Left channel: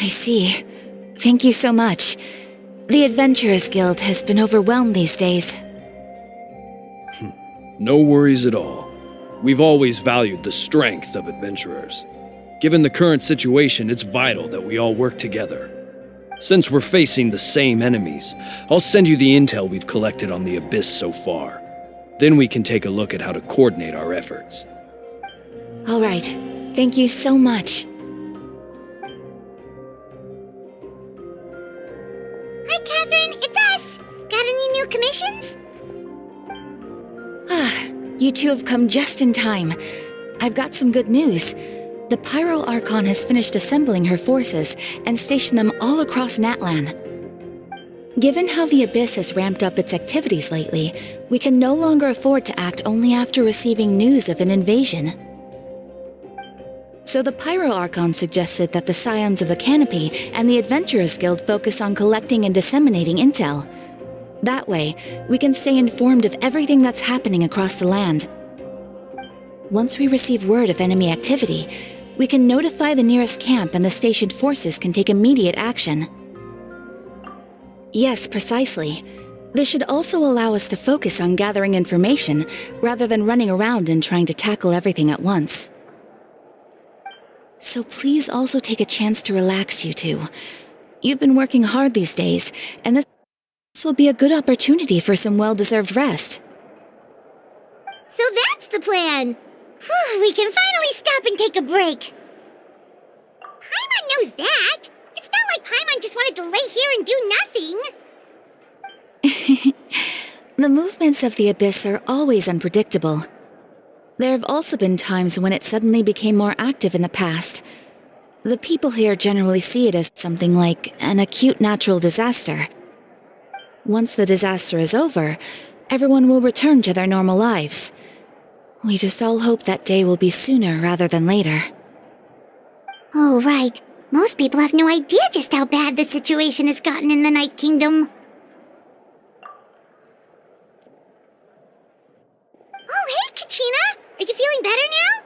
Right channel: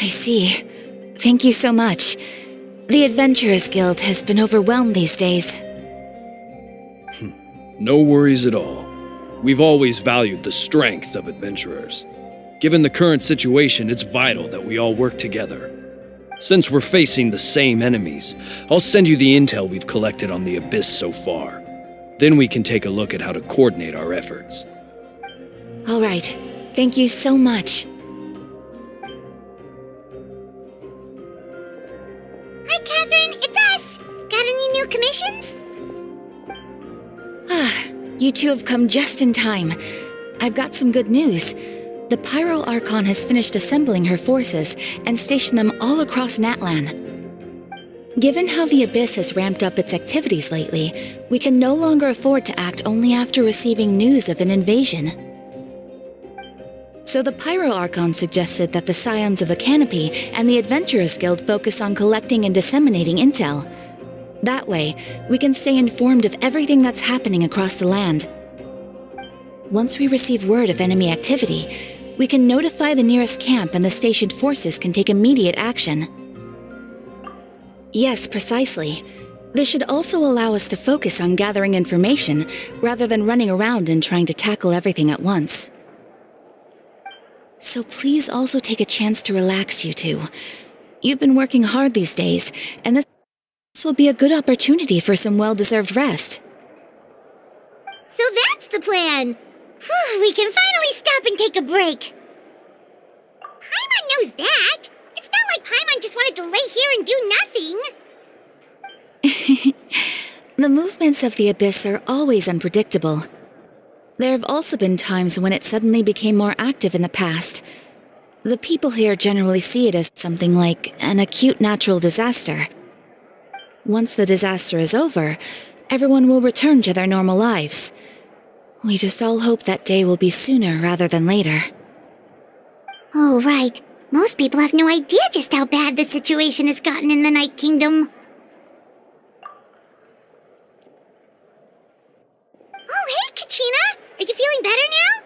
I see. Thank you so much. The Adventurers Guild has been overwhelmed these days. No worries at all. We've always valued the strength of adventurers. Given the current situation, it's vital that we all work together. Since we're facing the same enemies, I'll send you the intel we've collected on the Abyss so far. Then we can take a look at how to coordinate our efforts. All right. Thank you so much. Hi, Catherine. It's us. Got any new commissions? You two have come just in time. I've got some good news. The Pyro Archon has finished assembling her forces and stationed them all across Natlan. Given how the Abyss has ramped up its activities lately, we can no longer afford to act only after receiving news of an invasion. So the Pyro Archon suggested that the Scions of the Canopy and the Adventurers Guild focus on collecting and disseminating intel. That way, we can stay informed of everything that's happening across the land. Once we receive word of enemy activity, we can notify the nearest camp and the stationed forces can take immediate action. Yes, precisely. This should also allow us to focus on gathering information rather than running around and trying to tackle everything at once. So please also take a chance to relax, you two. You've been working hard these days, and this will be a good opportunity for some well-deserved rest. So that's the plan. Whew, we can finally stop and take a break. Paimon knows that. It's not like Paimon just wanted to lay here and do nothing. The movements of the Abyss are always unpredictable. There have also been times when it suddenly became more active in the past. The people here generally see it as something like an acute natural disaster. Once the disaster is over, everyone will return to their normal lives. We just all hope that day will be sooner rather than later. Oh, right. Most people have no idea just how bad the situation has gotten in the Night Kingdom. Oh, hey, Kachina! Are you feeling better now?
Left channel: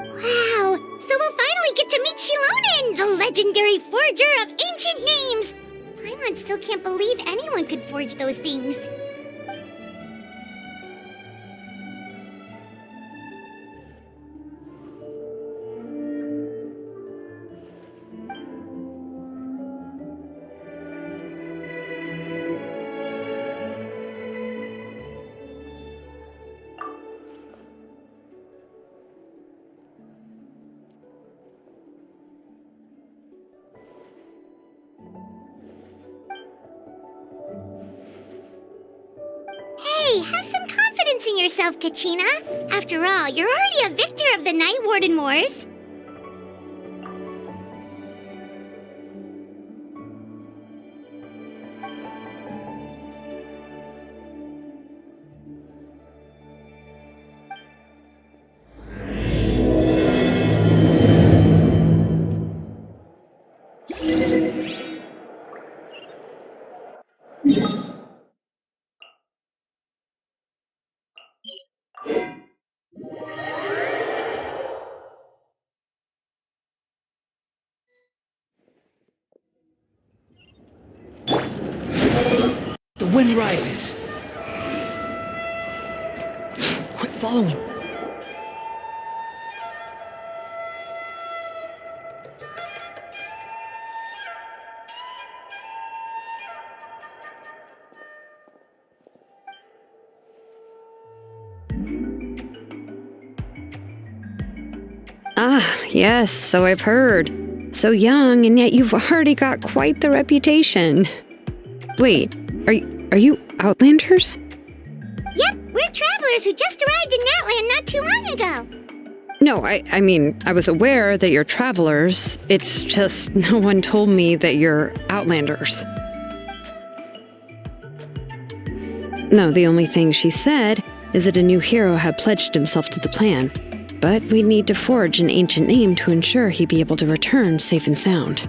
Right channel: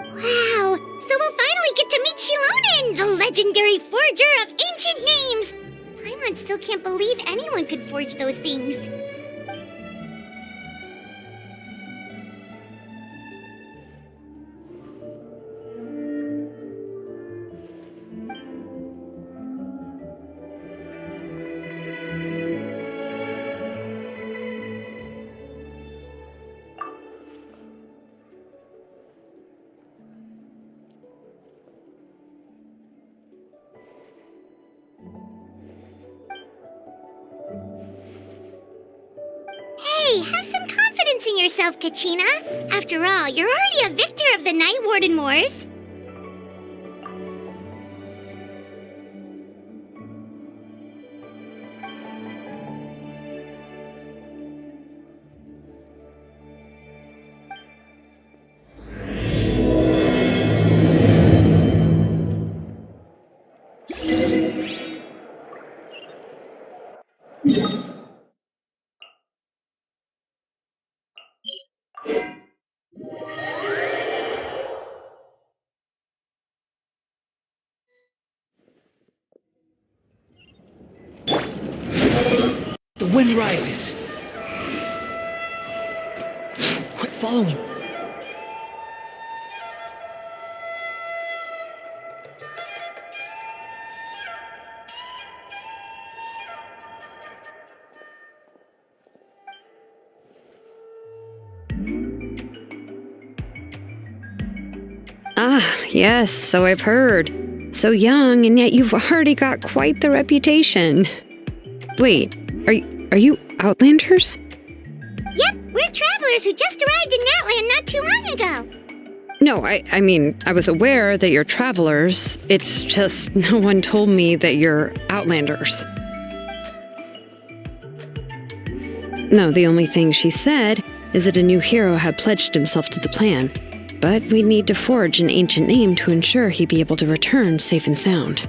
Wow! So we'll finally get to meet Shilonen, the legendary forger of ancient names! Paimon still can't believe anyone could forge those things. Hey, have some confidence in yourself, Kachina. After all, you're already a victor of the Night Warden Wars. The wind rises. Quit following. Ah, yes, so I've heard. So young, and yet you've already got quite the reputation. Wait, are you Outlanders? Yep, we're travelers. travelers who just arrived in Natlan not too long ago. No, I mean, I was aware that you're travelers. It's just no one told me that you're outlanders. No, the only thing she said is that a new hero had pledged himself to the plan. But we'd need to forge an ancient name to ensure he'd be able to return safe and sound.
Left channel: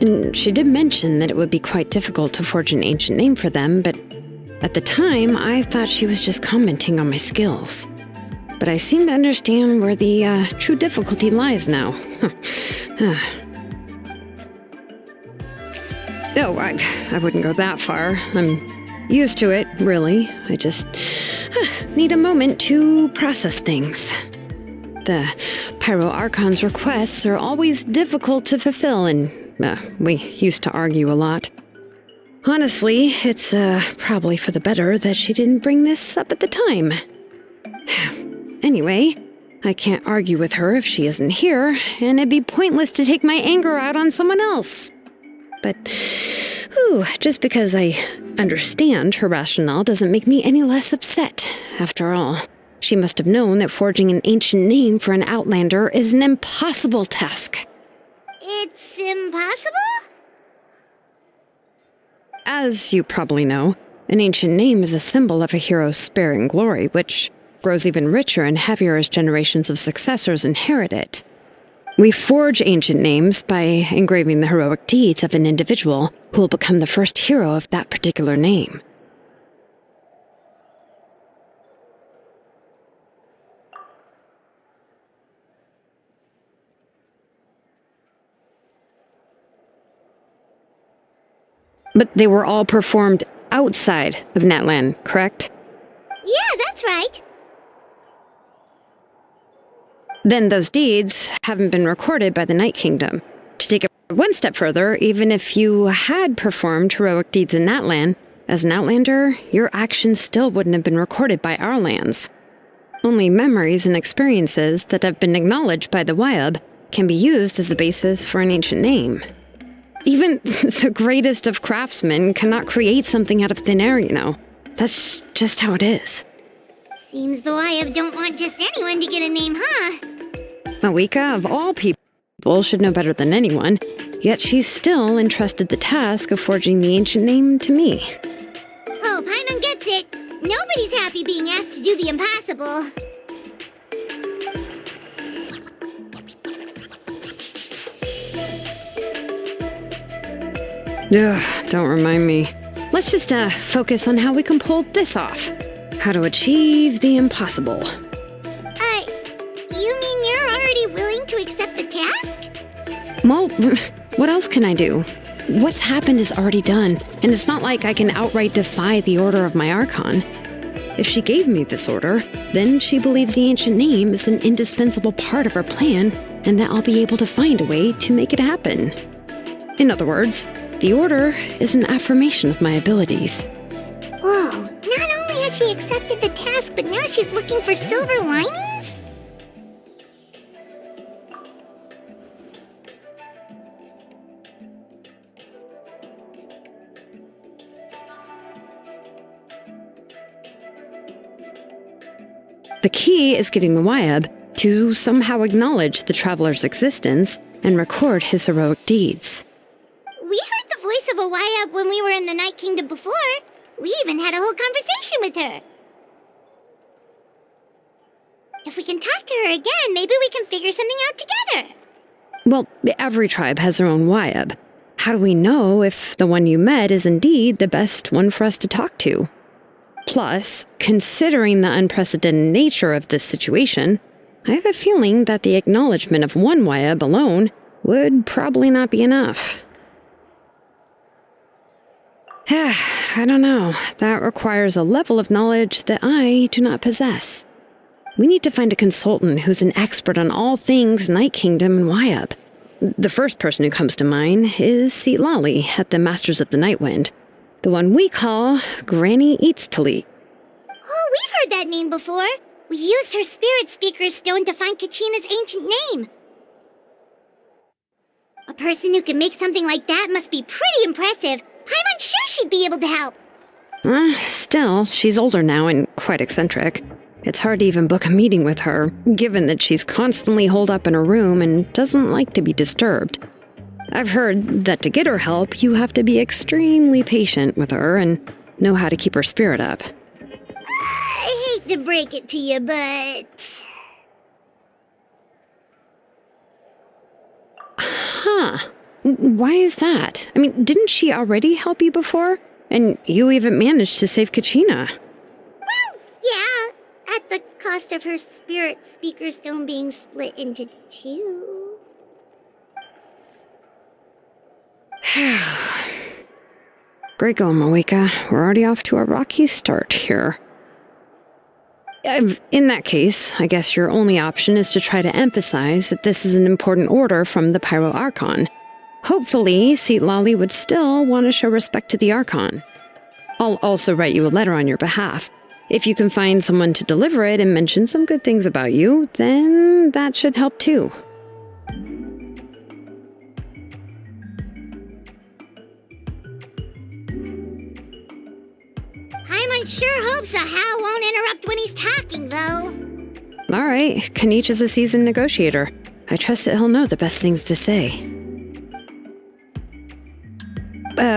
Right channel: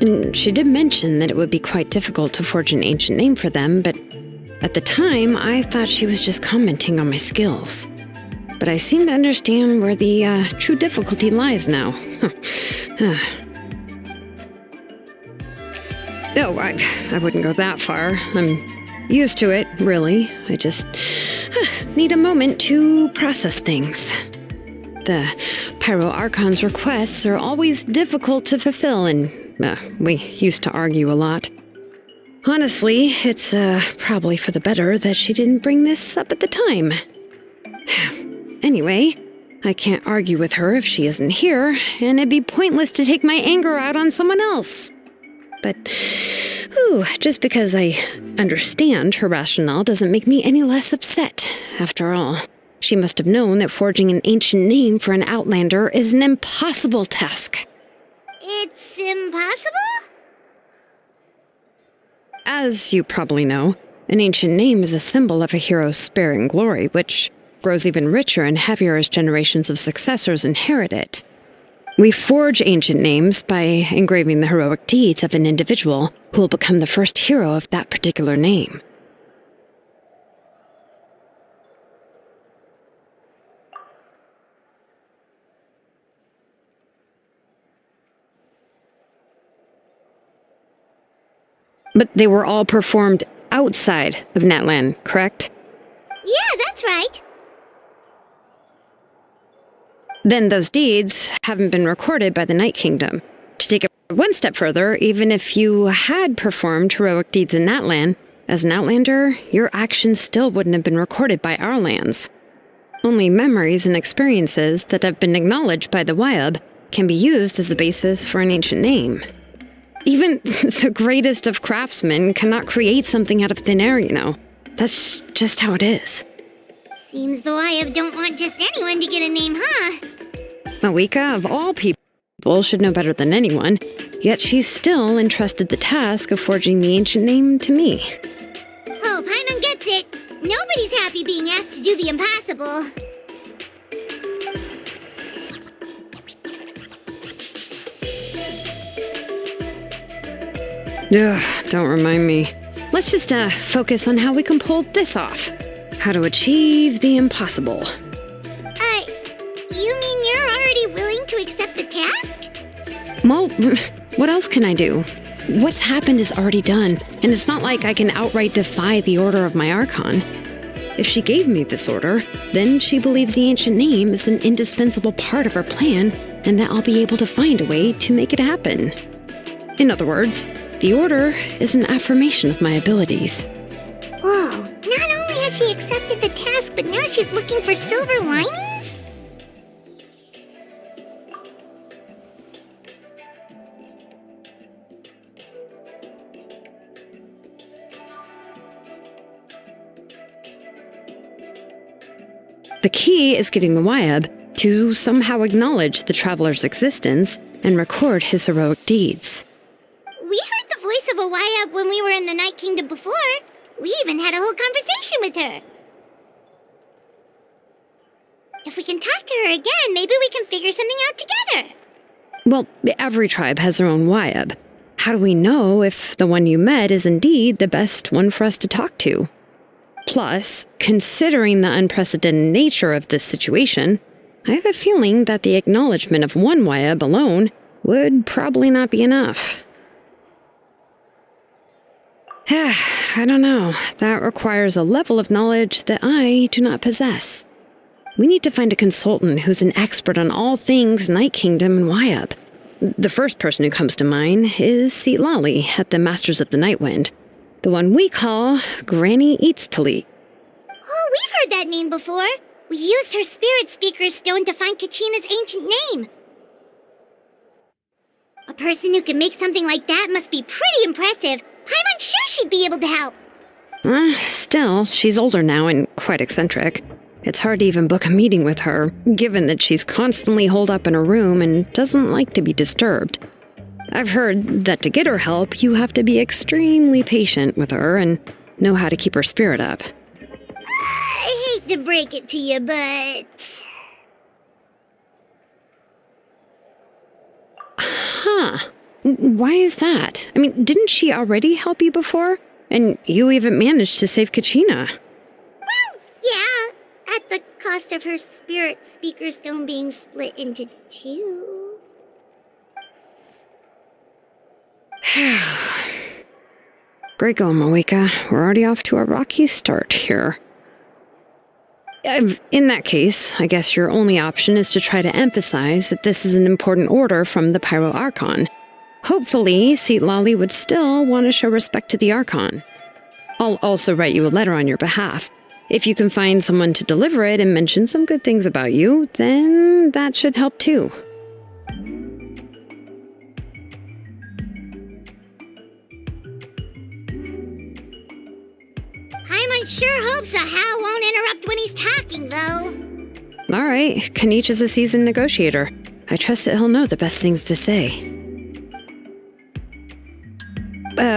And she did mention that it would be quite difficult to forge an ancient name for them, but at the time, I thought she was just commenting on my skills. But I seem to understand where the true difficulty lies now. Oh, I wouldn't go that far. I'm used to it, really. I just need a moment to process things. The Pyro Archon's requests are always difficult to fulfill, and we used to argue a lot. Honestly, it's probably for the better that she didn't bring this up at the time. Anyway, I can't argue with her if she isn't here, and it'd be pointless to take my anger out on someone else. But, just because I understand her rationale doesn't make me any less upset. After all, she must have known that forging an ancient name for an outlander is an impossible task. It's impossible? As you probably know, an ancient name is a symbol of a hero's spirit and glory, which grows even richer and heavier as generations of successors inherit it. We forge ancient names by engraving the heroic deeds of an individual who will become the first hero of that particular name. But they were all performed outside of Natlan, correct? Yeah, that's right. Then those deeds haven't been recorded by the Night Kingdom. To take it one step further, even if you had performed heroic deeds in Natlan, as an outlander, your actions still wouldn't have been recorded by our lands. Only memories and experiences that have been acknowledged by the Wyab can be used as a basis for an ancient name. Even the greatest of craftsmen cannot create something out of thin air, you know. That's just how it is. Seems the Wyab don't want just anyone to get a name, huh? Mawika, of all people, should know better than anyone, yet she's still entrusted the task of forging the ancient name to me. Oh, Paimon gets it. Nobody's happy being asked to do the impossible. Ugh, don't remind me. Let's just focus on how we can pull this off. How to achieve the impossible. You mean you're already willing to accept the task? Well, what else can I do? What's happened is already done, and it's not like I can outright defy the order of my Archon. If she gave me this order, then she believes the ancient name is an indispensable part of her plan, and that I'll be able to find a way to make it happen. In other words, the order is an affirmation of my abilities. Whoa, not only has she accepted the task, but now she's looking for silver linings? The key is getting the Wyab to somehow acknowledge the traveler's existence and record his heroic deeds. We heard the voice of a Wyab when we were in the Night Kingdom before. We even had a whole conversation with her. If we can talk to her again, maybe we can figure something out together. Well, every tribe has their own Wyab. How do we know if the one you met is indeed the best one for us to talk to? Plus, considering the unprecedented nature of this situation, I have a feeling that the acknowledgement of one Wyab alone would probably not be enough. I don't know. That requires a level of knowledge that I do not possess. We need to find a consultant who's an expert on all things Night Kingdom and Wyab. The first person who comes to mind is Lali at the Masters of the Nightwind, the one we call Granny Eatstali. Oh, we've heard that name before. We used her spirit speaker stone to find Kachina's ancient name. A person who can make something like that must be pretty impressive. I'm unsure she'd be able to help. Still, she's older now and quite eccentric. It's hard to even book a meeting with her, given that she's constantly holed up in her room and doesn't like to be disturbed. I've heard that to get her help, you have to be extremely patient with her and know how to keep her spirit up. I hate to break it to you, but... Huh. Why is that? I mean, didn't she already help you before? And you even managed to save Kachina. Well, yeah, at the cost of her spirit speaker stone being split into two. Great going, Moeka. We're already off to a rocky start here. In that case, I guess your only option is to try to emphasize that this is an important order from the Pyro Archon. Hopefully, Seatlali would still want to show respect to the Archon. I'll also write you a letter on your behalf. If you can find someone to deliver it and mention some good things about you, then that should help too. Paimon sure hopes a Hal won't interrupt when he's talking, though. All right, Kanich is a seasoned negotiator. I trust that he'll know the best things to say.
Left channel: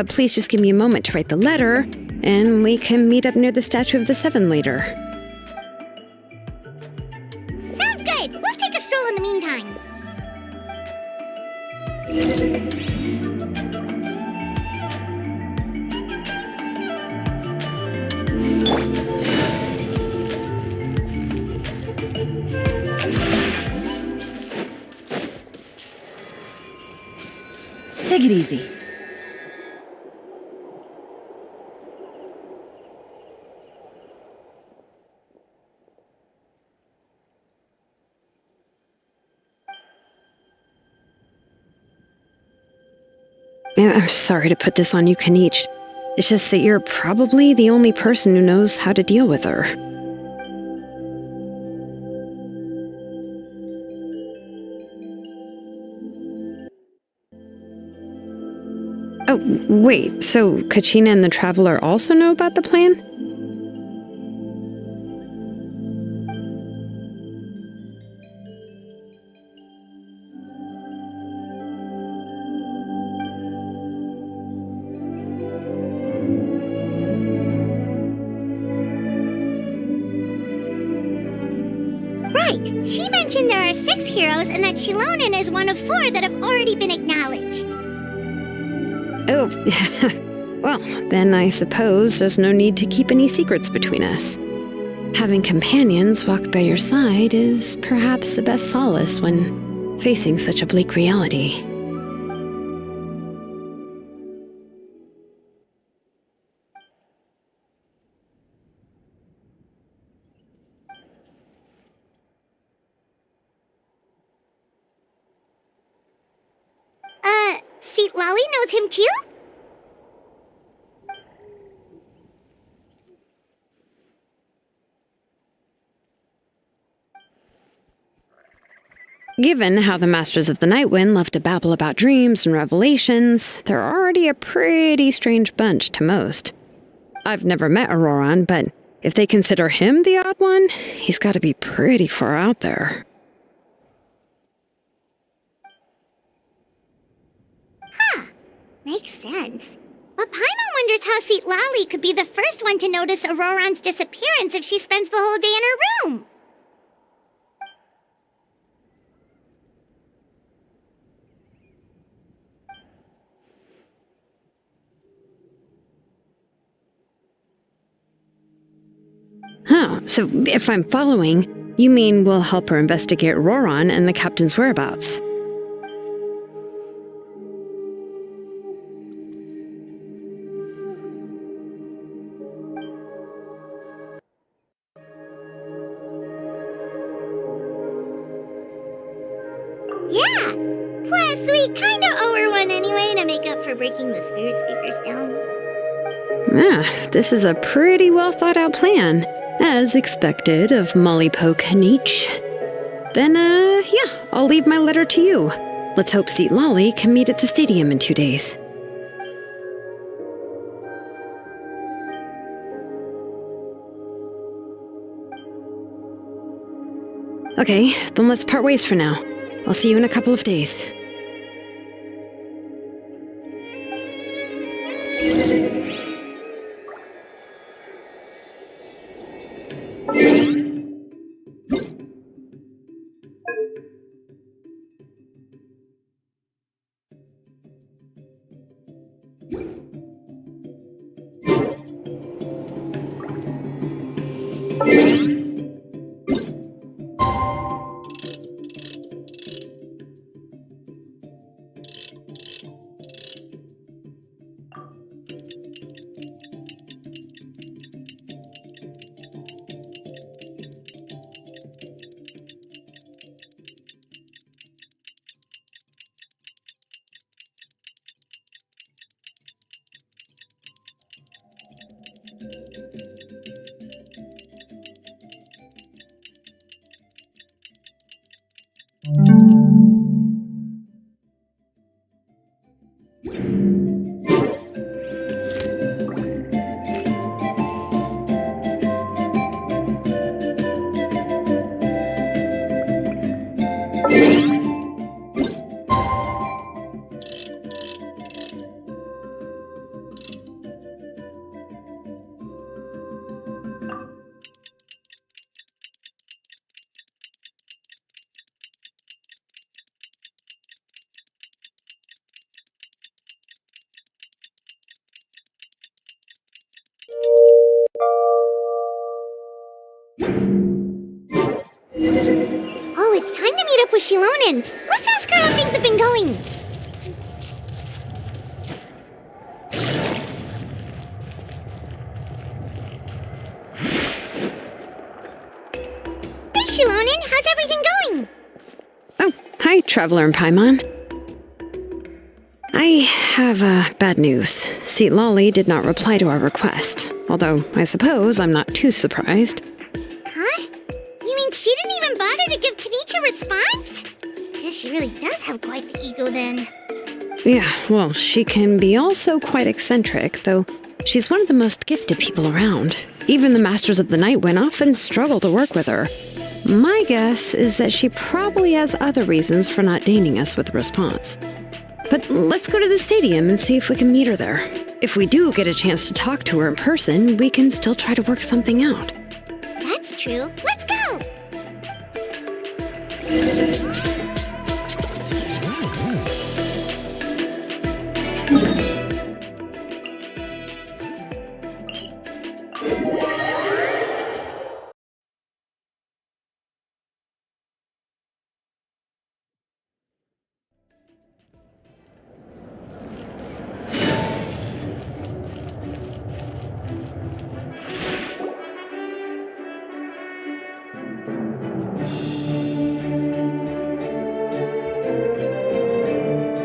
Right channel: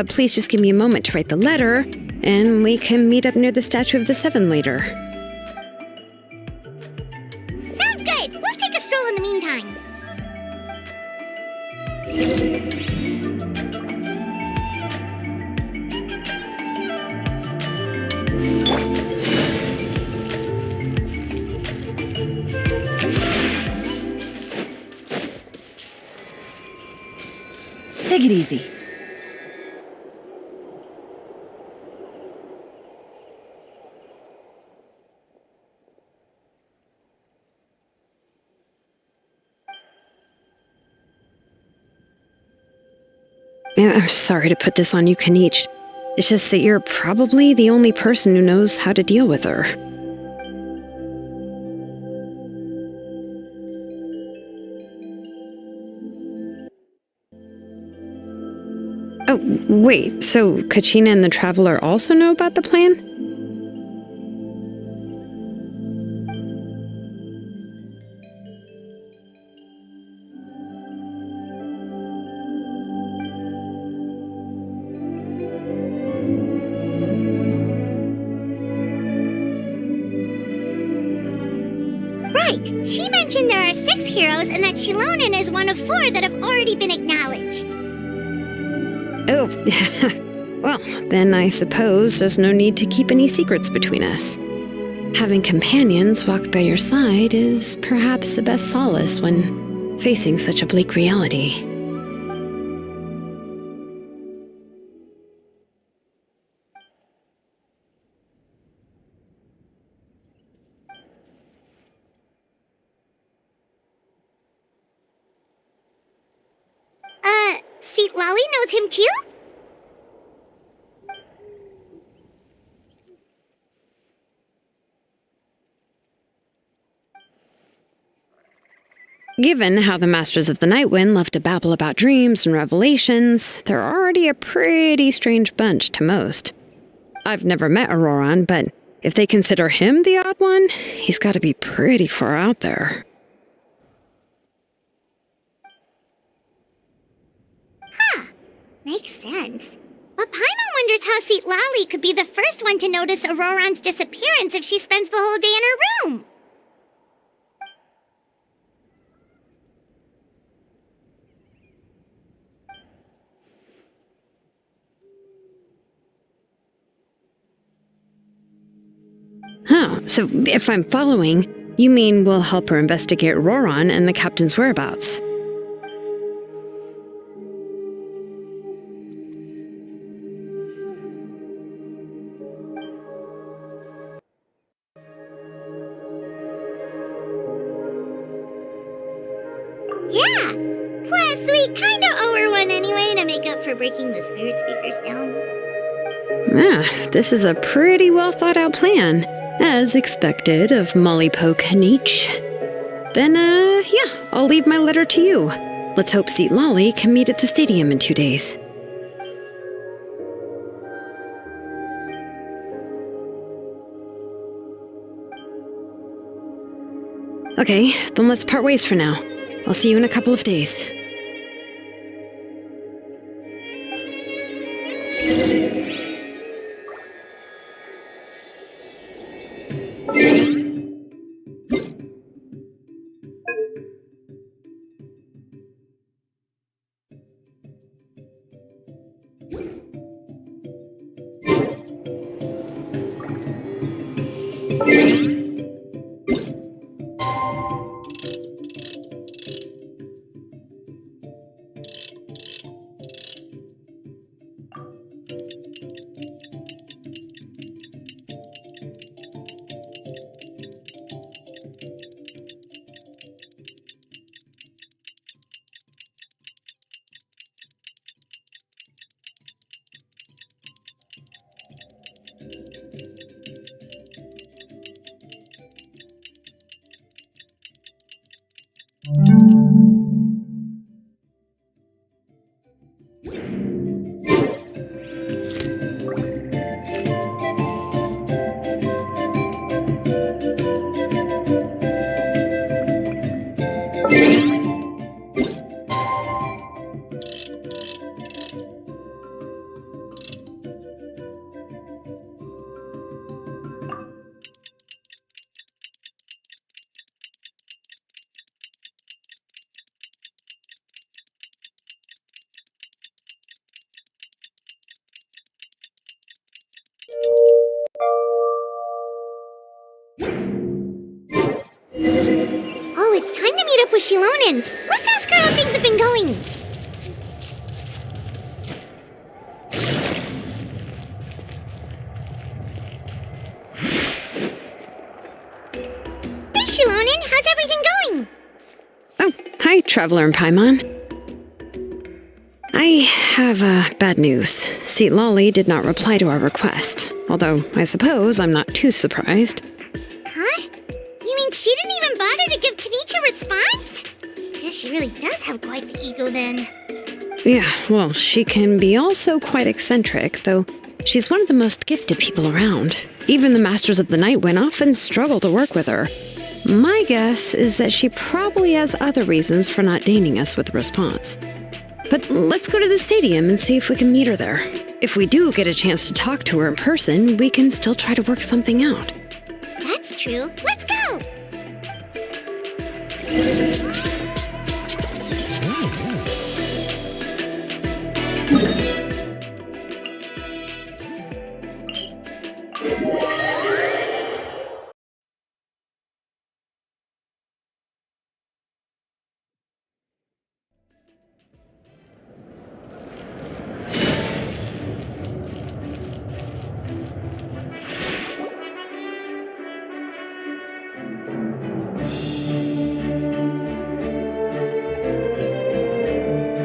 Please just give me a moment to write the letter, and we can meet up near the Statue of the Seven later. Sounds good. We'll take a stroll in the meantime. Take it easy. I'm sorry to put this on you, Kanich. It's just that you're probably the only person who knows how to deal with her. Oh, wait, so Kachina and the Traveler also know about the plan? Right. She mentioned there are 6 heroes and that Shilonen is one of 4 that have already been acknowledged. Oh, well, then I suppose there's no need to keep any secrets between us. Having companions walk by your side is perhaps the best solace when facing such a bleak reality. Seatlali knows him too? Given how the Masters of the Nightwind love to babble about dreams and revelations, they're already a pretty strange bunch to most. I've never met Auroran, but if they consider him the odd one, he's got to be pretty far out there. Makes sense. But Paimon wonders how Seatlali could be the first one to notice Auroran's disappearance if she spends the whole day in her room. Oh, so if I'm following, you mean we'll help her investigate Auroran and the captain's whereabouts? Yeah! Plus, we kinda owe her one anyway to make up for breaking the spirit speakers down. This is a pretty well thought out plan, as expected of Mollypo Kanich. Then, yeah, I'll leave my letter to you. Let's hope Seatlali can meet at the stadium in 2 days. Okay, then let's part ways for now. I'll see you in a couple of days. Oh, it's time to meet up with Shilonen. Let's ask her how things have been going. Hey, Shilonen, how's everything going? Oh, hi, Traveler and Paimon. I have bad news. Seat Lolly did not reply to our request, although I suppose I'm not too surprised. Huh? You mean she didn't even bother to give Kenichi a response? Guess she really does have quite the ego then. Yeah, well, she can be also quite eccentric, though she's one of the most gifted people around. Even the Masters of the Nightwind often struggle to work with her. My guess is that she probably has other reasons for not deigning us with a response. But let's go to the stadium and see if we can meet her there. If we do get a chance to talk to her in person, we can still try to work something out. That's true. Let's go!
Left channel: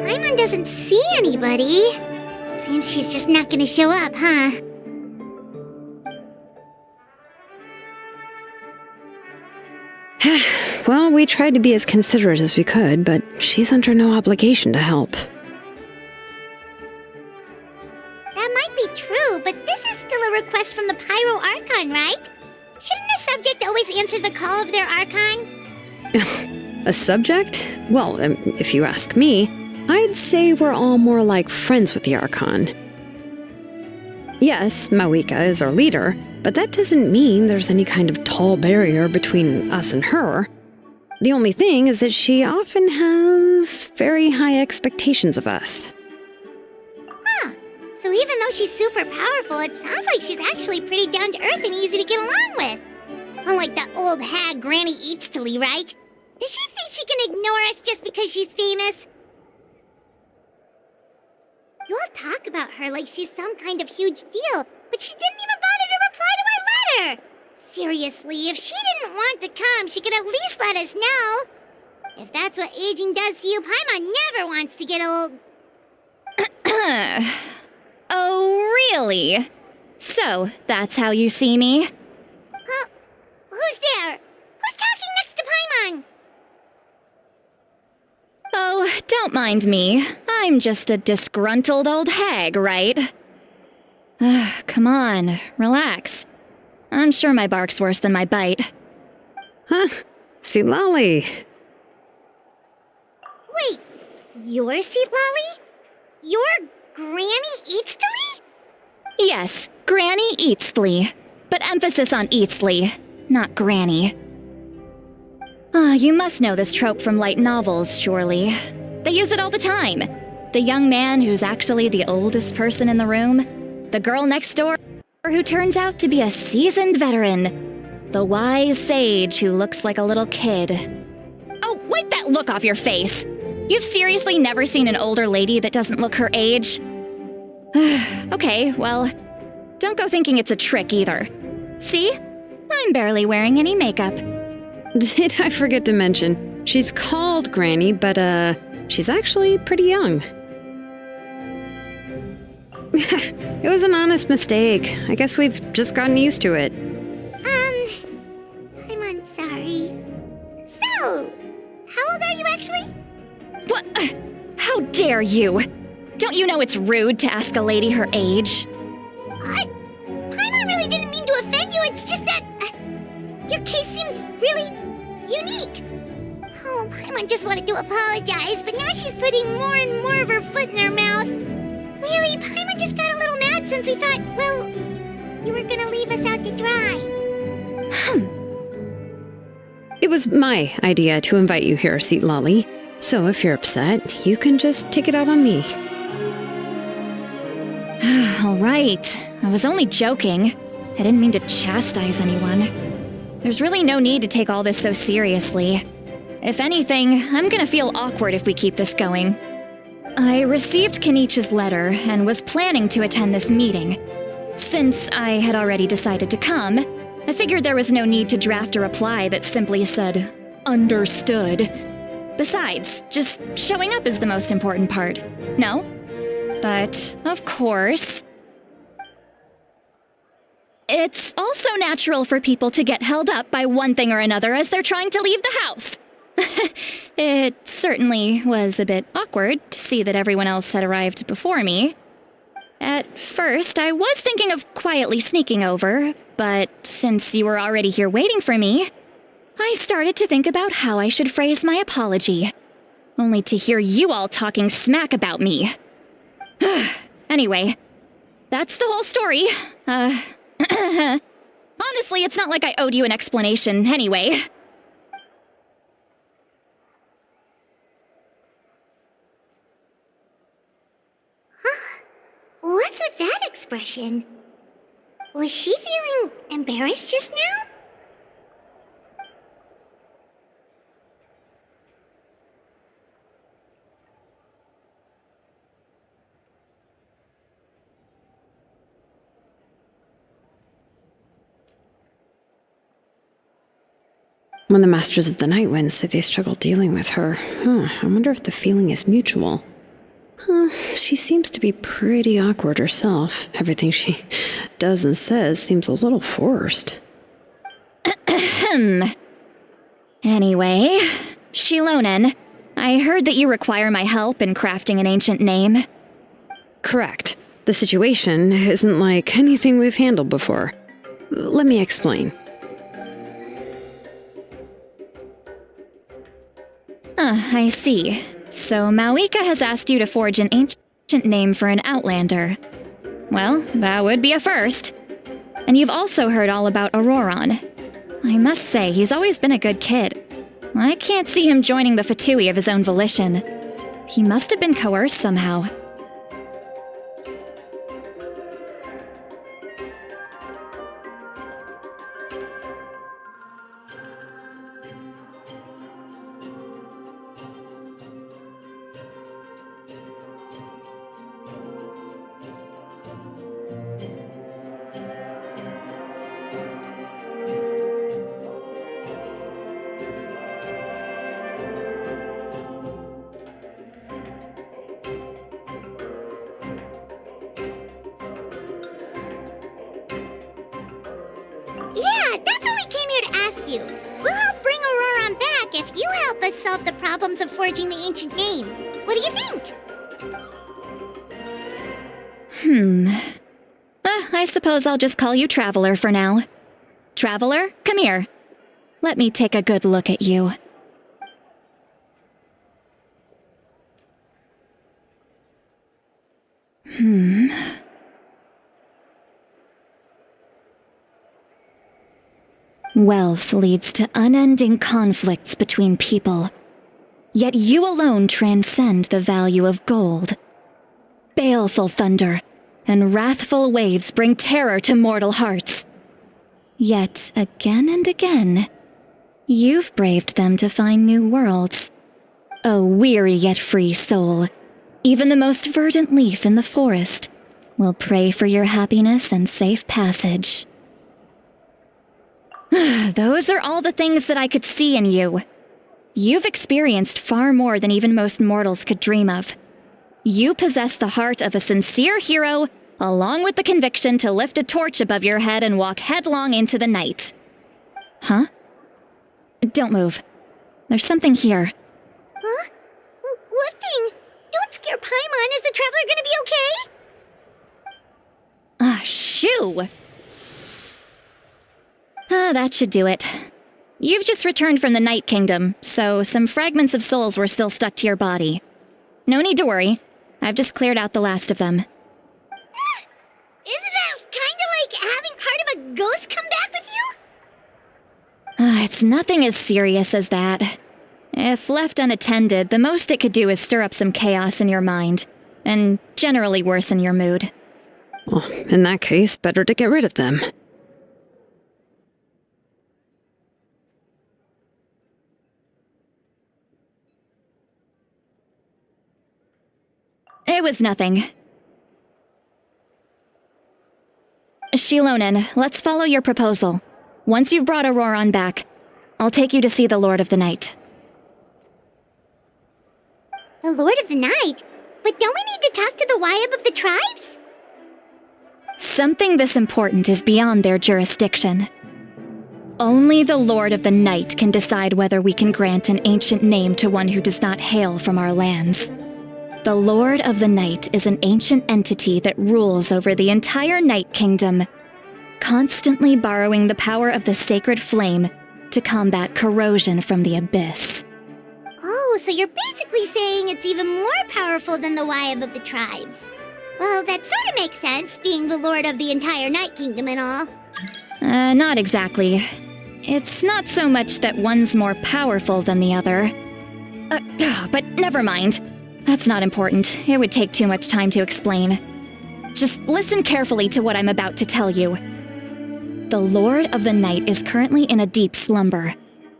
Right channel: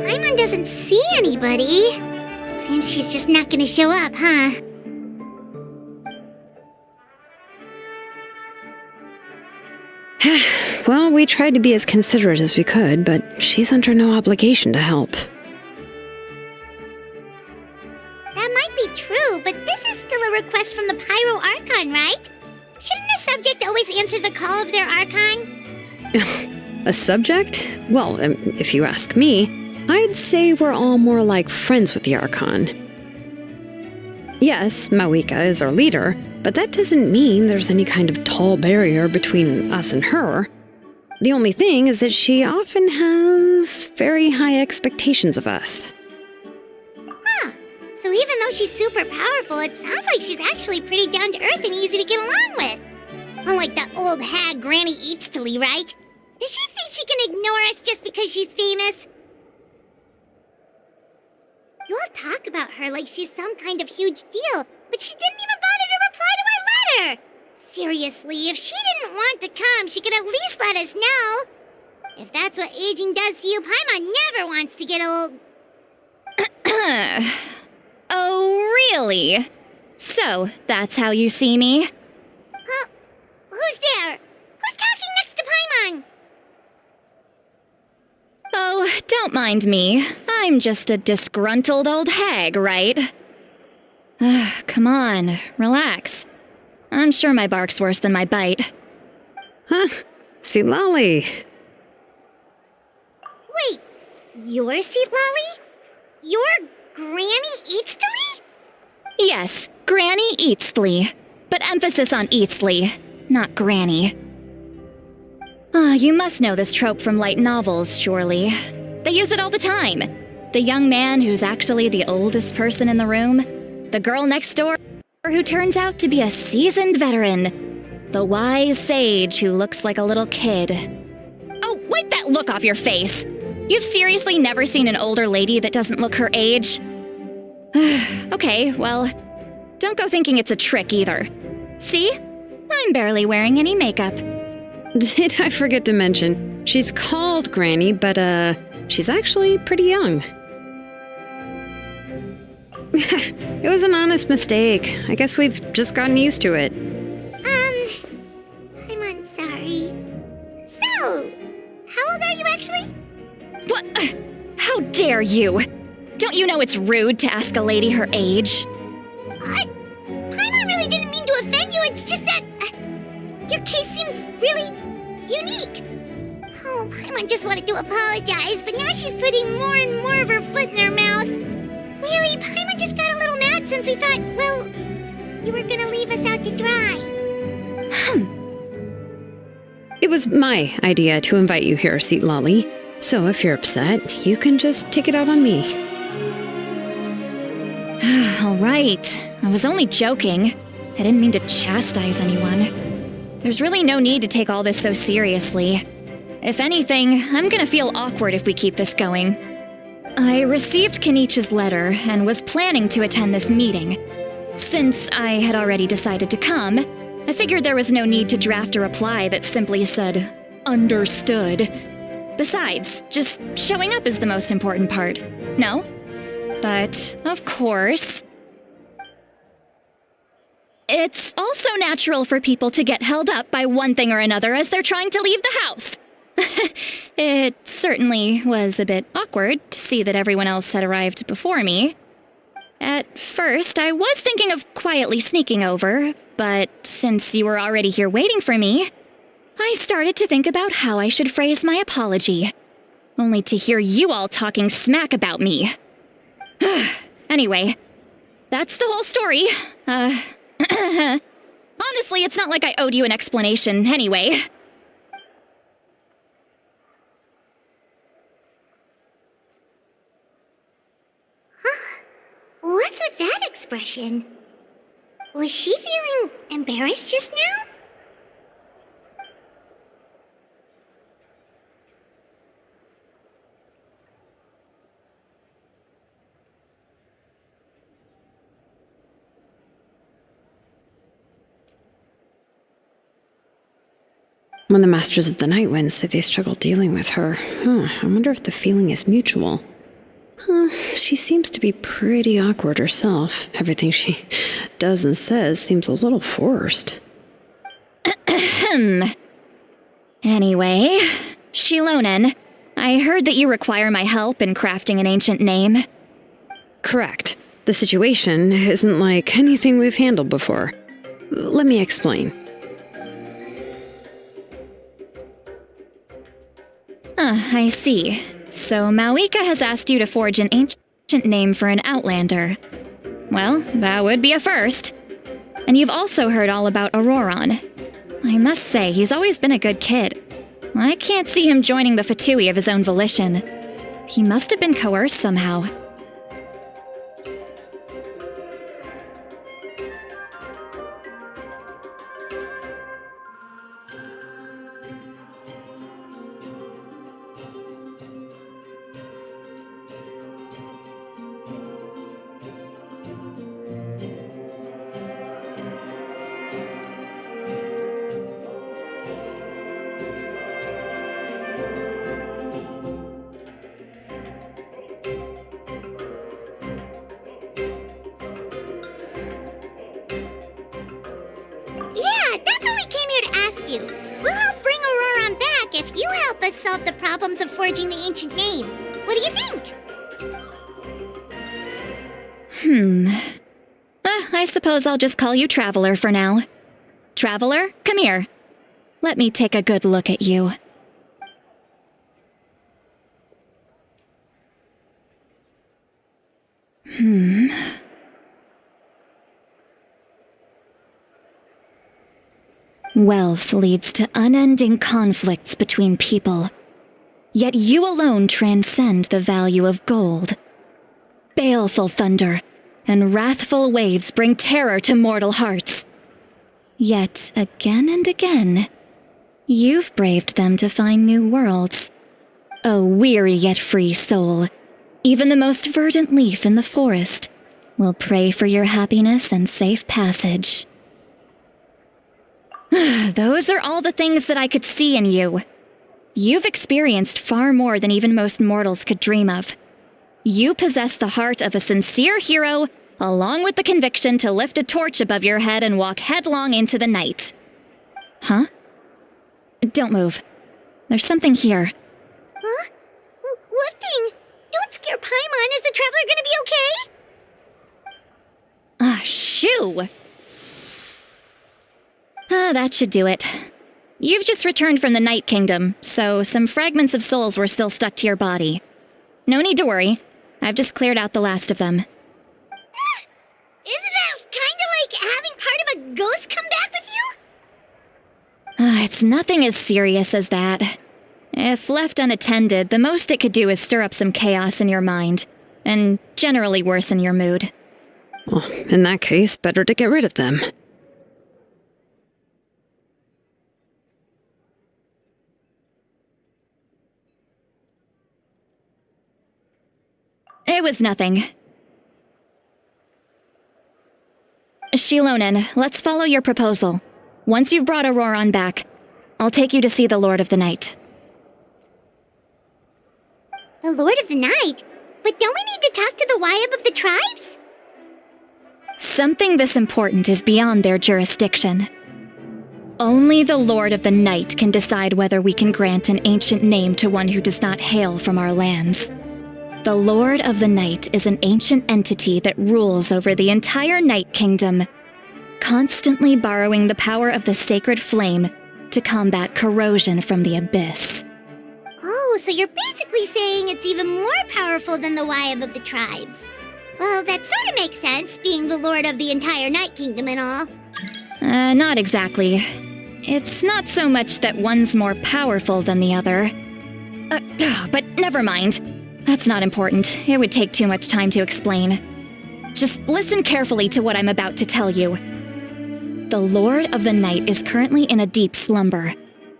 Paimon doesn't see anybody. Seems she's just not gonna show up, huh? Well, we tried to be as considerate as we could, but she's under no obligation to help. That might be true, but this is still a request from the Pyro Archon, right? Shouldn't a subject always answer the call of their Archon? A subject? Well, if you ask me, I'd say we're all more like friends with the Archon. Yes, Mawika is our leader, but that doesn't mean there's any kind of tall barrier between us and her. The only thing is that she often has very high expectations of us. Huh. So even though she's super powerful, it sounds like she's actually pretty down to earth and easy to get along with. Unlike that old hag Granny Eatstily, right? Does she think she can ignore us just because she's famous? You all talk about her like she's some kind of huge deal, but she didn't even bother to reply to our letter! Seriously, if she didn't want to come, she could at least let us know. If that's what aging does to you, Paimon never wants to get old. Oh, really? So, that's how you see me? Huh? Who's there? Who's talking next to Paimon? Oh, don't mind me. I'm just a disgruntled old hag, right? Come on, relax. I'm sure my bark's worse than my bite. Huh? Seat Lolly. Wait, your Seat Lolly? Your Granny Eatsley? Yes, Granny Eatsley. But emphasis on Eatsley, not Granny. You must know this trope from light novels, surely. They use it all the time. The young man who's actually the oldest person in the room. The girl next door who turns out to be a seasoned veteran. The wise sage who looks like a little kid. Oh, wipe that look off your face! You've seriously never seen an older lady that doesn't look her age? Okay, well, don't go thinking it's a trick either. See? I'm barely wearing any makeup. Did I forget to mention, she's called Granny, but she's actually pretty young. It was an honest mistake. I guess we've just gotten used to it. I'm sorry. So, how old are you actually? What? How dare you? Don't you know it's rude to ask a lady her age? Paimon really didn't mean to offend you, it's just that your case seems really unique. Oh, Paimon just wanted to apologize, but now she's putting more and more of her foot in her mouth. Really, Paimon just got a little mad since we thought, well, you were gonna leave us out to dry. It was my idea to invite you here, Seat Lolly. So if you're upset, you can just take it out on me. All right. I was only joking. I didn't mean to chastise anyone. There's really no need to take all this so seriously. If anything, I'm gonna feel awkward if we keep this going. I received Kenichi's letter and was planning to attend this meeting. Since I had already decided to come, I figured there was no need to draft a reply that simply said, "Understood." Besides, just showing up is the most important part, no? But, of course, it's also natural for people to get held up by one thing or another as they're trying to leave the house. It certainly was a bit awkward to see that everyone else had arrived before me. At first, I was thinking of quietly sneaking over, but since you were already here waiting for me, I started to think about how I should phrase my apology. Only to hear you all talking smack about me. Anyway, that's the whole story. Honestly, it's not like I owed you an explanation anyway. What's with that expression? Was she feeling embarrassed just now? When the Masters of the Night Wind said they struggle dealing with her, I wonder if the feeling is mutual. She seems to be pretty awkward herself. Everything she does and says seems a little forced. Anyway, Shilonen, I heard that you require my help in crafting an ancient name. Correct. The situation isn't like anything we've handled before. Let me explain. I see. So Mawika has asked you to forge an ancient name for an Outlander. Well, that would be a first. And you've also heard all about Auroron. I must say, he's always been a good kid. I can't see him joining the Fatui of his own volition. He must have been coerced somehow. You. We'll help bring Auroron back if you help us solve the problems of forging the ancient name. What do you think? I suppose I'll just call you Traveler for now. Traveler, come here. Let me take a good look at you. Wealth leads to unending conflicts between people. Yet you alone transcend the value of gold. Baleful thunder and wrathful waves bring terror to mortal hearts. Yet again and again, you've braved them to find new worlds. A weary yet free soul, even the most verdant leaf in the forest, will pray for your happiness and safe passage. Those are all the things that I could see in you. You've experienced far more than even most mortals could dream of. You possess the heart of a sincere hero, along with the conviction to lift a torch above your head and walk headlong into the night. Huh? Don't move. There's something here. Huh? What thing? Don't scare Paimon. Is the traveler gonna be okay? Shoo! That should do it. You've just returned from the Night Kingdom, so some fragments of souls were still stuck to your body. No need to worry. I've just cleared out the last of them. Isn't that kinda like having part of a ghost come back with you? It's nothing as serious as that. If left unattended, the most it could do is stir up some chaos in your mind, and generally worsen your mood. Well, in that case, better to get rid of them. It was nothing. Shilonen, let's follow your proposal. Once you've brought Auroron back, I'll take you to see the Lord of the Night. The Lord of the Night? But don't we need to talk to the Wyab of the tribes? Something this important is beyond their jurisdiction. Only the Lord of the Night can decide whether we can grant an ancient name to one who does not hail from our lands. The Lord of the Night is an ancient entity that rules over the entire Night Kingdom, constantly borrowing the power of the sacred flame to combat corrosion from the abyss. Oh, so you're basically saying it's even more powerful than the Wyab of the tribes. Well, that sort of makes sense, being the Lord of the entire Night Kingdom and all. Not exactly. It's not so much that one's more powerful than the other. But never mind. That's not important. It would take too much time to explain. Just listen carefully to what I'm about to tell you. The Lord of the Night is currently in a deep slumber,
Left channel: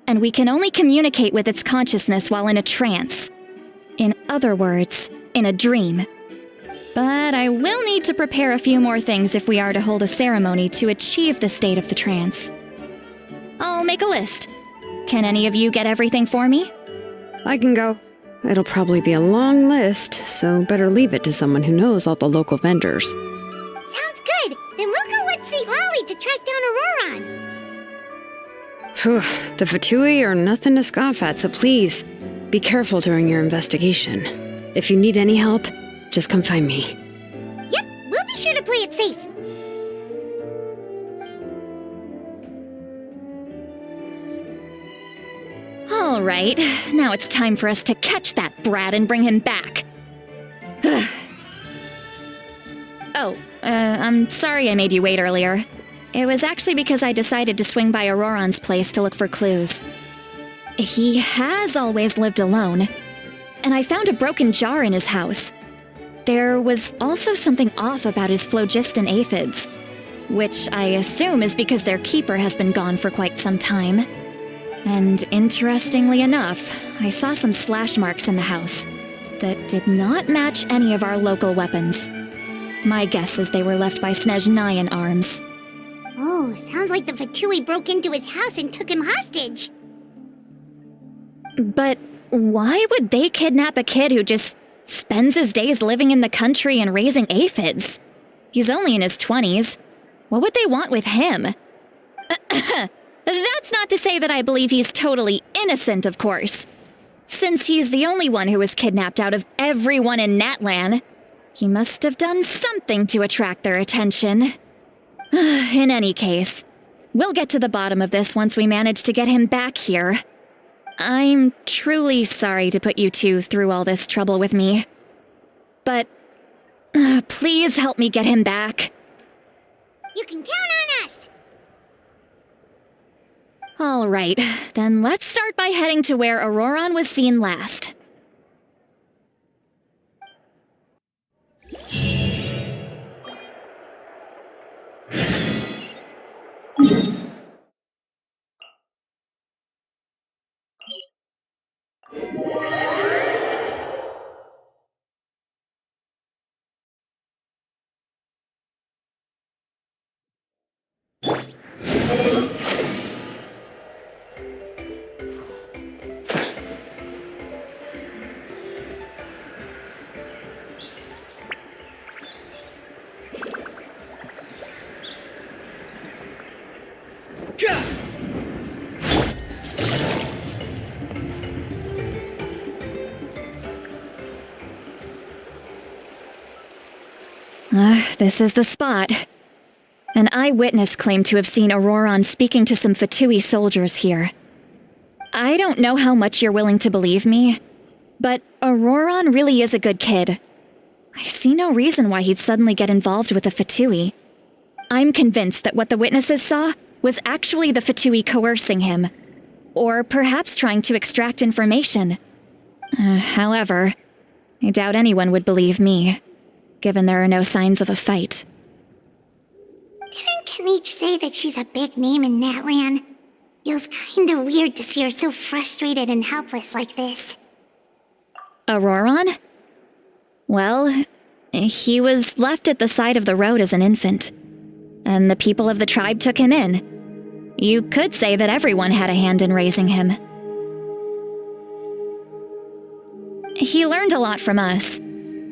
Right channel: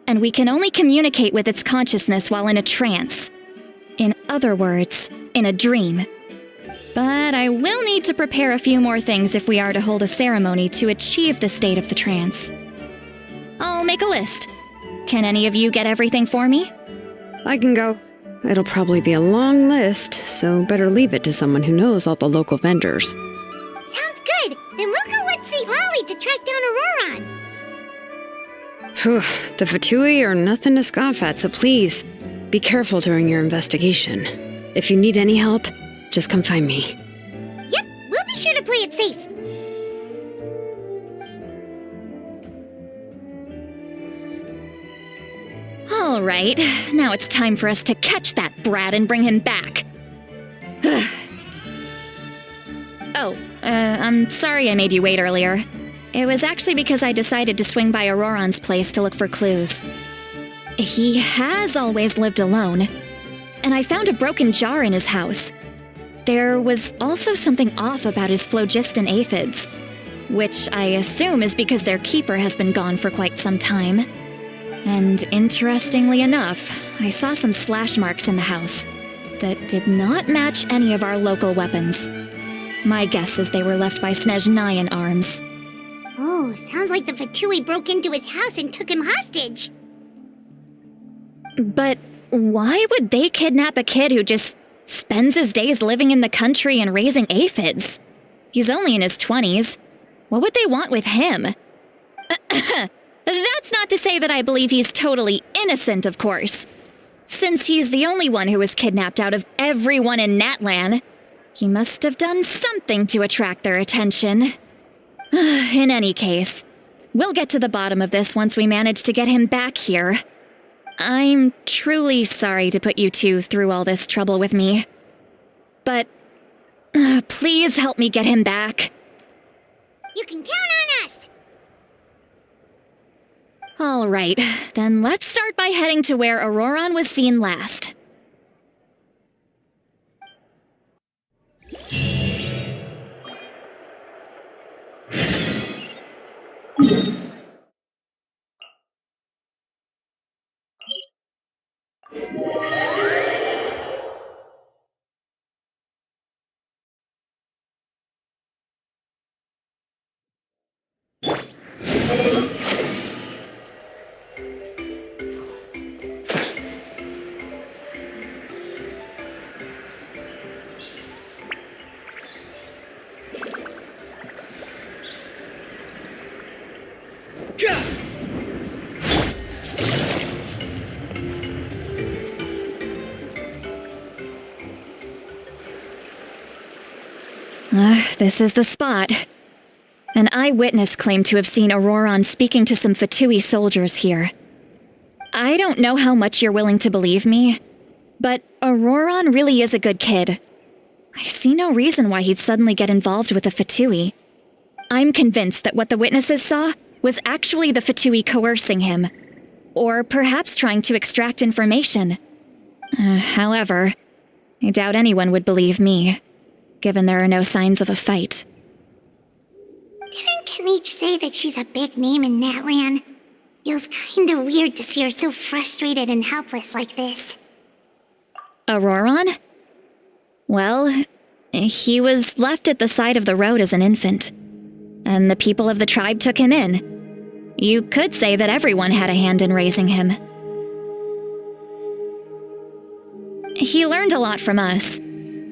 and we can only communicate with its consciousness while in a trance. In other words, in a dream. But I will need to prepare a few more things if we are to hold a ceremony to achieve the state of the trance. I'll make a list. Can any of you get everything for me? I can go. It'll probably be a long list, so better leave it to someone who knows all the local vendors. Sounds good. Then we'll go with St. Lolly to track down Auroron. Phew, the Fatui are nothing to scoff at, so please, be careful during your investigation. If you need any help, just come find me. Yep, we'll be sure to play it safe. All right, now it's time for us to catch that brat and bring him back. I'm sorry I made you wait earlier. It was actually because I decided to swing by Auroron's place to look for clues. He has always lived alone, and I found a broken jar in his house. There was also something off about his phlogiston aphids, which I assume is because their keeper has been gone for quite some time. And interestingly enough, I saw some slash marks in the house that did not match any of our local weapons. My guess is they were left by Snezhnayan arms. Oh, sounds like the Fatui broke into his house and took him hostage. But why would they kidnap a kid who just spends his days living in the country and raising aphids? He's only in his 20s. What would they want with him? That's not to say that I believe he's totally innocent, of course. Since he's the only one who was kidnapped out of everyone in Natlan, he must have done something to attract their attention. In any case, We'll get to the bottom of this once we manage to get him back here. I'm truly sorry to put you two through all this trouble with me. But please help me get him back. You can count on us! All right, then let's start by heading to where Auroron was seen last. This is the spot. An eyewitness claimed to have seen Auroron speaking to some Fatui soldiers here. I don't know how much you're willing to believe me, but Auroron really is a good kid. I see no reason why he'd suddenly get involved with a Fatui. I'm convinced that what the witnesses saw was actually the Fatui coercing him, or perhaps trying to extract information. However, I doubt anyone would believe me, given there are no signs of a fight. Didn't Kanich say that she's a big name in Natlan? Feels kinda weird to see her so frustrated and helpless like this. Auroron? Well, he was left at the side of the road as an infant, and the people of the tribe took him in. You could say that everyone had a hand in raising him. He learned a lot from us,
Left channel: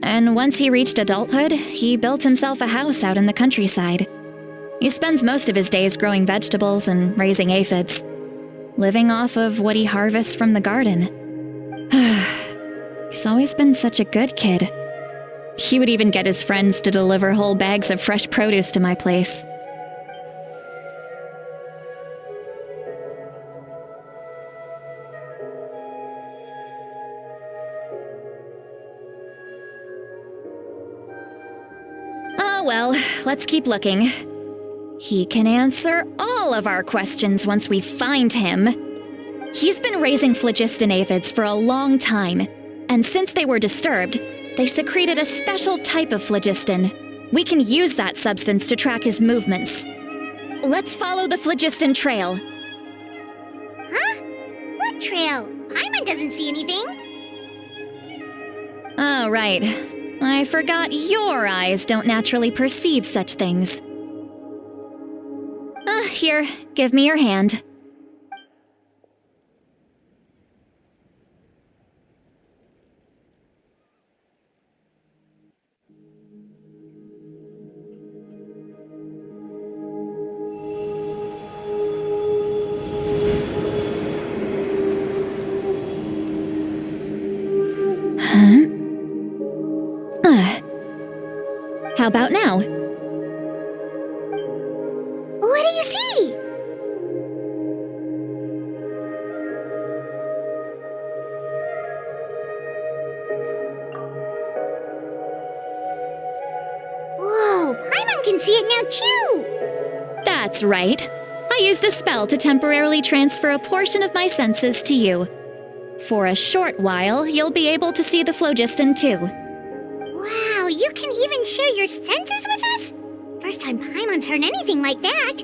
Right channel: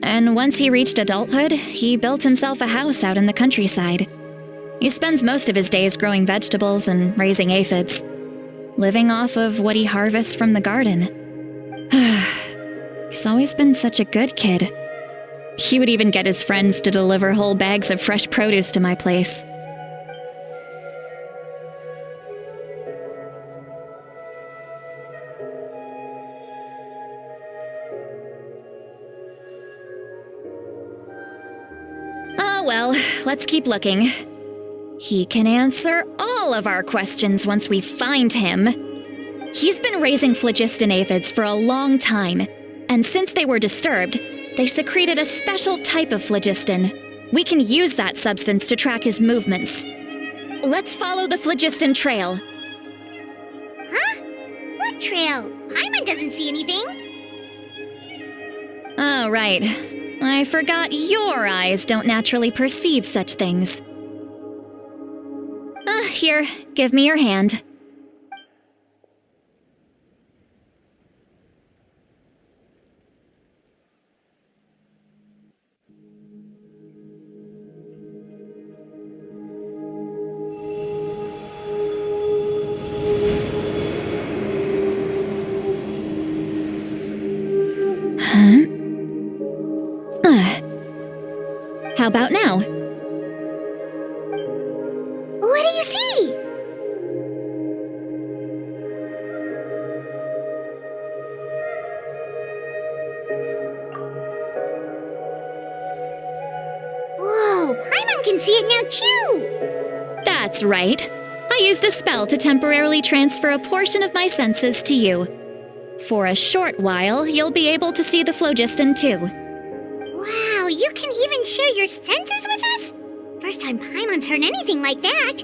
and once he reached adulthood, he built himself a house out in the countryside. He spends most of his days growing vegetables and raising aphids, living off of what he harvests from the garden. He's always been such a good kid. He would even get his friends to deliver whole bags of fresh produce to my place. Oh well, let's keep looking. He can answer all of our questions once we find him. He's been raising phlogiston aphids for a long time, and since they were disturbed, they secreted a special type of phlogiston. We can use that substance to track his movements. Let's follow the phlogiston trail. Huh? What trail? Paimon doesn't see anything. Oh, right. I forgot your eyes don't naturally perceive such things. Here, give me your hand. Huh? How about now? What do you see? Whoa, Paimon can see it now too! That's right. I used a spell to temporarily transfer a portion of my senses to you. For a short while, you'll be able to see the phlogiston too. Wow, you can even share your senses with us? First time Paimon's heard anything like that.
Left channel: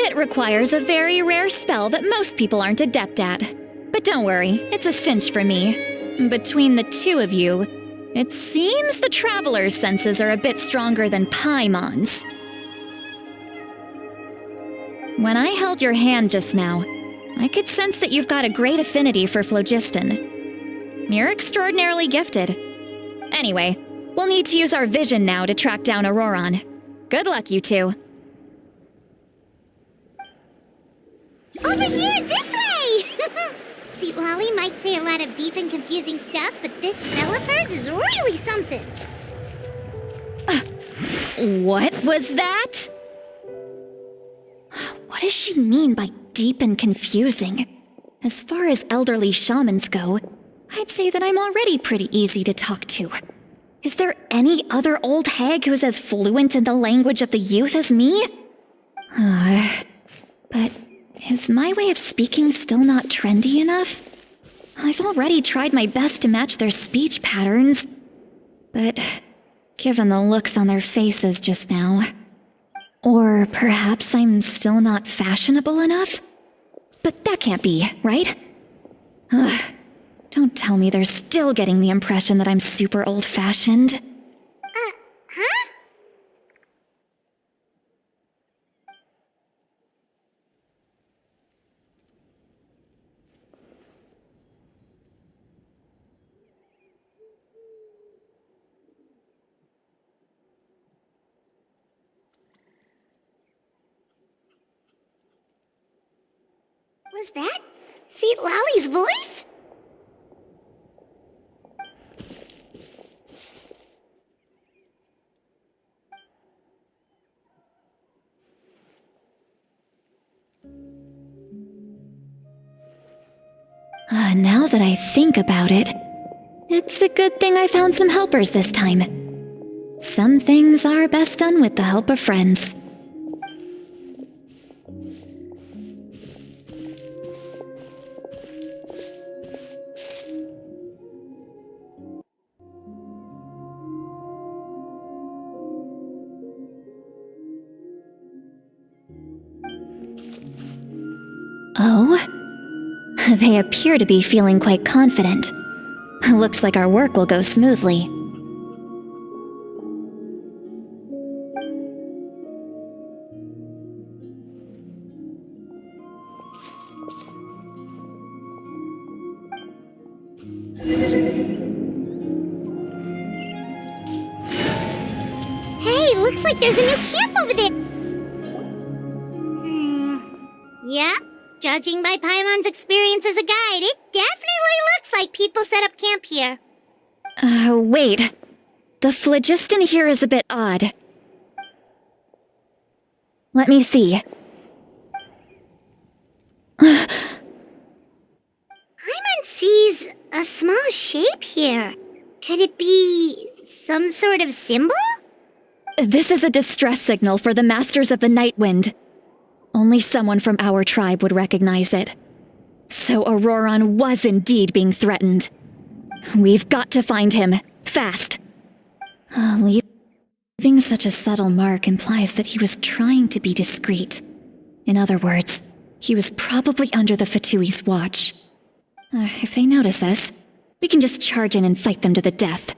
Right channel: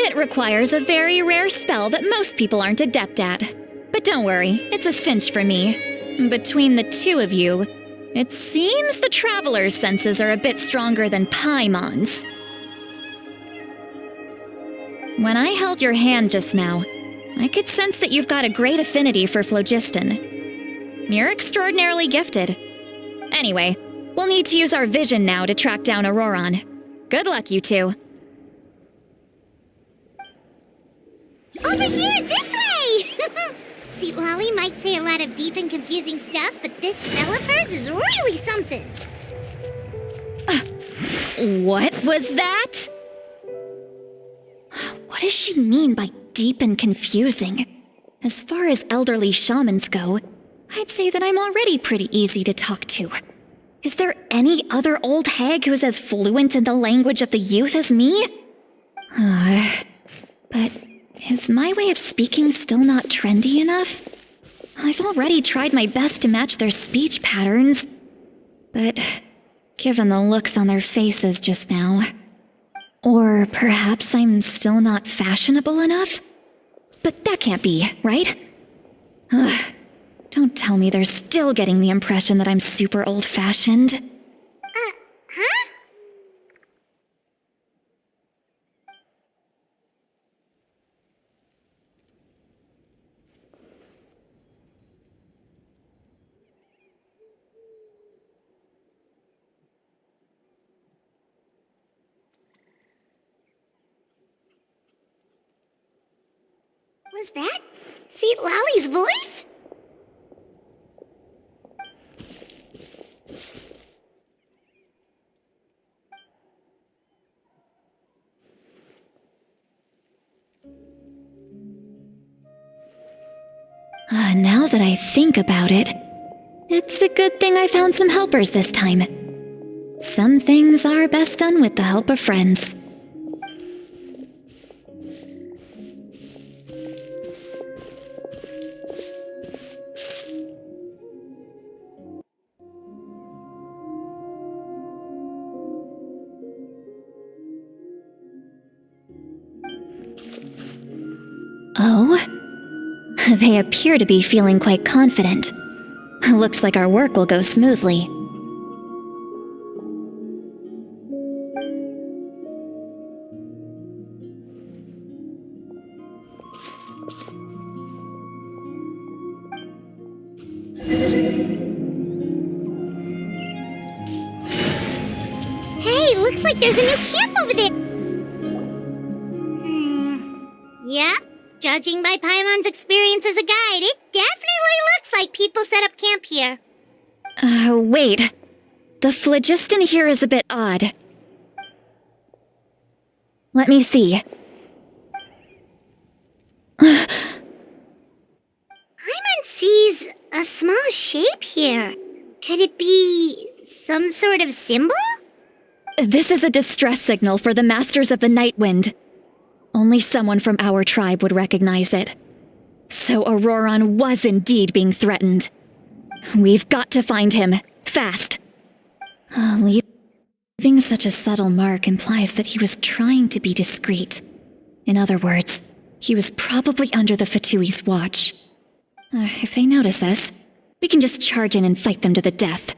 It requires a very rare spell that most people aren't adept at. But don't worry, it's a cinch for me. Between the two of you, it seems the Traveler's senses are a bit stronger than Paimon's. When I held your hand just now, I could sense that you've got a great affinity for phlogiston. You're extraordinarily gifted. Anyway, we'll need to use our vision now to track down Auroron. Good luck, you two. Over here, this way! See, Lolly might say a lot of deep and confusing stuff, but this spell of hers is really something. What was that? What What does she mean by deep and confusing? As far as elderly shamans go, I'd say that I'm already pretty easy to talk to. Is there any other old hag who's as fluent in the language of the youth as me? But is my way of speaking still not trendy enough? I've already tried my best to match their speech patterns. But given the looks on their faces just now... Or perhaps I'm still not fashionable enough? But that can't be, right? Don't tell me they're still getting the impression that I'm super old-fashioned. Huh? Was that Seat Lally's voice? Now that I think about it, it's a good thing I found some helpers this time. Some things are best done with the help of friends. Oh? They appear to be feeling quite confident. Looks like our work will go smoothly. Hey, looks like there's a new camp over there. Yeah, judging by Paimon's experience as a guide, it definitely looks like people set up camp here. Wait. The phlogiston here is a bit odd. Let me see. Paimon sees a small shape here. Could it be some sort of symbol? This is a distress signal for the Masters of the Night Wind. Only someone from our tribe would recognize it. So Auroron was indeed being threatened. We've got to find him, fast. Leaving such a subtle mark implies that he was trying to be discreet. In other words, he was probably under the Fatui's watch. If they notice us, we can just charge in and fight them to the death.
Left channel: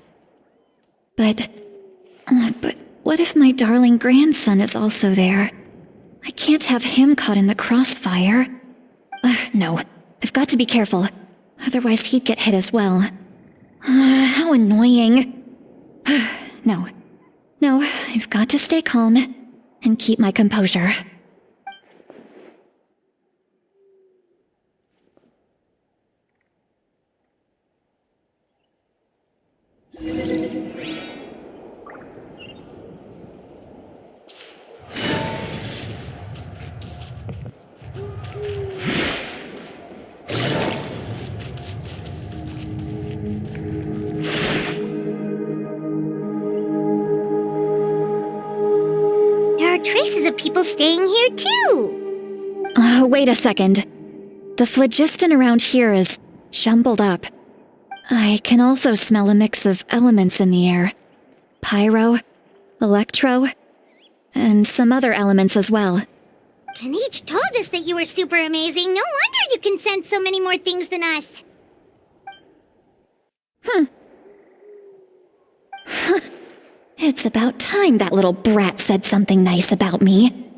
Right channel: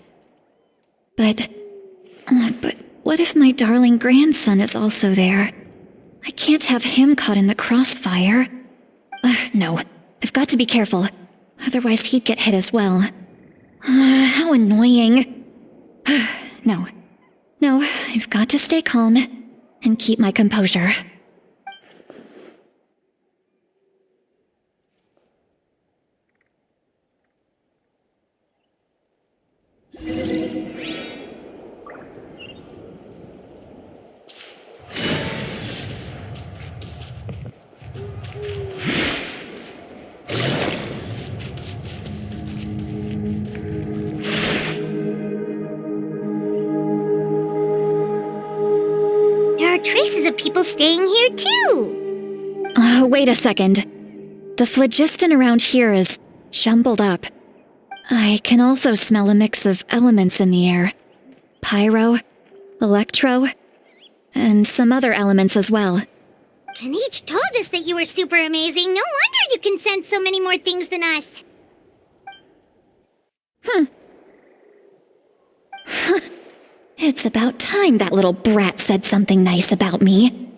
But what if my darling grandson is also there? I can't have him caught in the crossfire. No, I've got to be careful. Otherwise he'd get hit as well. How annoying. No, I've got to stay calm and keep my composure. There are traces of people staying here too. Wait a second. The phlogiston around here is jumbled up. I can also smell a mix of elements in the air. Pyro, electro, and some other elements as well. Kanich told us that you were super amazing. No wonder you can sense so many more things than us. It's about time that little brat said something nice about me.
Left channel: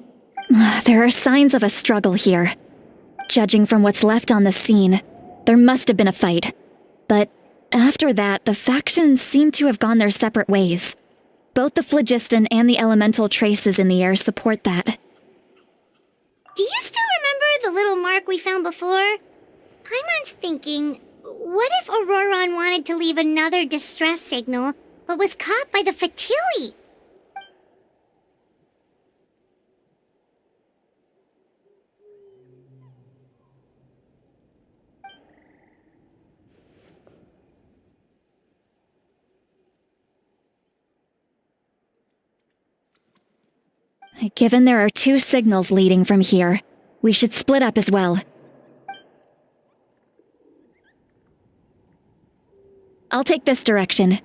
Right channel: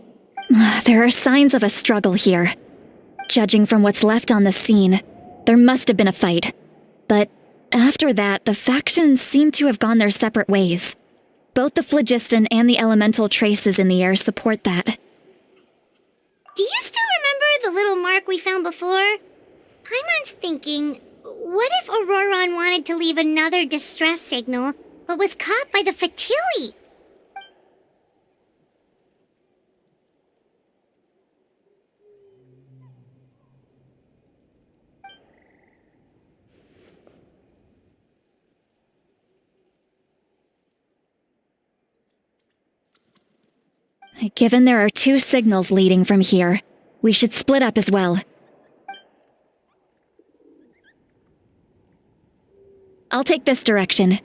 There are signs of a struggle here. Judging from what's left on the scene, there must have been a fight. But after that, the factions seem to have gone their separate ways. Both the phlogiston and the elemental traces in the air support that. Do you still remember the little mark we found before? Paimon's thinking, what if Auroron wanted to leave another distress signal, but was caught by the Fatui? Given there are 2 signals leading from here, we should split up as well. I'll take this direction,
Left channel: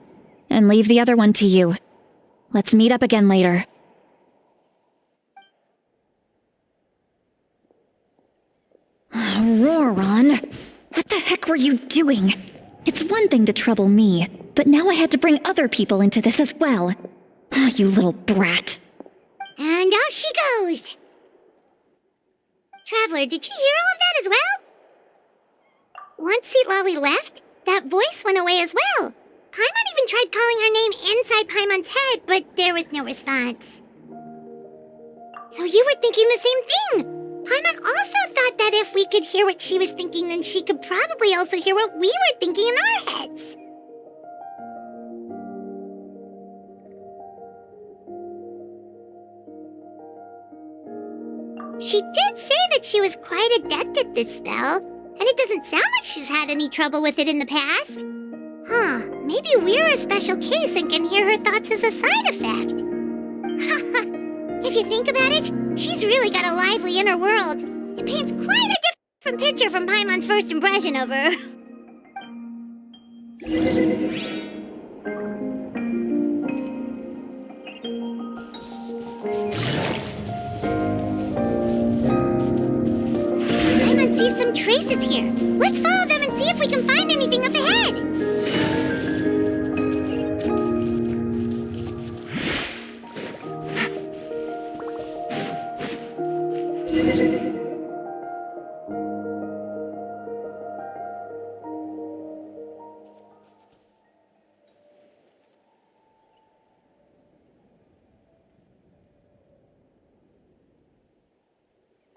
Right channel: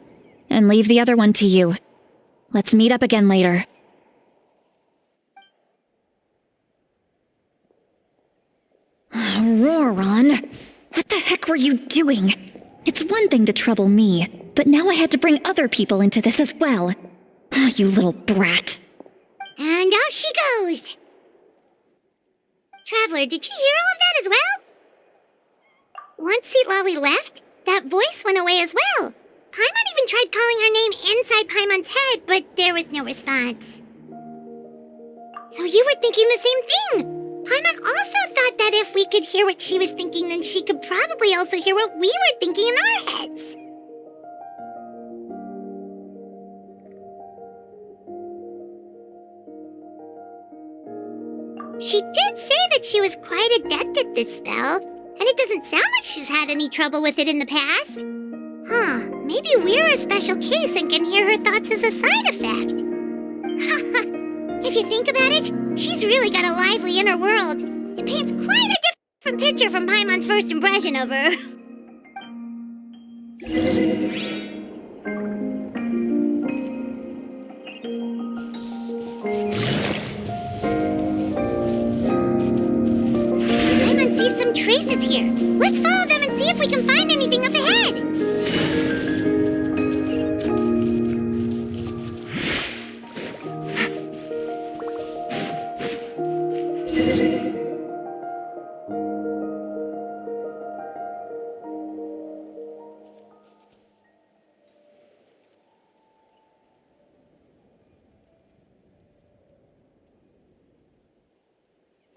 and leave the other one to you. Let's meet up again later. Auroron, what the heck were you doing? It's one thing to trouble me, but now I had to bring other people into this as well. Oh, you little brat. And off she goes! Traveler, did you hear all of that as well? Once Lolly left, that voice went away as well. Paimon even tried calling her name inside Paimon's head, but there was no response. So you were thinking the same thing! Paimon also thought that if we could hear what she was thinking, then she could probably also hear what we were thinking in our heads. She did say that she was quite adept at this spell, and it doesn't sound like she's had any trouble with it in the past. Huh, maybe we're a special case and can hear her thoughts as a side effect. If you think about it, she's really got a lively inner world. It paints quite a different picture from Paimon's first impression of her. Paimon sees some traces here. Let's follow them and see if we can find anything up ahead.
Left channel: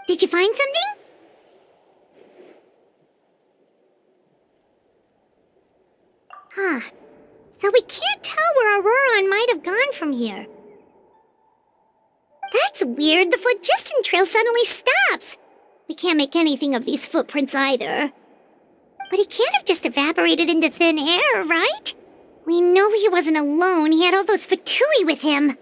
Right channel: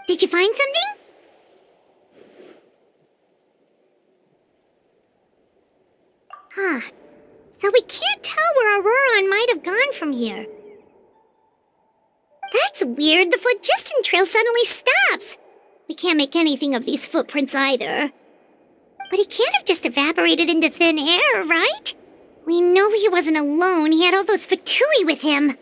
Did you find something? Huh. So we can't tell where Auroron might have gone from here. That's weird. The phlogiston trail suddenly stops. We can't make anything of these footprints either. But he can't have just evaporated into thin air, right? We know he wasn't alone. He had all those Fatui with him.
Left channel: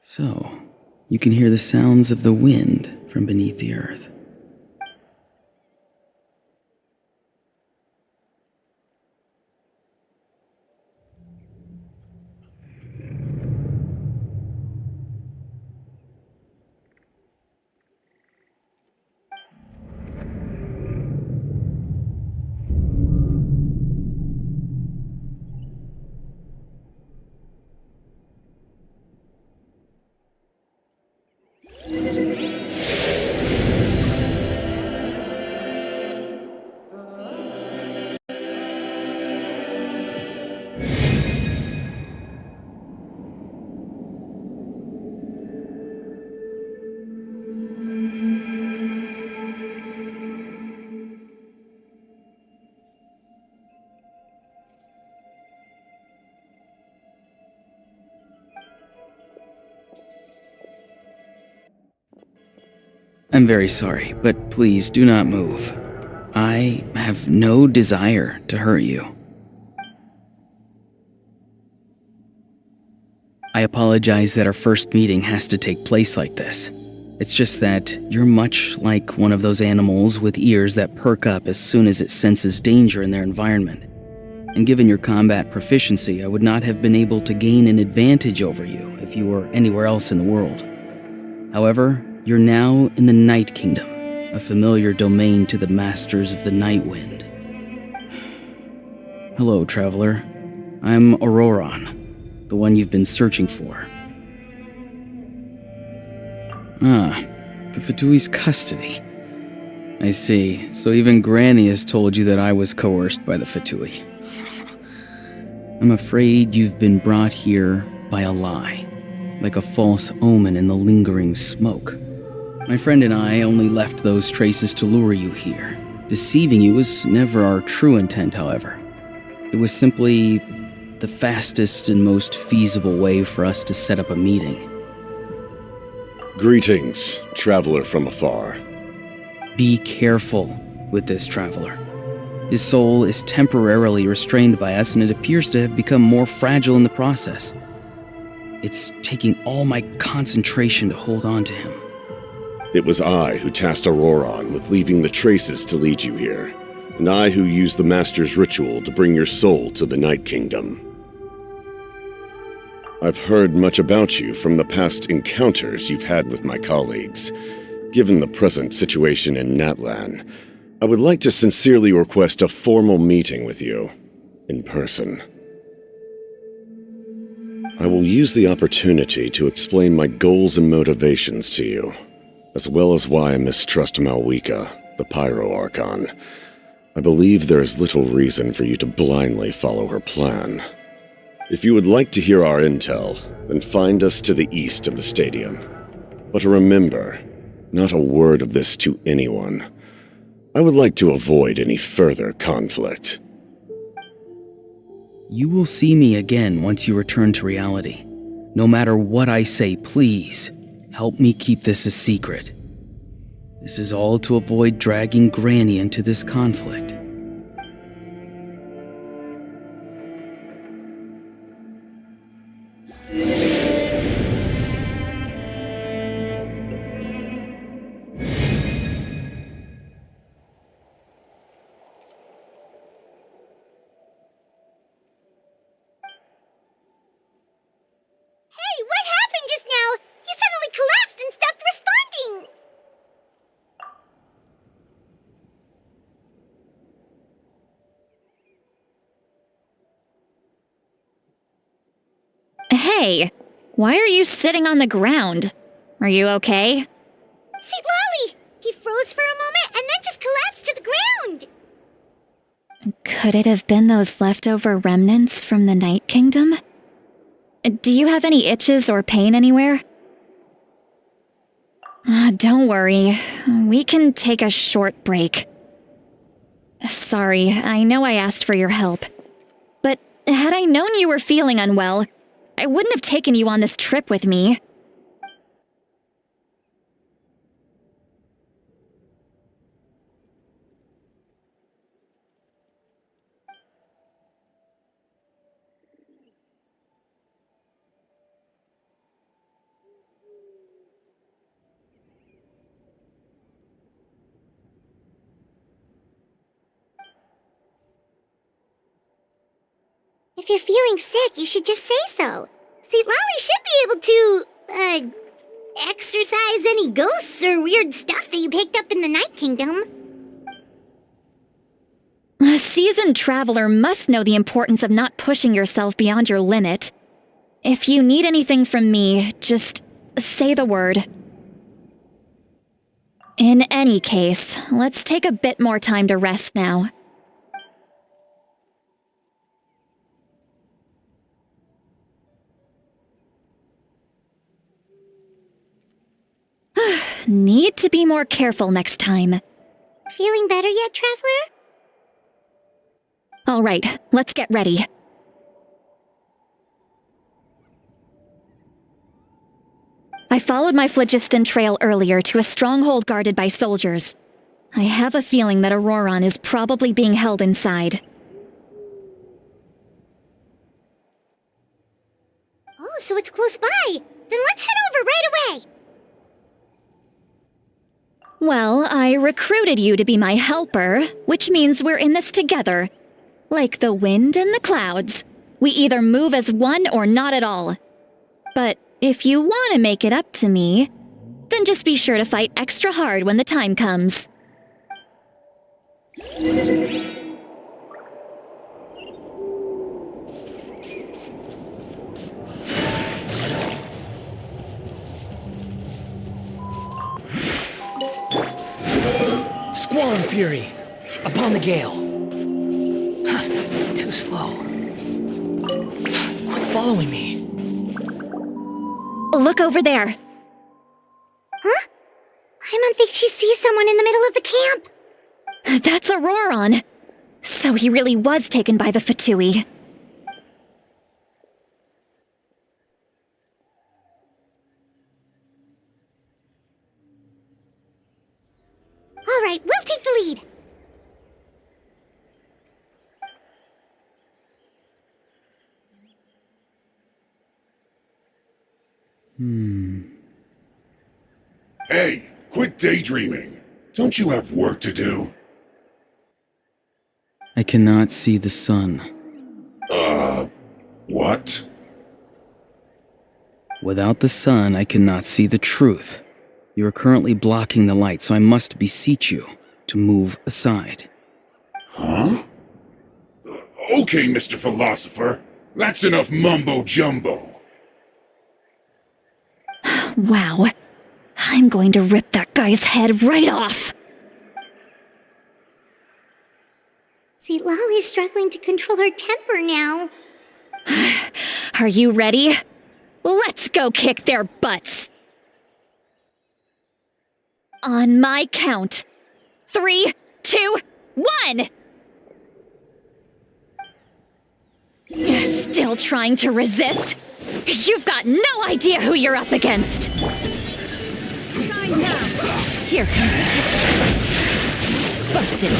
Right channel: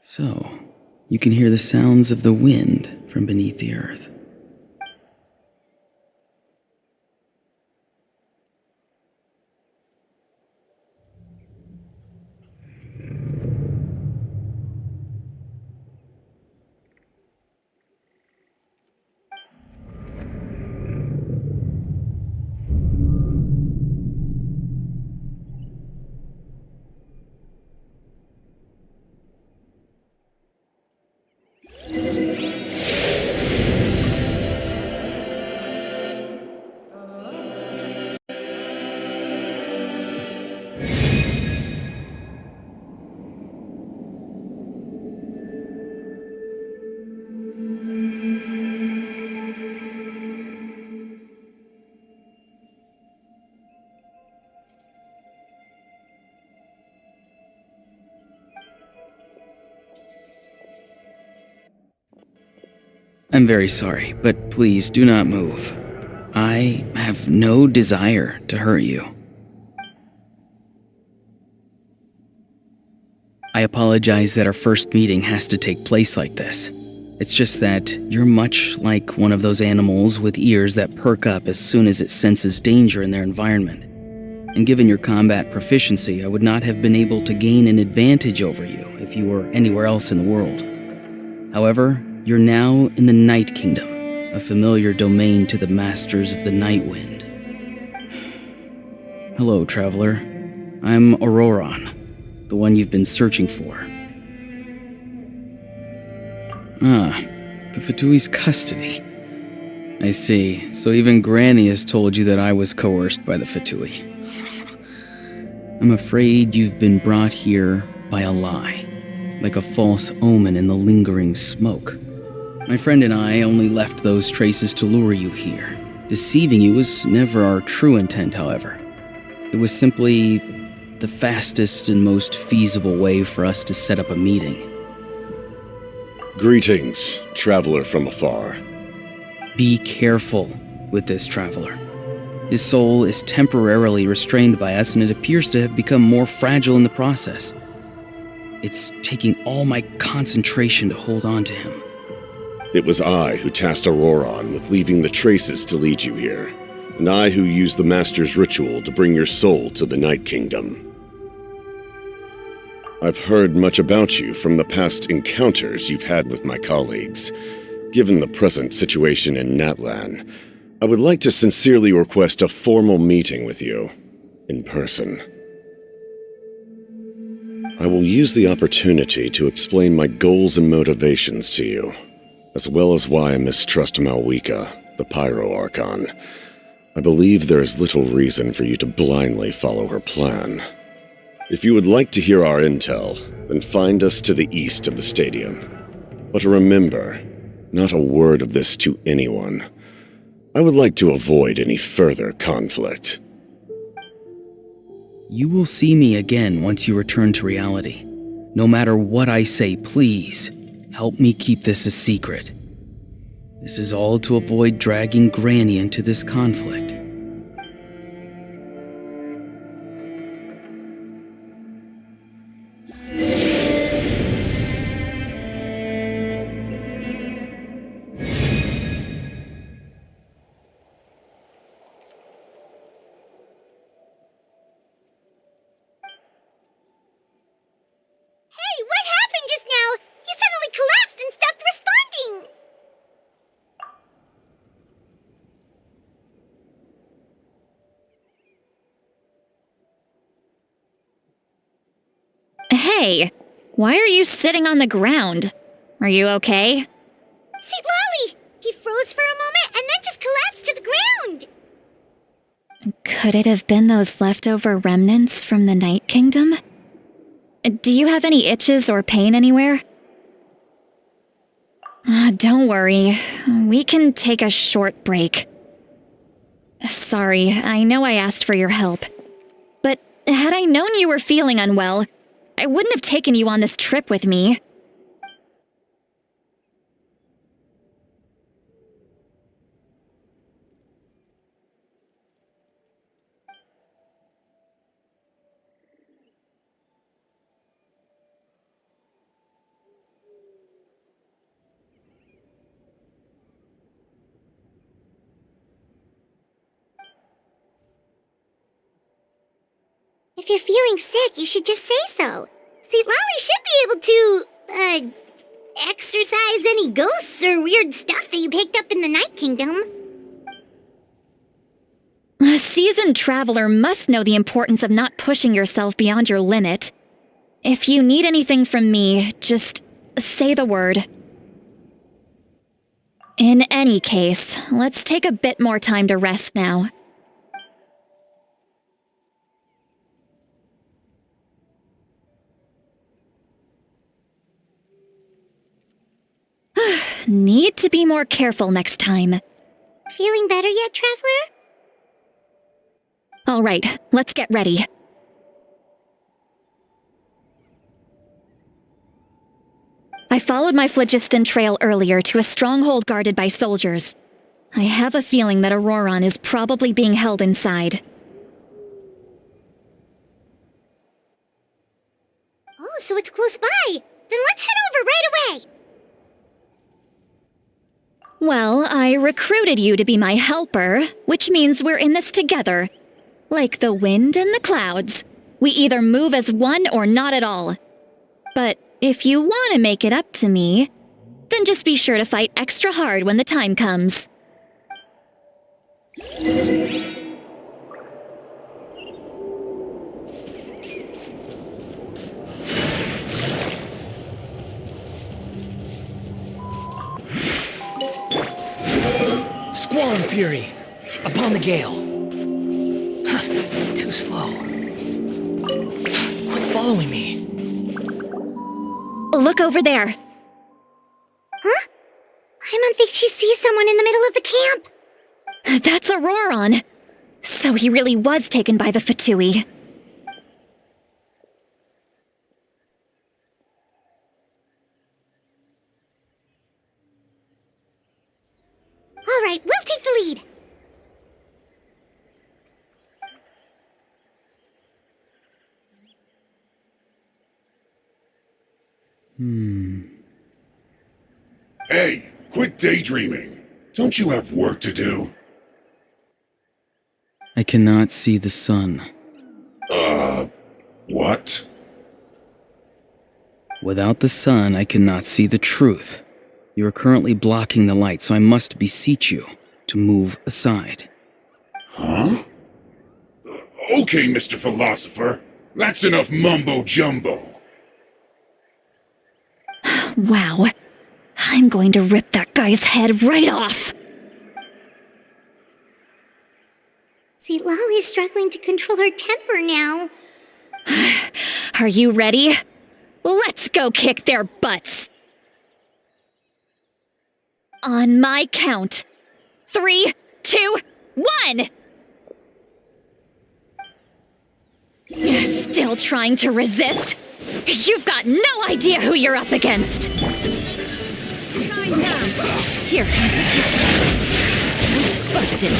So, you can hear the sounds of the wind from beneath the earth. I'm very sorry, but please do not move. I have no desire to hurt you. I apologize that our first meeting has to take place like this. It's just that you're much like one of those animals with ears that perk up as soon as it senses danger in their environment. And given your combat proficiency, I would not have been able to gain an advantage over you if you were anywhere else in the world. However, you're now in the Night Kingdom, a familiar domain to the Masters of the Night Wind. Hello, traveler. I'm Auroron, the one you've been searching for. Ah, the Fatui's custody. I see. So even Granny has told you that I was coerced by the Fatui. I'm afraid you've been brought here by a lie, like a false omen in the lingering smoke. My friend and I only left those traces to lure you here. Deceiving you was never our true intent, however. It was simply the fastest and most feasible way for us to set up a meeting. Greetings, traveler from afar. Be careful with this, traveler. His soul is temporarily restrained by us, and it appears to have become more fragile in the process. It's taking all my concentration to hold on to him. It was I who tasked Auroron with leaving the traces to lead you here, and I who used the Master's ritual to bring your soul to the Night Kingdom. I've heard much about you from the past encounters you've had with my colleagues. Given the present situation in Natlan, I would like to sincerely request a formal meeting with you, in person. I will use the opportunity to explain my goals and motivations to you, as well as why I mistrust Malwika, the Pyro Archon. I believe there is little reason for you to blindly follow her plan. If you would like to hear our intel, then find us to the east of the stadium. But remember, not a word of this to anyone. I would like to avoid any further conflict. You will see me again once you return to reality. No matter what I say, please, help me keep this a secret. This is all to avoid dragging Granny into this conflict. Hey, what happened just now? You suddenly collapsed and stopped responding! Hey, why are you sitting on the ground? Are you okay? See, Lolly! He froze for a moment and then just collapsed to the ground! Could it have been those leftover remnants from the Night Kingdom? Do you have any itches or pain anywhere? Don't worry. We can take a short break. Sorry, I know I asked for your help. But had I known you were feeling unwell, I wouldn't have taken you on this trip with me. If you're feeling sick, you should just say so. See, Lolly should be able to, exorcise any ghosts or weird stuff that you picked up in the Night Kingdom. A seasoned traveler must know the importance of not pushing yourself beyond your limit. If you need anything from me, just say the word. In any case, let's take a bit more time to rest now. Need to be more careful next time. Feeling better yet, Traveler? All right, let's get ready. I followed my phlogiston trail earlier to a stronghold guarded by soldiers. I have a feeling that Auroron is probably being held inside. Oh, so it's close by. Then let's head over right away. Well, I recruited you to be my helper, which means we're in this together. Like the wind and the clouds. We either move as one or not at all. But if you want to make it up to me, then just be sure to fight extra hard when the time comes. Squall and fury, upon the gale. Too slow. Quit following me. Look over there. Huh? Paimon thinks she sees someone in the middle of the camp. That's Auroron. So he really was taken by the Fatui. All right, we'll take the lead. Hey, quit daydreaming. Don't you have work to do? I cannot see the sun. What? Without the sun, I cannot see the truth. You are currently blocking the light, so I must beseech you to move aside. Huh? Okay, Mr. Philosopher. That's enough mumbo-jumbo. Wow. I'm going to rip that guy's head right off. See, Lolly's struggling to control her temper now. Are you ready? Let's go kick their butts. On my count. 3, 2, 1! Still trying to resist? You've got no idea who you're up against. Shine down. Here comes the kick. Busted.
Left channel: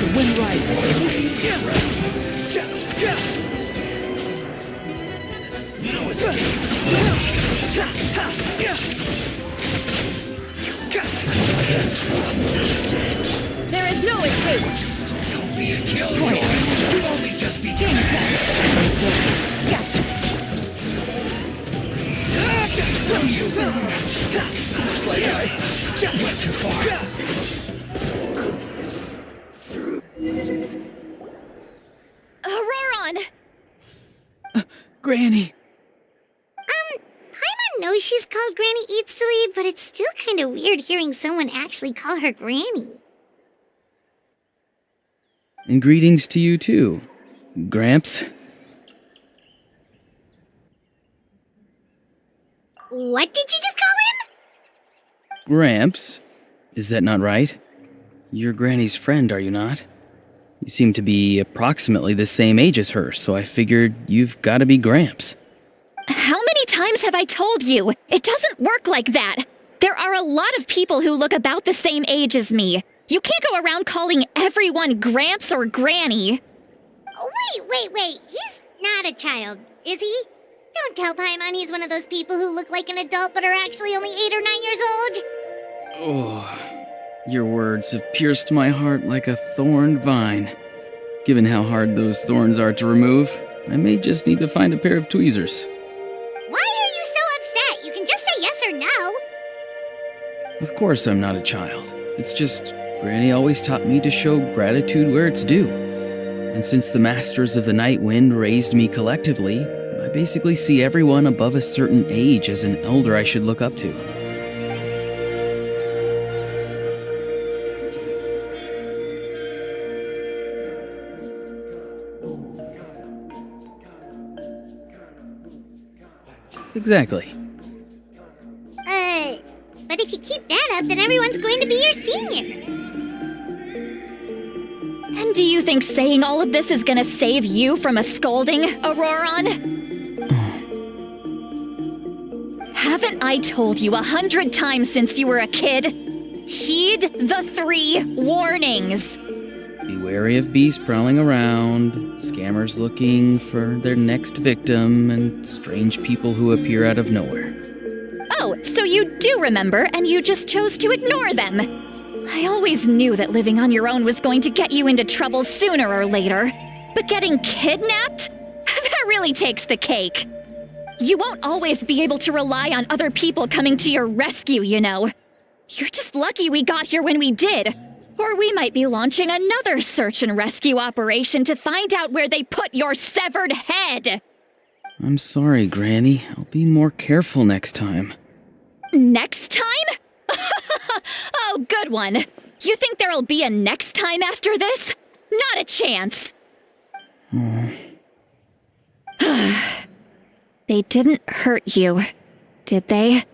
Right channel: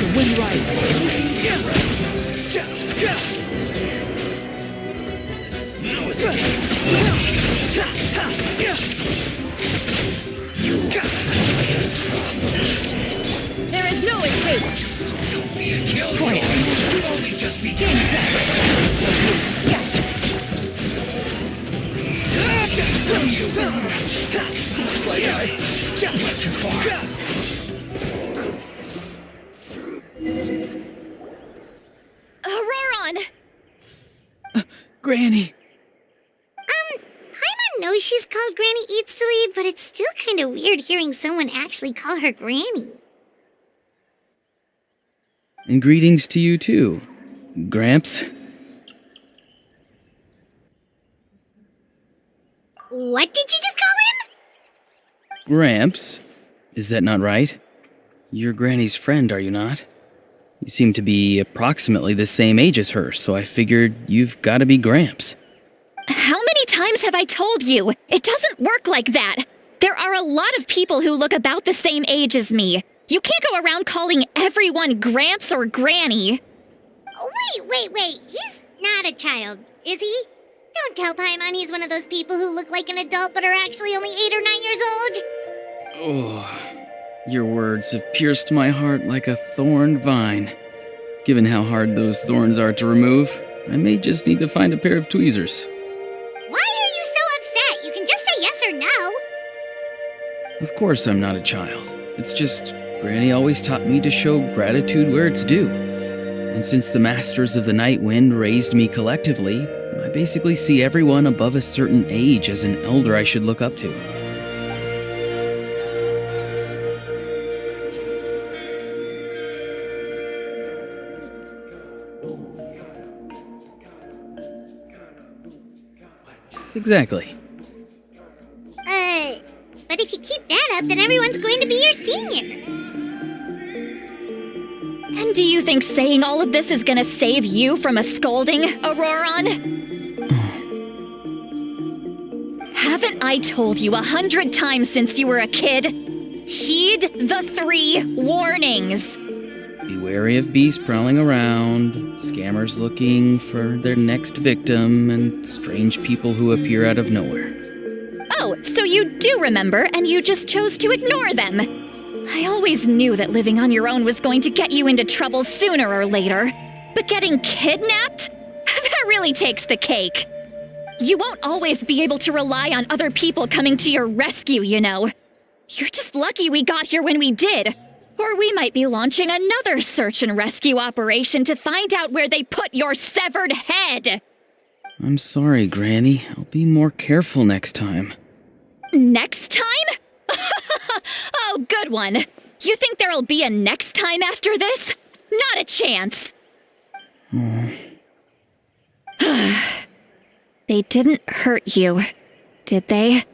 The wind rises. No There is no escape. Don't be a killer. You've only just begun. Gotcha. You. Looks like I went too far. Auroron! Granny! Paimon knows she's called Granny Eats to Leave, but it's still kind of weird hearing someone actually call her Granny. And greetings to you too, Gramps. What did you just call him? Gramps? Is that not right? You're Granny's friend, are you not? You seem to be approximately the same age as her, so I figured you've got to be Gramps. How many times have I told you? It doesn't work like that. There are a lot of people who look about the same age as me. You can't go around calling everyone Gramps or Granny. Oh, wait. He's not a child, is he? Don't tell Paimon he's one of those people who look like an adult but are actually only 8 or 9 years old. Oh, your words have pierced my heart like a thorn vine. Given how hard those thorns are to remove, I may just need to find a pair of tweezers. Why are you so upset? You can just say yes or no. Of course I'm not a child. It's just Granny always taught me to show gratitude where it's due. And since the Masters of the Night Wind raised me collectively, I basically see everyone above a certain age as an elder I should look up to. Exactly. But if you keep that up, then everyone's going to be your senior. And do you think saying all of this is gonna save you from a scolding, Auroron? Haven't I told you 100 times since you were a kid? Heed the 3 warnings. Be wary of beasts prowling around, scammers looking for their next victim, and strange people who appear out of nowhere. Oh, so you do remember, and you just chose to ignore them. I always knew that living on your own was going to get you into trouble sooner or later. But getting kidnapped? That really takes the cake. You won't always be able to rely on other people coming to your rescue, you know. You're just lucky we got here when we did. Or we might be launching another search and rescue operation to find out where they put your severed head. I'm sorry, Granny. I'll be more careful next time. Next time? Oh, good one. You think there'll be a next time after this? Not a chance. They didn't hurt you, did they?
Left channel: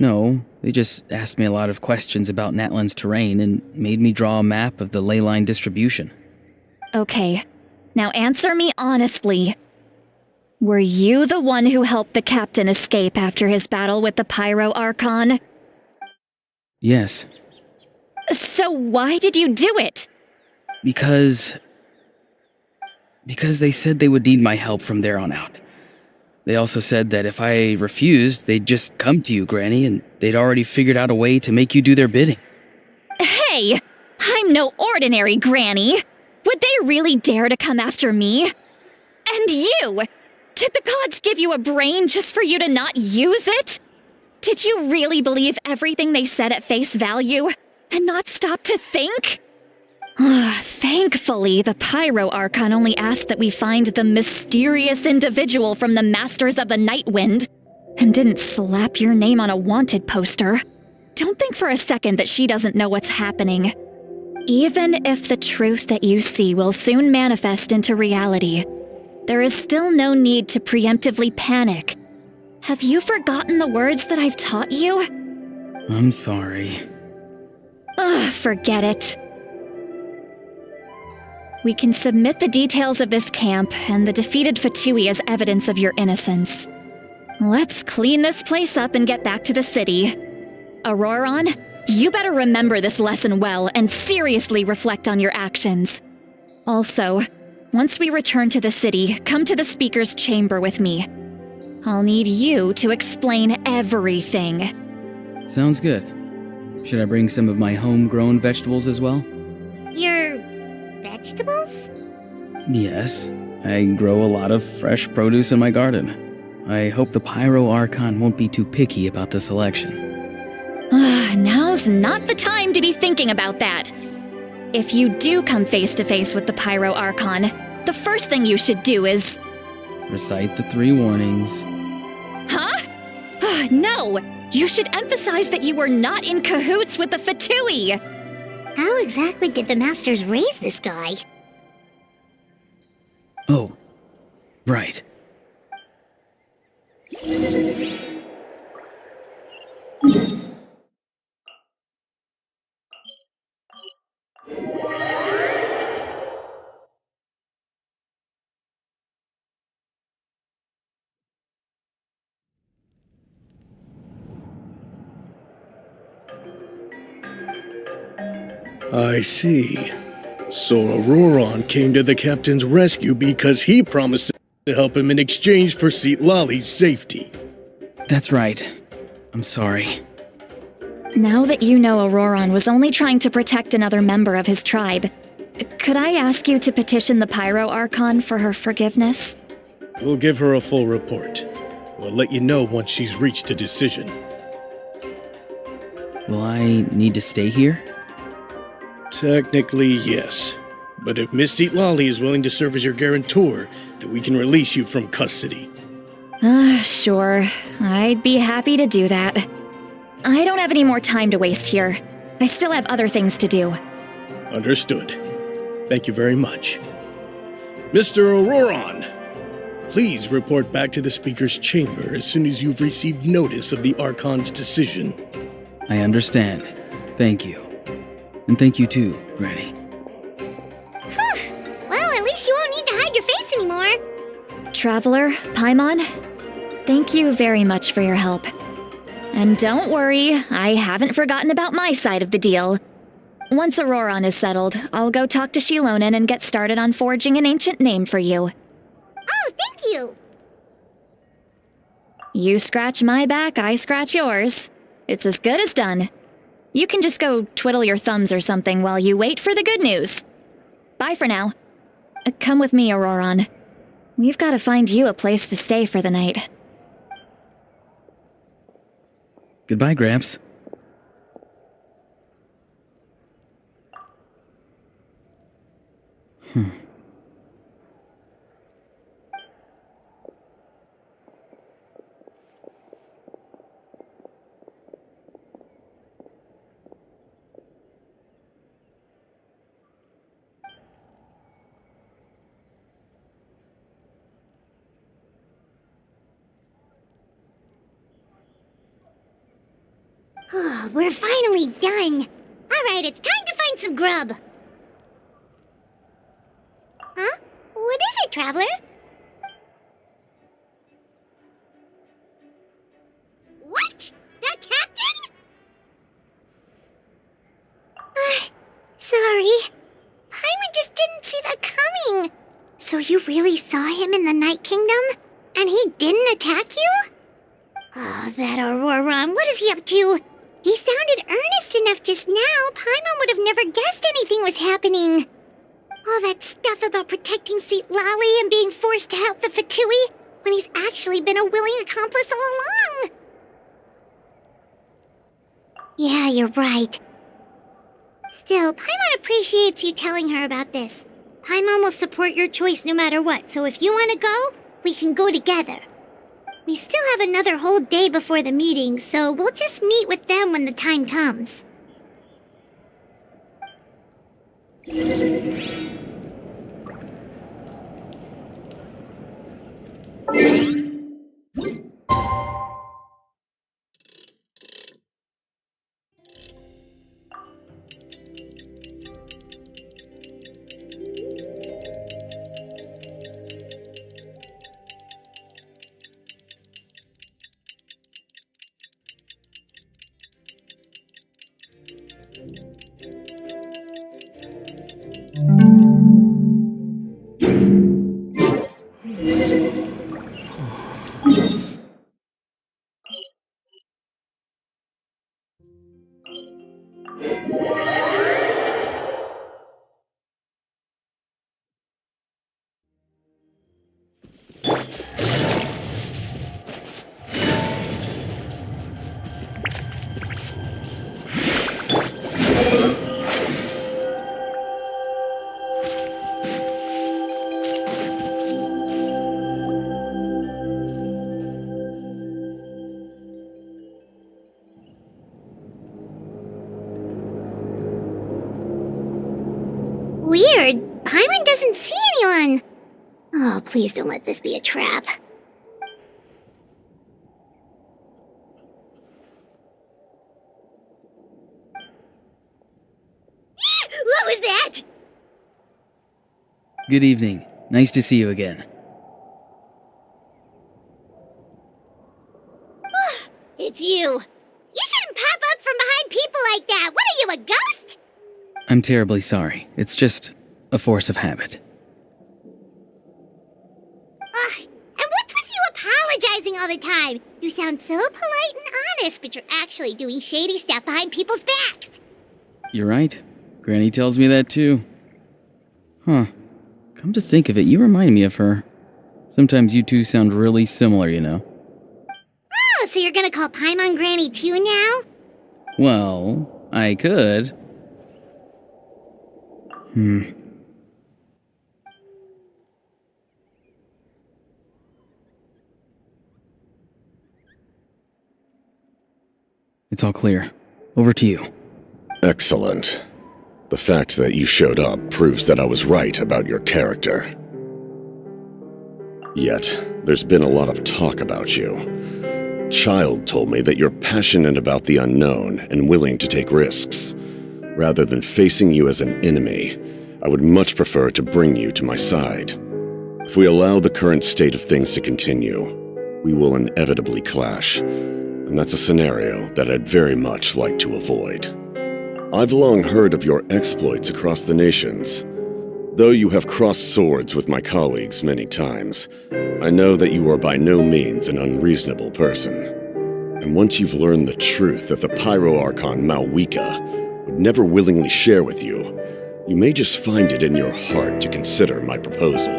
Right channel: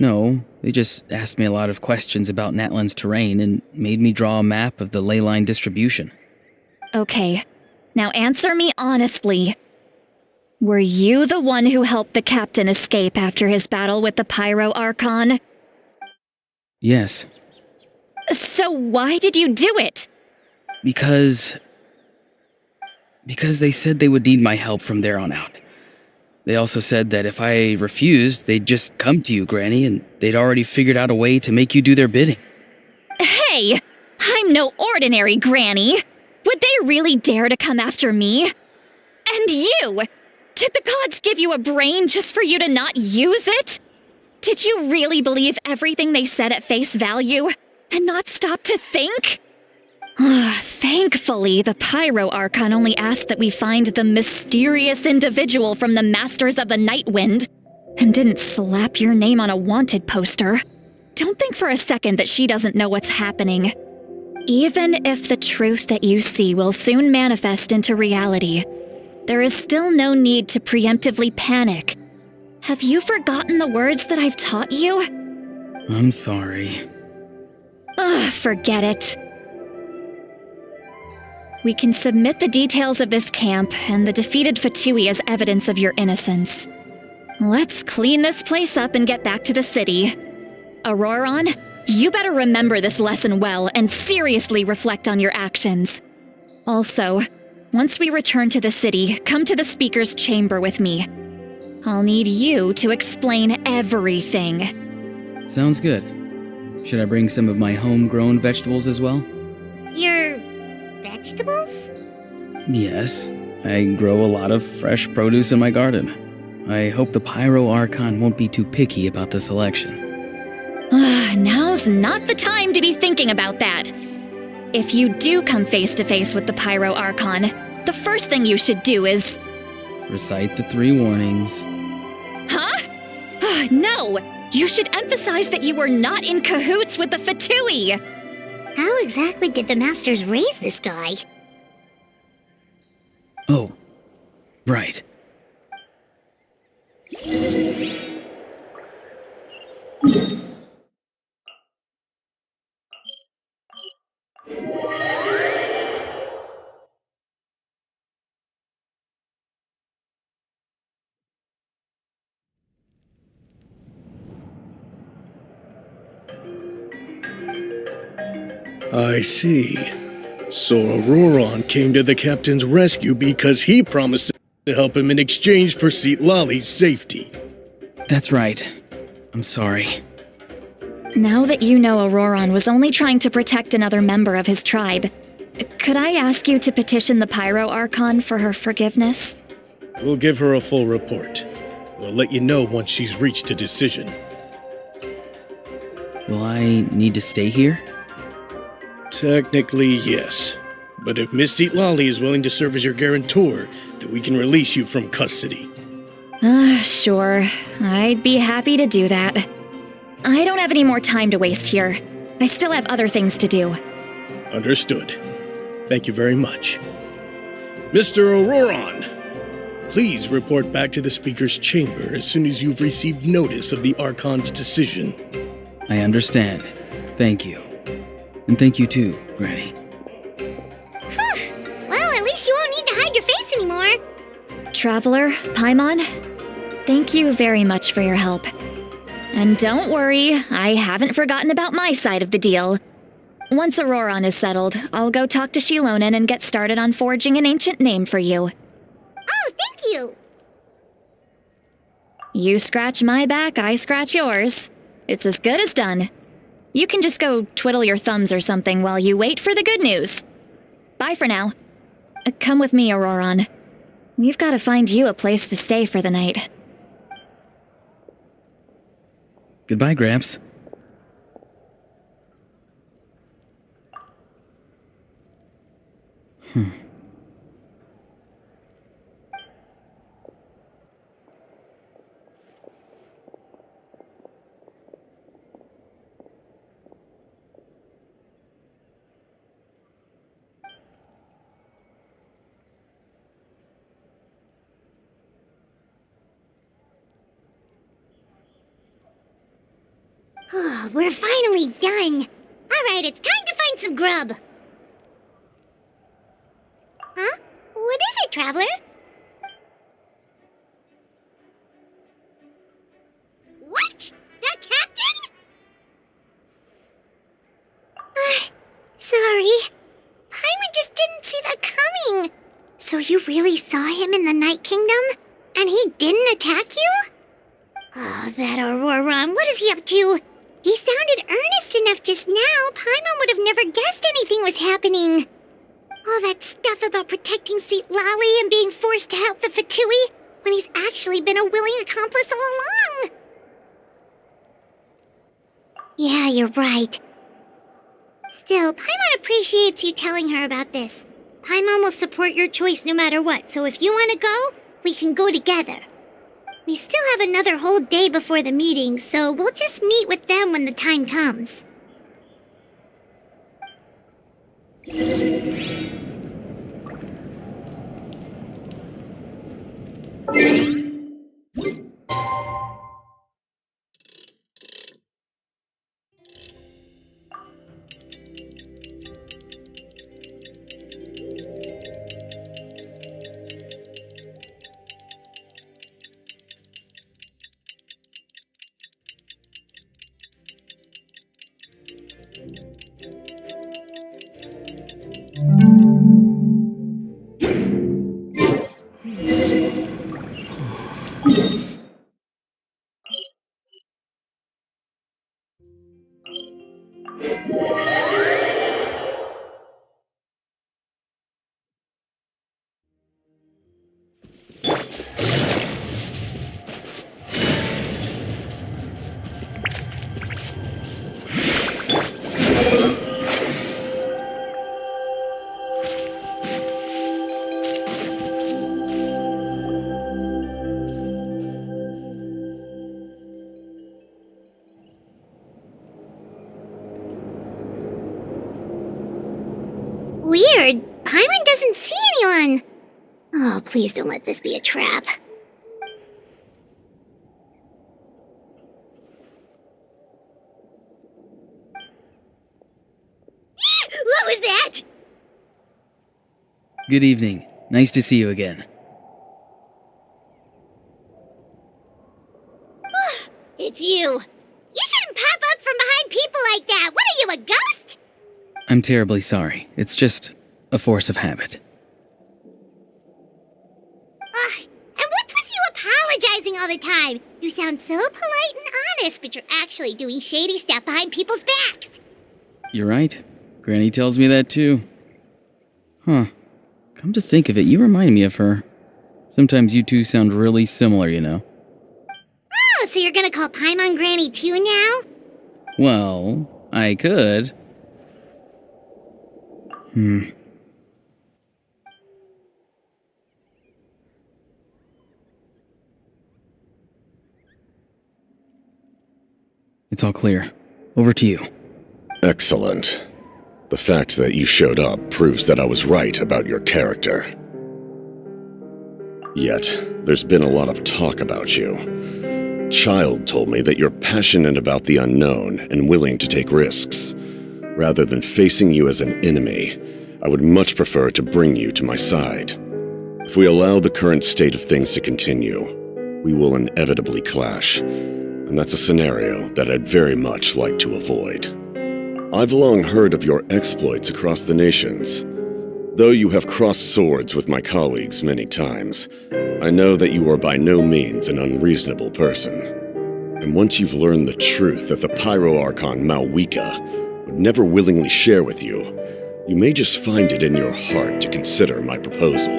No, they just asked me a lot of questions about Natlan's terrain and made me draw a map of the ley line distribution. Okay, now answer me honestly. Were you the one who helped the captain escape after his battle with the Pyro Archon? Yes. So why did you do it? Because they said they would need my help from there on out. They also said that if I refused, they'd just come to you, Granny, and they'd already figured out a way to make you do their bidding. Hey! I'm no ordinary granny! Would they really dare to come after me? And you! Did the gods give you a brain just for you to not use it? Did you really believe everything they said at face value and not stop to think? Thankfully, the Pyro Archon only asked that we find the mysterious individual from the Masters of the Night Wind and didn't slap your name on a wanted poster. Don't think for a second that she doesn't know what's happening. Even if the truth that you see will soon manifest into reality, there is still no need to preemptively panic. Have you forgotten the words that I've taught you? I'm sorry. Forget it. We can submit the details of this camp and the defeated Fatui as evidence of your innocence. Let's clean this place up and get back to the city. Auroron, you better remember this lesson well and seriously reflect on your actions. Also, once we return to the city, come to the speaker's chamber with me. I'll need you to explain everything. Sounds good. Should I bring some of my homegrown vegetables as well? Your vegetables? Yes. I grow a lot of fresh produce in my garden. I hope the Pyro Archon won't be too picky about the selection. Now's not the time to be thinking about that. If you do come face to face with the Pyro Archon, the first thing you should do is... Recite the 3 warnings. Huh? No! You should emphasize that you were not in cahoots with the Fatui! How exactly did the Masters raise this guy? Oh, right. I see. So Auroron came to the captain's rescue because he promised to help him in exchange for Seat Lolly's safety. That's right. I'm sorry. Now that you know Auroron was only trying to protect another member of his tribe, could I ask you to petition the Pyro Archon for her forgiveness? We'll give her a full report. We'll let you know once she's reached a decision. Will I need to stay here? Technically, yes. But if Miss Seat Lolly is willing to serve as your guarantor, then we can release you from custody. Sure. I'd be happy to do that. I don't have any more time to waste here. I still have other things to do. Understood. Thank you very much. Mr. Auroron, please report back to the Speaker's chamber as soon as you've received notice of the Archon's decision. I understand. Thank you. And thank you too, Granny. Well, at least you won't need to hide your face anymore. Traveler, Paimon, thank you very much for your help. And don't worry, I haven't forgotten about my side of the deal. Once Auroron is settled, I'll go talk to Shilonen and get started on forging an ancient name for you. Oh, thank you. You scratch my back, I scratch yours. It's as good as done. You can just go twiddle your thumbs or something while you wait for the good news. Bye for now. Come with me, Auroron. We've got to find you a place to stay for the night. Goodbye, Gramps. We're finally done. Alright, it's time to find some grub. Huh? What is it, Traveler? What? The captain? Sorry. Paimon just didn't see that coming. So you really saw him in the Night Kingdom? And he didn't attack you? Oh, that Auroron, what is he up to? He sounded earnest enough just now. Paimon would have never guessed anything was happening. All that stuff about protecting Seat Lally and being forced to help the Fatui, when he's actually been a willing accomplice all along. Yeah, you're right. Still, Paimon appreciates you telling her about this. Paimon will support your choice no matter what, so if you want to go, we can go together. We still have another whole day before the meeting, so we'll just meet with them when the time comes. Weird. Paimon doesn't see anyone. Oh, please don't let this be a trap. What was that? Good evening. Nice to see you again. It's you. You shouldn't pop up from behind people like that. What are you, a ghost? I'm terribly sorry. It's just a force of habit. And what's with you apologizing all the time? You sound so polite and honest, but you're actually doing shady stuff behind people's backs. You're right. Granny tells me that too. Huh. Come to think of it, you remind me of her. Sometimes you two sound really similar, you know. Oh, so you're gonna call Paimon Granny too now? Well, I could. It's all clear. Over to you. Excellent. The fact that you showed up proves that I was right about your character. Yet, there's been a lot of talk about you. Child told me that you're passionate about the unknown and willing to take risks. Rather than facing you as an enemy, I would much prefer to bring you to my side. If we allow the current state of things to continue, we will inevitably clash, and that's a scenario that I'd very much like to avoid. I've long heard of your exploits across the nations. Though you have crossed swords with my colleagues many times, I know that you are by no means an unreasonable person. And once you've learned the truth that the Pyro Archon Malwika would never willingly share with you, you may just find it in your heart to consider my proposal.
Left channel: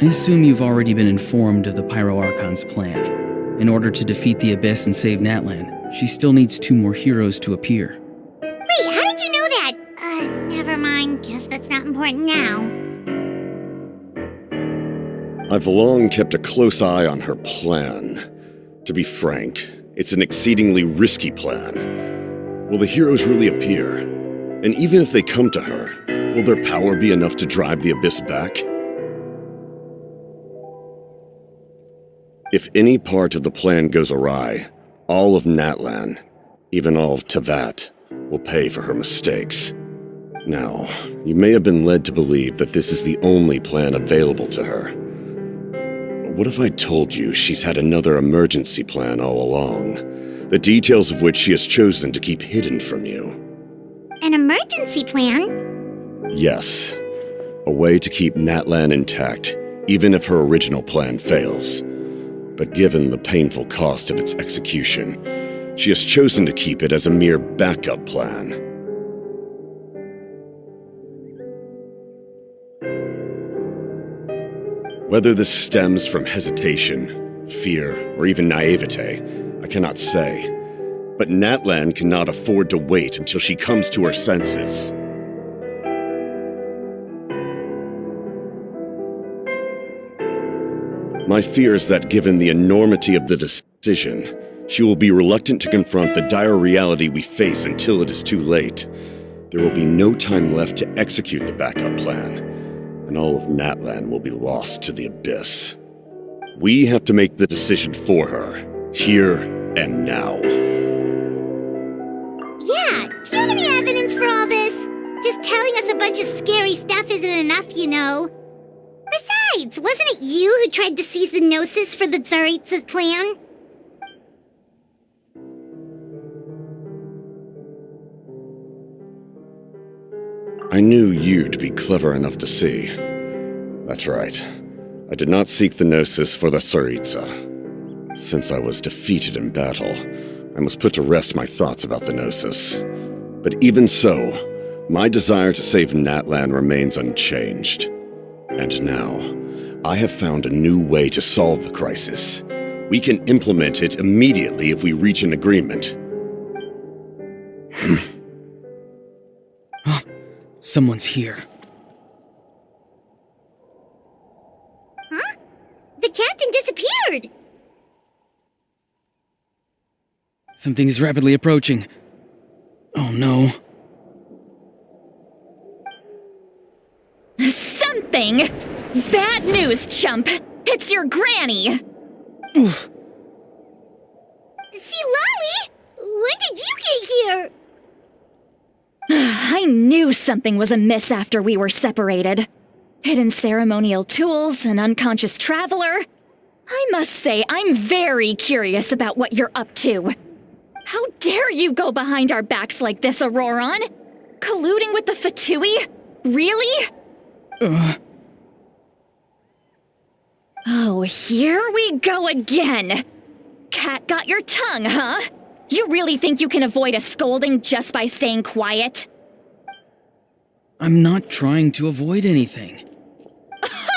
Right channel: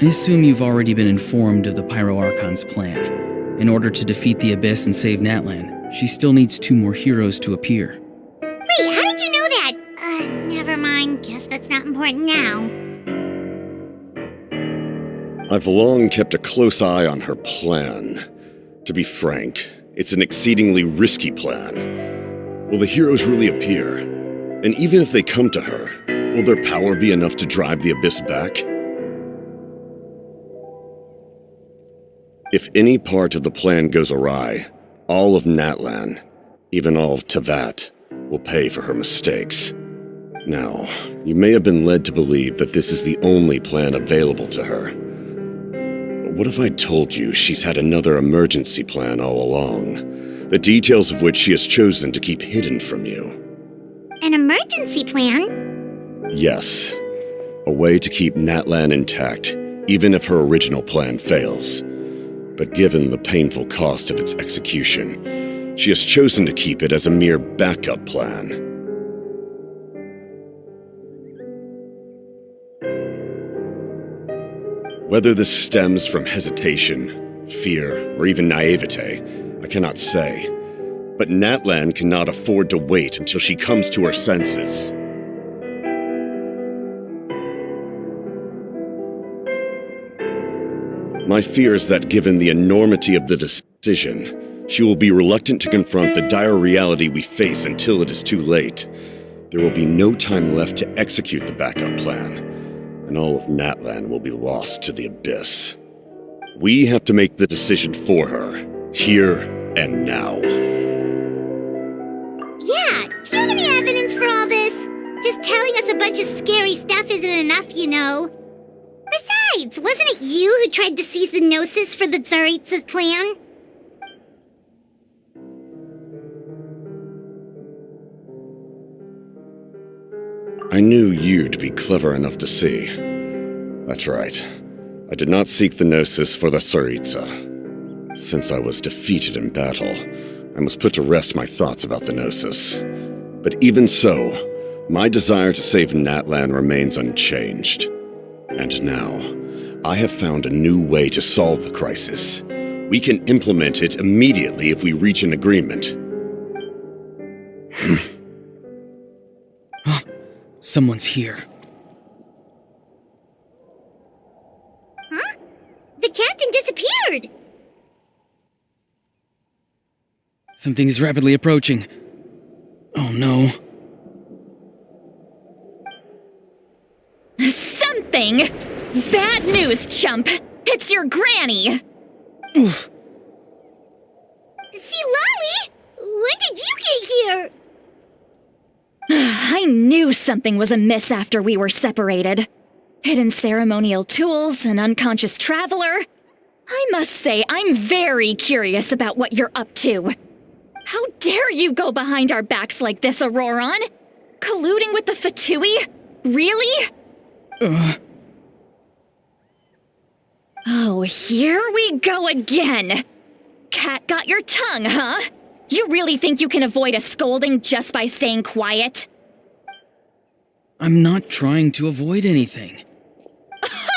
I assume you've already been informed of the Pyro Archon's plan. In order to defeat the Abyss and save Natlan, she still needs 2 more heroes to appear. Wait, how did you know that? Never mind. Guess that's not important now. I've long kept a close eye on her plan. To be frank, it's an exceedingly risky plan. Will the heroes really appear? And even if they come to her, will their power be enough to drive the Abyss back? If any part of the plan goes awry, all of Natlan, even all of Tevat, will pay for her mistakes. Now, you may have been led to believe that this is the only plan available to her. But what if I told you she's had another emergency plan all along, the details of which she has chosen to keep hidden from you? An emergency plan? Yes. A way to keep Natlan intact, even if her original plan fails. But given the painful cost of its execution, she has chosen to keep it as a mere backup plan. Whether this stems from hesitation, fear, or even naivete, I cannot say. But Natlan cannot afford to wait until she comes to her senses. My fear is that given the enormity of the decision, she will be reluctant to confront the dire reality we face until it is too late. There will be no time left to execute the backup plan, and all of Natlan will be lost to the abyss. We have to make the decision for her, here and now. Yeah, do you have any evidence for all this? Just telling us a bunch of scary stuff isn't enough, you know. Besides, wasn't it you who tried to seize the Gnosis for the Tsaritsa plan? I knew you'd be clever enough to see. That's right. I did not seek the Gnosis for the Tsaritsa. Since I was defeated in battle, I must put to rest my thoughts about the Gnosis. But even so, my desire to save Natlan remains unchanged. And now, I have found a new way to solve the crisis. We can implement it immediately if we reach an agreement. Someone's here. Huh? The captain disappeared! Something is rapidly approaching. Oh no. Something? Bad news, chump! It's your granny! Oof. See, Lolly? When did you get here? I knew something was amiss after we were separated. Hidden ceremonial tools, an unconscious traveler. I must say, I'm very curious about what you're up to. How dare you go behind our backs like this, Auroron? Colluding with the Fatui? Really? Oh, here we go again. Cat got your tongue, huh? You really think you can avoid a scolding just by staying quiet? I'm not trying to avoid anything.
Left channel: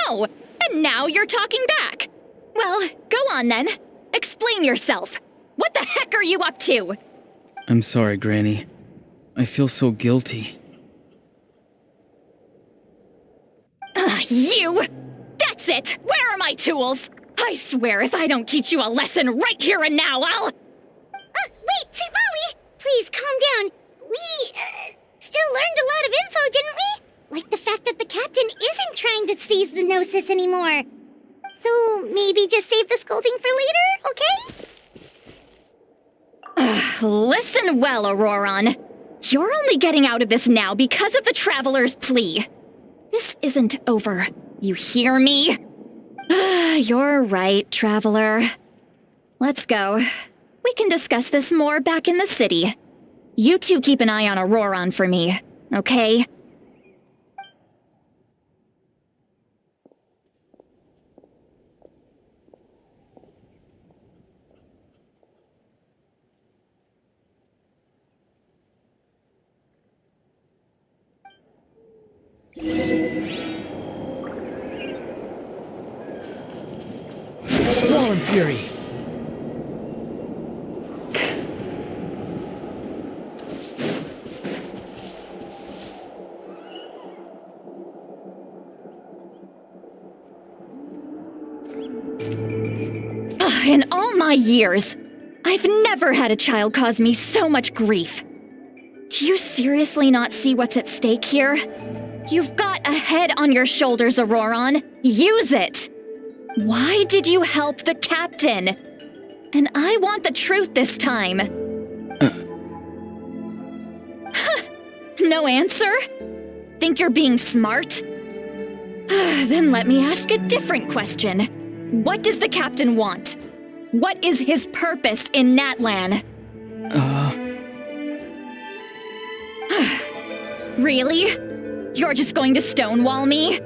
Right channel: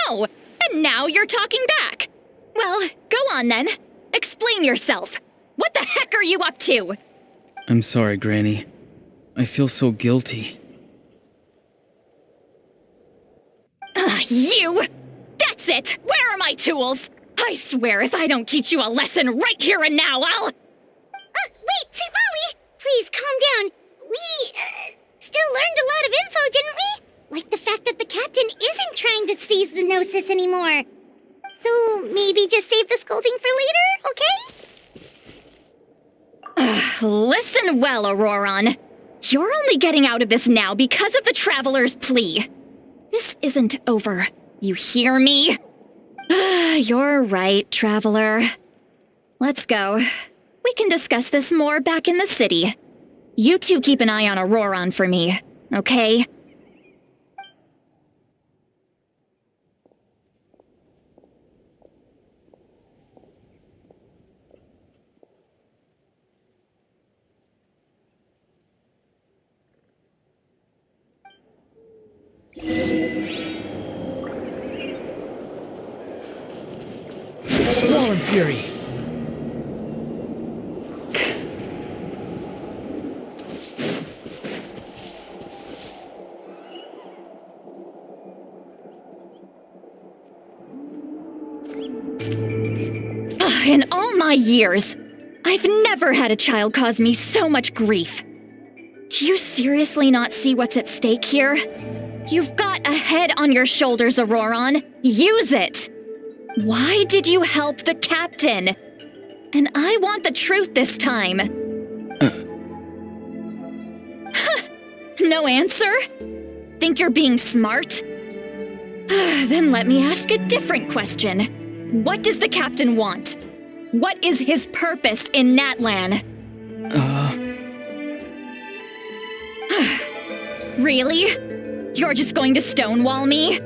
Oh, and now you're talking back. Well, go on then. Explain yourself. What the heck are you up to? I'm sorry, Granny. I feel so guilty. You! That's it! Where are my tools? I swear if I don't teach you a lesson right here and now, I'll... Wait, see, Lolly! Please, calm down. We, still learned a lot of info, didn't we? Like the fact that the captain isn't trying to seize the Gnosis anymore. So, maybe just save the scolding for later, okay? Listen well, Auroron. You're only getting out of this now because of the Traveler's plea. This isn't over. You hear me? You're right, Traveler. Let's go. We can discuss this more back in the city. You two keep an eye on Auroron for me, okay? Fallen Fury! In all my years, I've never had a child cause me so much grief. Do you seriously not see what's at stake here? You've got a head on your shoulders, Auroron. Use it! Why did you help the captain? And I want the truth this time. No answer? Think you're being smart? Then let me ask a different question. What does the captain want? What is his purpose in Natlan? Really? You're just going to stonewall me?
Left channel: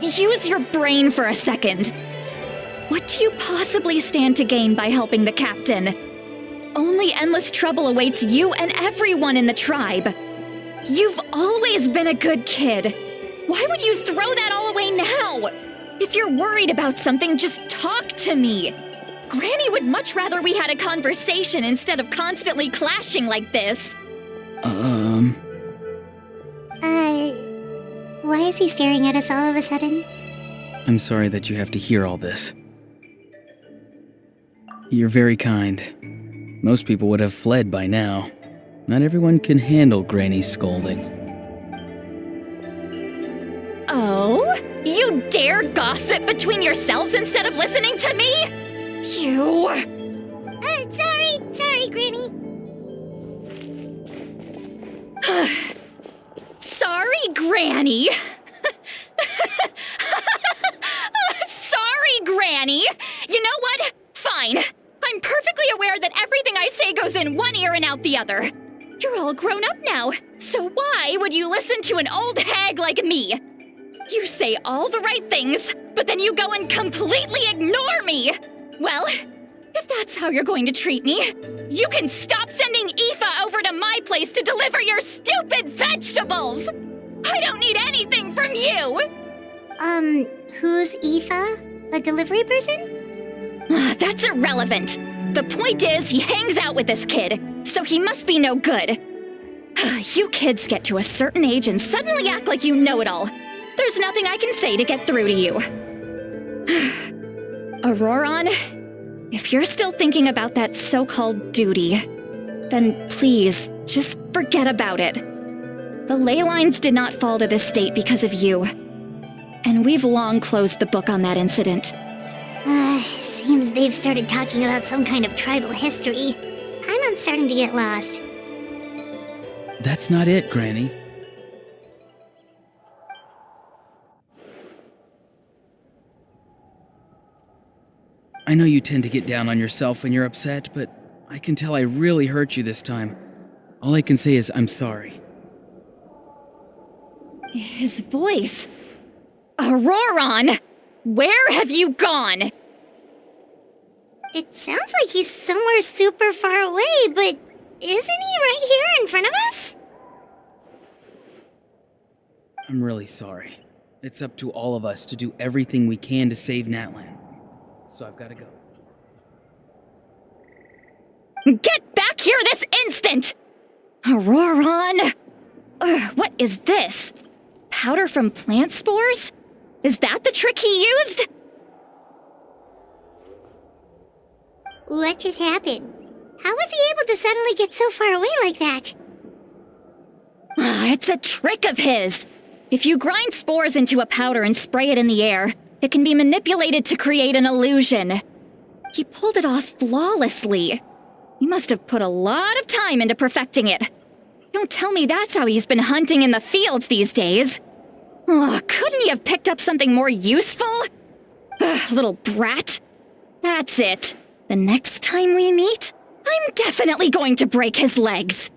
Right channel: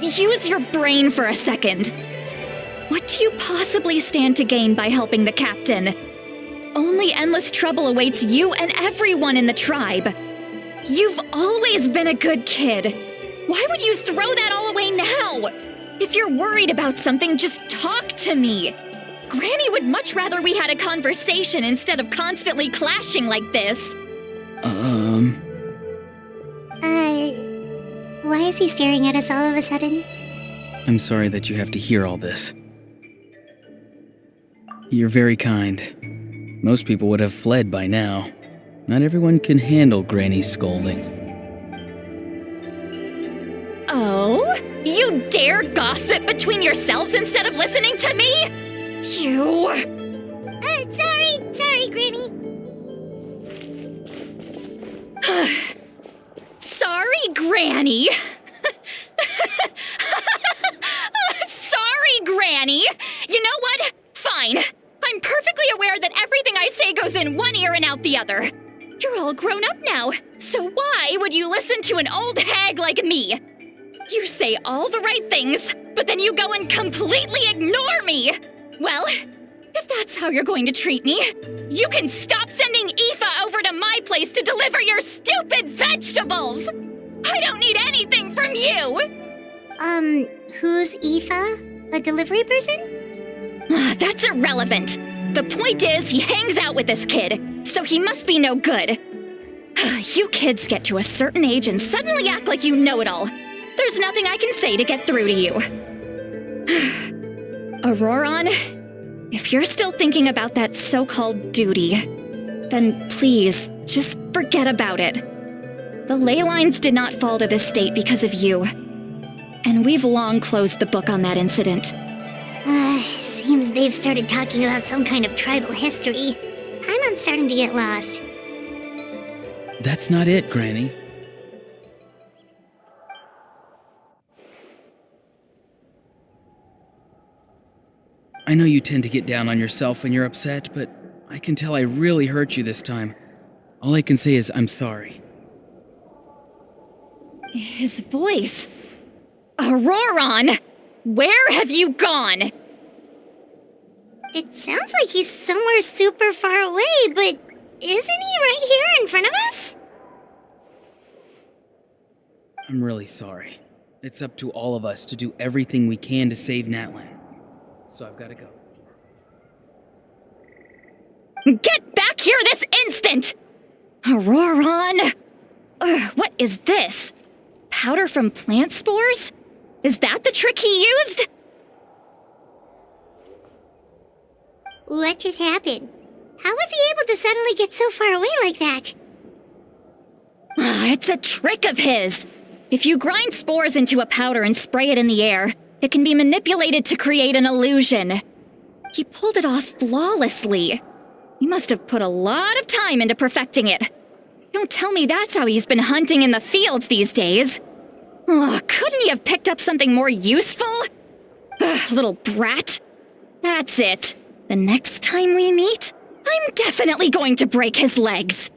use your brain for a second. What do you possibly stand to gain by helping the captain? Only endless trouble awaits you and everyone in the tribe. You've always been a good kid. Why would you throw that all away now? If you're worried about something, just talk to me. Granny would much rather we had a conversation instead of constantly clashing like this. Why is he staring at us all of a sudden? I'm sorry that you have to hear all this. You're very kind. Most people would have fled by now. Not everyone can handle Granny's scolding. Oh? You dare gossip between yourselves instead of listening to me? You... Sorry, Granny. Sorry, Granny. Sorry, Granny. You know what? Fine. I'm perfectly aware that everything I say goes in one ear and out the other. You're all grown up now, so why would you listen to an old hag like me? You say all the right things, but then you go and completely ignore me. Well, if that's how you're going to treat me, you can stop sending Aoife over to my place to deliver your stupid vegetables! I don't need anything from you! Who's Aoife? A delivery person? That's irrelevant. The point is, he hangs out with this kid, so he must be no good. You kids get to a certain age and suddenly act like you know it all. There's nothing I can say to get through to you. Auroron, if you're still thinking about that so-called duty, then please, just forget about it. The ley lines did not fall to this state because of you. And we've long closed the book on that incident. Seems they've started talking about some kind of tribal history. I'm starting to get lost. That's not it, Granny. I know you tend to get down on yourself when you're upset, but I can tell I really hurt you this time. All I can say is I'm sorry. His voice. Auroron! Where have you gone? It sounds like he's somewhere super far away, but isn't he right here in front of us? I'm really sorry. It's up to all of us to do everything we can to save Natlan. So I've got to go. Get back here this instant! Auroron! What is this? Powder from plant spores? Is that the trick he used? What just happened? How was he able to suddenly get so far away like that? It's a trick of his. If you grind spores into a powder and spray it in the air, it can be manipulated to create an illusion. He pulled it off flawlessly. He must have put a lot of time into perfecting it. Don't tell me that's how he's been hunting in the fields these days. Couldn't he have picked up something more useful? Little brat. That's it. The next time we meet, I'm definitely going to break his legs.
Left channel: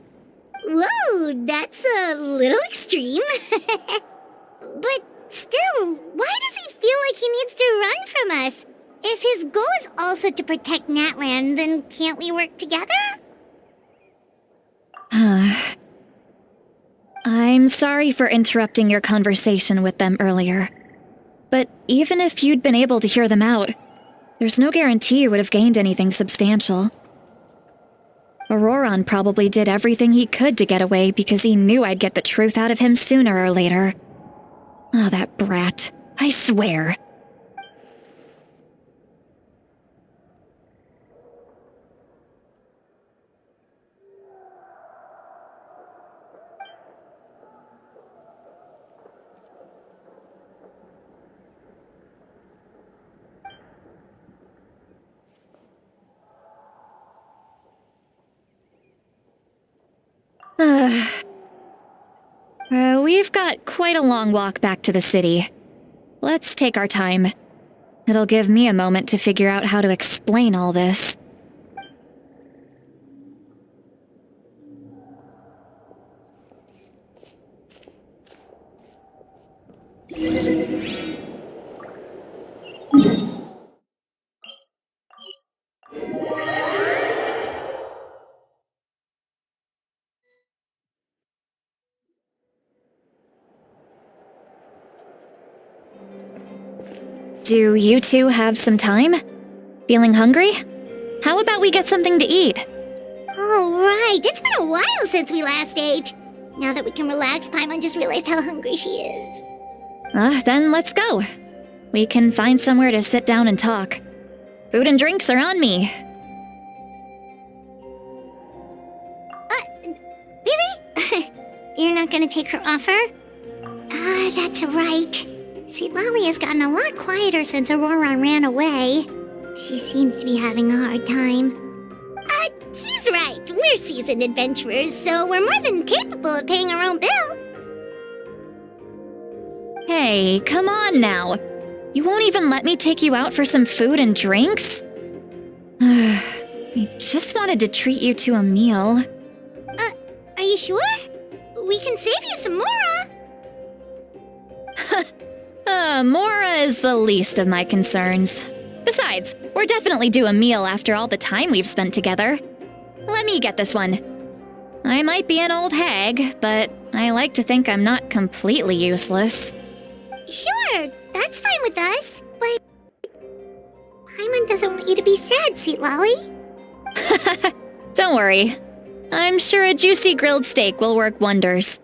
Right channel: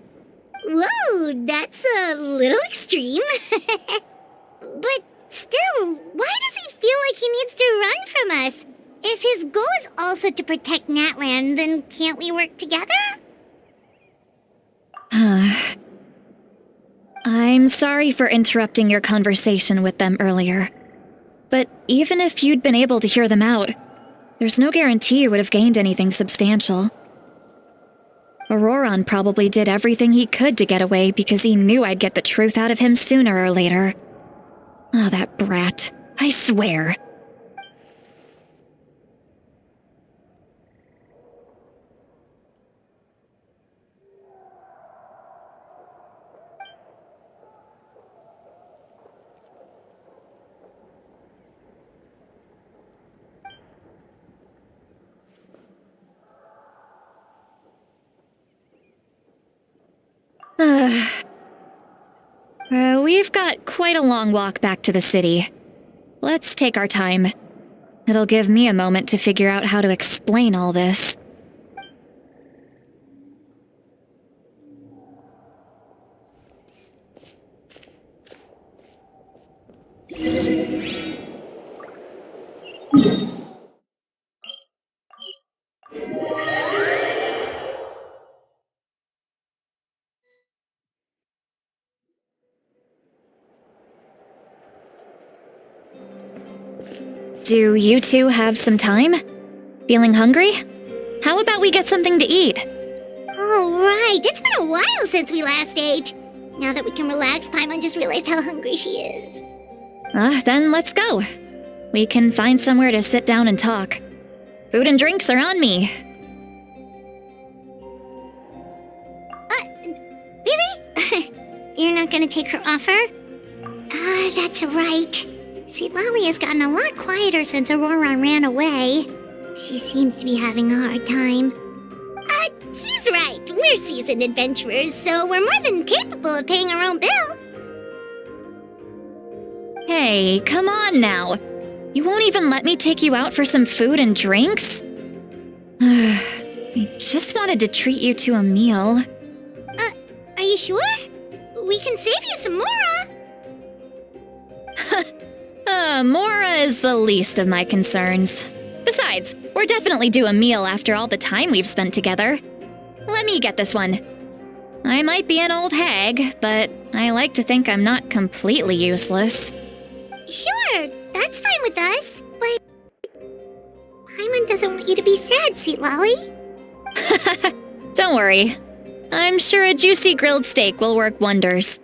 Whoa, that's a little extreme. But still, why does he feel like he needs to run from us? If his goal is also to protect Natlan, then can't we work together? I'm sorry for interrupting your conversation with them earlier. But even if you'd been able to hear them out, there's no guarantee you would have gained anything substantial. Auroron probably did everything he could to get away because he knew I'd get the truth out of him sooner or later. Oh, that brat. I swear. We've got quite a long walk back to the city. Let's take our time. It'll give me a moment to figure out how to explain all this. Do you two have some time? Feeling hungry? How about we get something to eat? Oh, right. It's been a while since we last ate. Now that we can relax, Paimon just realized how hungry she is. Then let's go. We can find somewhere to sit down and talk. Food and drinks are on me. Really? You're not gonna take her offer? That's right. See, Lolly has gotten a lot quieter since Aurora ran away. She seems to be having a hard time. He's right. We're seasoned adventurers, so we're more than capable of paying our own bill. Hey, come on now. You won't even let me take you out for some food and drinks? I just wanted to treat you to a meal. Are you sure? We can save you some Mora. Mora is the least of my concerns. Besides, we're definitely due a meal after all the time we've spent together. Let me get this one. I might be an old hag, but I like to think I'm not completely useless. Sure, that's fine with us, but Paimon doesn't want you to be sad, sweet Lolly. Don't worry. I'm sure a juicy grilled steak will work wonders.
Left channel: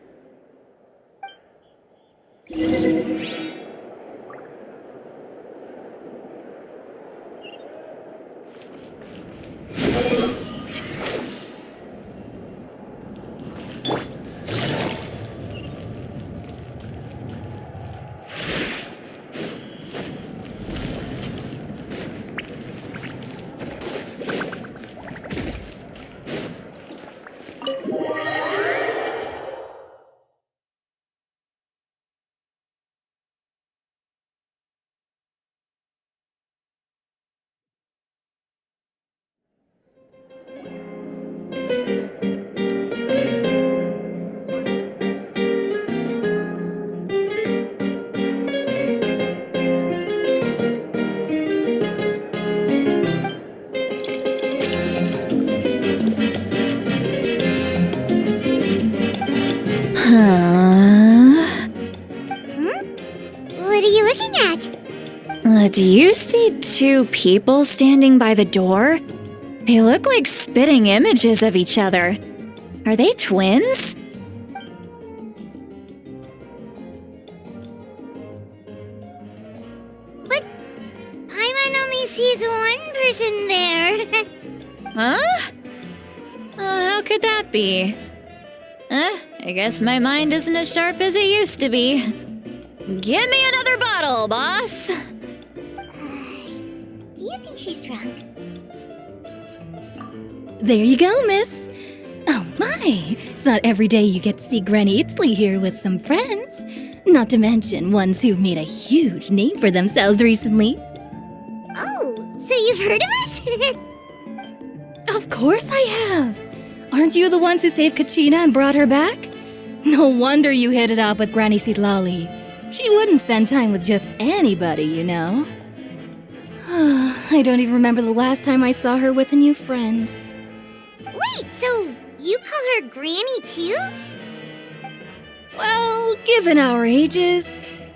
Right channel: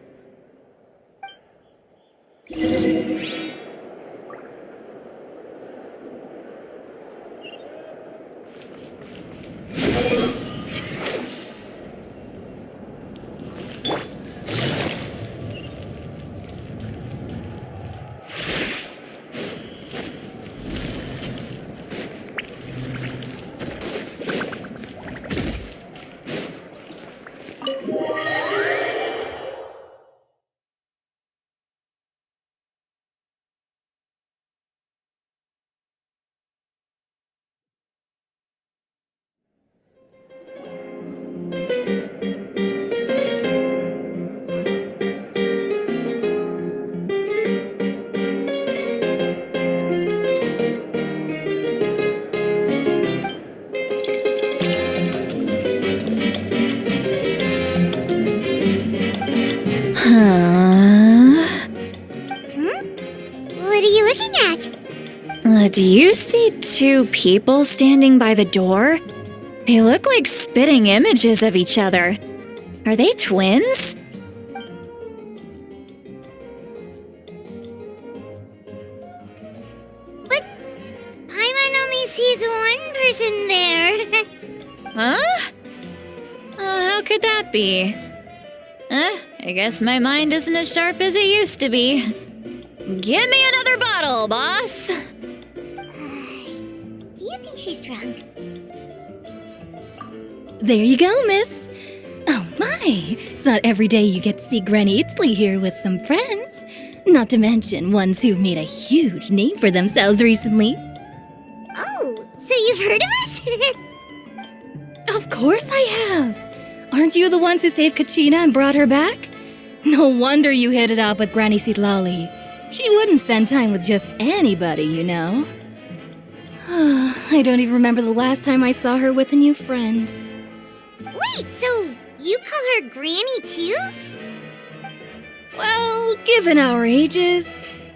What are you looking at? Do you see two people standing by the door? They look like spitting images of each other. Are they twins? But Paimon only sees one person there. Huh? How could that be? I guess my mind isn't as sharp as it used to be. Give me another bottle, boss! Do you think she's drunk? There you go, miss. Oh my, it's not every day you get to see Granny Itzley here with some friends. Not to mention ones who've made a huge name for themselves recently. Oh, so you've heard of us? Of course I have. Aren't you the ones who saved Kachina and brought her back? No wonder you hit it off with Granny Sitlali. She wouldn't spend time with just anybody, you know. I don't even remember the last time I saw her with a new friend. Wait, so you call her Granny too? Well, given our ages,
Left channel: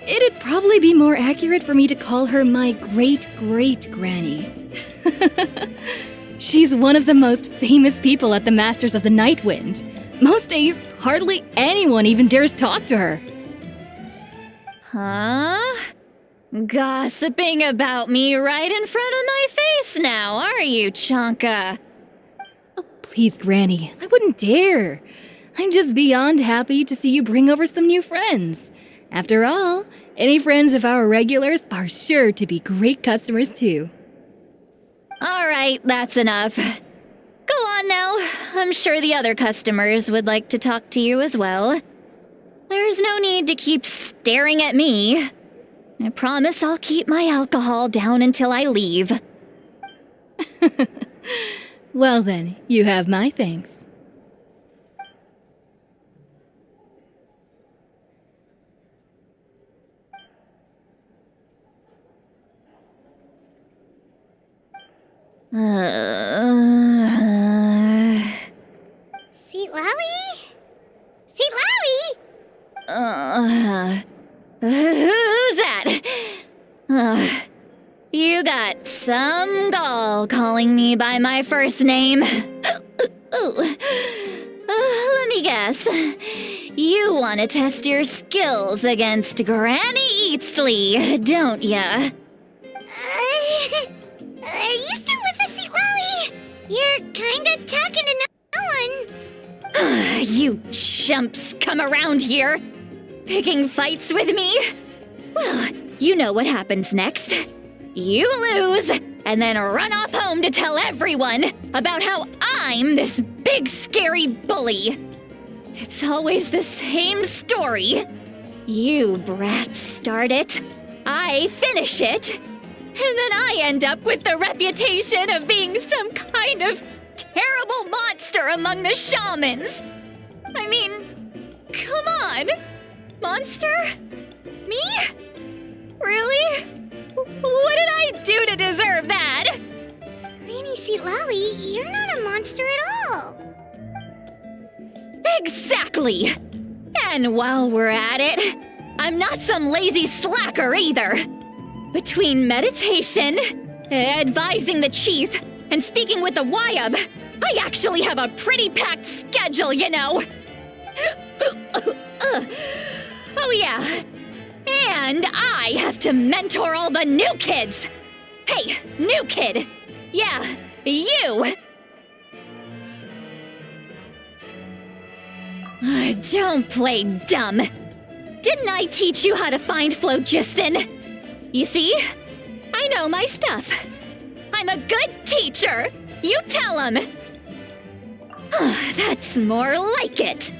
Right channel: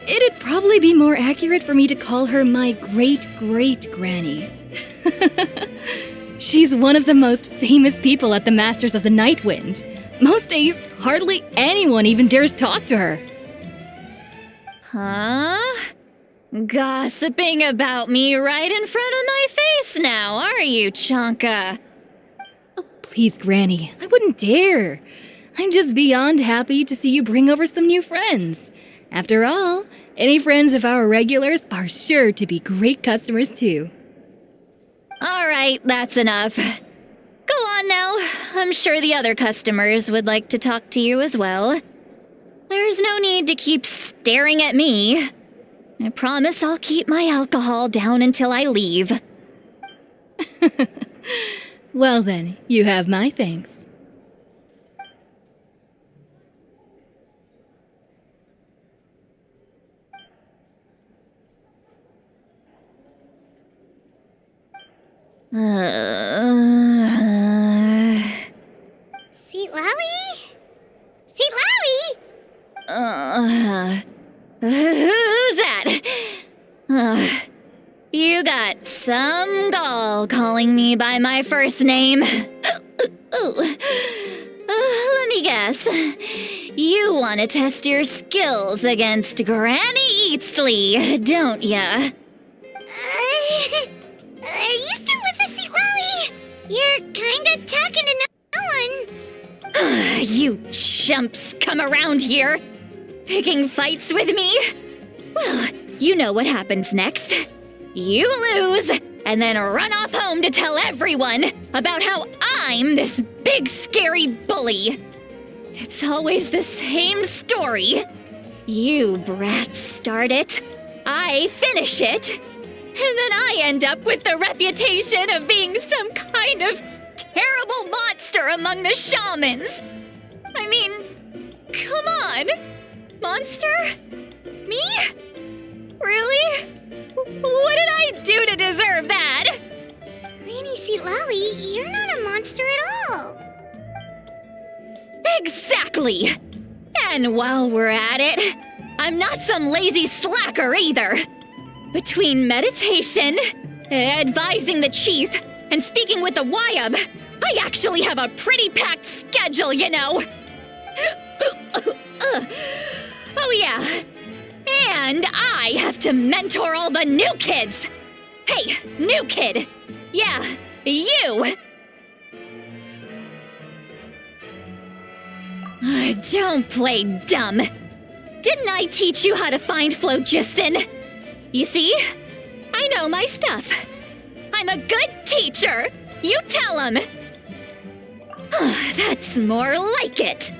it'd probably be more accurate for me to call her my great-great-granny. She's one of the most famous people at the Masters of the Nightwind. Most days, hardly anyone even dares talk to her. Huh? Gossiping about me right in front of my face now, are you, Chonka? Oh, please, Granny, I wouldn't dare. I'm just beyond happy to see you bring over some new friends. After all, any friends of our regulars are sure to be great customers too. All right, that's enough. Go on now. I'm sure the other customers would like to talk to you as well. There's no need to keep staring at me. I promise I'll keep my alcohol down until I leave. Well then, you have my thanks. Seat Lally? Seat Lally? Who's that? You got some gall calling me by my first name. Let me guess. You want to test your skills against Granny Eatsley, don't ya? Are you still with us, Lolly? You're kinda talking to no one. You chumps come around here, picking fights with me? Well, you know what happens next. You lose, and then run off home to tell everyone about how I'm this big scary bully. It's always the same story. You brats start it, I finish it, and then I end up with the reputation of being some kind of terrible monster among the shamans. I mean, come on. Monster? Me? Really? What did I do to deserve that? Granny Lolly, you're not a monster at all. Exactly! And while we're at it, I'm not some lazy slacker either. Between meditation, advising the chief, and speaking with the Wyab, I actually have a pretty packed schedule, you know. Oh yeah. And I have to mentor all the new kids. Hey, new kid. Yeah, you. Don't play dumb. Didn't I teach you how to find phlogiston? You see? I know my stuff. I'm a good teacher. You tell him. That's more like it.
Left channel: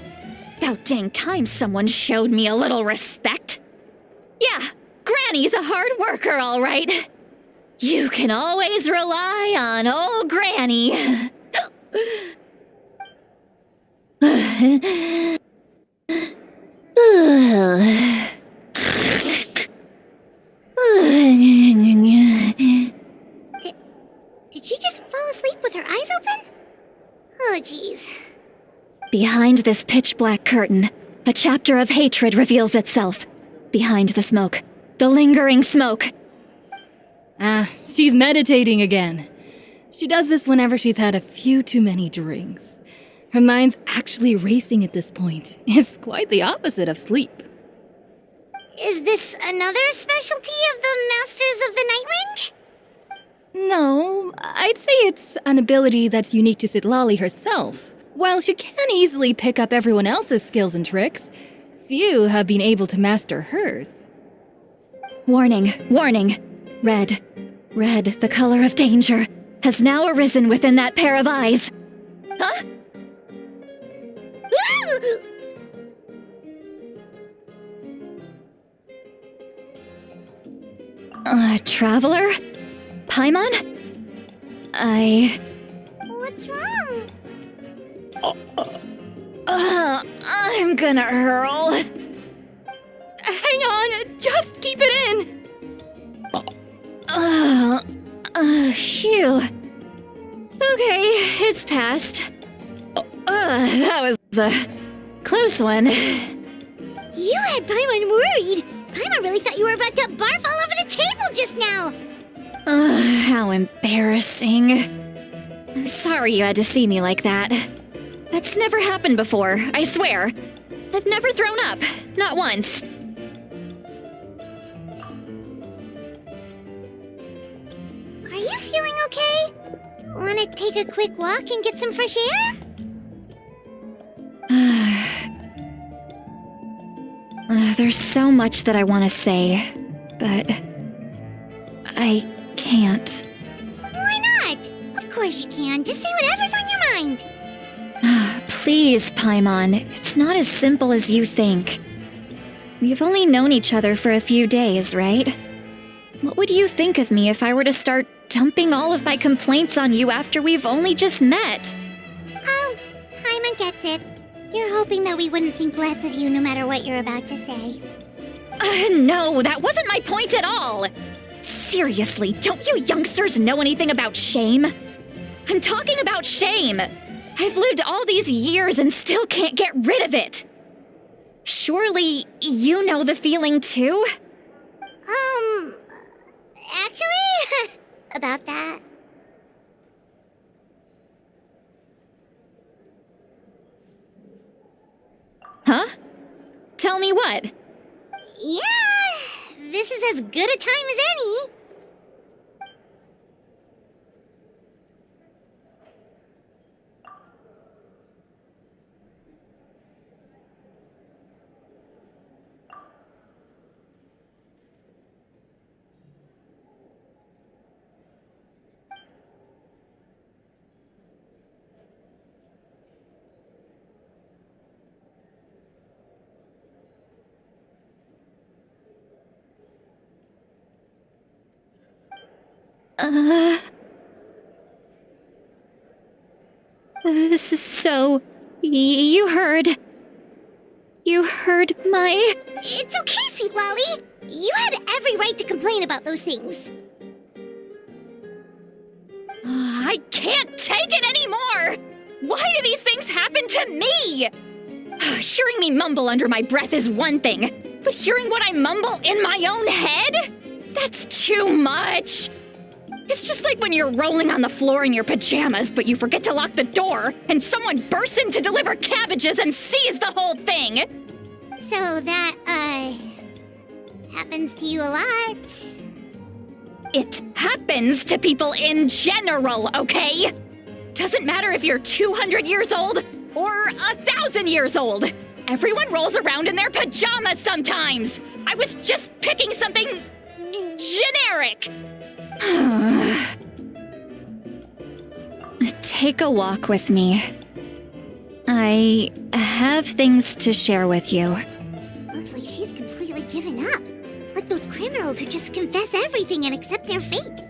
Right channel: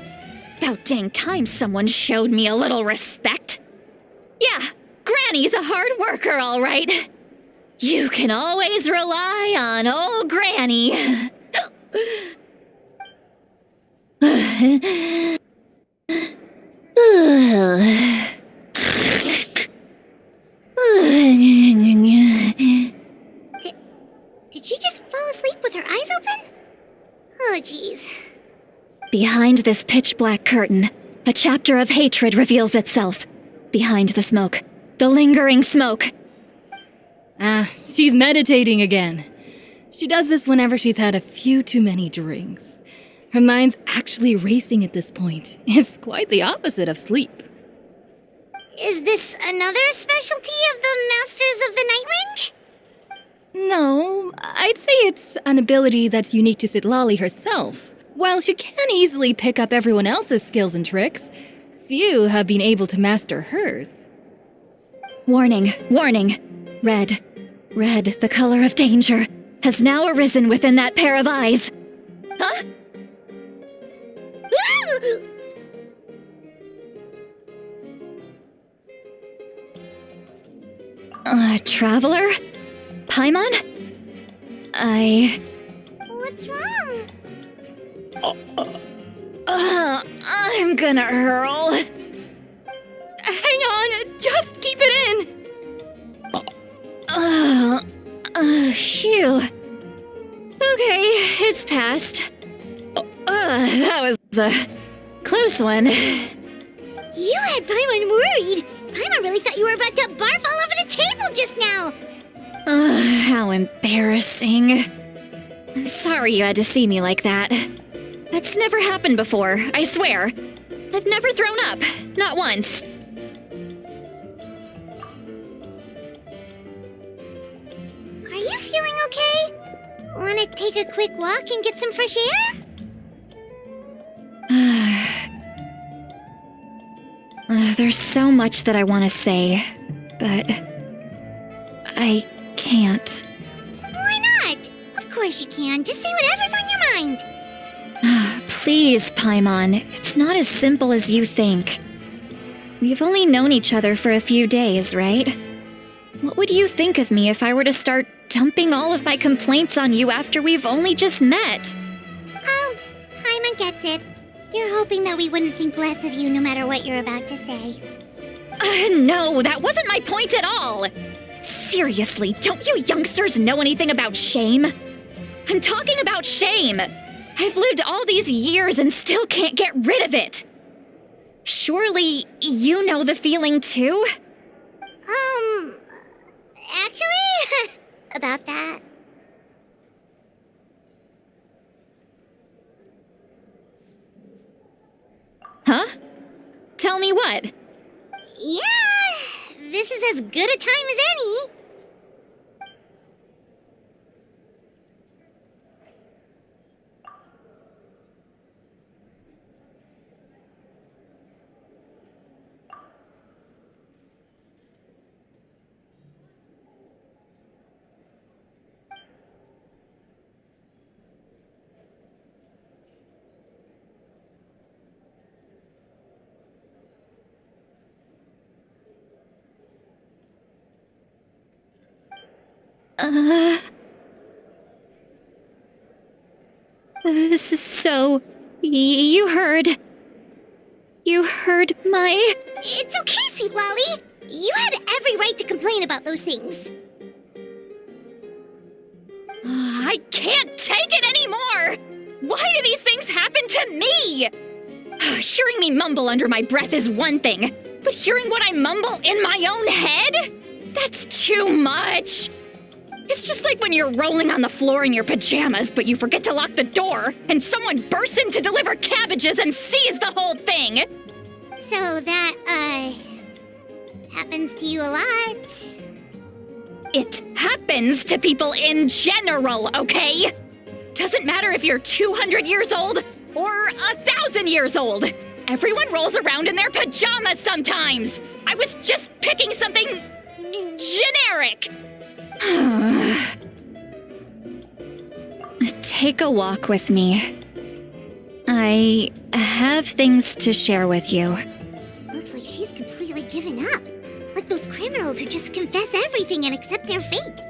About dang time someone showed me a little respect. Yeah, Granny's a hard worker, all right. You can always rely on old Granny. Did she just fall asleep with her eyes open? Oh, jeez. Behind this pitch-black curtain, a chapter of hatred reveals itself. Behind the smoke. The lingering smoke. She's meditating again. She does this whenever she's had a few too many drinks. Her mind's actually racing at this point. It's quite the opposite of sleep. Is this another specialty of the Masters of the Nightwind? No, I'd say it's an ability that's unique to Citlali herself. While she can easily pick up everyone else's skills and tricks, few have been able to master hers. Warning, warning. Red, the color of danger, has now arisen within that pair of eyes. Huh? Traveler? Paimon? What's wrong? I'm gonna hurl. Hang on, just keep it in. Phew. Okay, it's passed. That was a close one. You had Paimon worried. Paimon really thought you were about to barf all over the table just now. How embarrassing. I'm sorry you had to see me like that. That's never happened before, I swear. I've never thrown up, not once. Are you feeling okay? Want to take a quick walk and get some fresh air? There's so much that I want to say, but I can't. Why not? Of course you can. Just say whatever's on your mind. Please, Paimon, it's not as simple as you think. We've only known each other for a few days, right? What would you think of me if I were to start dumping all of my complaints on you after we've only just met? Oh, Paimon gets it. You're hoping that we wouldn't think less of you no matter what you're about to say. No, that wasn't my point at all! Seriously, don't you youngsters know anything about shame? I'm talking about shame! I've lived all these years and still can't get rid of it! Surely, you know the feeling too? actually, about that. Huh? Tell me what? Yeah, this is as good a time as any. So, you heard... You heard my... It's okay, Sweet Lolly. You had every right to complain about those things. I can't take it anymore! Why do these things happen to me? Hearing me mumble under my breath is one thing, but hearing what I mumble in my own head? That's too much! It's just like when you're rolling on the floor in your pajamas, but you forget to lock the door, and someone bursts in to deliver cabbages and sees the whole thing! So that, happens to you a lot? It happens to people in general, okay? Doesn't matter if you're 200 years old or 1,000 years old. Everyone rolls around in their pajamas sometimes. I was just picking something generic. Take a walk with me. I have things to share with you. Looks like she's completely given up. Like those criminals who just confess everything and accept their fate.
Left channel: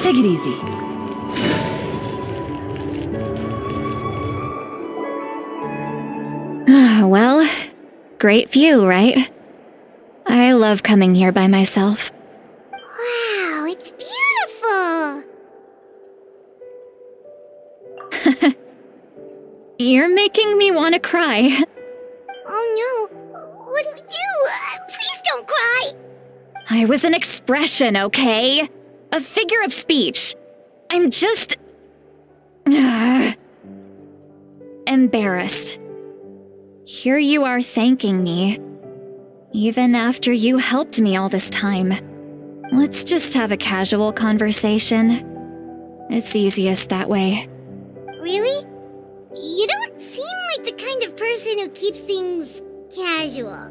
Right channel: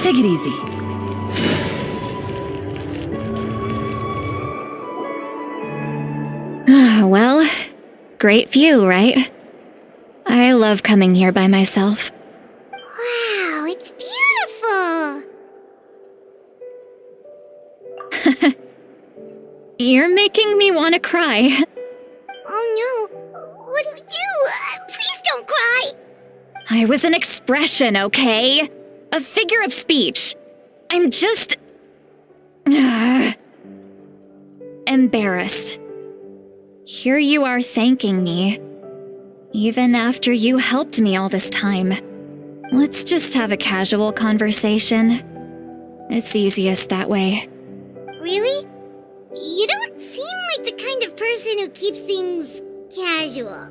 Take it easy. Well, great view, right? I love coming here by myself. Wow, it's beautiful! You're making me want to cry. Oh no, what do we do? Please don't cry! I was an expression, okay? A figure of speech. I'm just... embarrassed. Here you are thanking me. Even after you helped me all this time. Let's just have a casual conversation. It's easiest that way. Really? You don't seem like the kind of person who keeps things casual.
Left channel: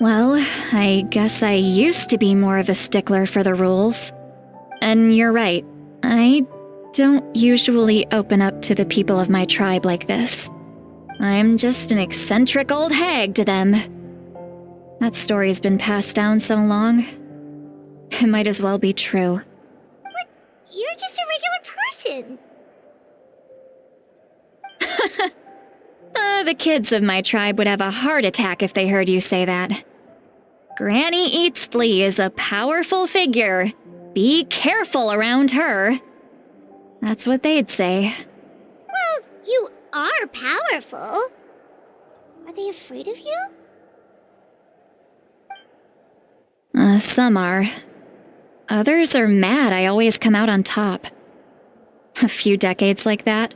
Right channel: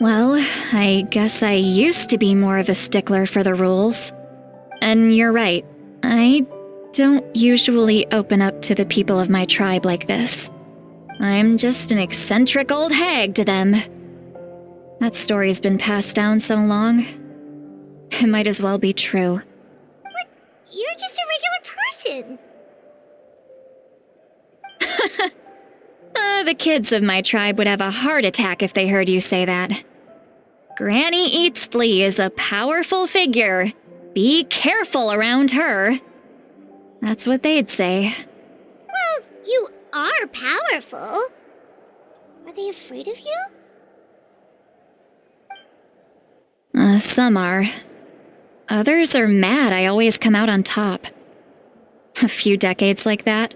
Well, I guess I used to be more of a stickler for the rules. And you're right, I don't usually open up to the people of my tribe like this. I'm just an eccentric old hag to them. That story's been passed down so long. It might as well be true. But you're just a regular person. The kids of my tribe would have a heart attack if they heard you say that. Granny Eatsley is a powerful figure. Be careful around her. That's what they'd say. Well, you are powerful. Are they afraid of you? Some are. Others are mad I always come out on top. A few decades like that,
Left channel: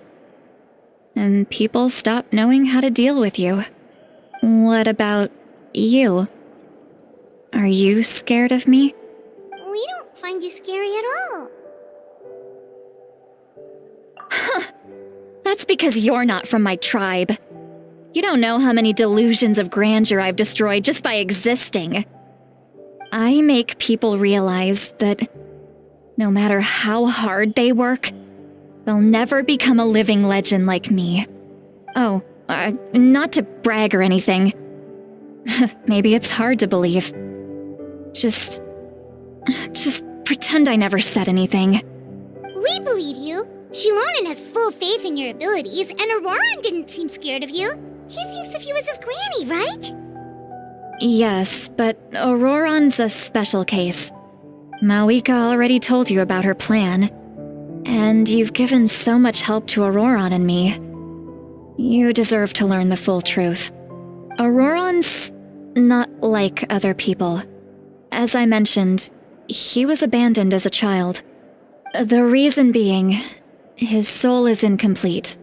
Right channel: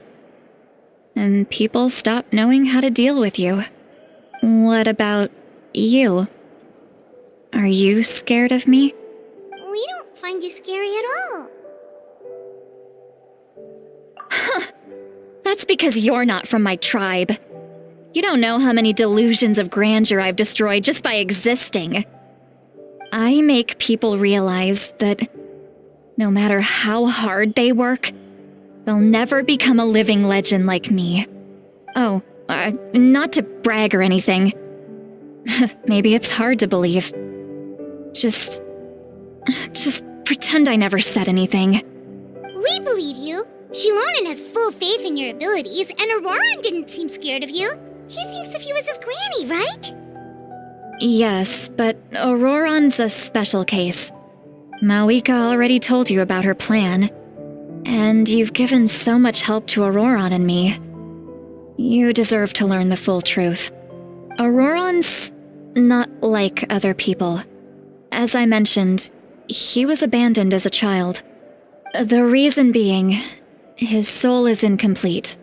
and people stop knowing how to deal with you. What about you? Are you scared of me? We don't find you scary at all. That's because you're not from my tribe. You don't know how many delusions of grandeur I've destroyed just by existing. I make people realize that no matter how hard they work, they'll never become a living legend like me. Oh, not to brag or anything. Maybe it's hard to believe. Just pretend I never said anything. We believe you. Shilonen has full faith in your abilities, and Auroran didn't seem scared of you. He thinks of you as his granny, right? Yes, but Auroran's a special case. Malika already told you about her plan. And you've given so much help to Auroran and me. You deserve to learn the full truth. Auroran's not like other people. As I mentioned, he was abandoned as a child. The reason being, his soul is incomplete.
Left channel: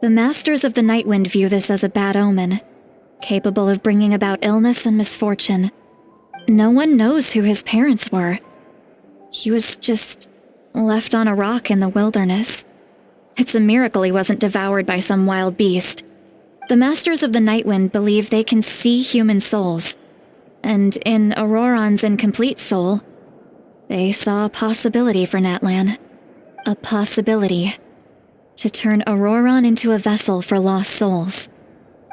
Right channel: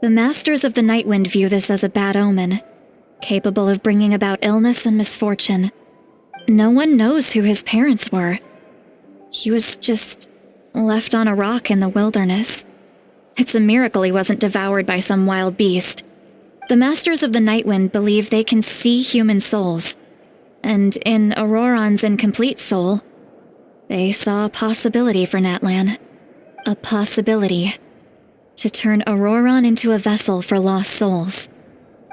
The Masters of the Nightwind view this as a bad omen, capable of bringing about illness and misfortune. No one knows who his parents were. He was just left on a rock in the wilderness. It's a miracle he wasn't devoured by some wild beast. The Masters of the Nightwind believe they can see human souls, and in Auroran's incomplete soul, they saw a possibility for Natlan. A possibility to turn Auroran into a vessel for lost souls.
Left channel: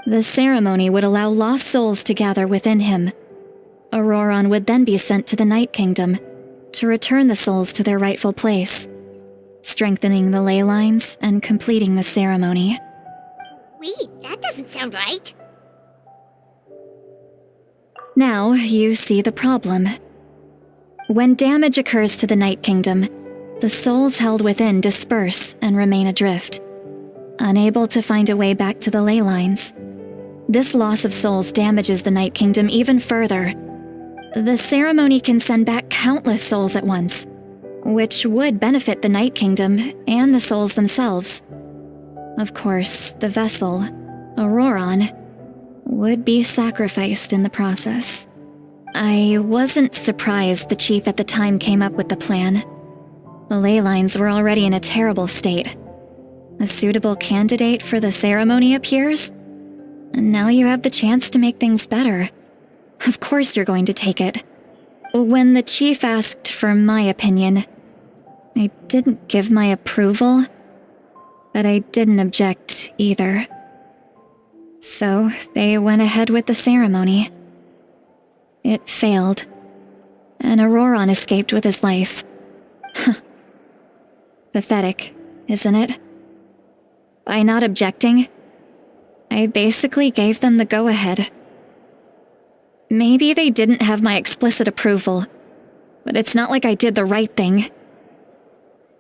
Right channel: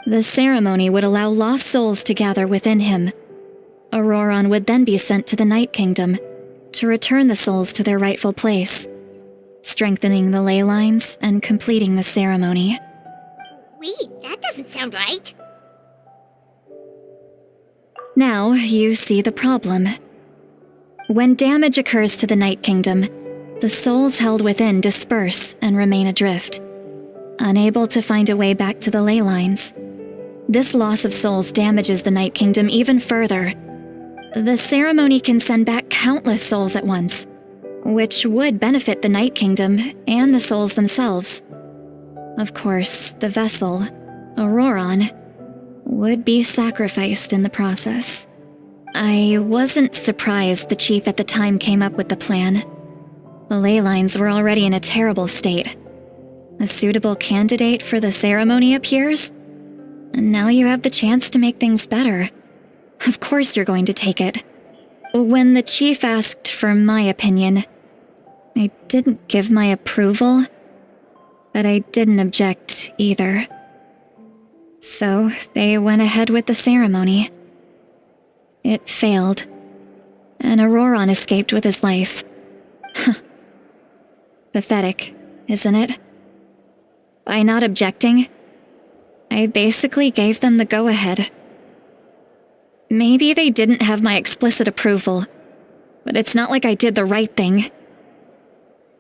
The ceremony would allow lost souls to gather within him. Auroran would then be sent to the Night Kingdom to return the souls to their rightful place, strengthening the ley lines and completing the ceremony. Wait, that doesn't sound right. Now you see the problem. When damage occurs to the Night Kingdom, the souls held within disperse and remain adrift, unable to find a way back to the ley lines. This loss of souls damages the Night Kingdom even further. The ceremony can send back countless souls at once, which would benefit the Night Kingdom and the souls themselves. Of course, the vessel, Auroran, would be sacrificed in the process. I wasn't surprised the chief at the time came up with the plan. The ley lines were already in a terrible state. A suitable candidate for the ceremony appears, and now you have the chance to make things better. Of course you're going to take it. When the chief asked for my opinion, I didn't give my approval, but I didn't object either. So they went ahead with the ceremony. It failed, and Auroran escaped with his life. Pathetic, isn't it? By not objecting, I basically gave them the go-ahead. Maybe they didn't have my explicit approval, but it's not like I did the right thing.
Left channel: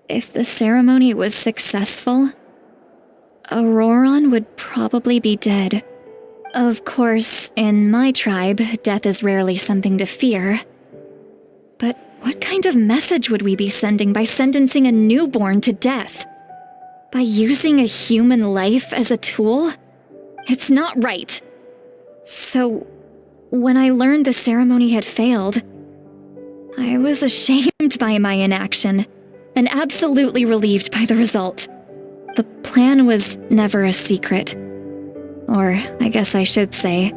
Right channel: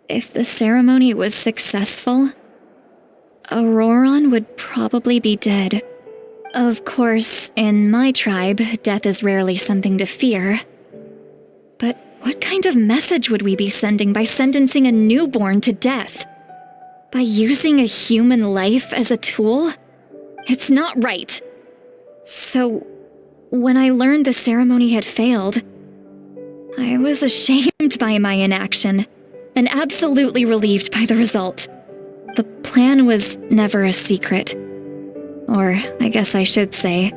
If the ceremony was successful, Auroran would probably be dead. Of course, in my tribe, death is rarely something to fear. But what kind of message would we be sending by sentencing a newborn to death? By using a human life as a tool? It's not right. So, when I learned the ceremony had failed, I was ashamed by my inaction, and absolutely relieved by the result. The plan was never a secret. Or, I guess I should say,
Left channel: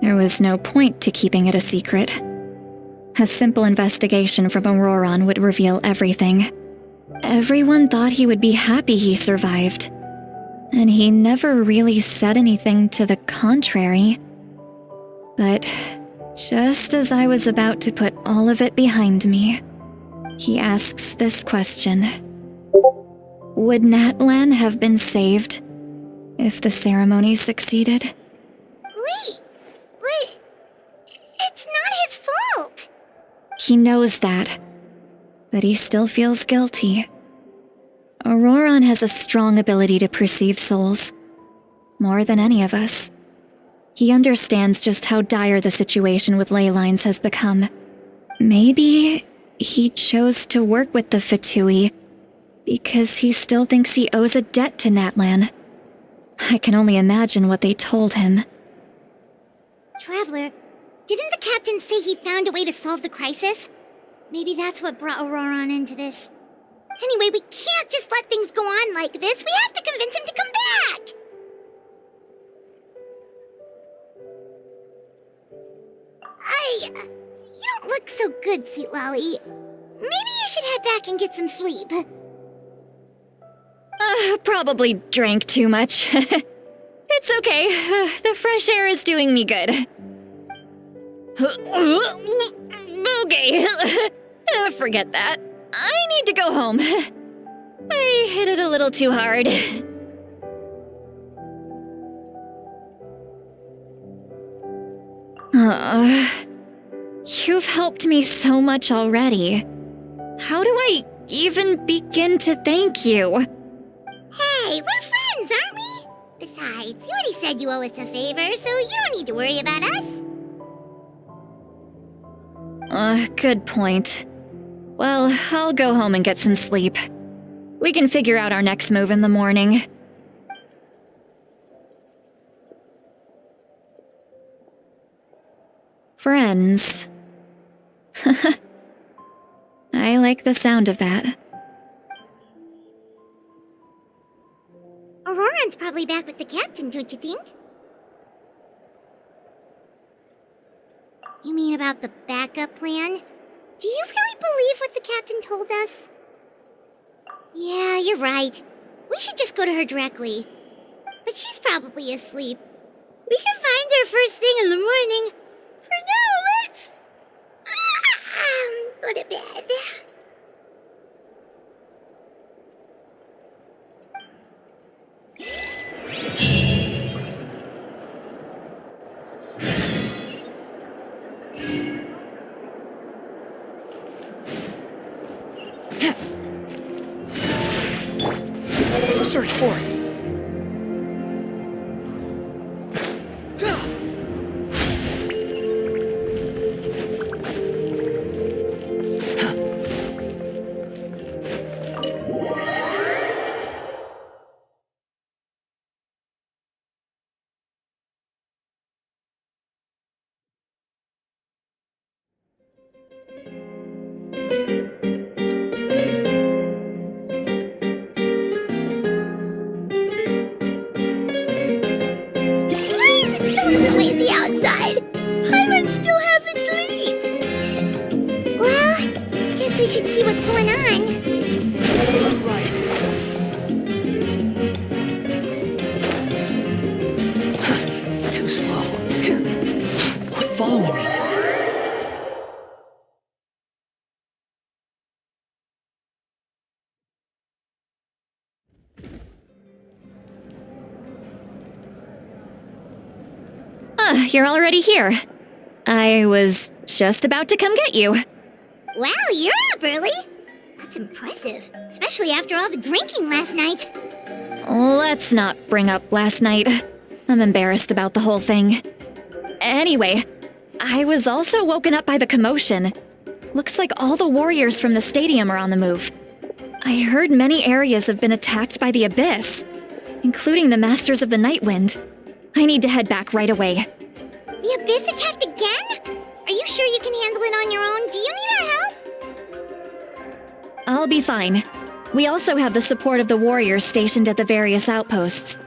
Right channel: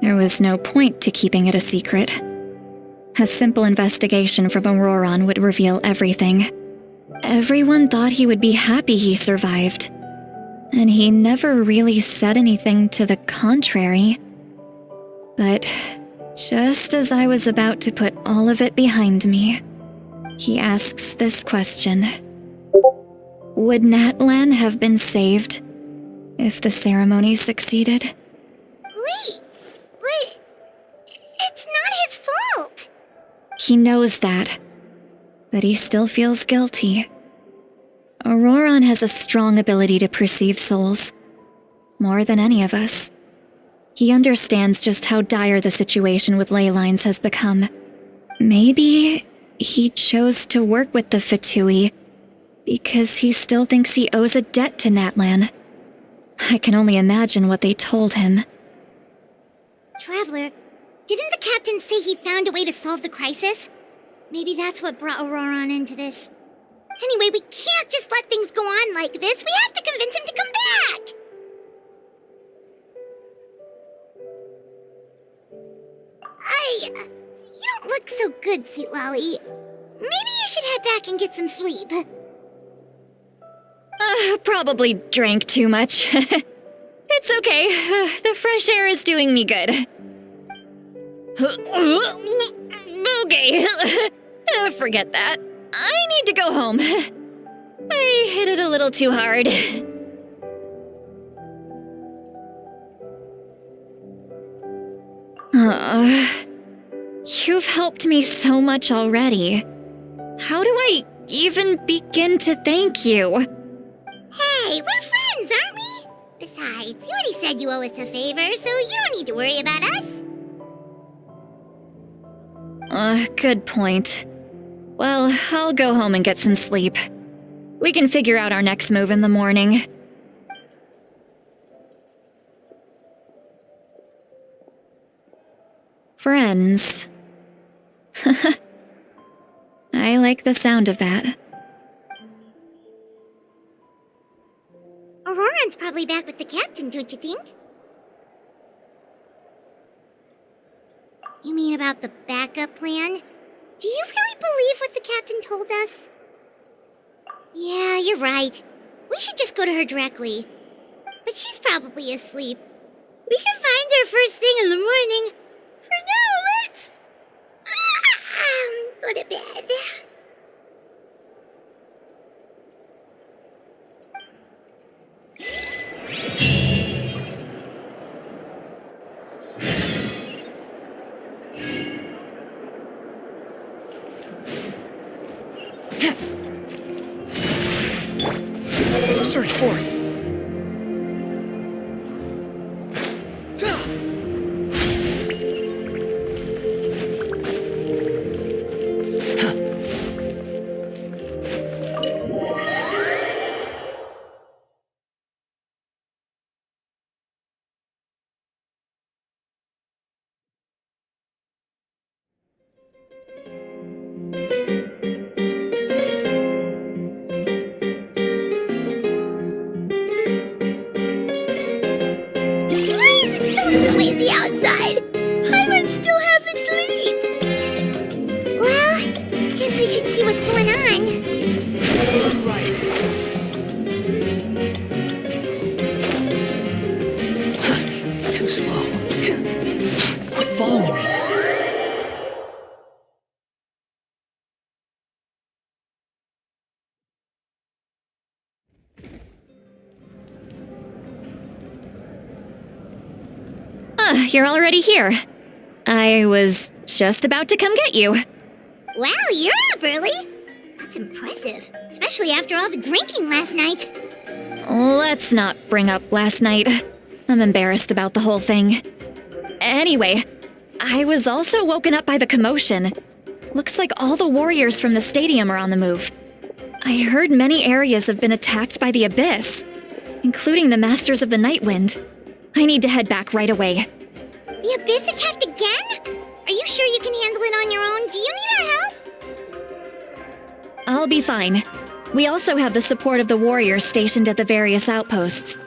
there was no point to keeping it a secret. A simple investigation from Auroran would reveal everything. Everyone thought he would be happy he survived, and he never really said anything to the contrary. But just as I was about to put all of it behind me, he asks this question. Would Natlan have been saved if the ceremony succeeded? Wait, but it's not his fault. He knows that, but he still feels guilty. Auroran has a strong ability to perceive souls, more than any of us. He understands just how dire the situation with ley lines has become. Maybe he chose to work with the Fatui because he still thinks he owes a debt to Natlan. I can only imagine what they told him. Traveler, didn't the captain say he found a way to solve the crisis? Maybe that's what brought Auroran into this. Anyway, we can't just let things go on like this. We have to convince him to come back! good, Sweet Lolly. Maybe you should head back and get some sleep. Probably drank too much. It's okay. The fresh air is doing me good. Okay. Forget that. I need to go home. I hit it a little too hard. You've helped me so much already. How do I even begin to thank you? Hey, we're friends, aren't we? Besides, you already said you owe us a favor, so you don't need to worry about us. Good point. Well, I'll go home and get some sleep. We can figure out our next move in the morning. Friends. I like the sound of that. Auroran's probably back with the captain, don't you think? You mean about the backup plan? Do you really believe what the captain told us? Yeah, you're right. We should just go to her directly. But she's probably asleep. We can find her first thing in the morning. For now, let's... go to bed. Search for it. Outside. Hyman's still half asleep. Well, guess we should see what's going on. Sun rises. Too slow. Quit following me. You're already here. I was just about to come get you. Wow, you're up early. That's impressive, especially after all the drinking last night. Let's not bring up last night. I'm embarrassed about the whole thing. Anyway, I was also woken up by the commotion. Looks like all the warriors from the stadium are on the move. I heard many areas have been attacked by the Abyss, including the Masters of the Nightwind. I need to head back right away. The Abyss attacked again? Are you sure you can handle it on your own? Do you need our help? I'll be fine. We also have the support of the warriors stationed at the various outposts.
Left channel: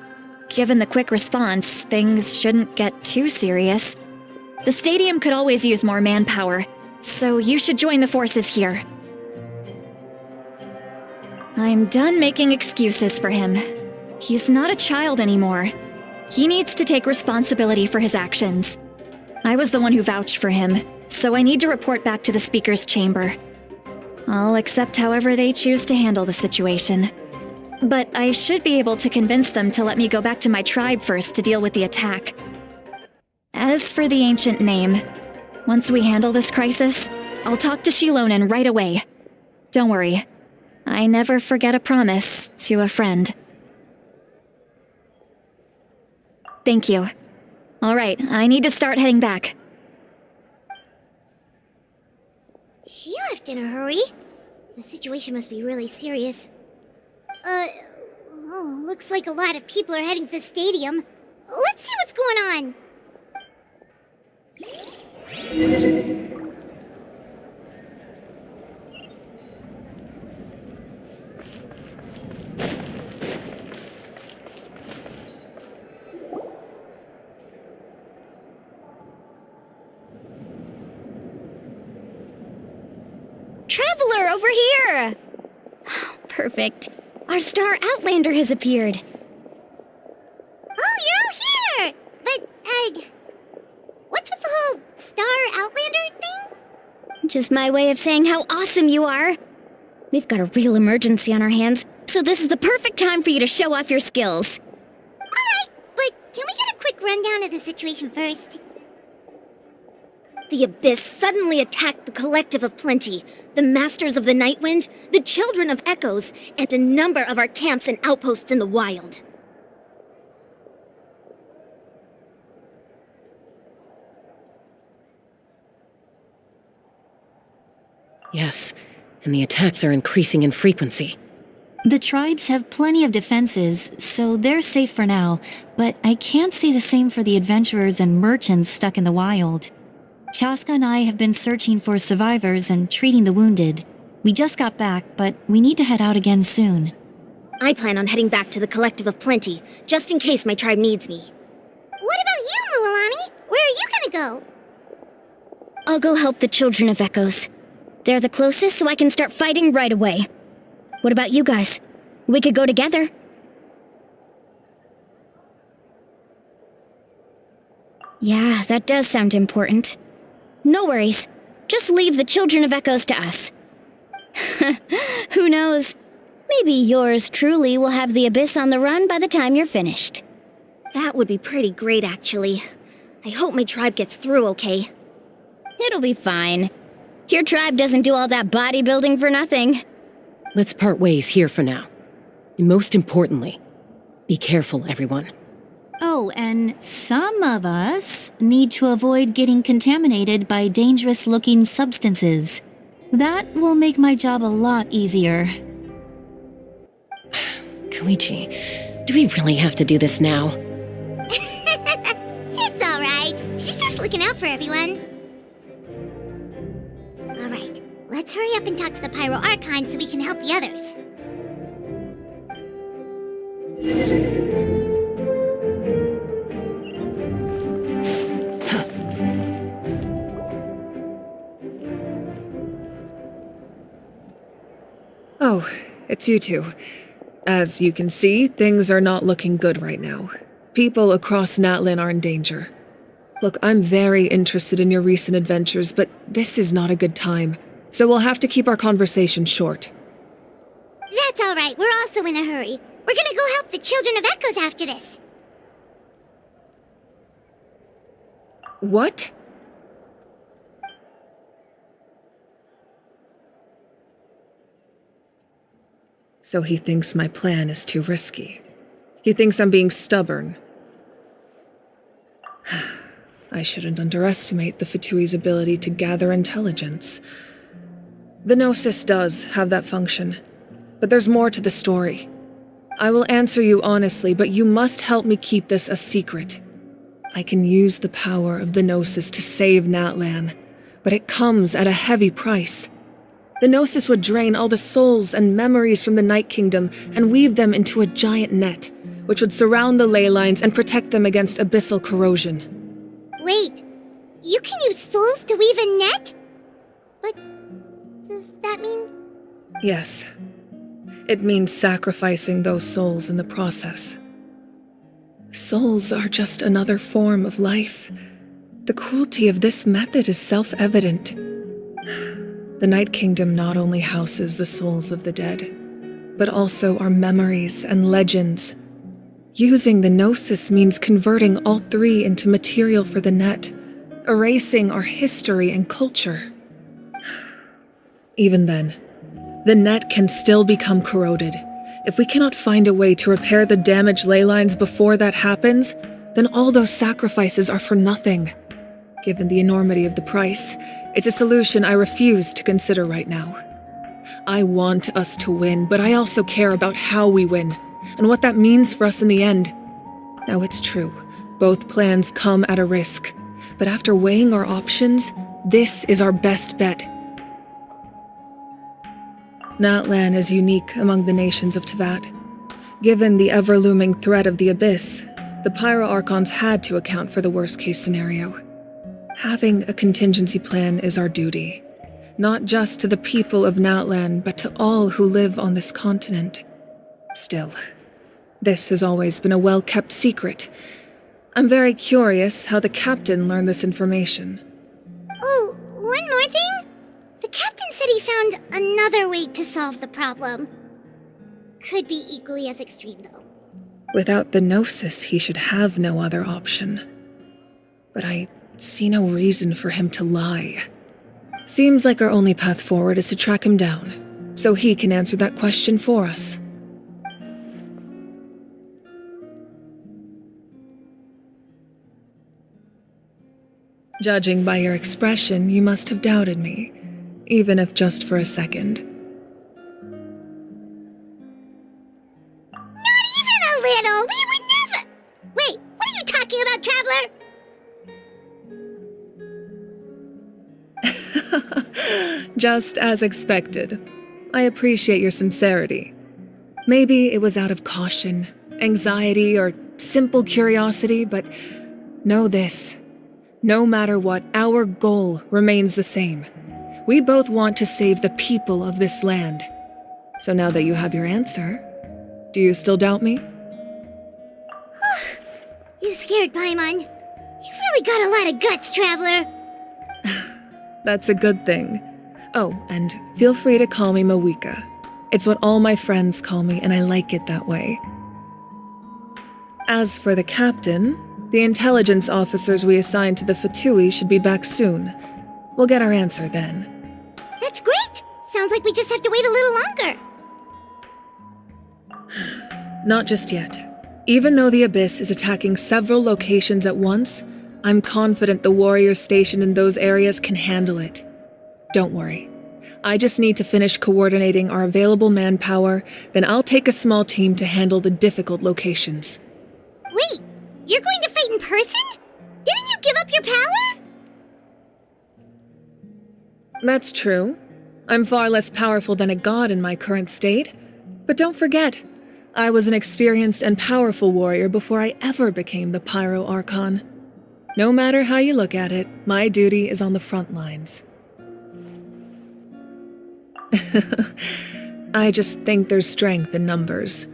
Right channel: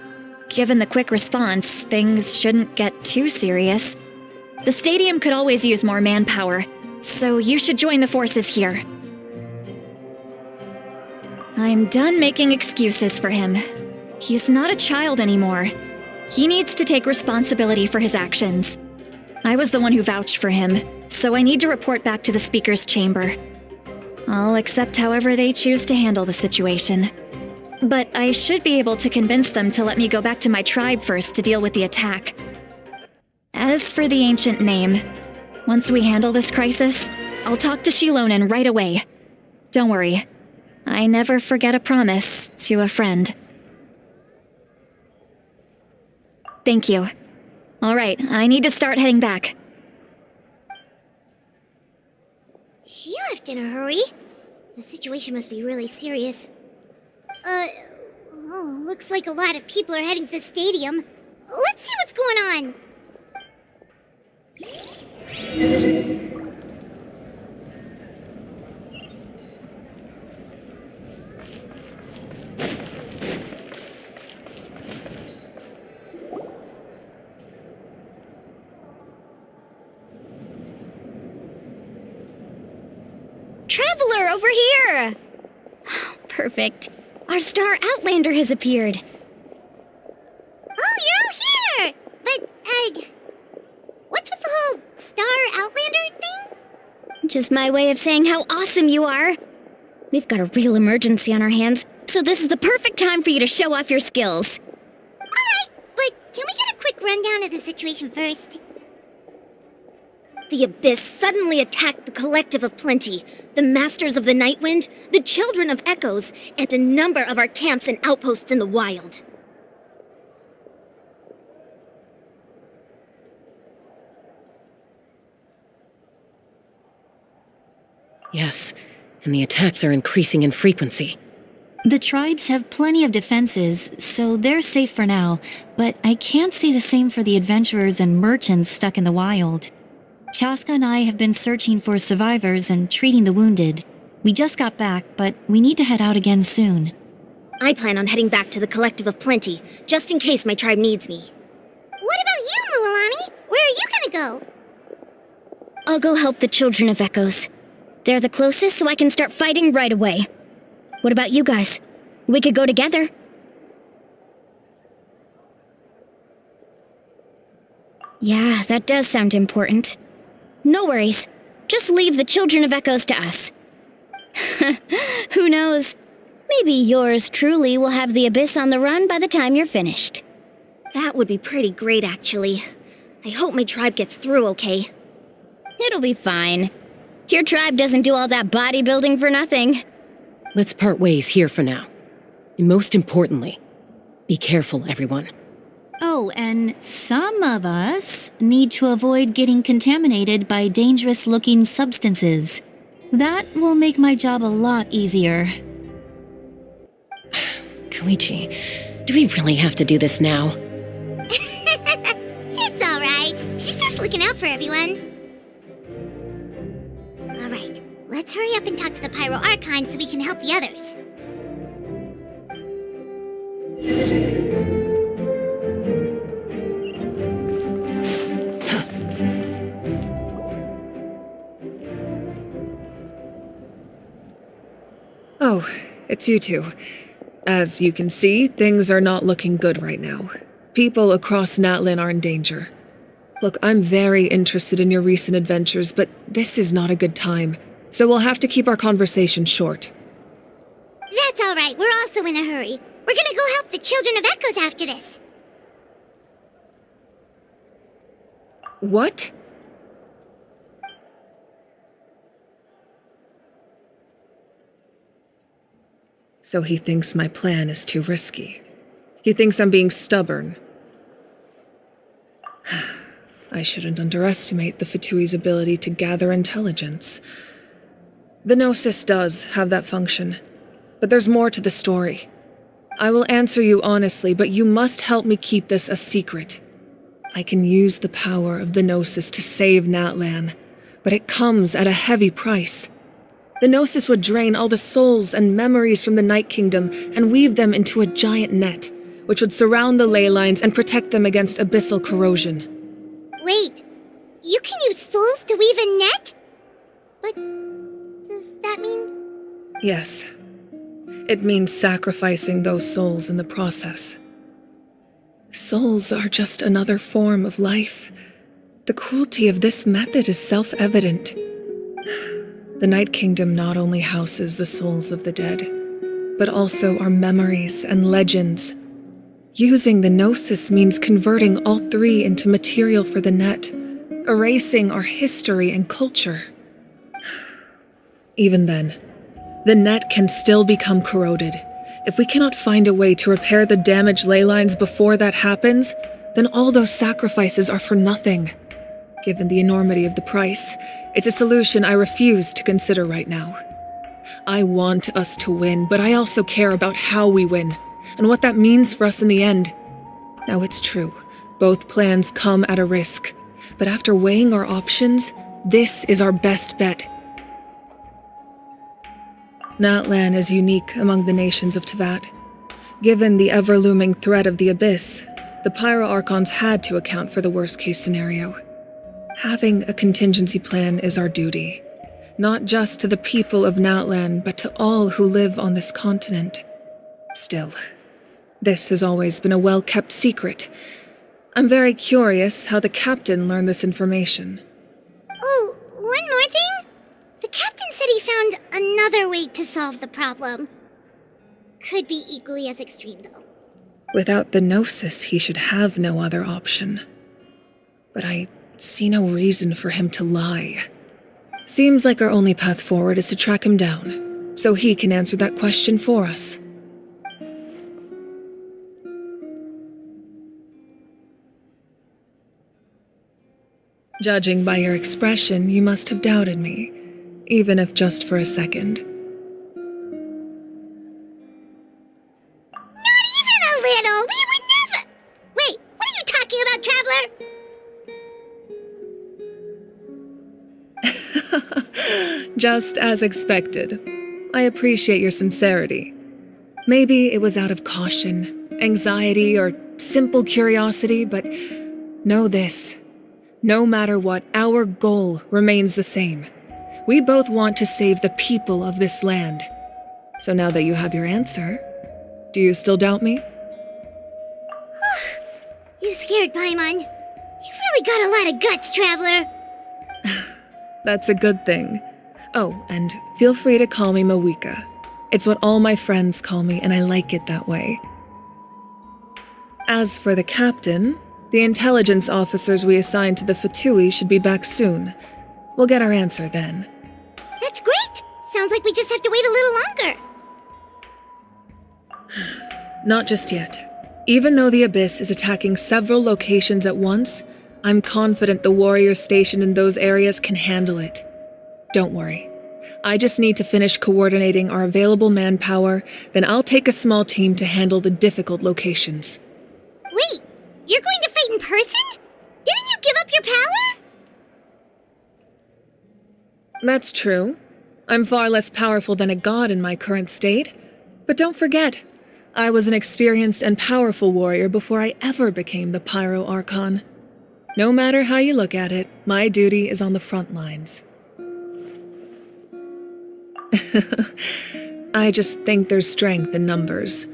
Given the quick response, things shouldn't get too serious. The stadium could always use more manpower, so you should join the forces here. I'm done making excuses for him. He's not a child anymore. He needs to take responsibility for his actions. I was the one who vouched for him, so I need to report back to the Speaker's chamber. I'll accept however they choose to handle the situation. But I should be able to convince them to let me go back to my tribe first to deal with the attack. As for the ancient name, once we handle this crisis, I'll talk to Shilonen right away. Don't worry, I never forget a promise to a friend. Thank you. All right, I need to start heading back. She left in a hurry. The situation must be really serious. Looks like a lot of people are heading to the stadium. Let's see what's going on. over here! Perfect. Our star outlander has appeared. Oh, you're all here! But, what's with the whole Star Outlander thing? Just my way of saying how awesome you are. We've got a real emergency on our hands, so this is the perfect time for you to show off your skills. Alright, but can we get a quick rundown of the situation first? The Abyss suddenly attacked the Collective of Plenty, the Masters of the Nightwind, the Children of Echoes, and a number of our camps and outposts in the wild. Yes, and the attacks are increasing in frequency. The tribes have plenty of defenses, so they're safe for now, but I can't say the same for the adventurers and merchants stuck in the wild. Chaska and I have been searching for survivors and treating the wounded. We just got back, but we need to head out again soon. I plan on heading back to the Collective of Plenty, just in case my tribe needs me. What about you, Mualani? Where are you gonna go? I'll go help the Children of Echoes. They're the closest, so I can start fighting right away. What about you guys? We could go together. Yeah, that does sound important. No worries. Just leave the Children of Echoes to us. Who knows? Maybe yours truly will have the Abyss on the run by the time you're finished. That would be pretty great, actually. I hope my tribe gets through okay. It'll be fine. Your tribe doesn't do all that bodybuilding for nothing. Let's part ways here for now. And most importantly, be careful, everyone. Oh, and some of us need to avoid getting contaminated by dangerous-looking substances. That will make my job a lot easier. Koichi, do we really have to do this now? It's alright. She's just looking out for everyone. Alright, let's hurry up and talk to the Pyro Archon so we can help the others. Oh, it's you two. As you can see, things are not looking good right now. People across Natlan are in danger. Look, I'm very interested in your recent adventures, but this is not a good time, so we'll have to keep our conversation short. That's alright, we're also in a hurry. We're gonna go help the Children of Echoes after this. What? So he thinks my plan is too risky. He thinks I'm being stubborn. I shouldn't underestimate the Fatui's ability to gather intelligence. The Gnosis does have that function, but there's more to the story. I will answer you honestly, but you must help me keep this a secret. I can use the power of the Gnosis to save Natlan, but it comes at a heavy price. The Gnosis would drain all the souls and memories from the Night Kingdom and weave them into a giant net, which would surround the ley lines and protect them against abyssal corrosion. Wait, you can use souls to weave a net? But does that mean... Yes. It means sacrificing those souls in the process. Souls are just another form of life. The cruelty of this method is self-evident. The Night Kingdom not only houses the souls of the dead, but also our memories and legends. Using the Gnosis means converting all three into material for the net, erasing our history and culture. Even then, the net can still become corroded. If we cannot find a way to repair the damaged ley lines before that happens, then all those sacrifices are for nothing. Given the enormity of the price, it's a solution I refuse to consider right now. I want us to win, but I also care about how we win, and what that means for us in the end. Now it's true, both plans come at a risk, but after weighing our options, this is our best bet. Natlan is unique among the nations of Teyvat. Given the ever-looming threat of the Abyss, the Pyro Archons had to account for the worst-case scenario. Having a contingency plan is our duty. Not just to the people of Natlan, but to all who live on this continent. Still, this has always been a well-kept secret. I'm very curious how the captain learned this information. Oh, one more thing? The captain said he found another way to solve the problem. Could be equally as extreme, though. Without the Gnosis, he should have no other option. But I see no reason for him to lie. Seems like our only path forward is to track him down, so he can answer that question for us. Judging by your expression, you must have doubted me, even if just for a second. Not even a little! We would never— Wait, what are you talking about, Traveler? Just as expected. I appreciate your sincerity. Maybe it was out of caution, anxiety, or simple curiosity, but know this. No matter what, our goal remains the same. We both want to save the people of this land. So now that you have your answer, do you still doubt me? You scared, Paimon. You've really got a lot of guts, Traveler. That's a good thing. Oh, and feel free to call me Mawika. It's what all my friends call me, and I like it that way. As for the captain, the intelligence officers we assigned to the Fatui should be back soon. We'll get our answer then. That's great! Sounds like we just have to wait a little longer. Not just yet. Even though the Abyss is attacking several locations at once, I'm confident the warriors stationed in those areas can handle it. Don't worry. I just need to finish coordinating our available manpower, then I'll take a small team to handle the difficult locations. Wait, you're going to fight in person? Didn't you give up your power? That's true. I'm far less powerful than a god in my current state. But don't forget, I was an experienced and powerful warrior before I ever became the Pyro Archon. No matter how you look at it, my duty is on the front lines. I just think there's strength in numbers.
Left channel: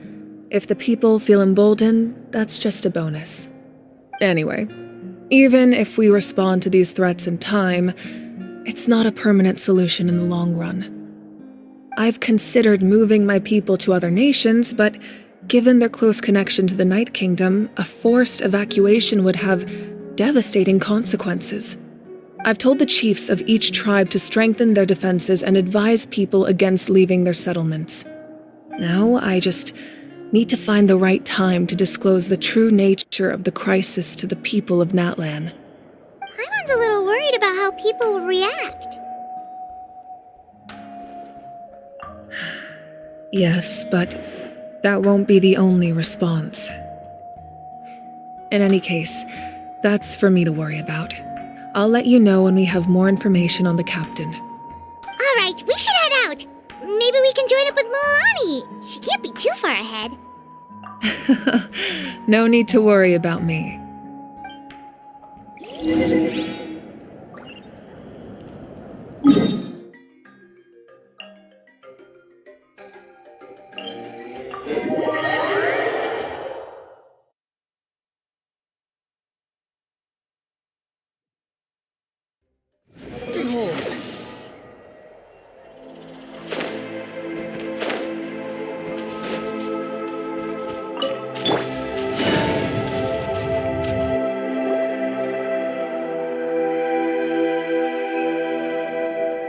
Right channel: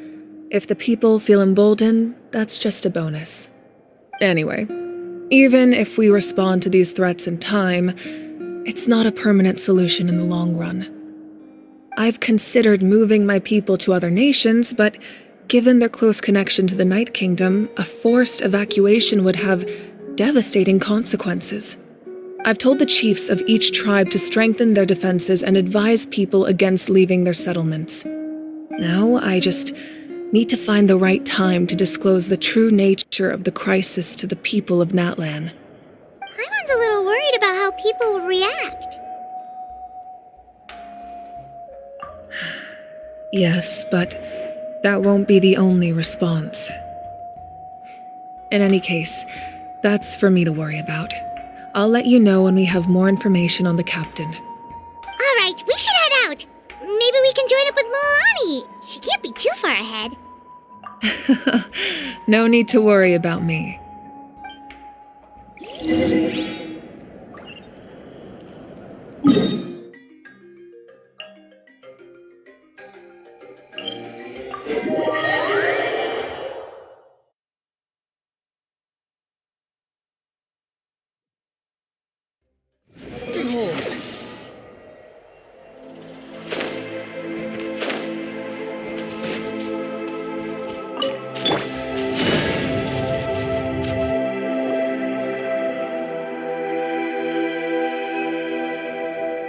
If the people feel emboldened, that's just a bonus. Anyway, even if we respond to these threats in time, it's not a permanent solution in the long run. I've considered moving my people to other nations, but given their close connection to the Night Kingdom, a forced evacuation would have devastating consequences. I've told the chiefs of each tribe to strengthen their defenses and advise people against leaving their settlements. Now I just need to find the right time to disclose the true nature of the crisis to the people of Natlan. Paimon's a little worried about how people will react. Yes, but that won't be the only response. In any case, that's for me to worry about. I'll let you know when we have more information on the captain. Alright, we should head out. Maybe we can join up with Milani. She can't be too far ahead. No need to worry about me.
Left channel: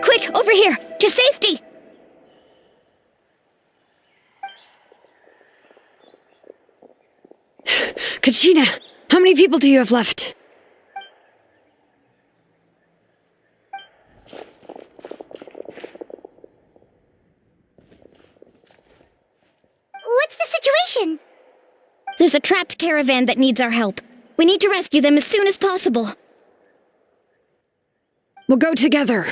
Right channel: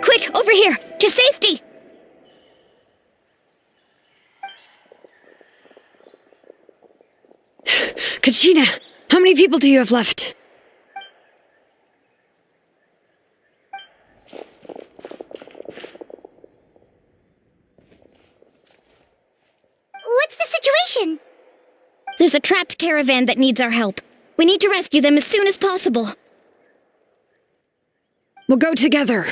Quick, over here! To safety! Kachina, how many people do you have left? What's the situation? There's a trapped caravan that needs our help. We need to rescue them as soon as possible. We'll go together.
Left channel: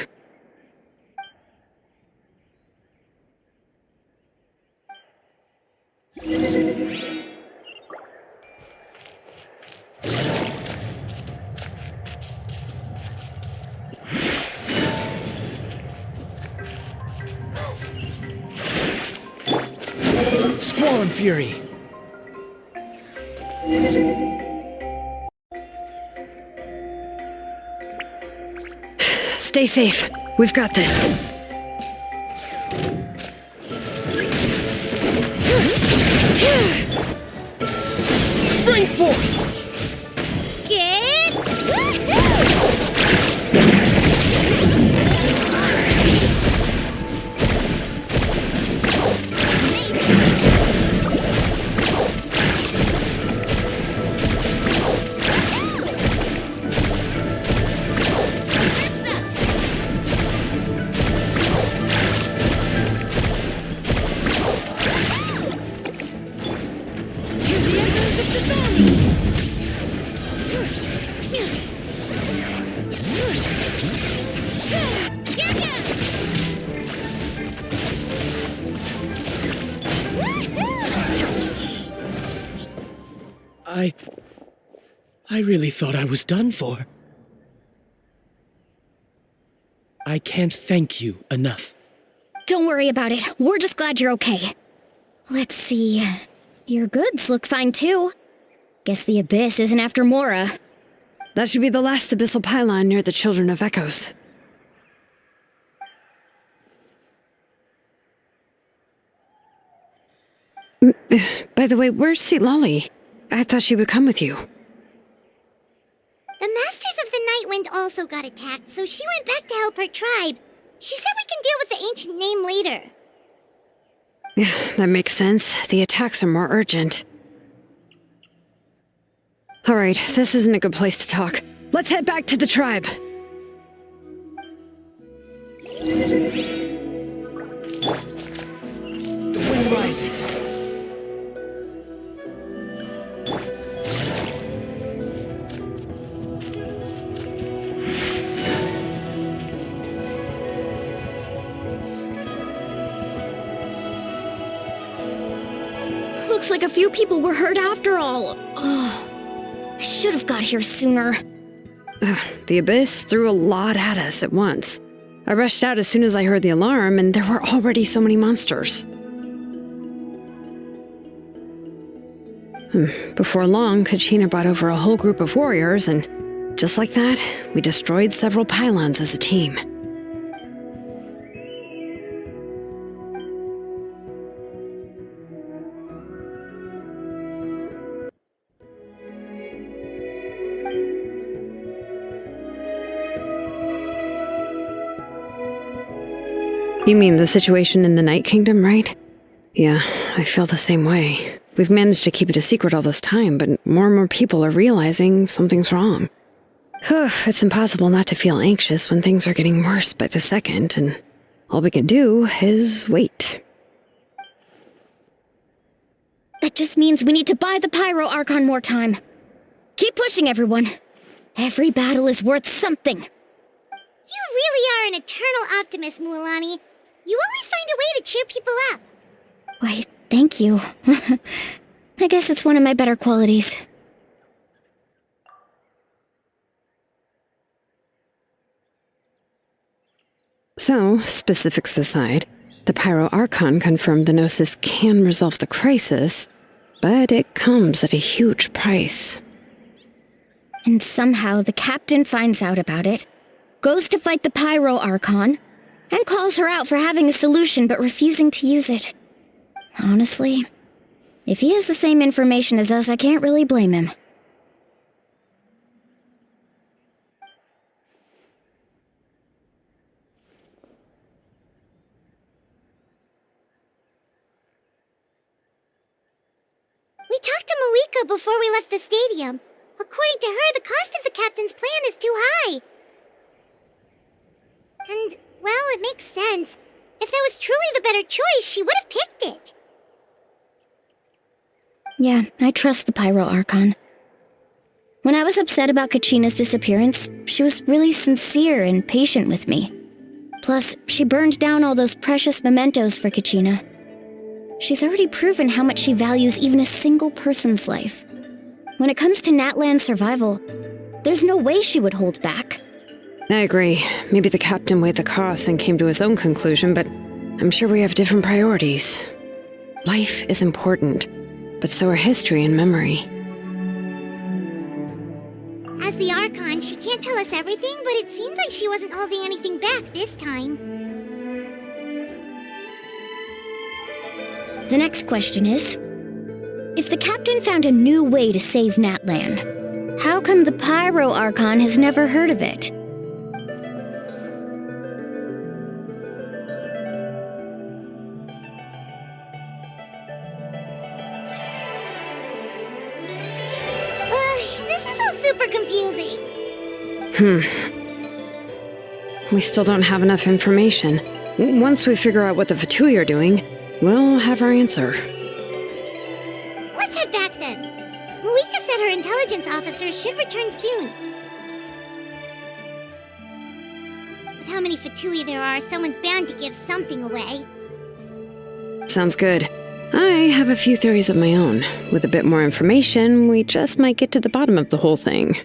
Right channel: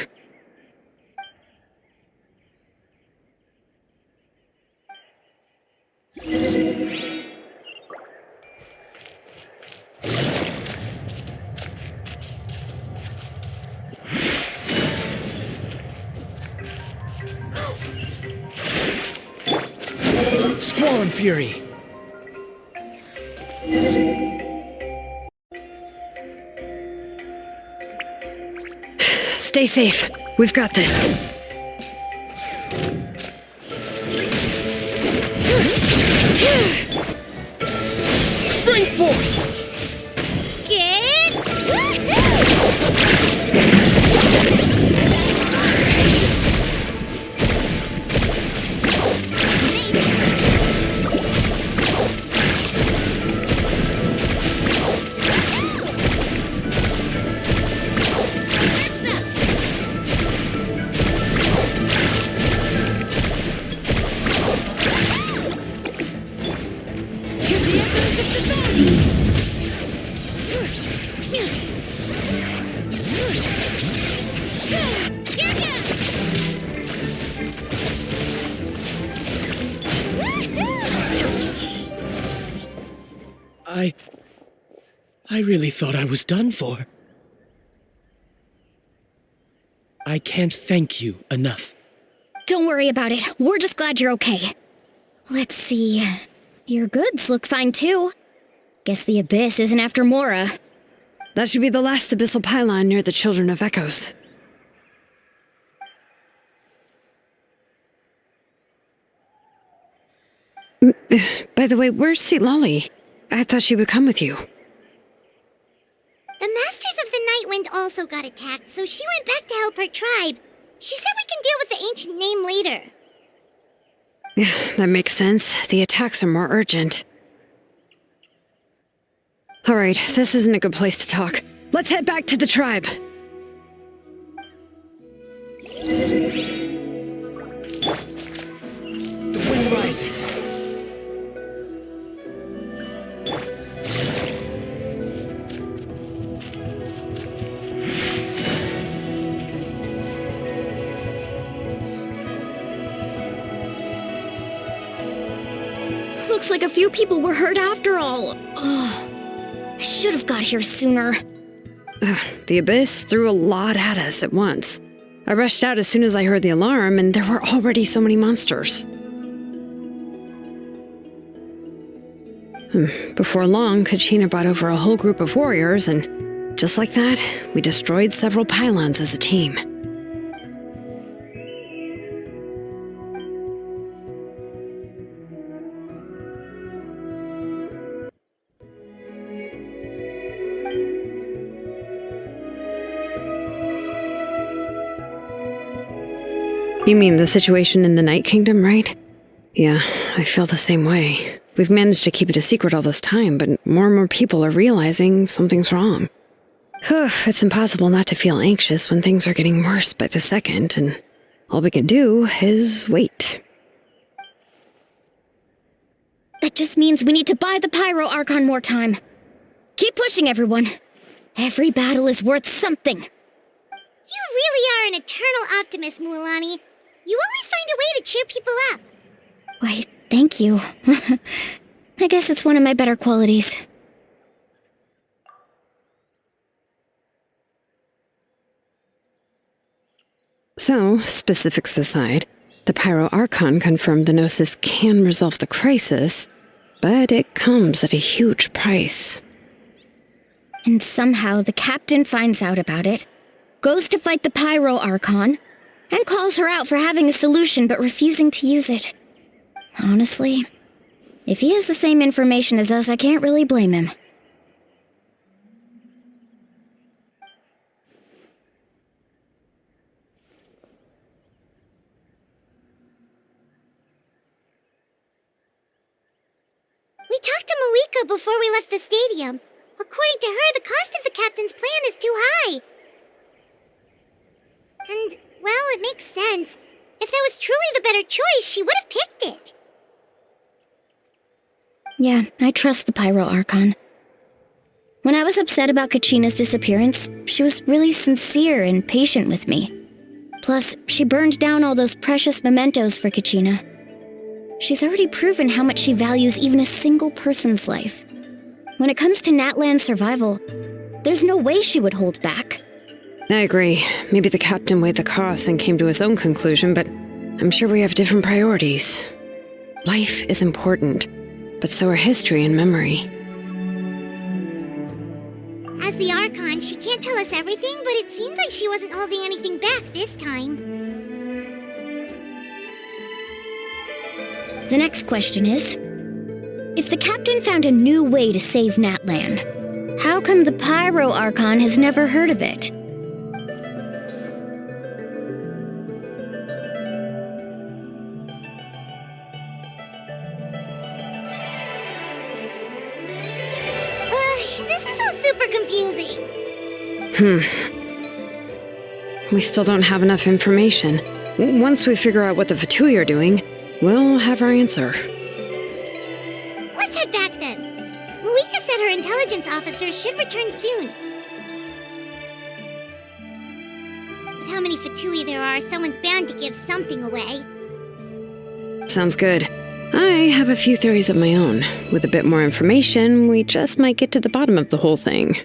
Squall Fury! Stay safe. We've got this. Spring forth! Get... I really thought I was done for. I can't thank you enough. Don't worry about it. We're just glad you're okay. Let's see. Your goods look fine too. Guess the Abyss isn't after Mora. That should be the last abyssal pylon near the Children of Echoes. By the way, where's Lolly? I thought she would come with you. The Masters of the Nightwind also got attacked, so she went back to help her tribe. She said we can deal with the ancient name later. That makes sense. The attacks are more urgent. Alright, this isn't a good place to talk. Let's head back to the tribe. The wind rises. Looks like a few people were hurt after all. Oh, I should have got here sooner. The Abyss threw a lot at us at once. I rushed out as soon as I heard the alarm, and there were already so many monsters. Before long, Kachina brought over a whole group of warriors, and just like that, we destroyed several pylons as a team. You mean the situation in the Night Kingdom, right? Yeah, I feel the same way. We've managed to keep it a secret all this time, but more and more people are realizing something's wrong. It's impossible not to feel anxious when things are getting worse by the second, and all we can do is wait. That just means we need to buy the Pyro Archon more time. Keep pushing, everyone. Every battle is worth something. You really are an eternal optimist, Mualani. You always find a way to cheer people up. Why, thank you. I guess it's one of my better qualities. So, specifics aside, the Pyro Archon confirmed the Gnosis can resolve the crisis, but it comes at a huge price. And somehow the captain finds out about it, goes to fight the Pyro Archon, and calls her out for having a solution but refusing to use it. Honestly, if he has the same information as us, I can't really blame him. We talked to Moika before we left the stadium. According to her, the cost of the captain's plan is too high. And, well, it makes sense. If that was truly the better choice, she would have picked it. Yeah, I trust the Pyro Archon. When I was upset about Kachina's disappearance, she was really sincere and patient with me. Plus, she burned down all those precious mementos for Kachina. She's already proven how much she values even a single person's life. When it comes to Natlan's survival, there's no way she would hold back. I agree. Maybe the captain weighed the costs and came to his own conclusion, but I'm sure we have different priorities. Life is important, but so are history and memory. As the Archon, she can't tell us everything, but it seems like she wasn't holding anything back this time. The next question is, if the captain found a new way to save Natlan, how come the Pyro Archon has never heard of it? This is all super confusing. We still don't have enough information. Once we figure out what the Fatui are doing, we'll have our answer. Let's head back then. Marika said her intelligence officers should return soon. With how many Fatui there are, someone's bound to give something away. Sounds good. I have a few theories of my own. With a bit more information, we just might get to the bottom of the whole thing.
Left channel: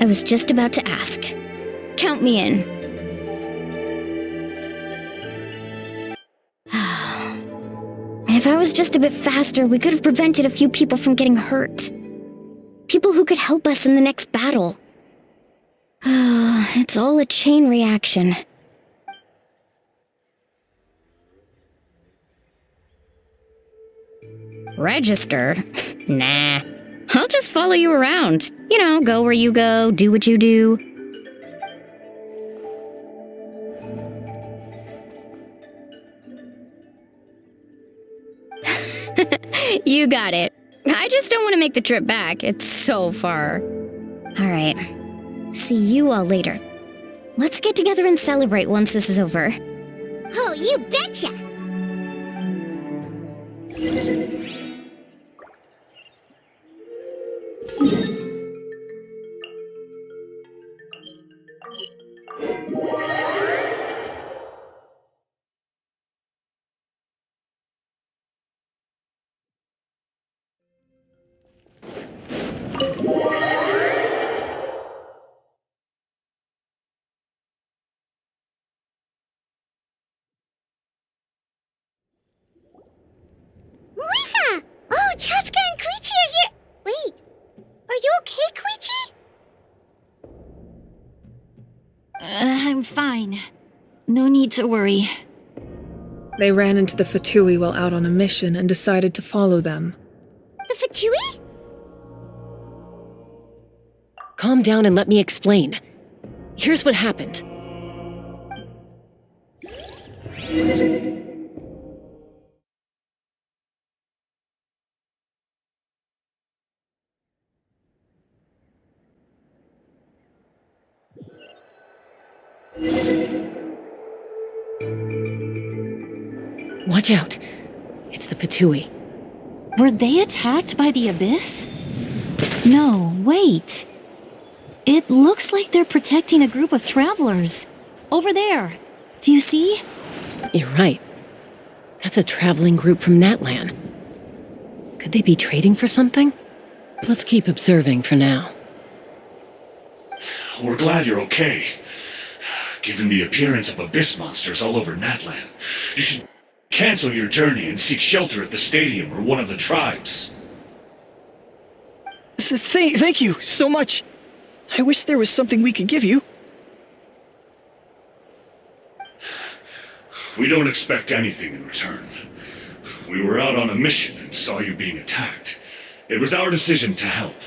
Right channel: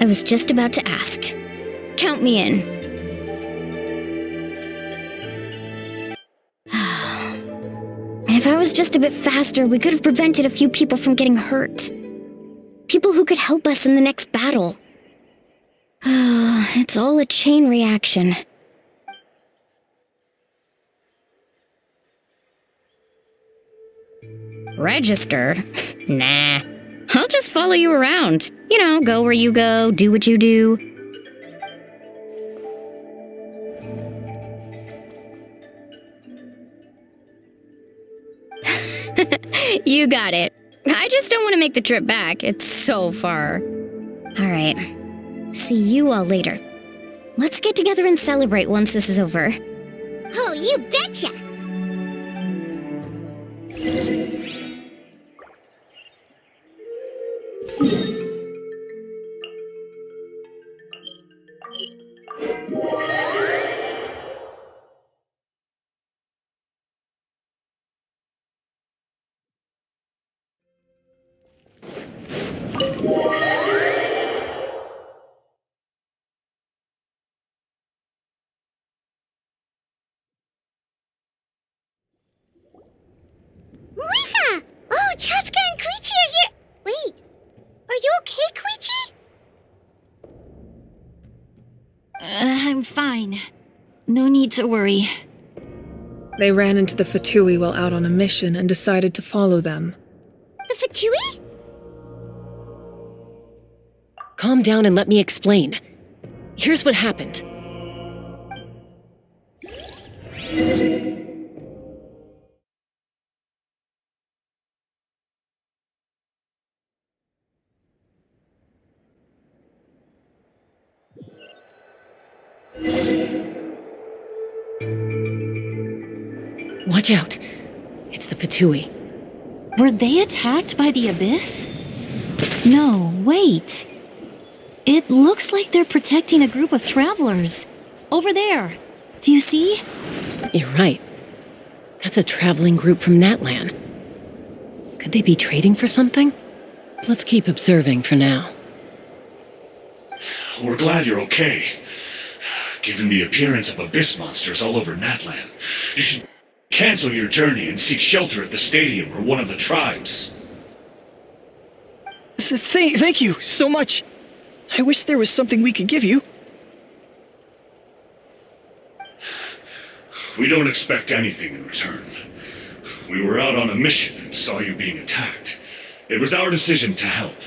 I was just about to ask. Count me in. If I was just a bit faster, we could have prevented a few people from getting hurt. People who could help us in the next battle. It's all a chain reaction. Register? Nah. I'll just follow you around. You know, go where you go, do what you do. You got it. I just don't want to make the trip back. It's so far. Alright. See you all later. Let's get together and celebrate once this is over. Oh, you betcha! Marika! Oh, Chaska and Koichi are here! Wait, are you okay, Koichi? I'm fine. No need to worry. They ran into the Fatui while out on a mission and decided to follow them. The Fatui? Calm down and let me explain. Here's what happened. Watch out. It's the Fatui. Were they attacked by the Abyss? No, wait. It looks like they're protecting a group of travelers. Over there. Do you see? You're right. That's a traveling group from Natlan. Could they be trading for something? Let's keep observing for now. We're glad you're okay. Given the appearance of abyss monsters all over Natlan, you should cancel your journey and seek shelter at the stadium or one of the tribes. Thank you so much. I wish there was something we could give you. We don't expect anything in return. We were out on a mission and saw you being attacked. It was our decision to help.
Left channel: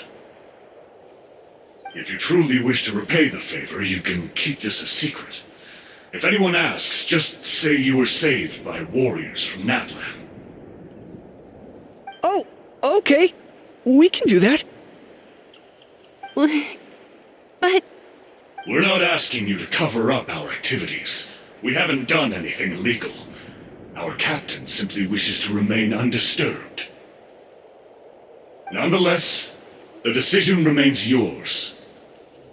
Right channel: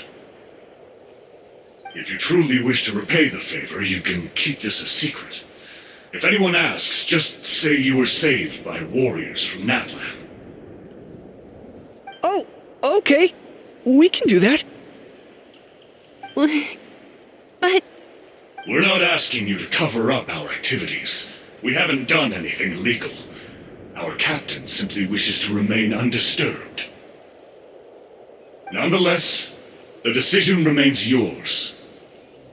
If you truly wish to repay the favor, you can keep this a secret. If anyone asks, just say you were saved by warriors from Natlan. Oh, okay. We can do that. But... We're not asking you to cover up our activities. We haven't done anything illegal. Our captain simply wishes to remain undisturbed. Nonetheless, the decision remains yours.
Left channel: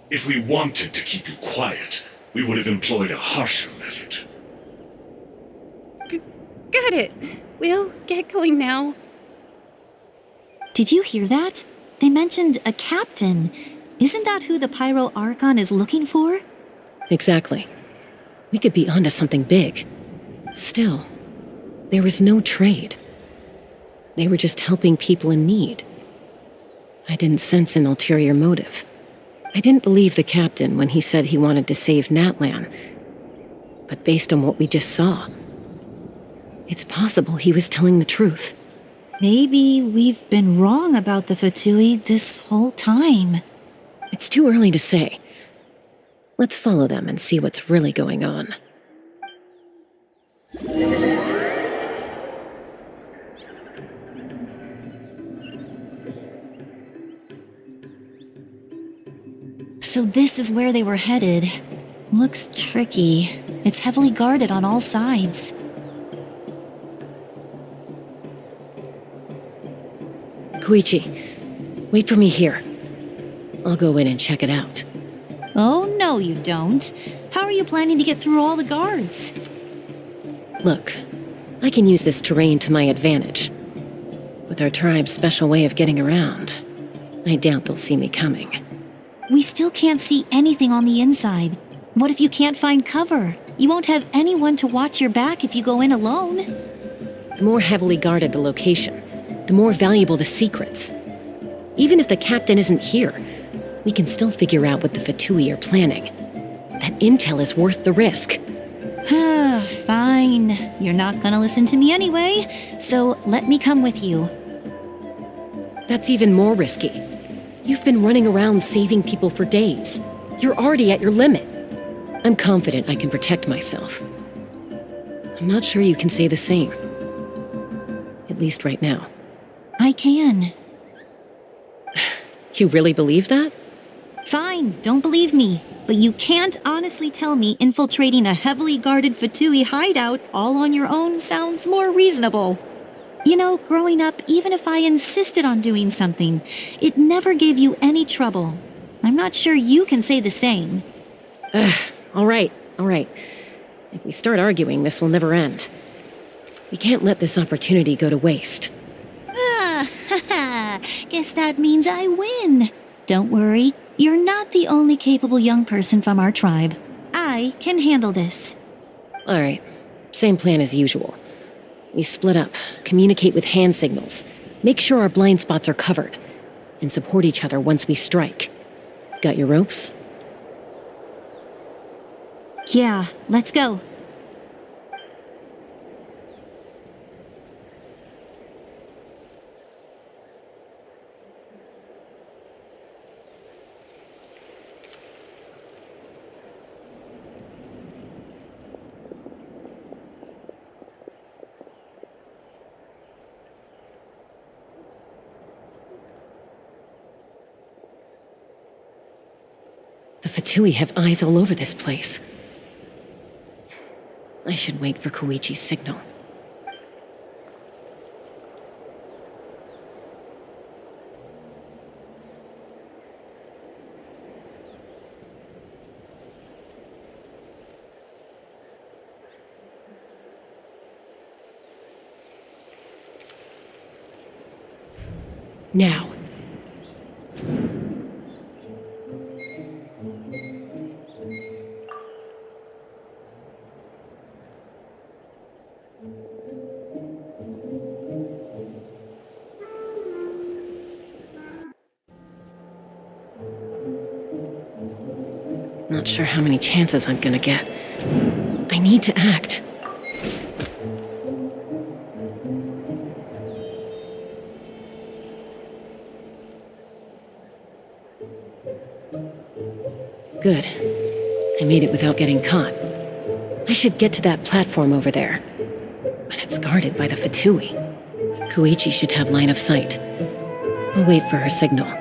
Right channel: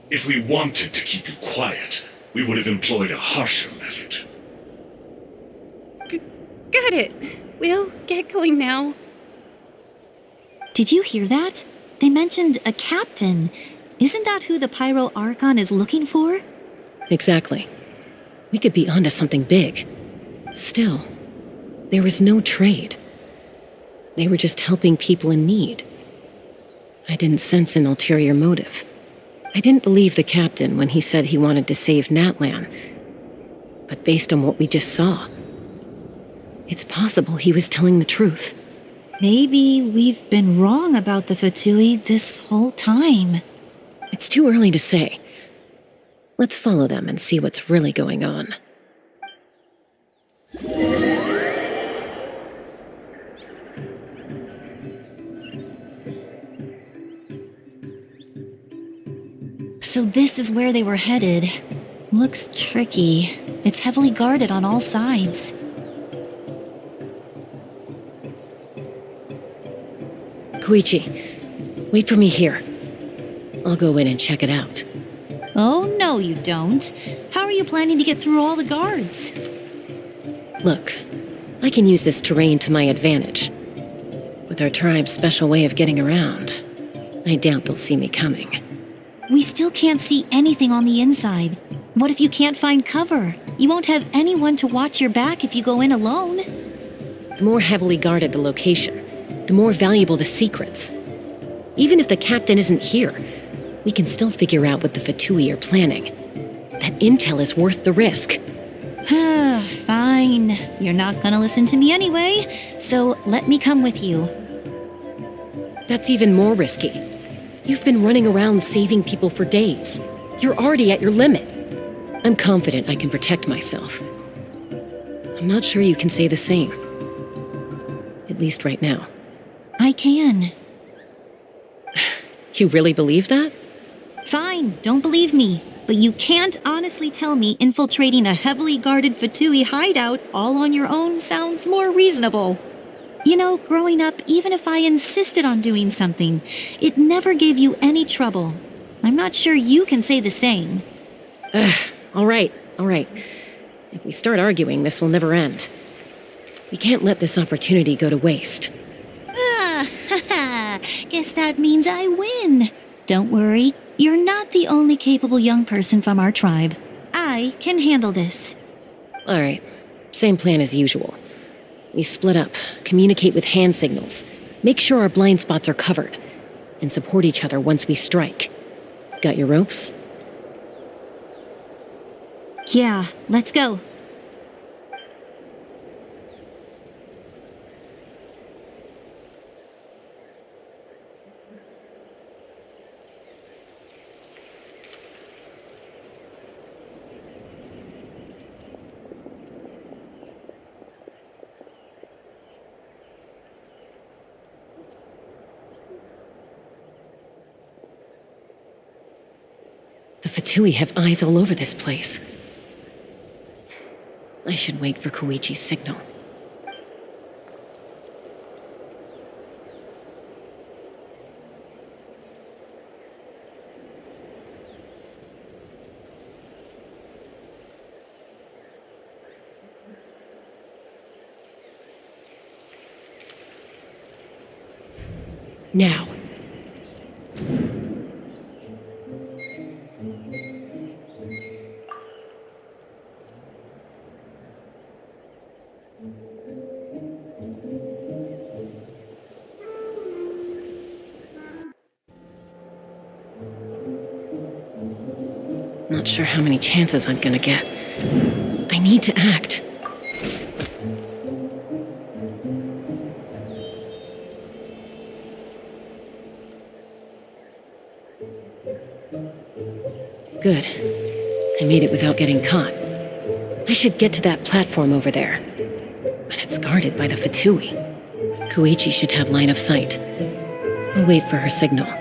If we wanted to keep you quiet, we would have employed a harsher method. Got it. We'll get going now. Did you hear that? They mentioned a captain. Isn't that who the Pyro Archon is looking for? Exactly. We could be onto something big. Still, there was no trade. They were just helping people in need. I didn't sense an ulterior motive. I didn't believe the captain when he said he wanted to save Natlan. But based on what we just saw, it's possible he was telling the truth. Maybe we've been wrong about the Fatui this whole time. It's too early to say. Let's follow them and see what's really going on. So this is where they were headed. Looks tricky. It's heavily guarded on all sides. Koichi, wait for me here. I'll go in and check it out. Oh, no you don't. How are you planning to get through all the guards? Look, I can use this terrain to my advantage. With our tribe's special way of getting around, I doubt they'll see me coming. We still can't see anything on the inside. What if you can't find cover? You won't have anyone to watch your back if you go in alone. The more heavily guarded the location, the more valuable the secrets. Even if the captain isn't here, we can still figure out what the Fatui are planning. That intel is worth the risk. Fine. You're not gonna listen to me anyway, so let me come with you. That's even more risky. You've been running around saving people for days. You're already at your limit. I'm confident I can protect myself. I'm not sure you can say the same. At least right now. I can. You really believe that? Fine, don't believe me. But you can't honestly tell me infiltrating a heavily guarded Fatui hideout all on your own sounds more reasonable. You know, growing up, even if I insisted on doing something, it never gave you any trouble. I'm not sure you can say the same. All right. If we start arguing, this will never end. We can't let this opportunity go to waste. Guess that means I win. Don't worry, you're not the only capable young person from our tribe. I can handle this. All right, same plan as usual. We split up, communicate with hand signals, make sure our blind spots are covered, and support each other once we strike. Got your ropes? Yeah, let's go. The Fatui have eyes all over this place. I should wait for Koichi's signal. Now. Not sure how many chances I'm gonna get. I need to act. Good. I made it without getting caught. I should get to that platform over there. But it's guarded by the Fatui. Koichi should have line of sight. I'll wait for her signal.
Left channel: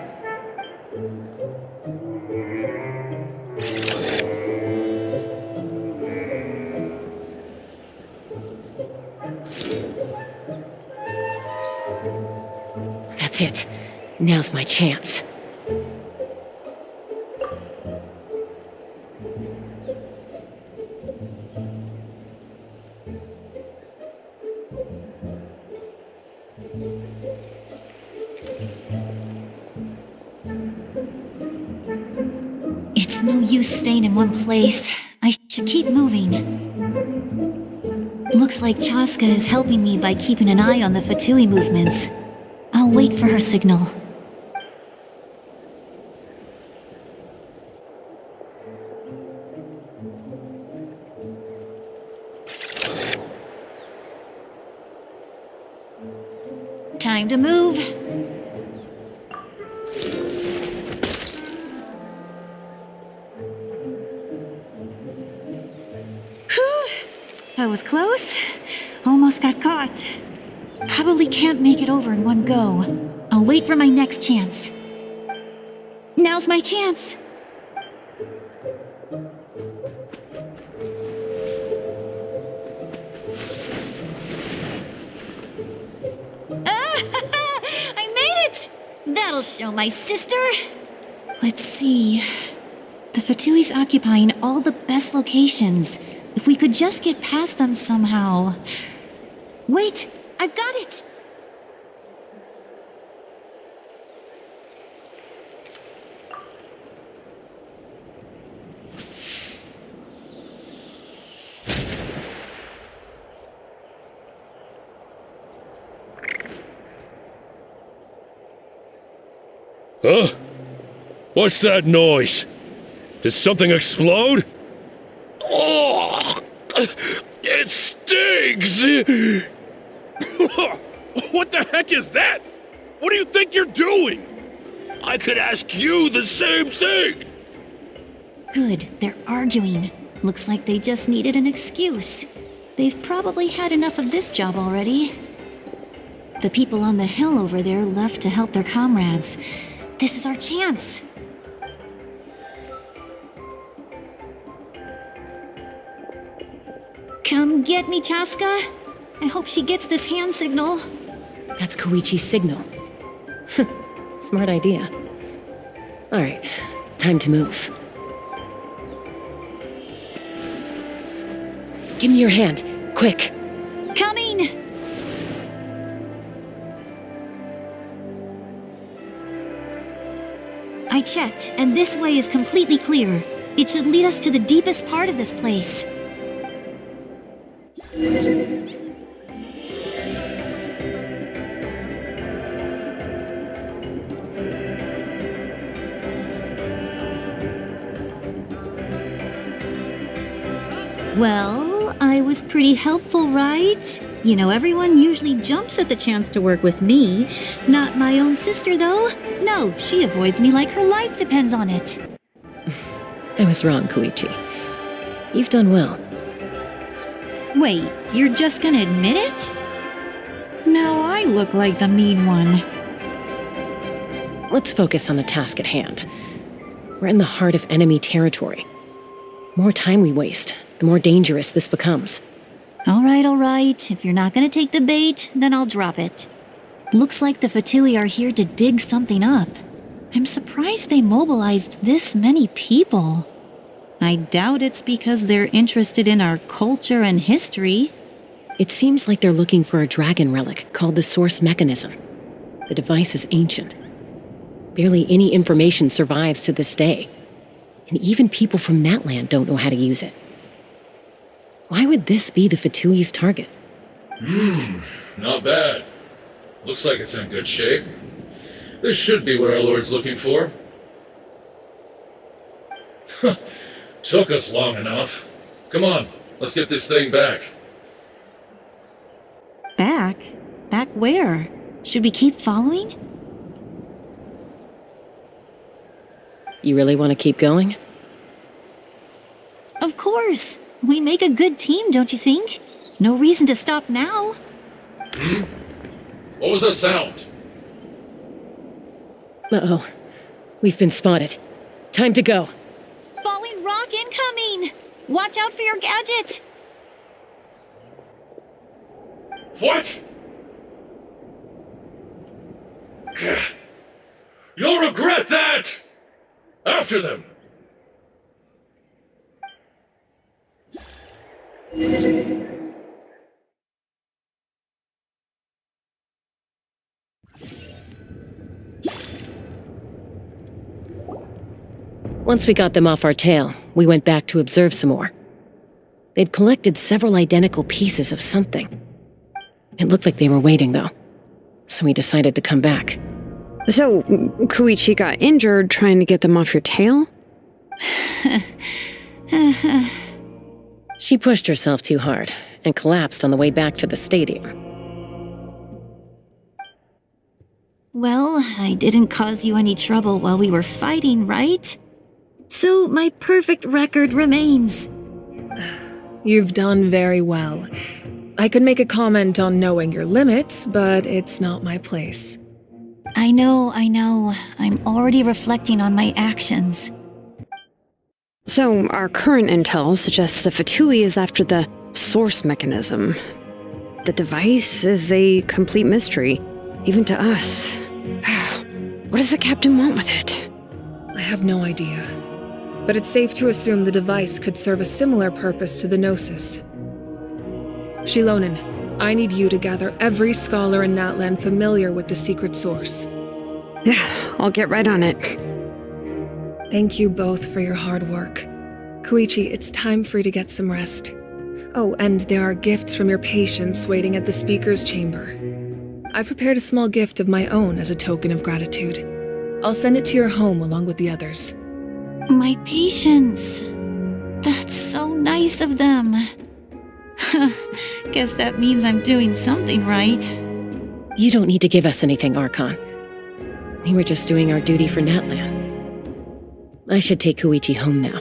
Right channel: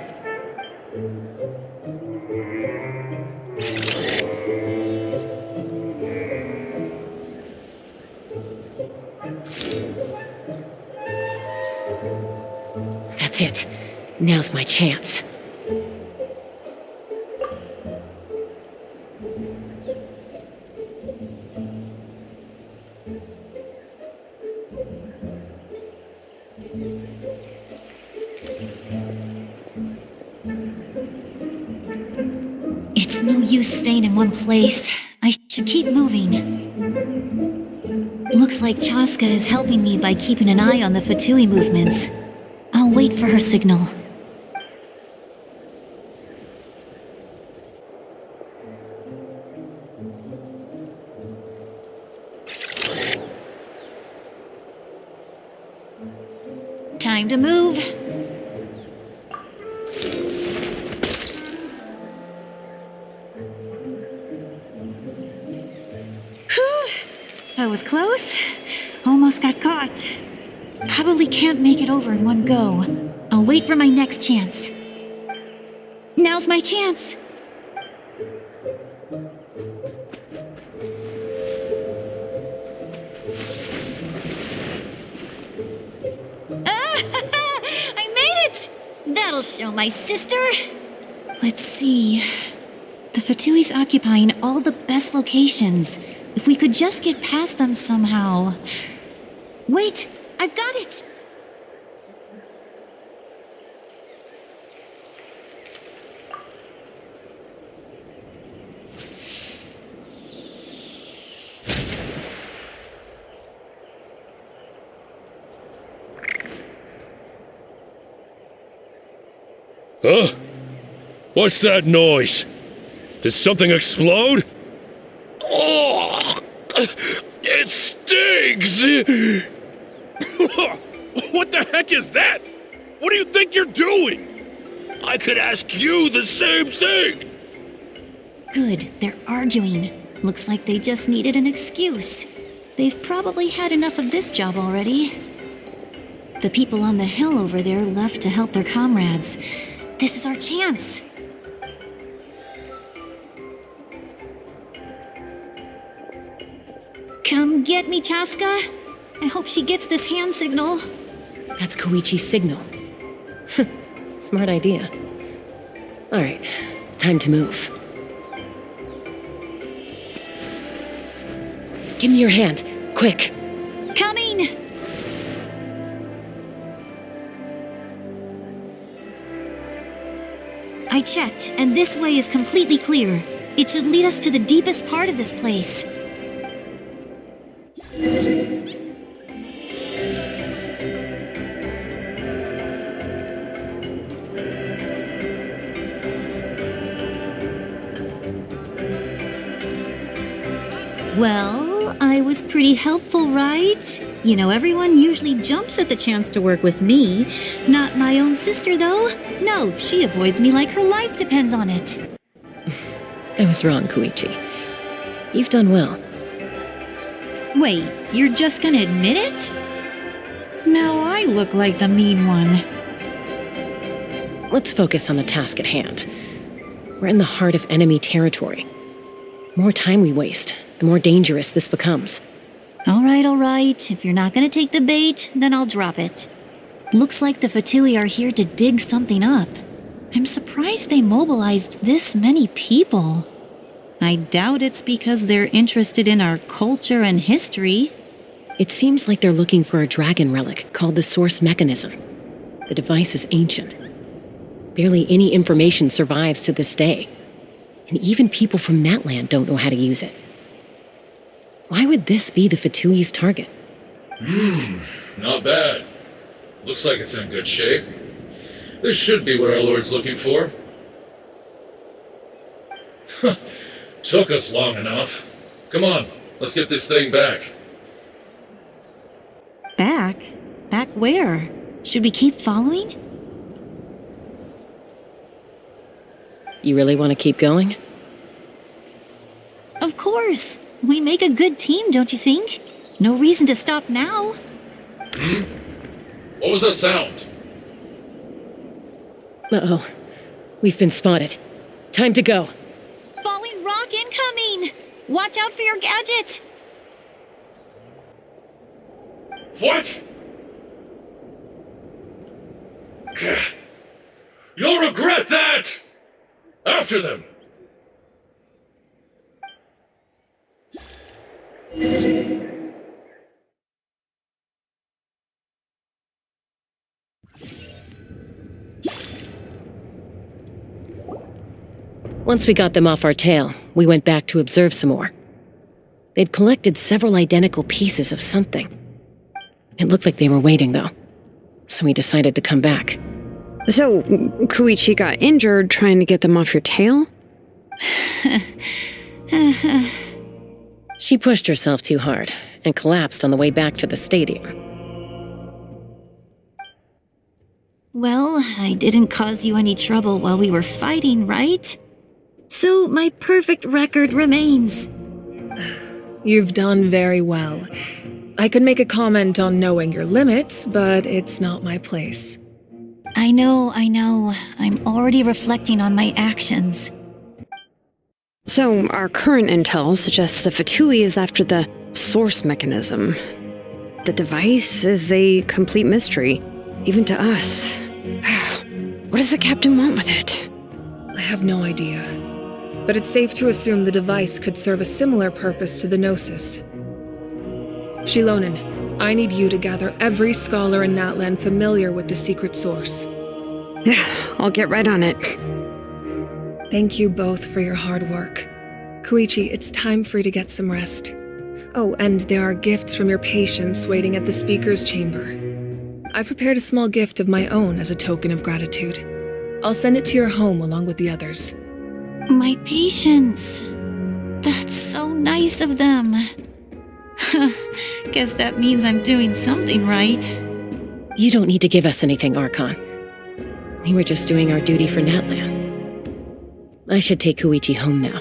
That's it. Now's my chance. It's no use staying in one place. I should keep moving. Looks like Chaska is helping me by keeping an eye on the Fatui movements. I'll wait for her signal. Time to move. Whew! That was close. Almost got caught. Probably can't make it over in one go. I'll wait for my next chance. Now's my chance. I made it! That'll show my sister. Let's see. The Fatui's occupying all the best locations. If we could just get past them somehow. Wait, I've got it! Huh? What's that noise? Did something explode? Oh! It stings! What the heck is that? What do you think you're doing? I could ask you the same thing! Good, they're arguing. Looks like they just needed an excuse. They've probably had enough of this job already. The people on the hill over there left to help their comrades. This is our chance. Come get me, Chaska. I hope she gets this hand signal. That's Koichi's signal. Smart idea. All right, time to move. Give me your hand, quick. Coming! I checked, and this way is completely clear. It should lead us to the deepest part of this place. Well, I was pretty helpful, right? You know, everyone usually jumps at the chance to work with me. Not my own sister, though. No, she avoids me like her life depends on it. I was wrong, Koichi. You've done well. Wait, you're just gonna admit it? Now I look like the mean one. Let's focus on the task at hand. We're in the heart of enemy territory. More time we waste, the more dangerous this becomes. All right. If you're not gonna take the bait, then I'll drop it. Looks like the Fatui are here to dig something up. I'm surprised they mobilized this many people. I doubt it's because they're interested in our culture and history. It seems like they're looking for a dragon relic called the Source Mechanism. The device is ancient. Barely any information survives to this day. And even people from Natlan don't know how to use it. Why would this be the Fatui's target? Not bad. Looks like it's in good shape. This should be what our Lord's looking for. Took us long enough. Come on, let's get this thing back. Back? Back where? Should we keep following? You really want to keep going? Of course. We make a good team, don't you think? No reason to stop now. What was that sound? Uh-oh. We've been spotted. Time to go. Falling rock incoming! Watch out for your gadget! What? You'll regret that! After them! Once we got them off our tail, we went back to observe some more. They'd collected several identical pieces of something. It looked like they were waiting, though, so we decided to come back. So, Koichi got injured trying to get them off your tail? She pushed herself too hard and collapsed on the way back to the stadium. Well, I didn't cause you any trouble while we were fighting, right? So my perfect record remains. You've done very well. I could make a comment on knowing your limits, but it's not my place. I know. I'm already reflecting on my actions. So, our current intel suggests the Fatui is after the source mechanism. The device is a complete mystery, even to us. What does the captain want with it? I have no idea. But it's safe to assume the device could serve a similar purpose to the Gnosis. Shilonen, I need you to gather every scholar in Natlan familiar with the secret source. I'll get right on it. Thank you both for your hard work. Koichi, it's time for you to get some rest. Oh, and there are gifts from your patients waiting at the speaker's chamber. I prepared a small gift of my own as a token of gratitude. I'll send it to your home along with the others. My patients. That's so nice of them. Guess that means I'm doing something right. You don't need to give us anything, Archon. We were just doing our duty for Natlan. I should take Koichi home now.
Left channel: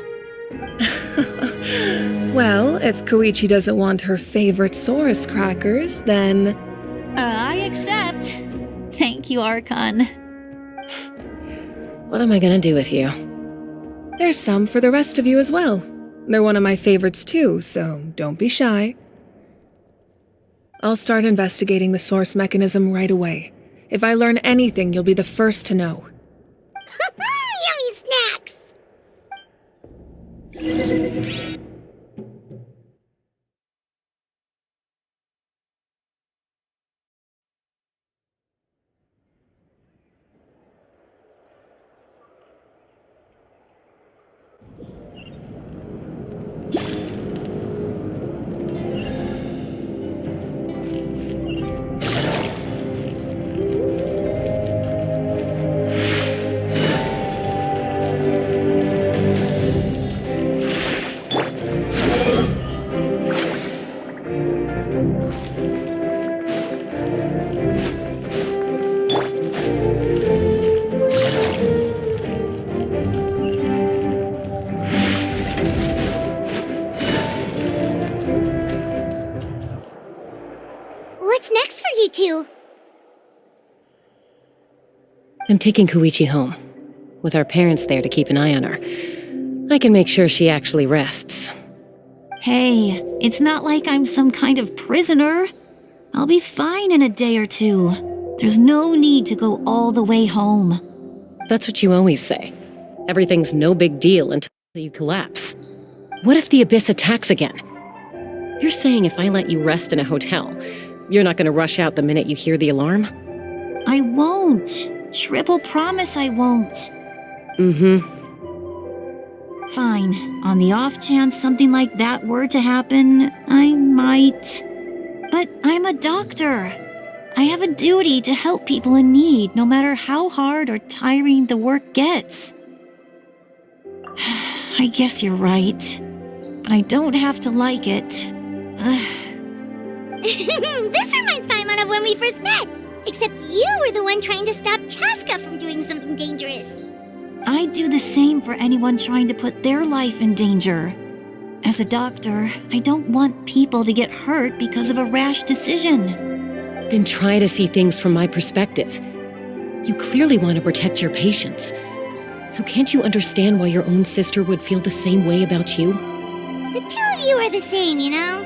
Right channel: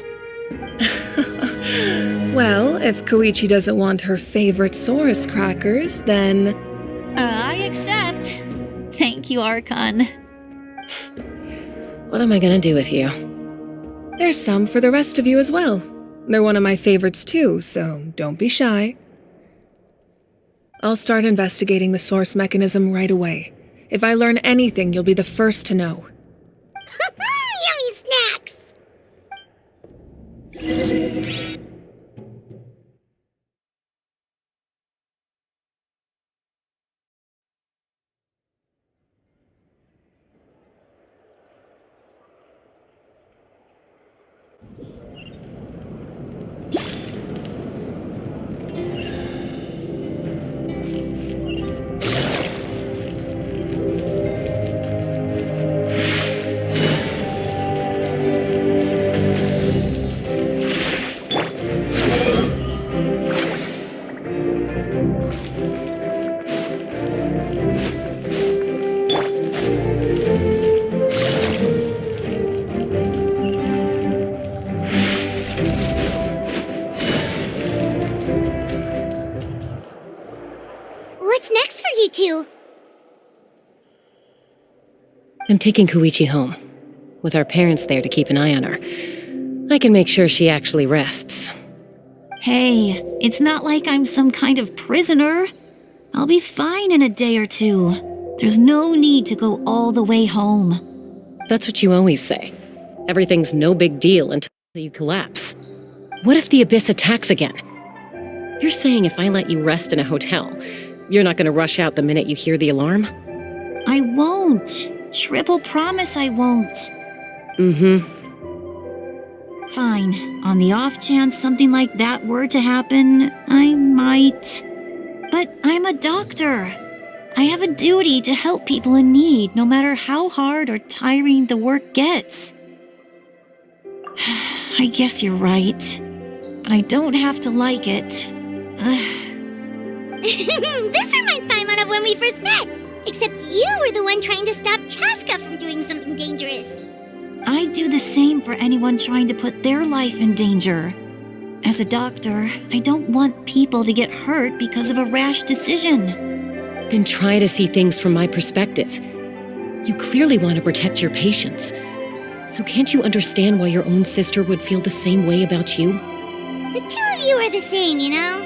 Well, if Koichi doesn't want her favorite Saurus crackers, then... I accept. Thank you, Archon. What am I gonna do with you? There's some for the rest of you as well. They're one of my favorites too, so don't be shy. I'll start investigating the source mechanism right away. If I learn anything, you'll be the first to know. Yummy snacks! What's next for you two? I'm taking Koichi home. With our parents there to keep an eye on her, I can make sure she actually rests. Hey, it's not like I'm some kind of prisoner. I'll be fine in a day or two. There's no need to go all the way home. That's what you always say. Everything's no big deal until you collapse. What if the Abyss attacks again? You're saying if I let you rest in a hotel, you're not gonna rush out the minute you hear the alarm? I won't. Triple promise I won't. Fine. On the off chance something like that were to happen, I might. But I'm a doctor. I have a duty to help people in need, no matter how hard or tiring the work gets. I guess you're right. But I don't have to like it. This reminds Paimon of when we first met. Except you were the one trying to stop Chaska from doing something dangerous. I'd do the same for anyone trying to put their life in danger. As a doctor, I don't want people to get hurt because of a rash decision. Then try to see things from my perspective. You clearly want to protect your patients. So can't you understand why your own sister would feel the same way about you? The two of you are the same, you know?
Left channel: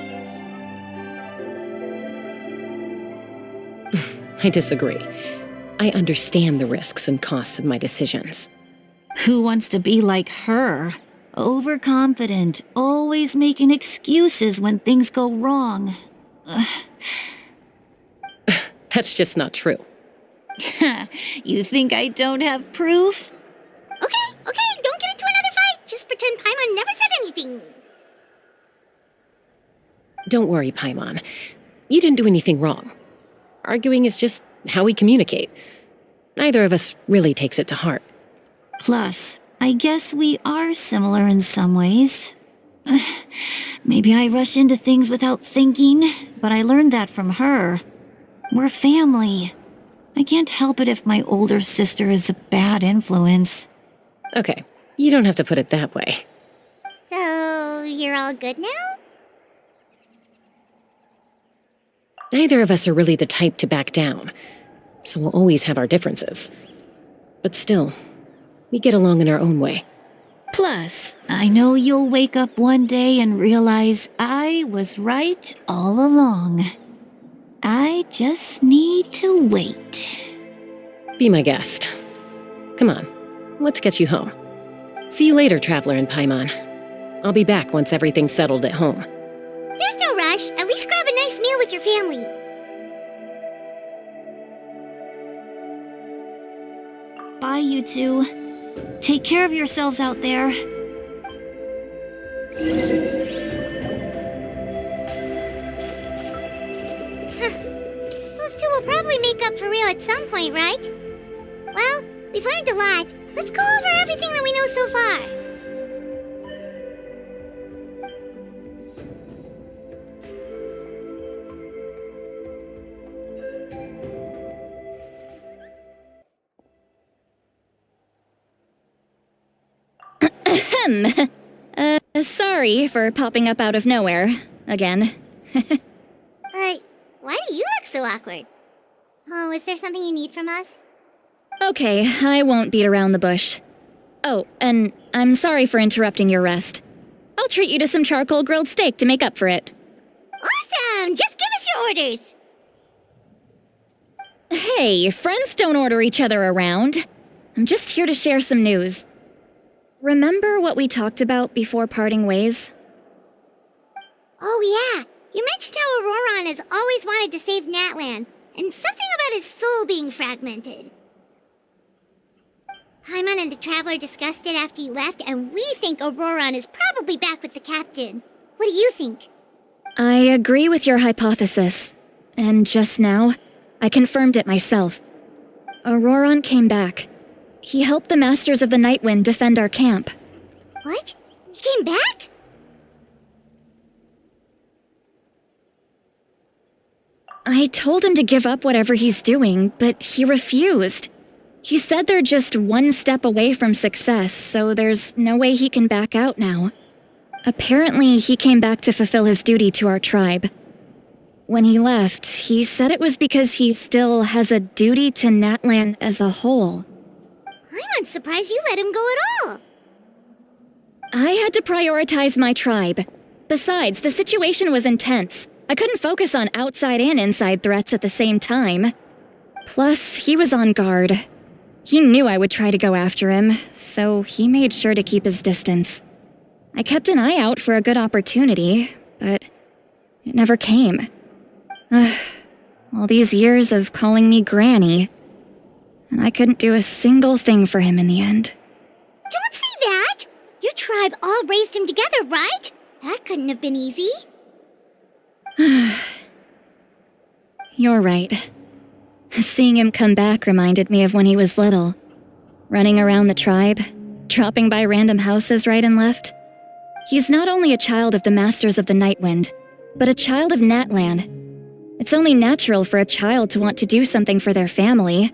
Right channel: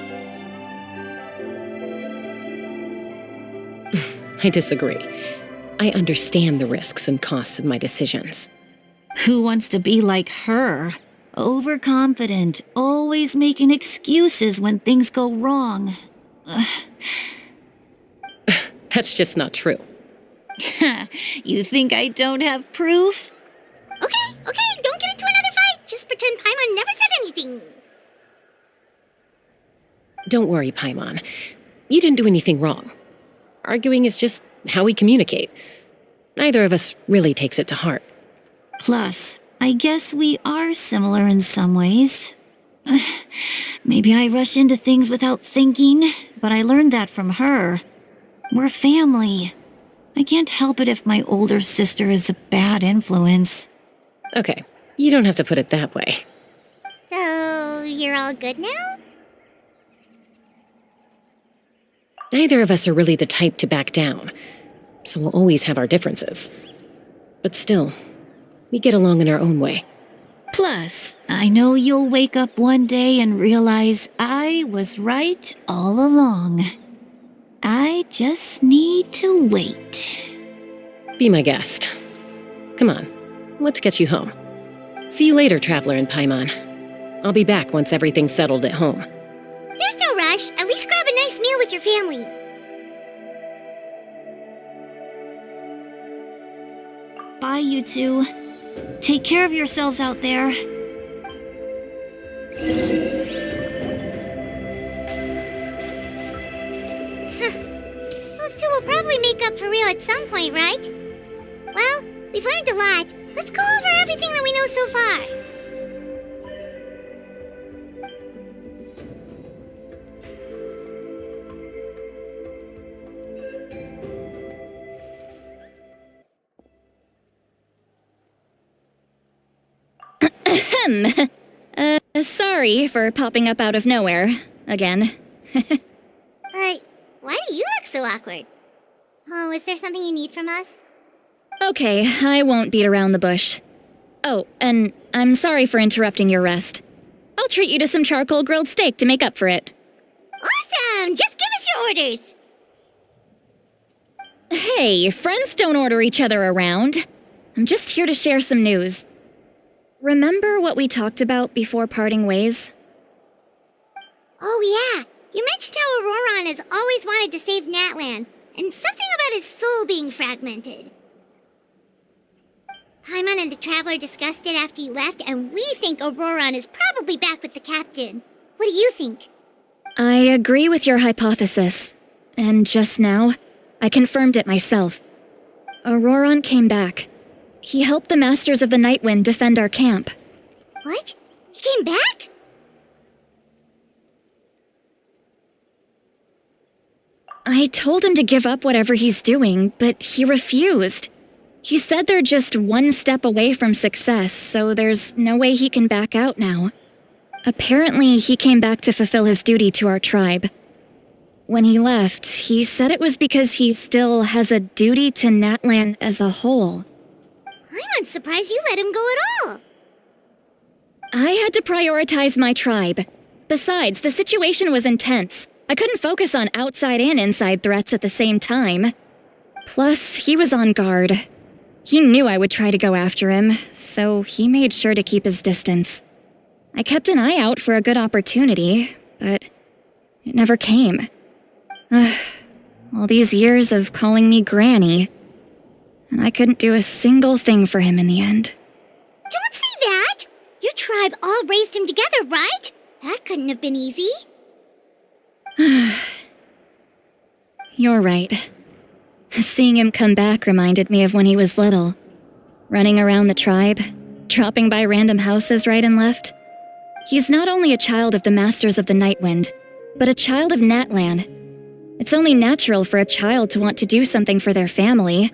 I disagree. I understand the risks and costs of my decisions. Who wants to be like her? Overconfident, always making excuses when things go wrong. That's just not true. You think I don't have proof? Okay, don't get into another something. Don't worry, Paimon. You didn't do anything wrong. Arguing is just how we communicate. Neither of us really takes it to heart. Plus, I guess we are similar in some ways. Maybe I rush into things without thinking, but I learned that from her. We're family. I can't help it if my older sister is a bad influence. Okay, you don't have to put it that way. So, you're all good now? Neither of us are really the type to back down, so we'll always have our differences. But still, we get along in our own way. Plus, I know you'll wake up one day and realize I was right all along. I just need to wait. Be my guest. Come on, let's get you home. See you later, Traveler and Paimon. I'll be back once everything's settled at home. There's no rush. At least grab a nice meal with your family. Bye, you two. Take care of yourselves out there. Those two will probably make up for real at some point, right? Well, we've learned a lot. Let's go over everything that we know so far. Sorry for popping up out of nowhere. Again. Why do you look so awkward? Oh, is there something you need from us? Okay, I won't beat around the bush. Oh, and I'm sorry for interrupting your rest. I'll treat you to some charcoal grilled steak to make up for it. Awesome! Just give us your orders! Hey, friends don't order each other around. I'm just here to share some news. Remember what we talked about before parting ways? Oh yeah, you mentioned how Auroron has always wanted to save Natlan, and something about his soul being fragmented. Paimon and the Traveler discussed it after you left, and we think Auroron is probably back with the captain. What do you think? I agree with your hypothesis. And just now, I confirmed it myself. Auroron came back. He helped the Masters of the Nightwind defend our camp. What? He came back? I told him to give up whatever he's doing, but he refused. He said they're just one step away from success, so there's no way he can back out now. Apparently, he came back to fulfill his duty to our tribe. When he left, he said it was because he still has a duty to Natlan as a whole. I'm not surprised you let him go at all. I had to prioritize my tribe. Besides, the situation was intense. I couldn't focus on outside and inside threats at the same time. Plus, he was on guard. He knew I would try to go after him, so he made sure to keep his distance. I kept an eye out for a good opportunity, but it never came. All these years of calling me Granny, and I couldn't do a single thing for him in the end. Don't say that! Your tribe all raised him together, right? That couldn't have been easy. You're right. Seeing him come back reminded me of when he was little. Running around the tribe, dropping by random houses right and left. He's not only a child of the Masters of the Nightwind, but a child of Natlan. It's only natural for a child to want to do something for their family.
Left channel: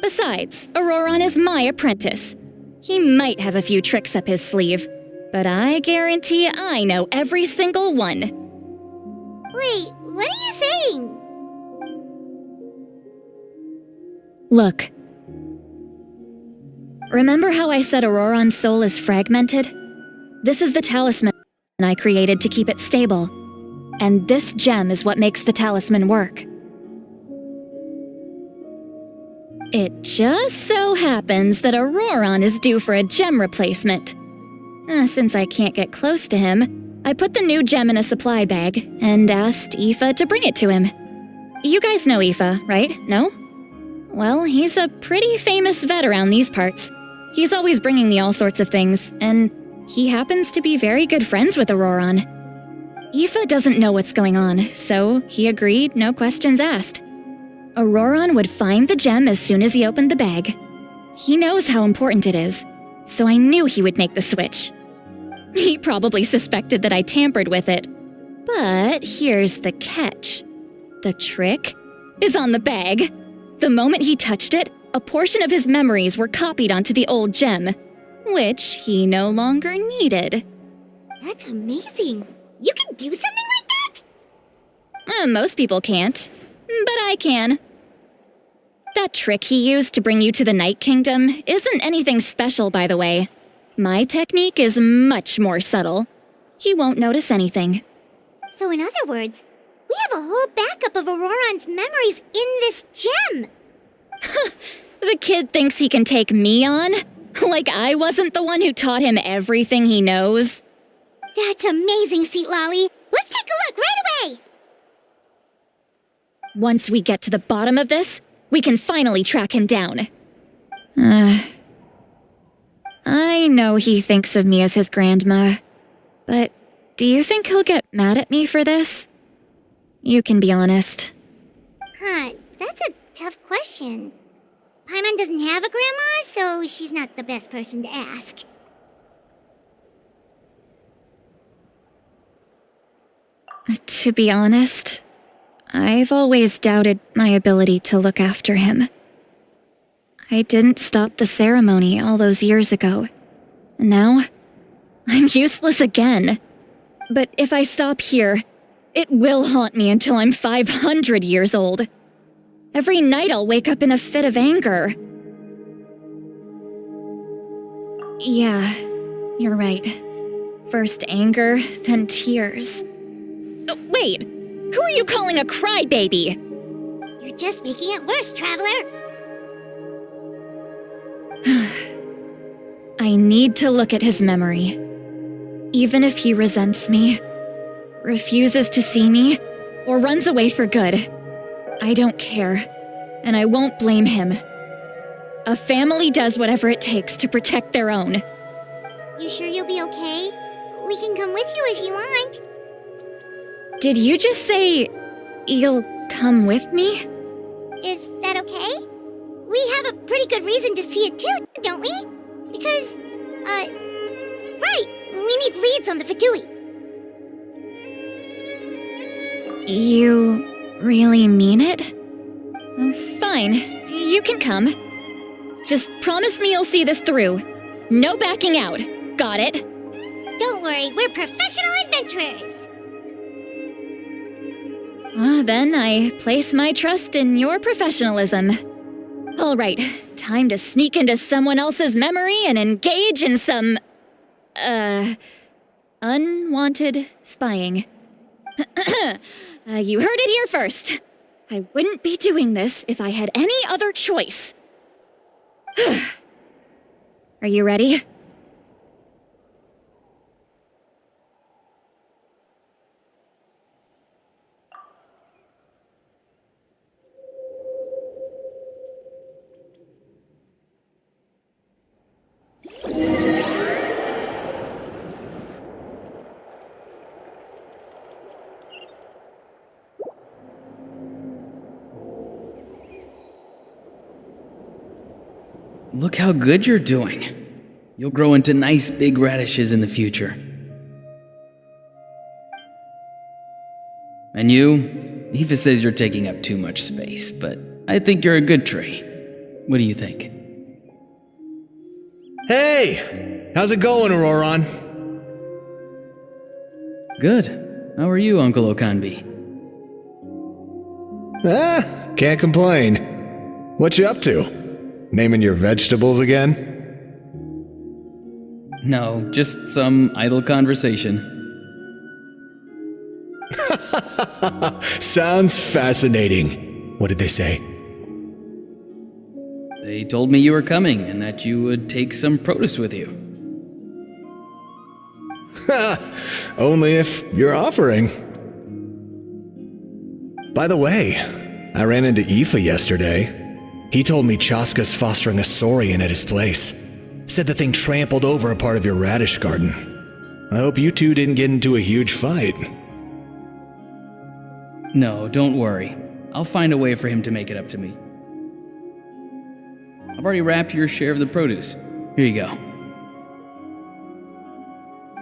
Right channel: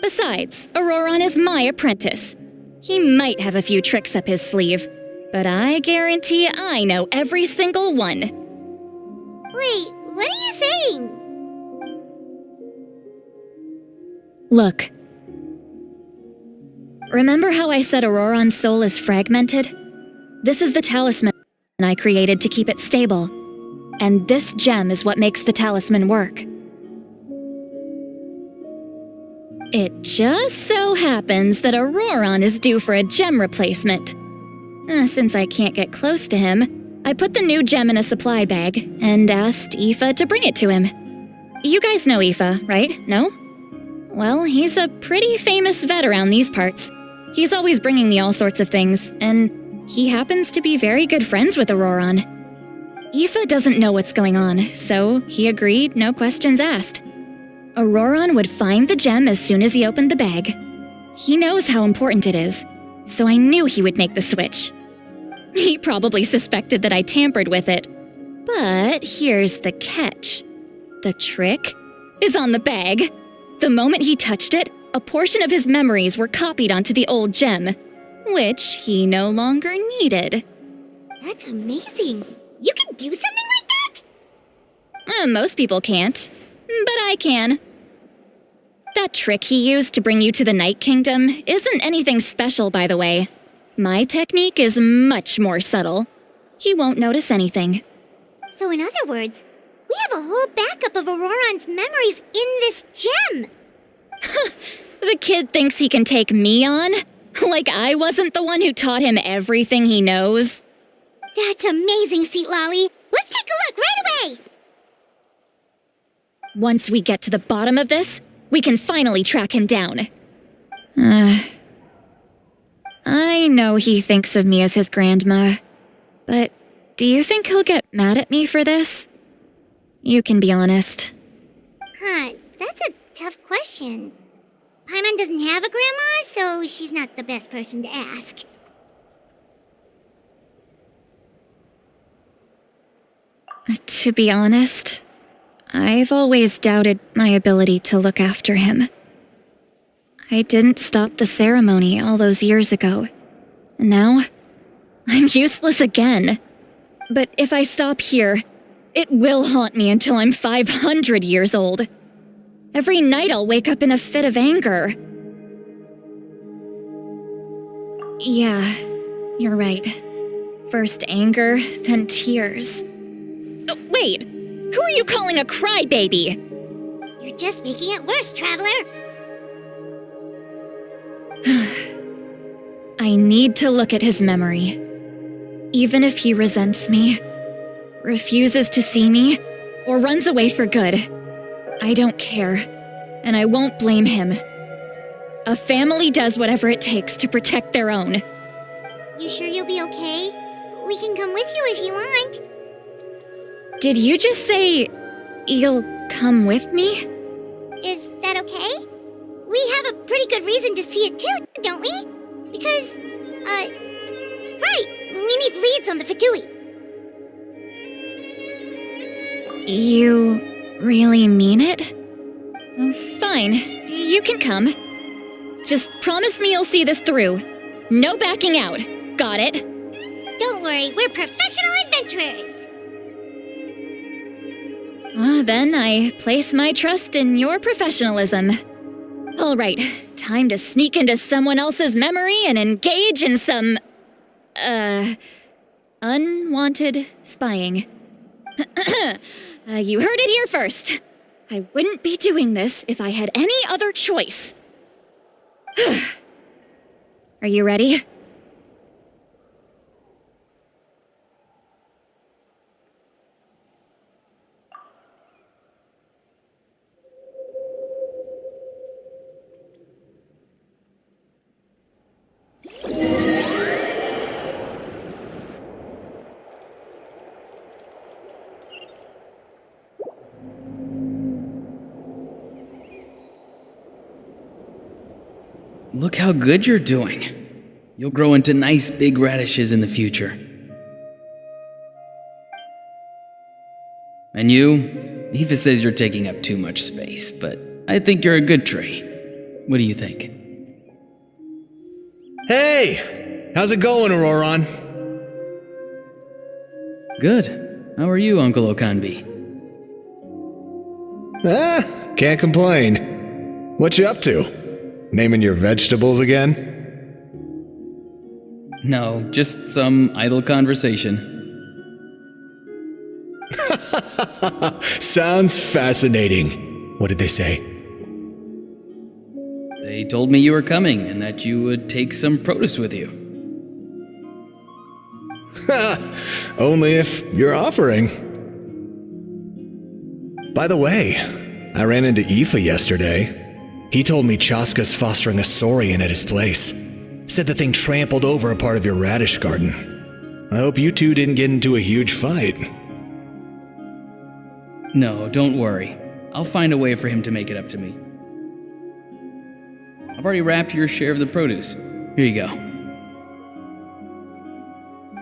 Besides, Auroron is my apprentice. He might have a few tricks up his sleeve, but I guarantee I know every single one. Wait, what are you saying? Look. Remember how I said Auroron's soul is fragmented? This is the talisman I created to keep it stable. And this gem is what makes the talisman work. It just so happens that Auroron is due for a gem replacement. Since I can't get close to him, I put the new gem in a supply bag and asked Aoife to bring it to him. You guys know Aoife, right? No? Well, he's a pretty famous vet around these parts. He's always bringing me all sorts of things, and He happens to be very good friends with Auroron. Aoife doesn't know what's going on, so he agreed, no questions asked. Auroron would find the gem as soon as he opened the bag. He knows how important it is, so I knew he would make the switch. He probably suspected that I tampered with it. But here's the catch. The trick is on the bag. The moment he touched it, a portion of his memories were copied onto the old gem, which he no longer needed. That's amazing. You can do something like that? Most people can't, but I can. That trick he used to bring you to the Night Kingdom isn't anything special, by the way. My technique is much more subtle. He won't notice anything. So in other words, we have a whole backup of Auroron's memories in this gem. The kid thinks he can take me on? Like I wasn't the one who taught him everything he knows? That's amazing, Seatlolly. Let's take a look right away. Once we get to the bottom of this, we can finally track him down. I know he thinks of me as his grandma, but do you think he'll get mad at me for this? You can be honest. That's a tough question. Paimon doesn't have a grandma, so she's not the best person to ask. To be honest, I've always doubted my ability to look after him. I didn't stop the ceremony all those years ago. And now, I'm useless again. But if I stop here, it will haunt me until I'm 500 years old. Every night I'll wake up in a fit of anger. Yeah, you're right. First anger, then tears. Oh, wait! Who are you calling a crybaby? You're just making it worse, Traveler. I need to look at his memory. Even if he resents me, refuses to see me, or runs away for good, I don't care, and I won't blame him. A family does whatever it takes to protect their own. You sure you'll be okay? We can come with you if you want. Did you just say you'll come with me? Is that okay? We have a pretty good reason to see it too, don't we? Because, right, we need leads on the Fatui. You really mean it? Oh, fine, you can come. Just promise me you'll see this through. No backing out. Got it? Don't worry, we're professional adventurers. Then I place my trust in your professionalism. All right, time to sneak into someone else's memory and engage in some, unwanted spying. You heard it here first. I wouldn't be doing this if I had any other choice. Are you ready? Look how good you're doing. You'll grow into nice big radishes in the future. And you? Aoife says you're taking up too much space, but I think you're a good tree. What do you think? Hey! How's it going, Auroron? Good. How are you, Uncle Okanbi? Can't complain. What you up to? Naming your vegetables again? No, just some idle conversation. Sounds fascinating. What did they say? They told me you were coming and that you would take some produce with you. Only if you're offering. By the way, I ran into Aoife yesterday. He told me Chaska's fostering a saurian at his place. Said the thing trampled over a part of your radish garden. I hope you two didn't get into a huge fight. No, don't worry. I'll find a way for him to make it up to me. I've already wrapped your share of the produce. Here you go.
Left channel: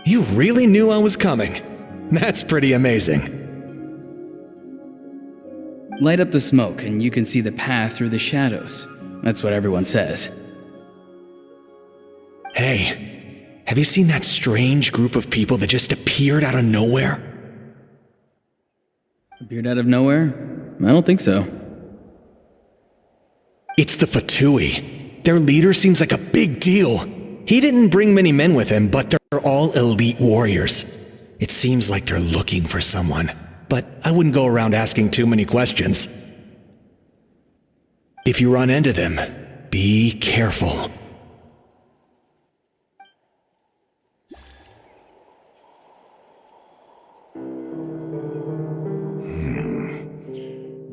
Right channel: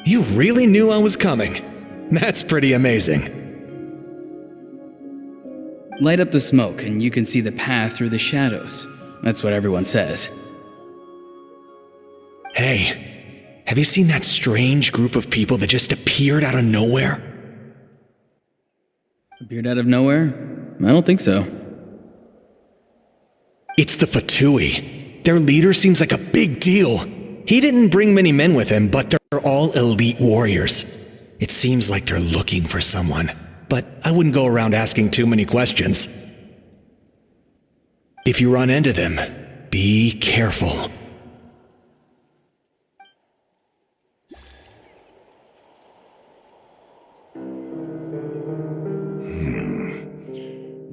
You really knew I was coming. That's pretty amazing. Light up the smoke and you can see the path through the shadows. That's what everyone says. Hey, have you seen that strange group of people that just appeared out of nowhere? Appeared out of nowhere? I don't think so. It's the Fatui. Their leader seems like a big deal. He didn't bring many men with him, but they're all elite warriors. It seems like they're looking for someone, but I wouldn't go around asking too many questions. If you run into them, be careful.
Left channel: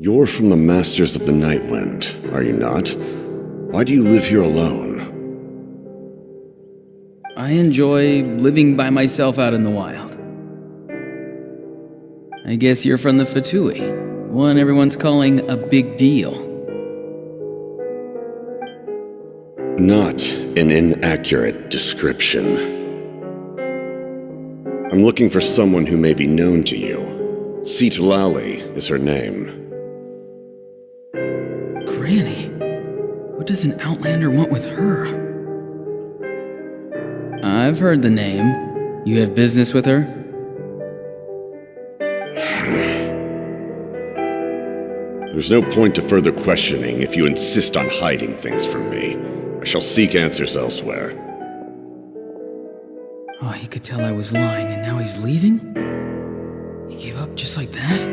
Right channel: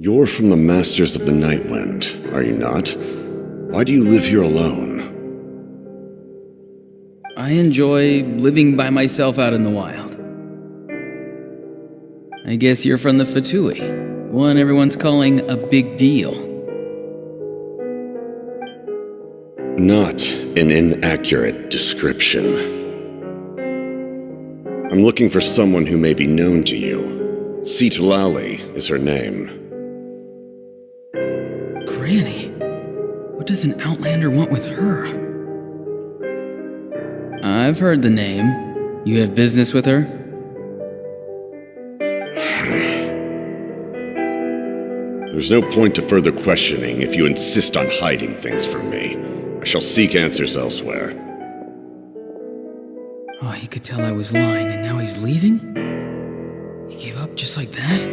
You're from the Masters of the Nightwind, are you not? Why do you live here alone? I enjoy living by myself out in the wild. I guess you're from the Fatui, the one everyone's calling a big deal. Not an inaccurate description. I'm looking for someone who may be known to you. Citlali is her name. Granny? What does an Outlander want with her? I've heard the name. You have business with her? There's no point to further questioning if you insist on hiding things from me. I shall seek answers elsewhere. Oh, he could tell I was lying and now he's leaving? He gave up just like that?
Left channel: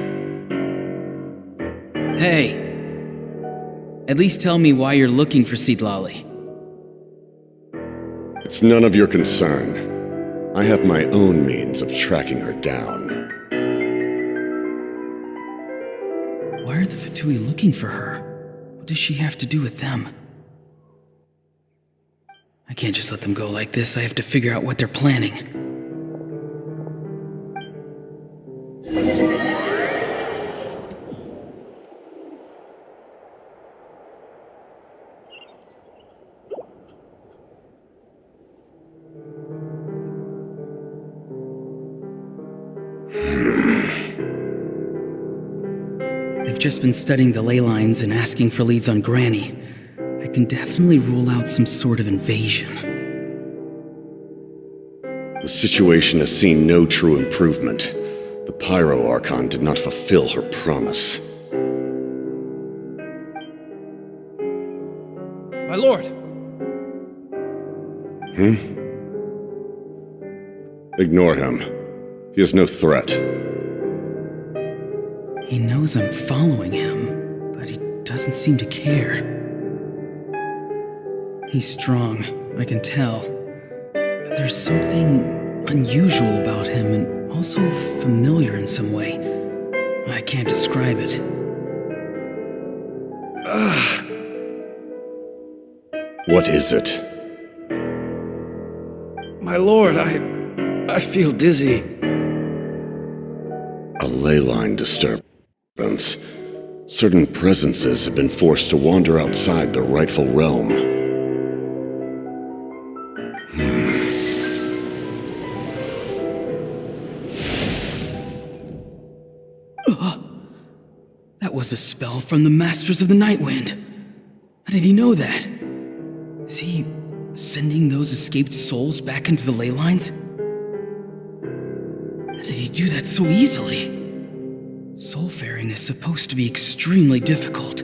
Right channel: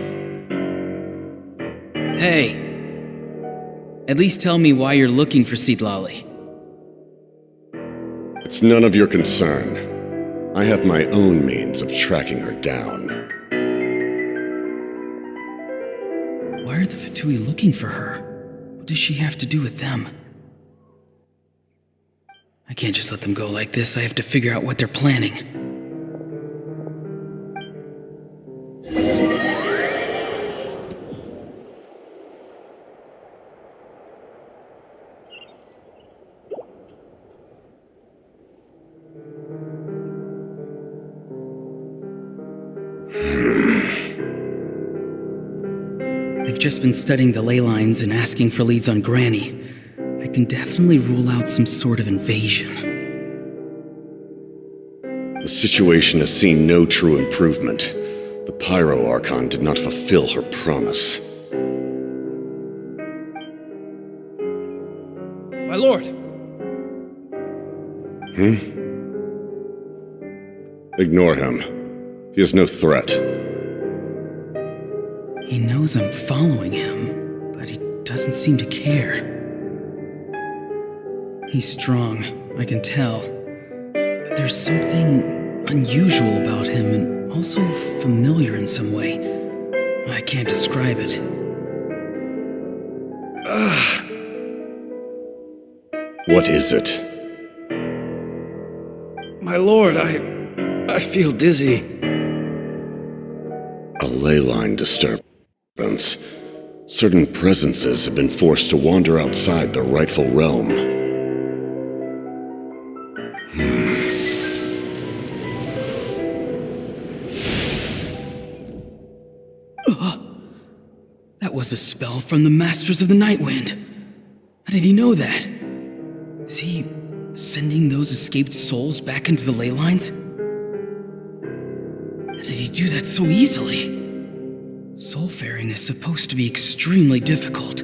Hey! At least tell me why you're looking for Citlali. It's none of your concern. I have my own means of tracking her down. Why are the Fatui looking for her? What does she have to do with them? I can't just let them go like this. I have to figure out what they're planning. I've just been studying the ley lines and asking for leads on Granny. I can definitely rule out some sort of invasion. The situation has seen no true improvement. The Pyro Archon did not fulfill her promise. My lord! Ignore him. He is no threat. He knows I'm following him, but he doesn't seem to care. He's strong, I can tell. But there's something unusual about him and also familiar in some way. I can't describe it. What is it? My lord, I feel dizzy. A ley line disturbance. Certain presences have been forced to wander outside their rightful realm. That was a spell from the Masters of the Nightwind. How did he know that? Is he sending those escaped souls back into the ley lines? How did he do that so easily? Soulfaring is supposed to be extremely difficult.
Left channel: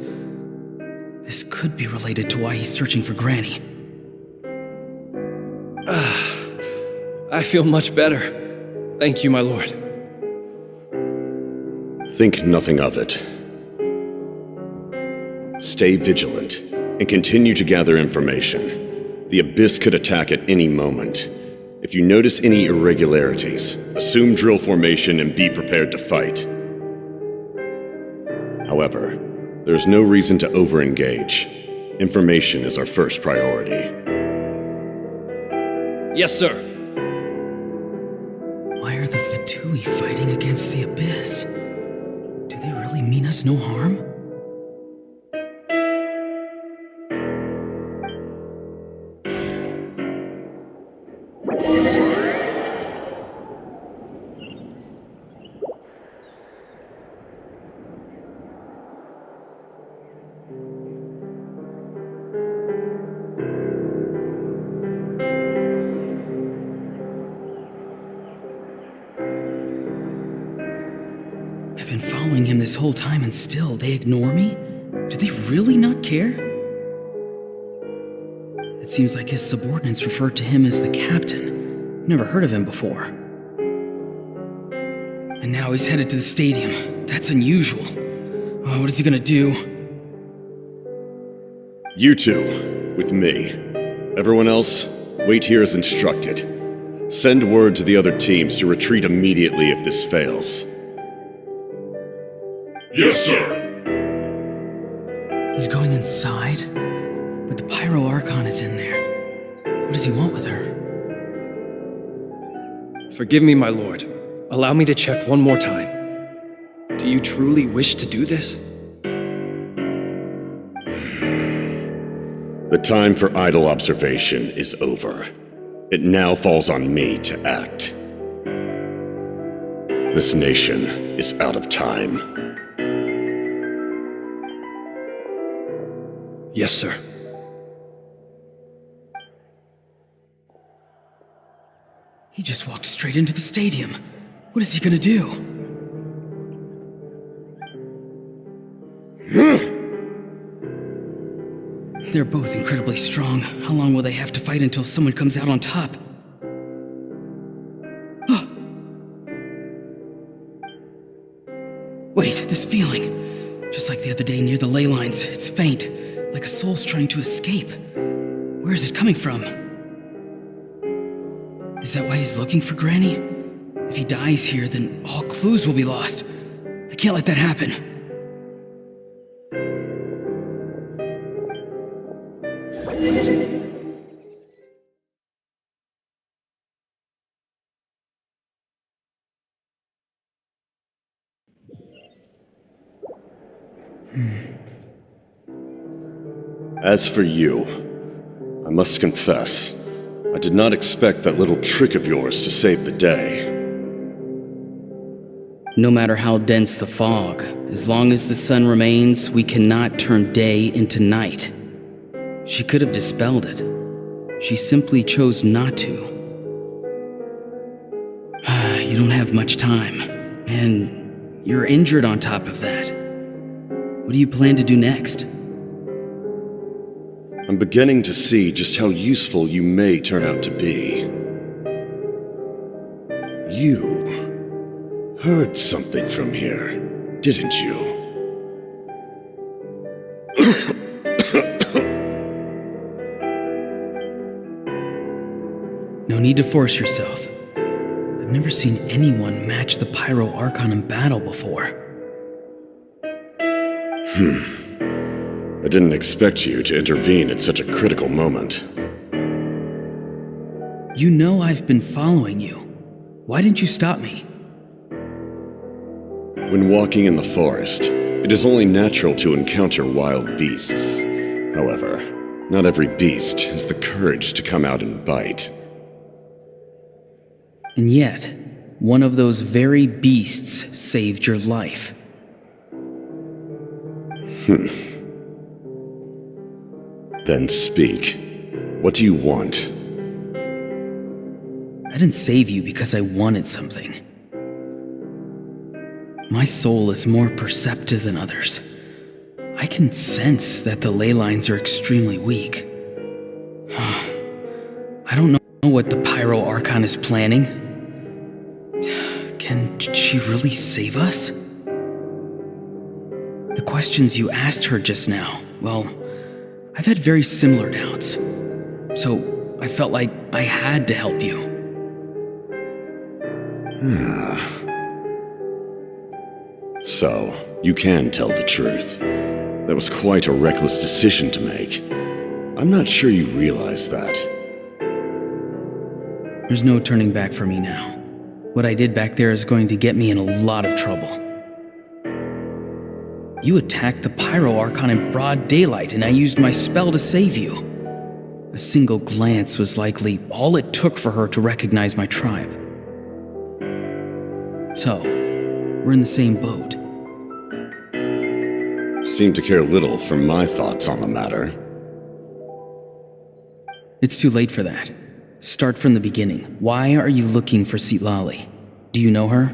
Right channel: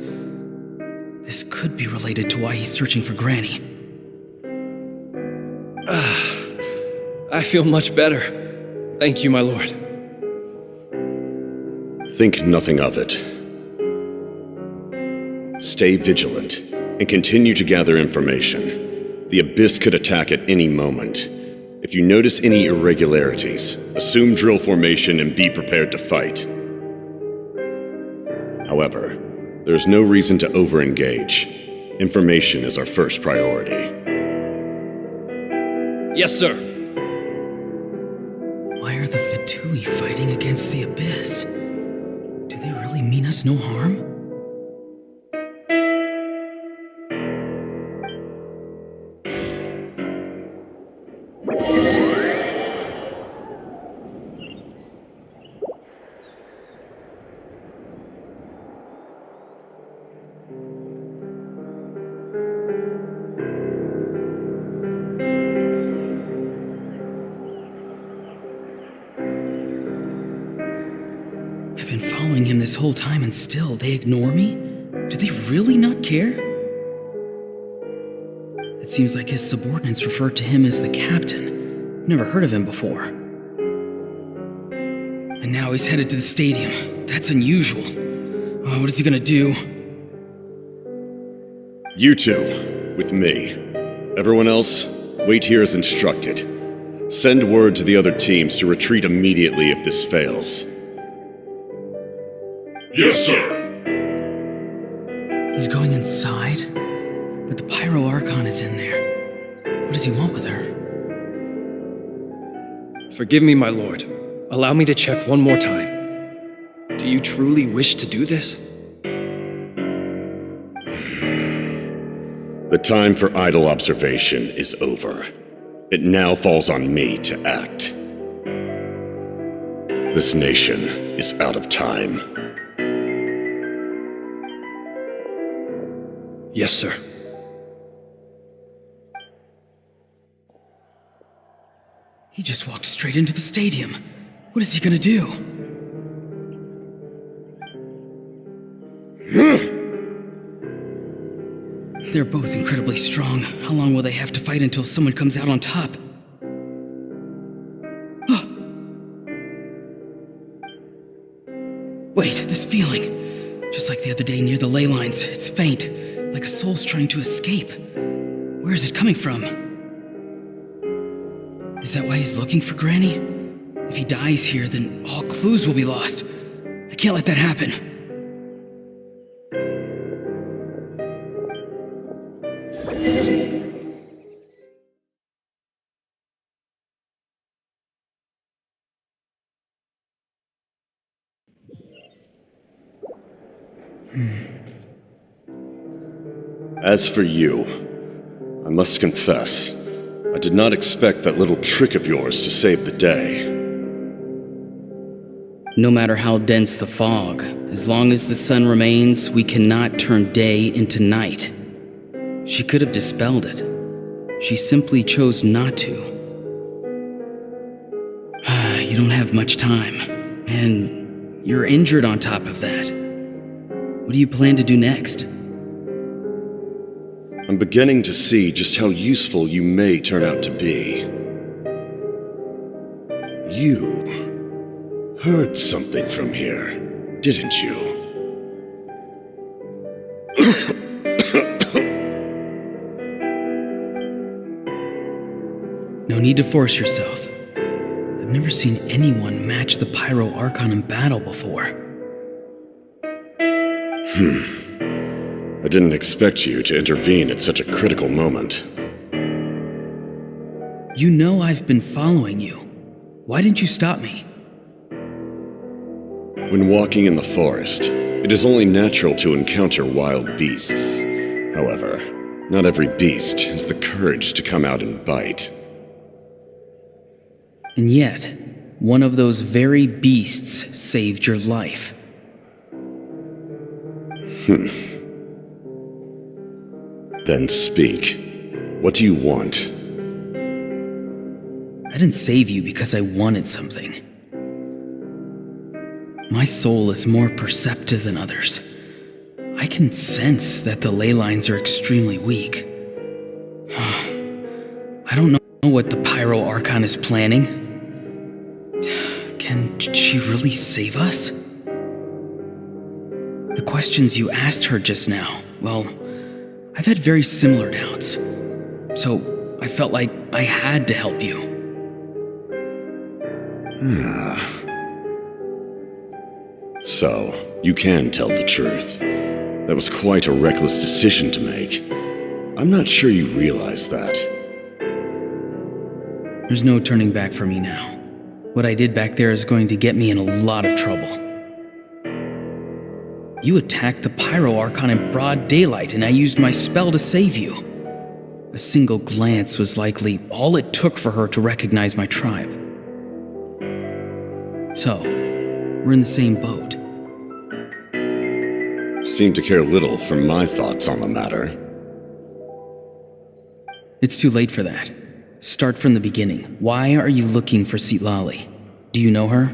This could be related to why he's searching for Granny. I feel much better. Thank you, my lord. Think nothing of it. Stay vigilant and continue to gather information. The Abyss could attack at any moment. If you notice any irregularities, assume drill formation and be prepared to fight. However, there's no reason to over-engage. Information is our first priority. Yes, sir. Why are the Fatui fighting against the Abyss? Do they really mean us no harm? I've been following him this whole time and still they ignore me? Do they really not care? It seems like his subordinates refer to him as the captain. Never heard of him before. And now he's headed to the stadium. That's unusual. Oh, what is he gonna do? You two, with me. Everyone else, wait here as instructed. Send word to the other teams to retreat immediately if this fails. Yes, sir. He's going inside? But the Pyro Archon is in there. What does he want with her? Forgive me, my lord. Allow me to check one more time. Do you truly wish to do this? The time for idle observation is over. It now falls on me to act. This nation is out of time. Yes, sir. He just walked straight into the stadium. What is he gonna do? They're both incredibly strong. How long will they have to fight until someone comes out on top? Wait, this feeling. Just like the other day near the ley lines, it's faint, like a soul's trying to escape. Where is it coming from? Is that why he's looking for Granny? If he dies here, then all clues will be lost. I can't let that happen. As for you, I must confess, I did not expect that little trick of yours to save the day. No matter how dense the fog, as long as the sun remains, we cannot turn day into night. She could have dispelled it. She simply chose not to. You don't have much time, and you're injured on top of that. What do you plan to do next? I'm beginning to see just how useful you may turn out to be. You heard something from here, didn't you? No need to force yourself. I've never seen anyone match the Pyro Archon in battle before. I didn't expect you to intervene at such a critical moment. You know I've been following you. Why didn't you stop me? When walking in the forest, it is only natural to encounter wild beasts. However, not every beast has the courage to come out and bite. And yet, one of those very beasts saved your life. Then speak. What do you want? I didn't save you because I wanted something. My soul is more perceptive than others. I can sense that the ley lines are extremely weak. I don't know what the Pyro Archon is planning. Can she really save us? The questions you asked her just now, well, I've had very similar doubts. So I felt like I had to help you. So, you can tell the truth. That was quite a reckless decision to make. I'm not sure you realize that. There's no turning back for me now. What I did back there is going to get me in a lot of trouble. You attacked the Pyro Archon in broad daylight, and I used my spell to save you. A single glance was likely all it took for her to recognize my tribe. So, we're in the same boat. Seem to care little for my thoughts on the matter. It's too late for that. Start from the beginning. Why are you looking for Citlali? Do you know her?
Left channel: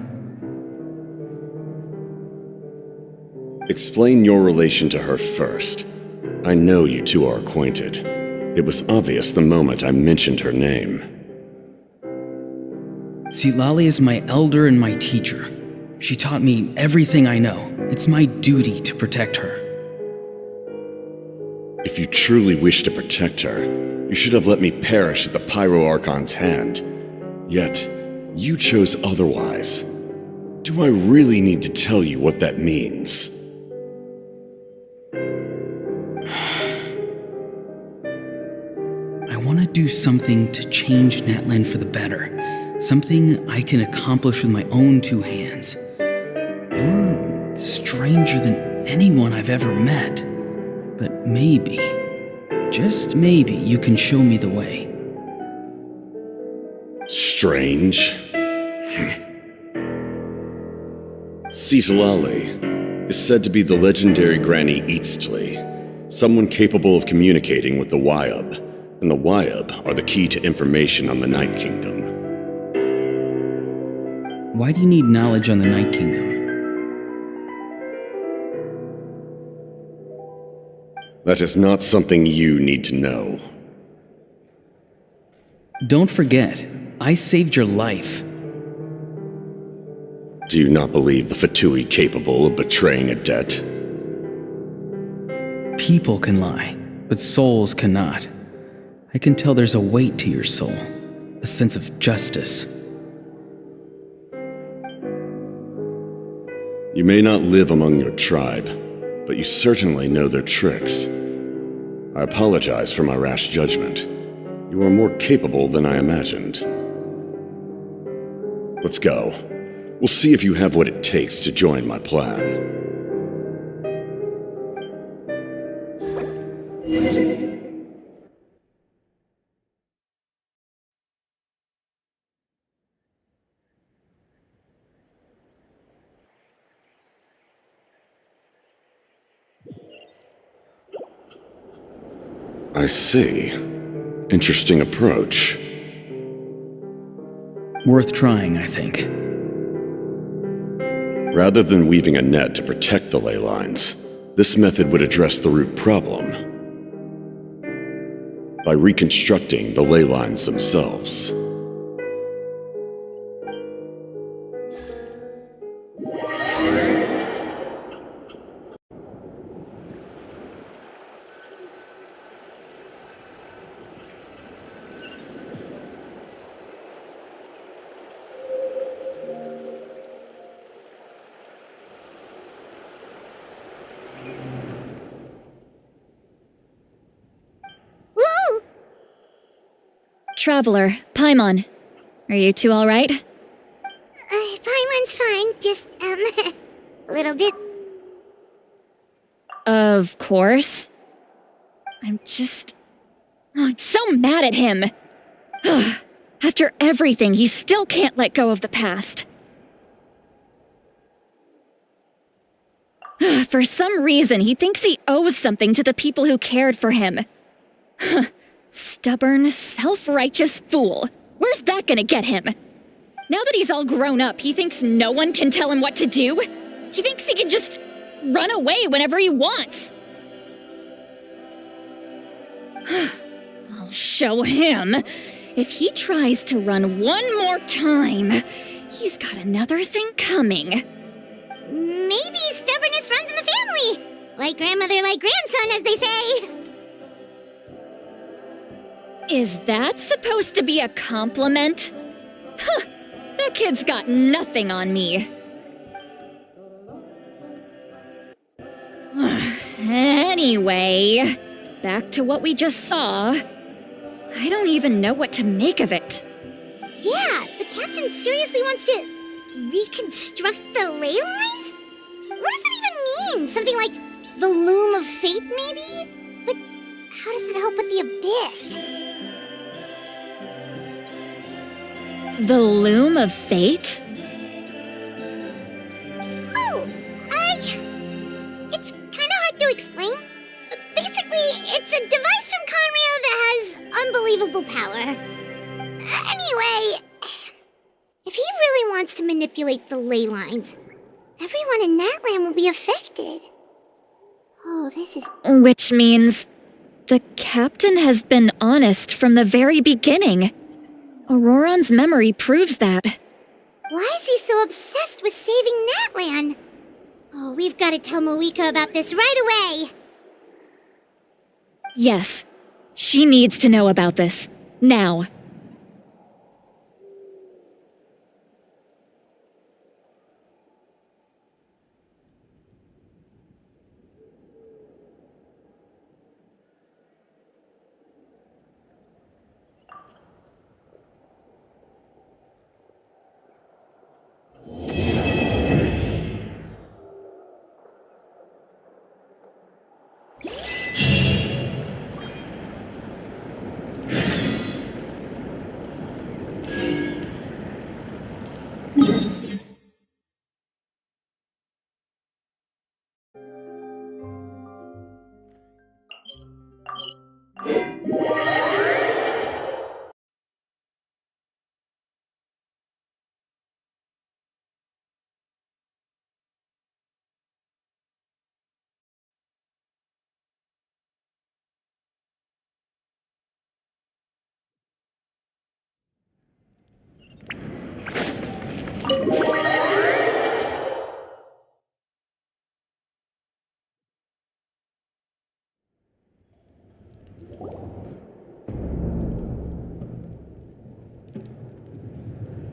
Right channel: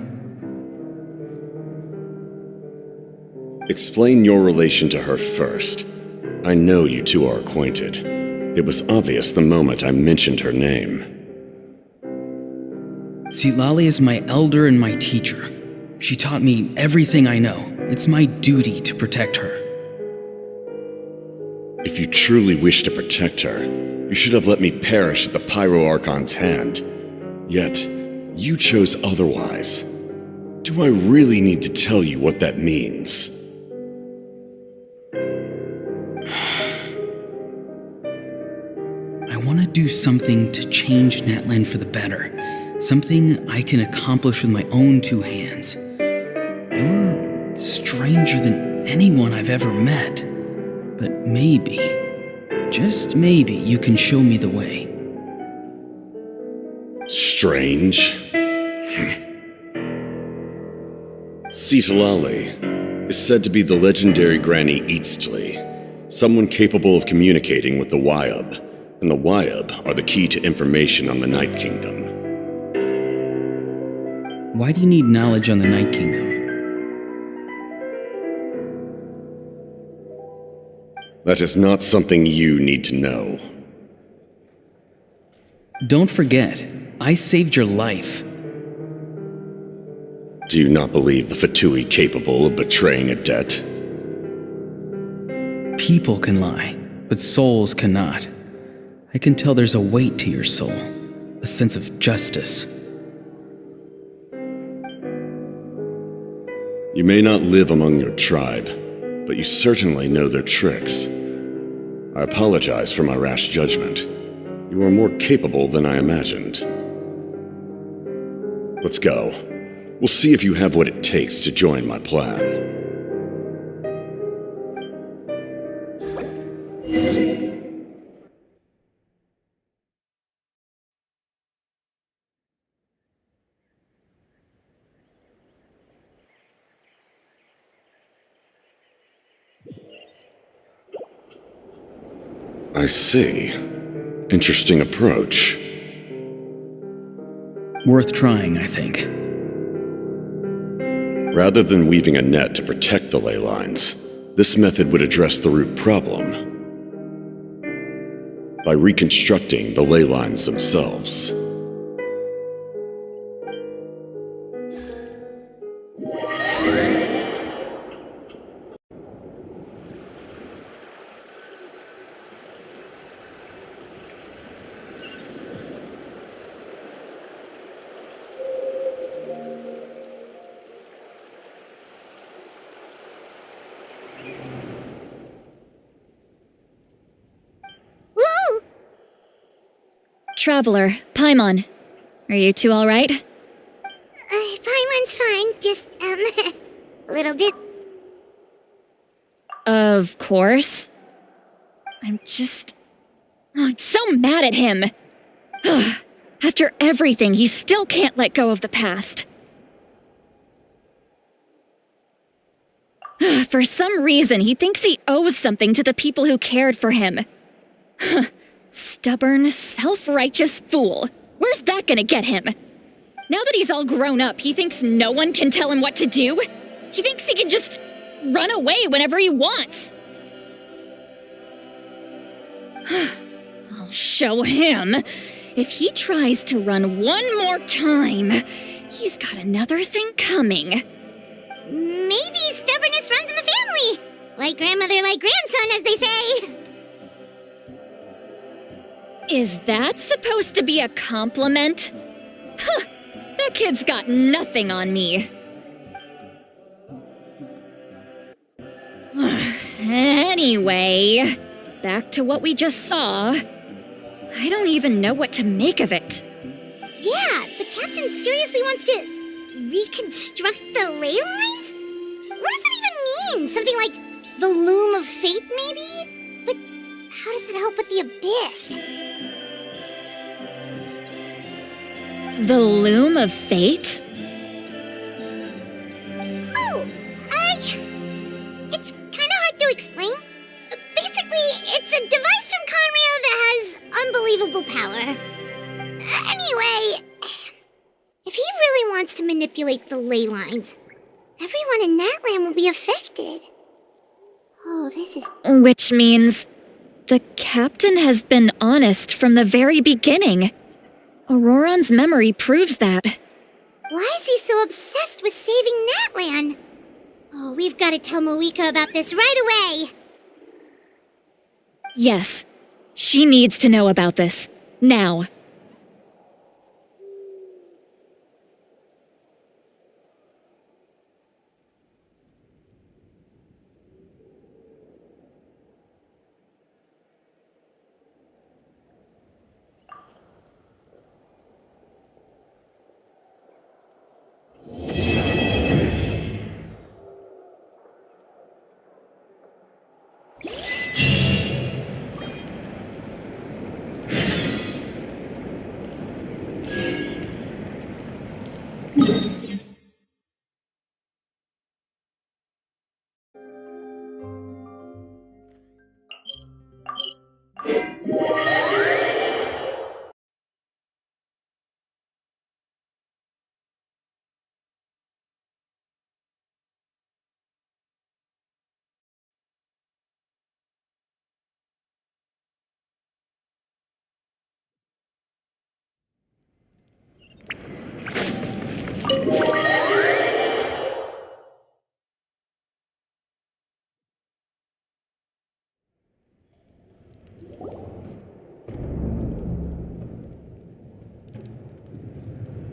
Explain your relation to her first. I know you two are acquainted. It was obvious the moment I mentioned her name. Citlali is my elder and my teacher. She taught me everything I know. It's my duty to protect her. If you truly wish to protect her, you should have let me perish at the Pyro Archon's hand. Yet, you chose otherwise. Do I really need to tell you what that means? I want to do something to change Natlan for the better. Something I can accomplish with my own two hands. You're stranger than anyone I've ever met. But maybe, just maybe, you can show me the way. Strange? Citlali is said to be the legendary Granny Eastly, someone capable of communicating with the Wyab, and the Wyab are the key to information on the Night Kingdom. Why do you need knowledge on the Night Kingdom? That is not something you need to know. Don't forget, I saved your life. Do you not believe the Fatui capable of betraying a debt? People can lie, but souls cannot. I can tell there's a weight to your soul, a sense of justice. You may not live among your tribe, but you certainly know their tricks. I apologize for my rash judgment. You are more capable than I imagined. Let's go. We'll see if you have what it takes to join my plan. I see. Interesting approach. Worth trying, I think. Rather than weaving a net to protect the ley lines, this method would address the root problem by reconstructing the ley lines themselves. Traveler, Paimon. Are you two alright? Paimon's fine, just, a little bit. Of course. I'm so mad at him. After everything, he still can't let go of the past. For some reason, he thinks he owes something to the people who cared for him. Stubborn, self-righteous fool. Where's that gonna get him? Now that he's all grown up, he thinks no one can tell him what to do? He thinks he can just run away whenever he wants. I'll show him. If he tries to run one more time, he's got another thing coming. Maybe stubbornness runs in the family. Like grandmother, like grandson, as they say. Is that supposed to be a compliment? Huh, that kid's got nothing on me. Anyway, back to what we just saw. I don't even know what to make of it. Yeah, the captain seriously wants to reconstruct the ley lines? What does that even mean? Something like the loom of fate, maybe? But how does that help with the abyss? The loom of fate? Oh, it's kind of hard to explain. Basically, it's a device from Conrio that has unbelievable power. Anyway, if he really wants to manipulate the ley lines, everyone in Natlan will be affected. Oh, this is... Which means the captain has been honest from the very beginning. Auroron's memory proves that. Why is he so obsessed with saving Natlan? Oh, we've got to tell Moika about this right away. Yes, she needs to know about this. Now.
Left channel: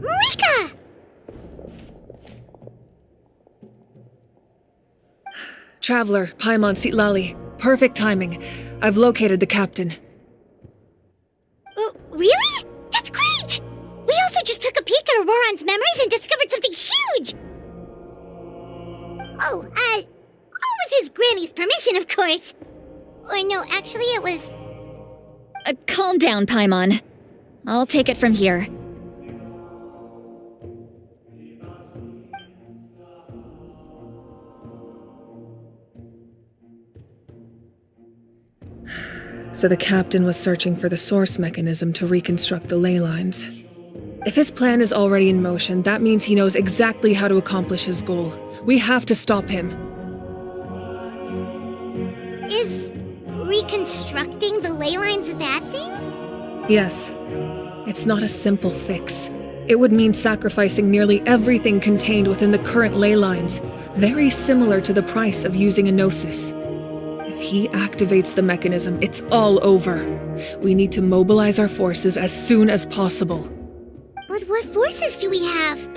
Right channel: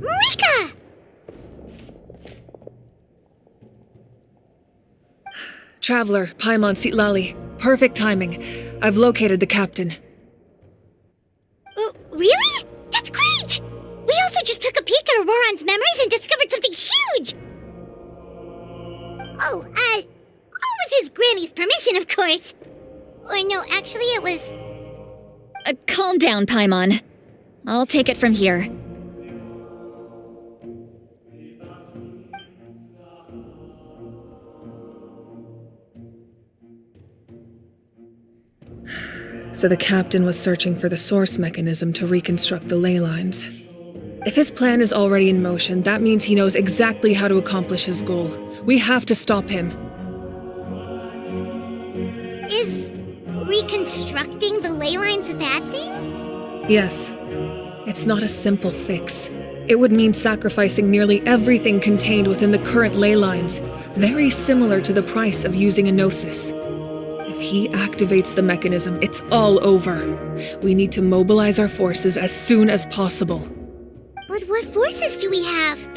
Moika! Traveler, Paimon Sitlali. Perfect timing. I've located the captain. Really? That's great! We also just took a peek at Auroron's memories and discovered something huge! Oh, all with his granny's permission, of course. Or no, actually it was... Calm down, Paimon. I'll take it from here. So the captain was searching for the source mechanism to reconstruct the ley lines. If his plan is already in motion, that means he knows exactly how to accomplish his goal. We have to stop him. Is reconstructing the ley lines a bad thing? Yes. It's not a simple fix. It would mean sacrificing nearly everything contained within the current ley lines, very similar to the price of using a gnosis. If he activates the mechanism, it's all over. We need to mobilize our forces as soon as possible. But what forces do we have?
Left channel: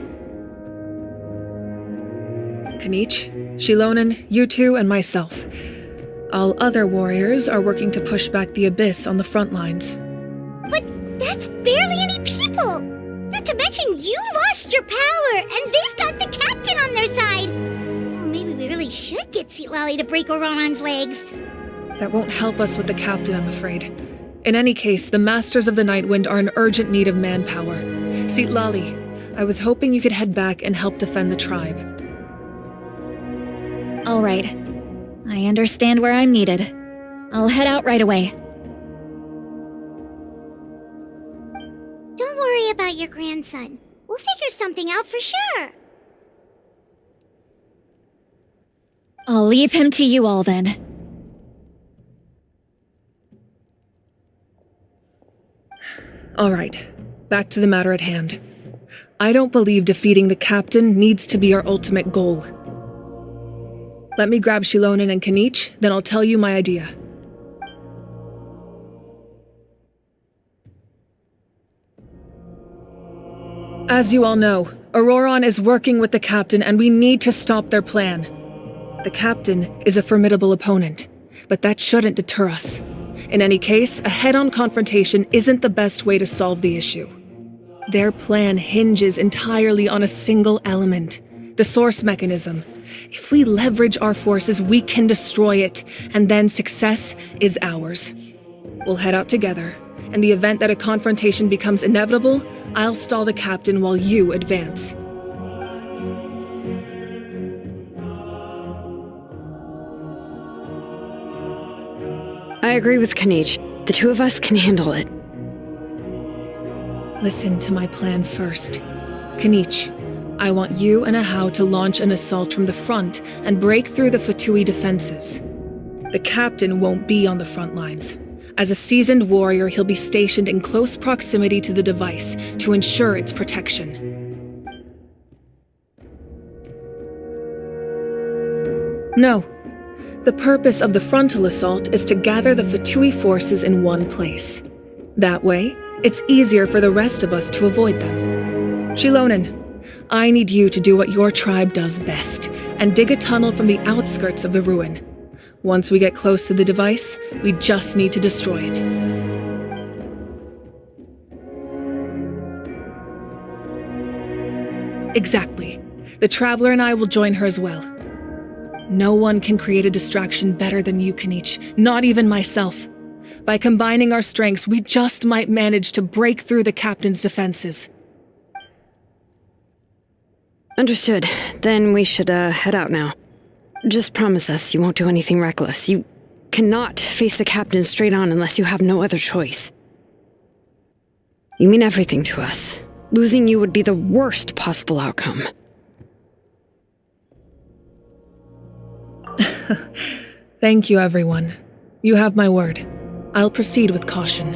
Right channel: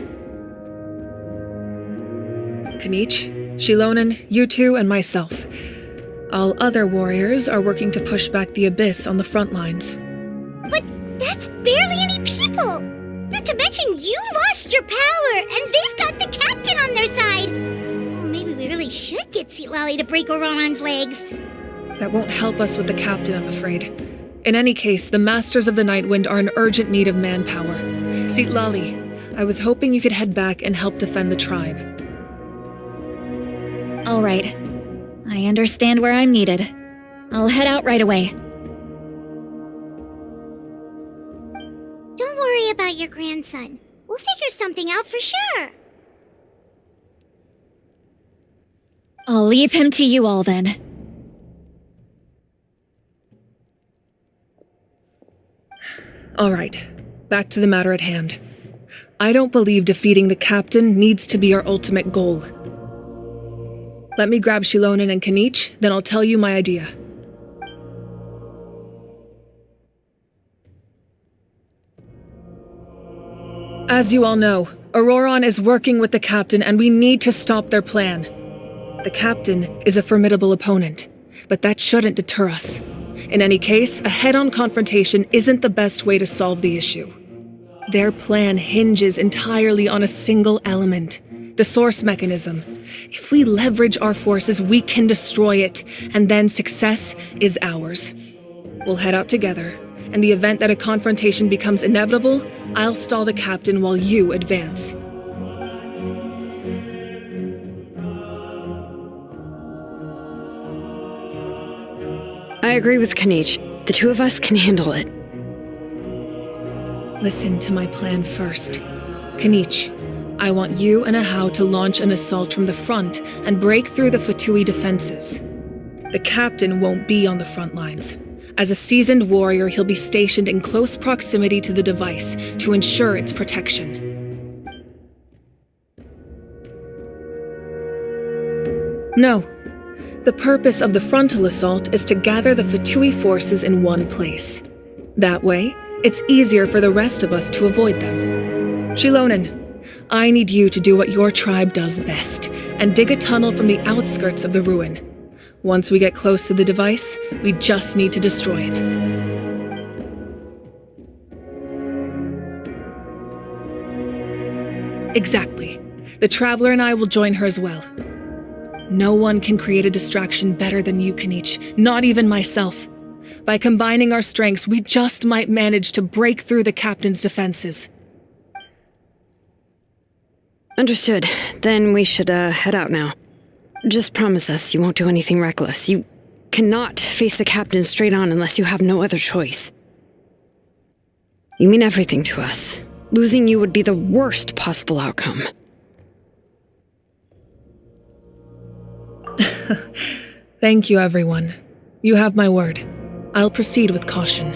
Kanich, Shilonen, you two, and myself. All other warriors are working to push back the abyss on the front lines. But that's barely any people! Not to mention you lost your power, and they've got the captain on their side! Oh, maybe we really should get Sitlali to break Auroron's legs. That won't help us with the captain, I'm afraid. In any case, the Masters of the Nightwind are in urgent need of manpower. Sitlali, I was hoping you could head back and help defend the tribe. All right. I understand where I'm needed. I'll head out right away. Don't worry about your grandson. We'll figure something out for sure. I'll leave him to you all then. All right, back to the matter at hand. I don't believe defeating the captain needs to be our ultimate goal. Let me grab Shilonen and Kanich, then I'll tell you my idea. As you all know, Auroron is working with the captain and we need to stop their plan. The captain is a formidable opponent, but that shouldn't deter us. In any case, a head-on confrontation isn't the best way to solve the issue. Their plan hinges entirely on a single element, the source mechanism. If we leverage our forces, we can destroy it, and then success is ours. We'll head out together. In the event that a confrontation becomes inevitable, I'll stall the captain while you advance. I agree with Kanich. The two of us can handle it. Listen to my plan first. Kanich, I want you and Ahau to launch an assault from the front and break through the Fatui defenses. The captain won't be on the front lines. As a seasoned warrior, he'll be stationed in close proximity to the device to ensure its protection. No. The purpose of the frontal assault is to gather the Fatui forces in one place. That way, it's easier for the rest of us to avoid them. Shilonen, I need you to do what your tribe does best, and dig a tunnel from the outskirts of the ruin. Once we get close to the device, we just need to destroy it. Exactly. The Traveler and I will join her as well. No one can create a distraction better than you, Kanich, not even myself. By combining our strengths, we just might manage to break through the captain's defenses. Understood. Then we should head out now. Just promise us you won't do anything reckless. You cannot face the captain straight on unless you have no other choice. You mean everything to us. Losing you would be the worst possible outcome. Thank you, everyone. You have my word. I'll proceed with caution.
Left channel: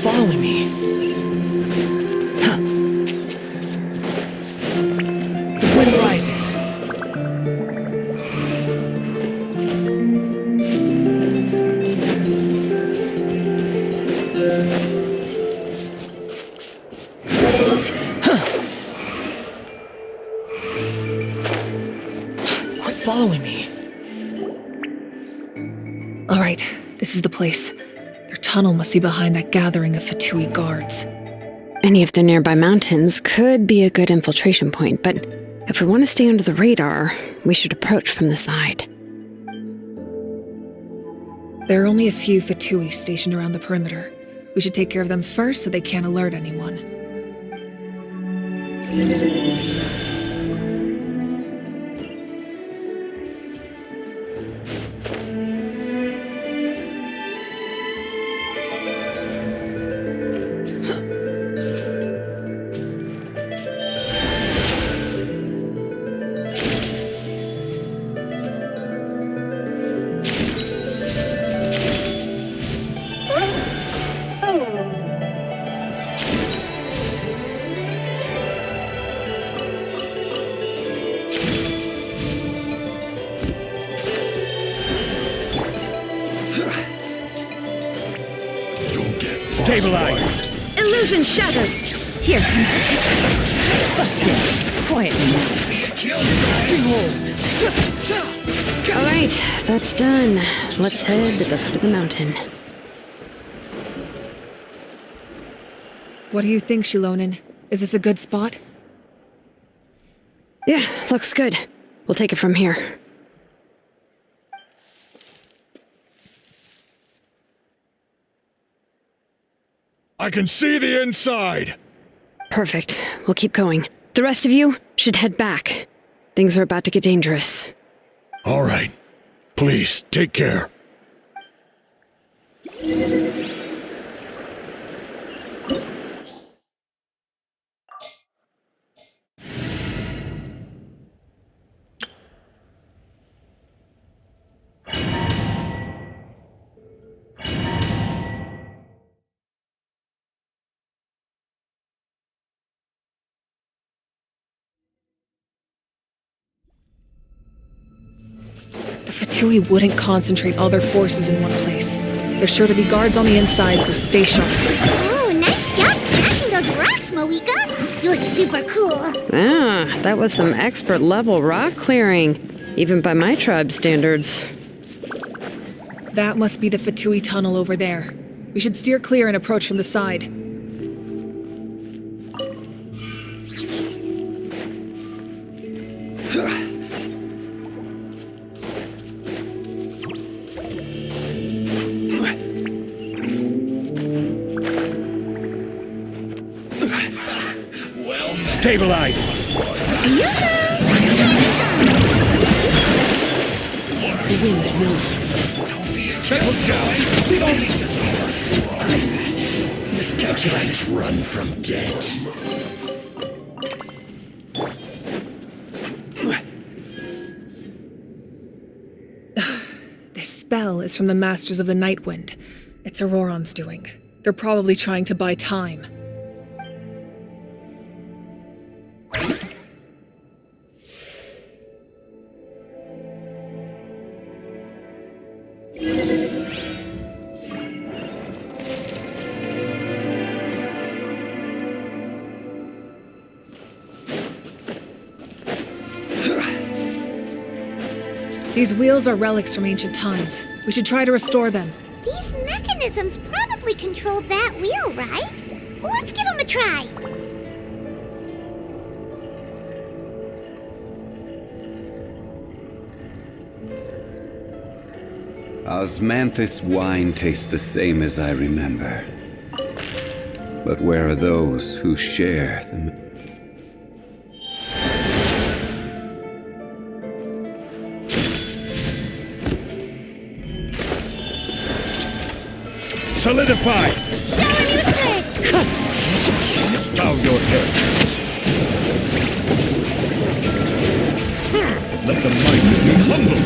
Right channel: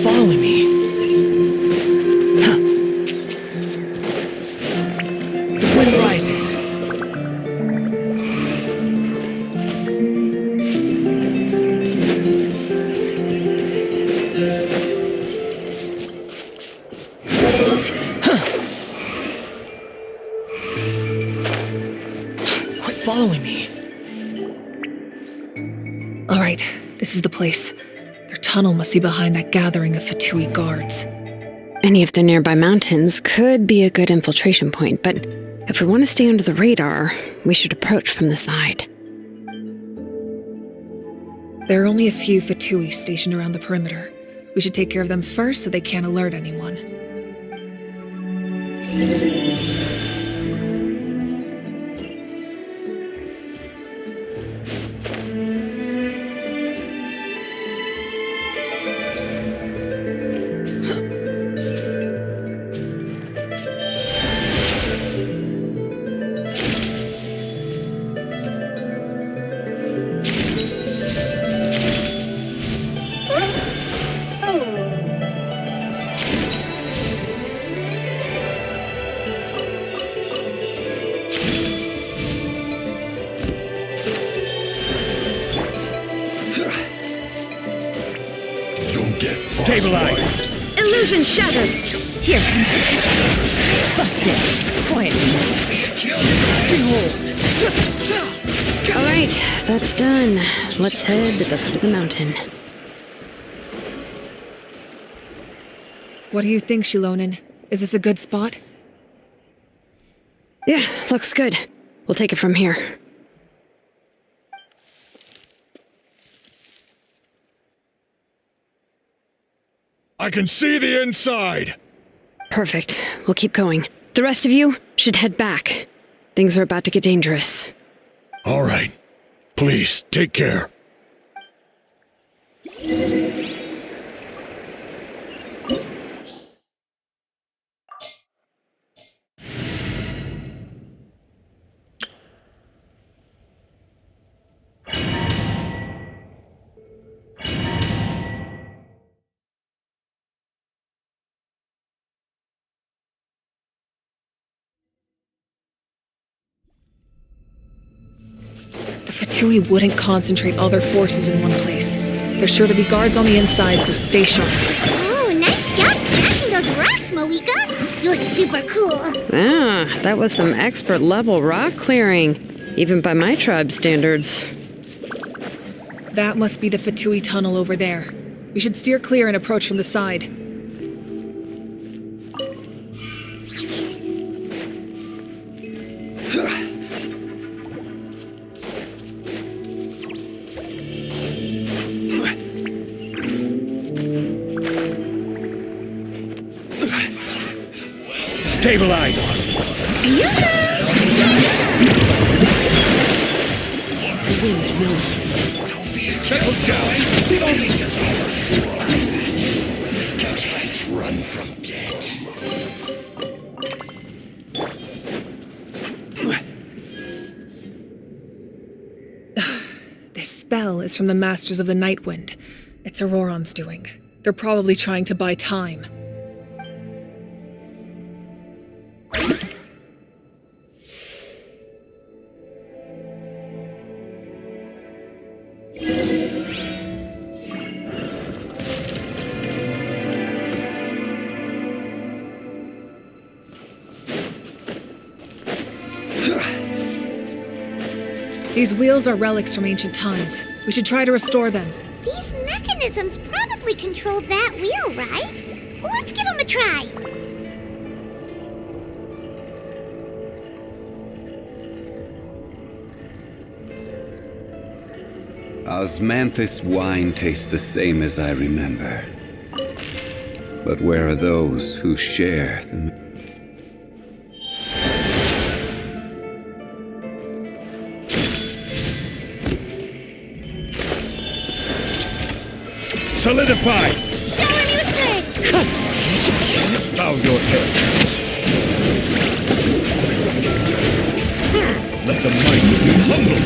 Following me. The wind rises. Quit following me. All right, this is the place. Their tunnel must be behind that gathering of Fatui guards. Any of the nearby mountains could be a good infiltration point, but if we want to stay under the radar, we should approach from the side. There are only a few Fatui stationed around the perimeter. We should take care of them first so they can't alert anyone. You'll get Stabilize. Illusion shattered! Here comes the test. Busted. Quietly. Behold. All right, that's done. Let's head to the foot of the mountain. What do you think, Shilonen? Is this a good spot? Yeah, looks good. We'll take it from here. I can see the inside! Perfect. We'll keep going. The rest of you should head back. Things are about to get dangerous. All right. Please, take care. The Fatui wouldn't concentrate all their forces in one place. There's sure to be guards on the inside, so stay sharp. Oh, nice job smashing those rocks, Moeka. You look super cool. Ah, that was some expert level rock clearing, even by my tribe standards. That must be the Fatui tunnel over there. We should steer clear and approach from the side. Stabilize! The wind knows me. Settle down! Miscalculated. Run from death. This spell is from the Masters of the Nightwind. It's Auroron's doing. They're probably trying to buy time. These wheels are relics from ancient times. We should try to restore them. These mechanisms probably control that wheel, right? Let's give them a try. Osmanthus wine tastes the same as I remember. But where are those who share the... Solidify! Shower me with grit! Bow your head. Let the mighty be humbled!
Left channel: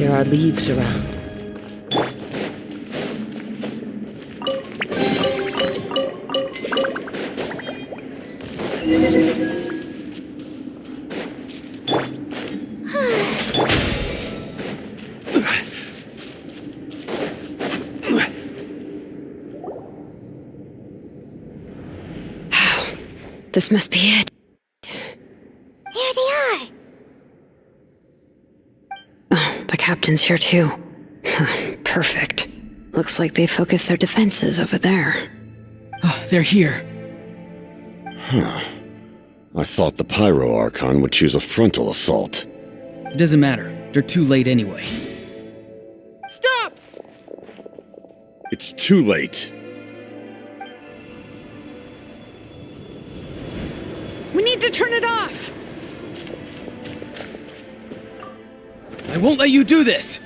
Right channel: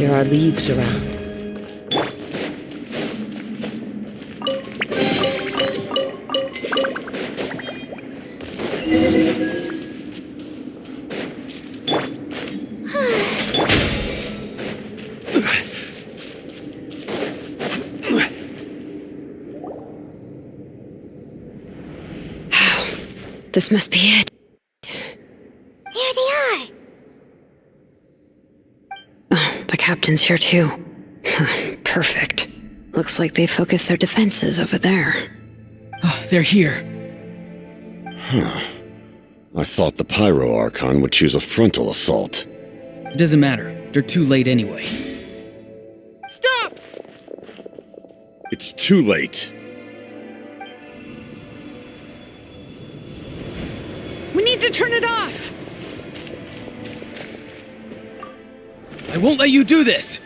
There are leaves around. This must be it. There they are! Oh, the captain's here too. Perfect. Looks like they focused their defenses over there. Oh, they're here. Huh. I thought the Pyro Archon would choose a frontal assault. It doesn't matter. They're too late anyway. Stop! It's too late. We need to turn it off! I won't let you do this!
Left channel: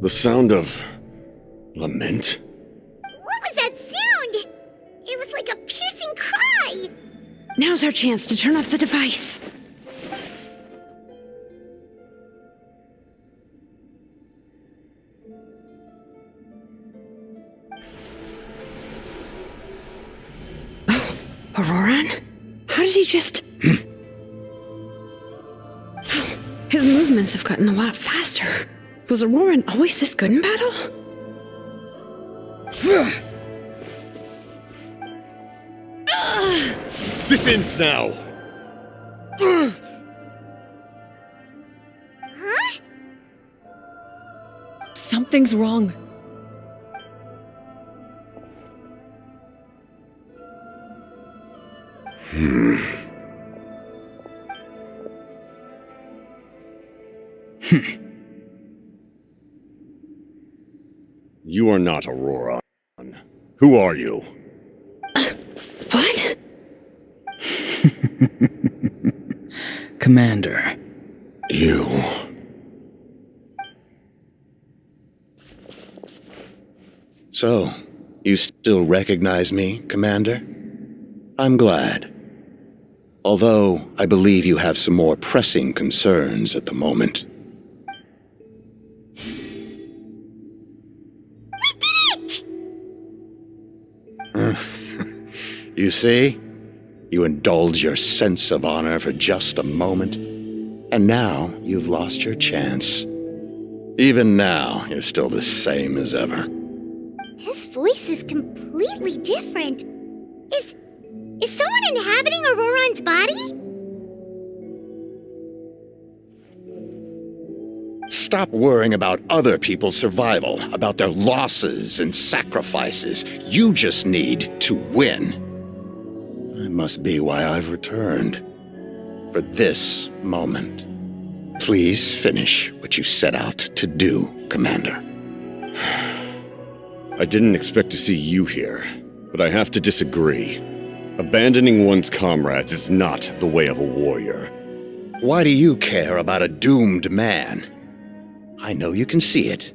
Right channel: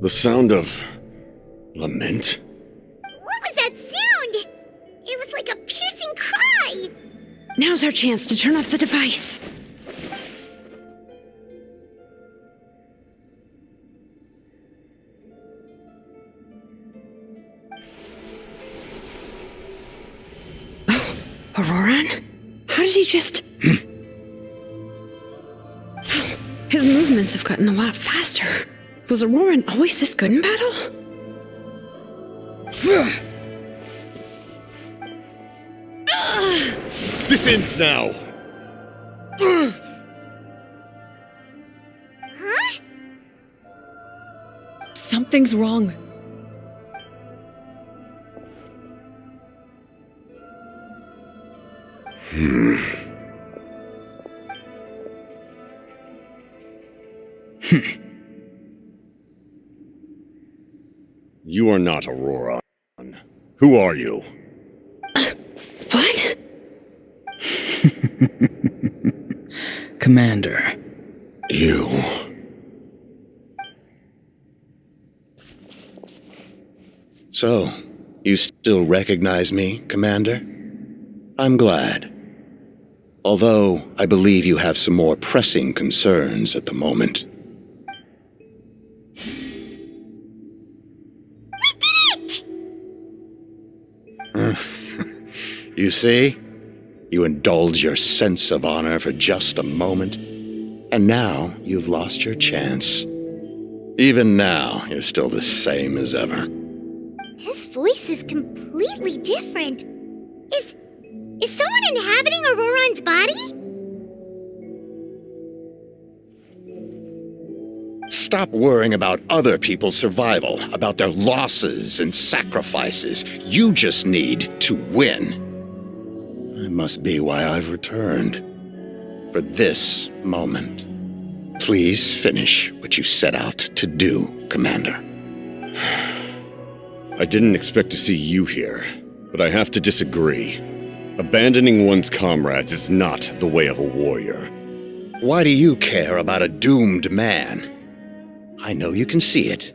The sound of lament? What was that sound? It was like a piercing cry! Now's our chance to turn off the device. Oh, Auroran? How did he just... His movements have gotten a lot faster. Was Auroran always this good in battle? This ends now! Huh? Something's wrong. You are not Auroran. Who are you? What? Commander. You. So, you still recognize me, Commander? I'm glad. Although, I believe you have some more pressing concerns at the moment. You see? You indulge your sense of honor for just a moment, and now you've lost your chance. Even now, you're still the same as ever. His voice is completely different. Is someone inhabiting Auroran's body? Stop worrying about other people's survival, about their losses and sacrifices. You just need to win. That must be why I've returned. For this moment. Please finish what you set out to do, Commander. I didn't expect to see you here, but I have to disagree. Abandoning one's comrades is not the way of a warrior. Why do you care about a doomed man? I know you can see it.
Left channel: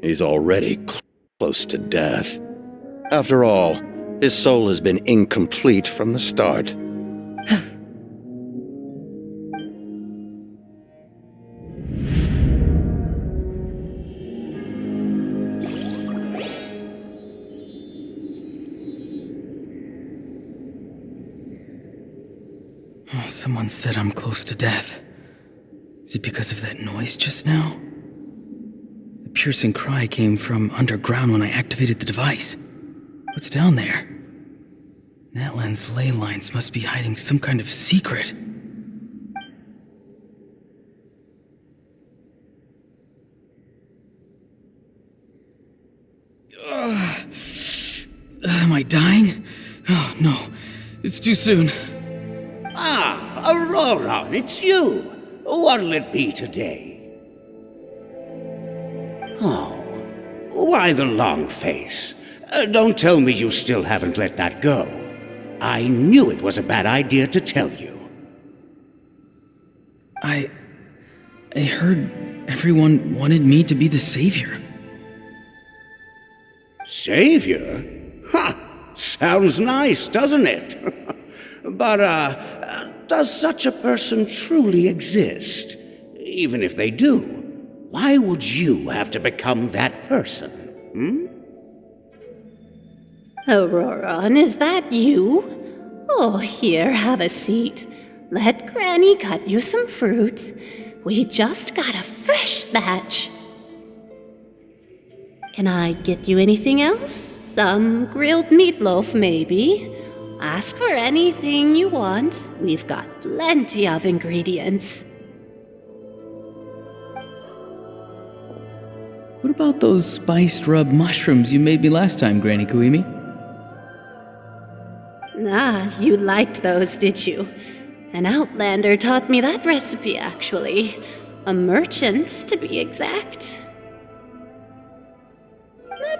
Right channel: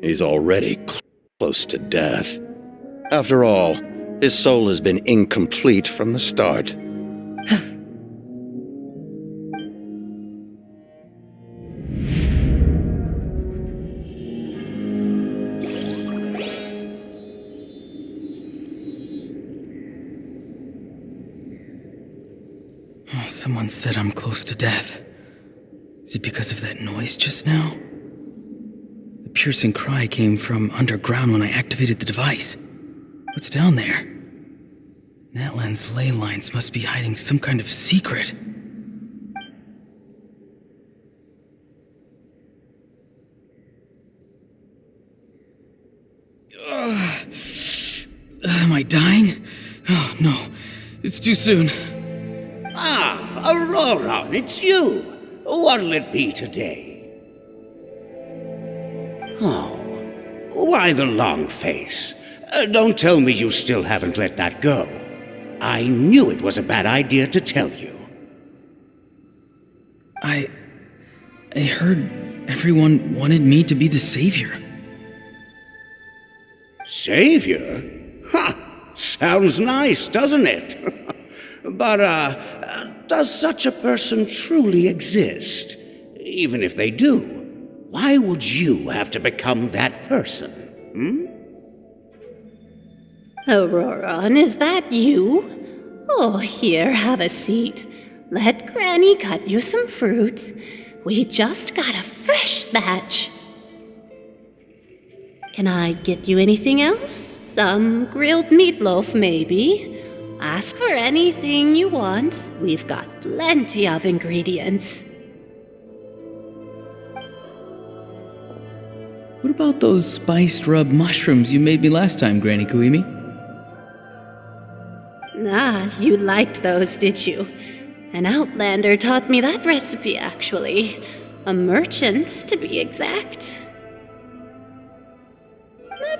He's already close to death. After all, his soul has been incomplete from the start. Oh, someone said I'm close to death. Is it because of that noise just now? The piercing cry came from underground when I activated the device. What's down there? Natlan's ley lines must be hiding some kind of secret. Am I dying? Oh, no. It's too soon. Ah, Auroran, it's you. What'll it be today? Oh, why the long face? Don't tell me you still haven't let that go. I knew it was a bad idea to tell you. I heard everyone wanted me to be the savior. Savior? Ha! Sounds nice, doesn't it? But, does such a person truly exist? Even if they do, why would you have to become that person? Auroron, is that you? Oh, here, have a seat. Let Granny cut you some fruit. We just got a fresh batch. Can I get you anything else? Some grilled meatloaf, maybe? Ask for anything you want. We've got plenty of ingredients. What about those spiced rub mushrooms you made me last time, Granny Kuimi? Ah, you liked those, did you? An outlander taught me that recipe, actually. A merchant, to be exact.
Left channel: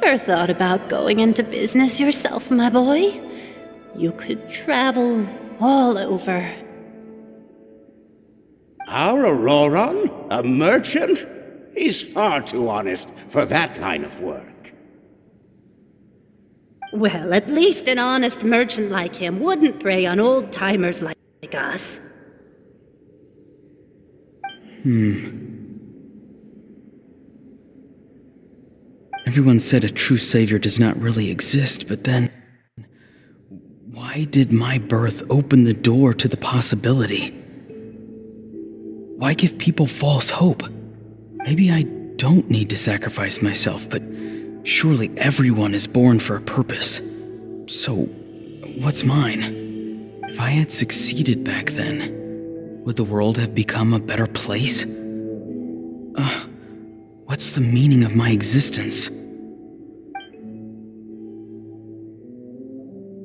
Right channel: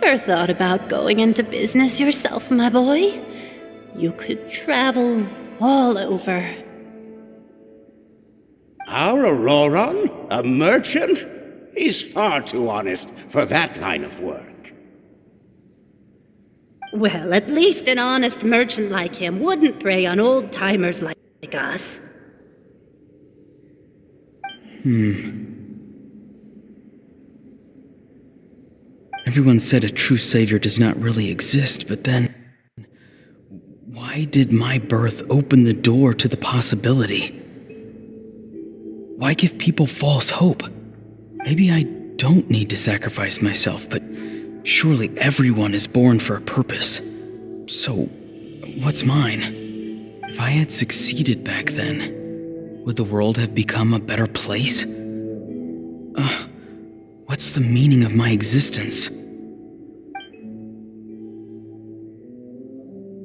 Never thought about going into business yourself, my boy? You could travel all over. Our Auroron? A merchant? He's far too honest for that line of work. Well, at least an honest merchant like him wouldn't prey on old-timers like us. Everyone said a true savior does not really exist, but then... why did my birth open the door to the possibility? Why give people false hope? Maybe I don't need to sacrifice myself, but surely everyone is born for a purpose. So, what's mine? If I had succeeded back then, would the world have become a better place? What's the meaning of my existence?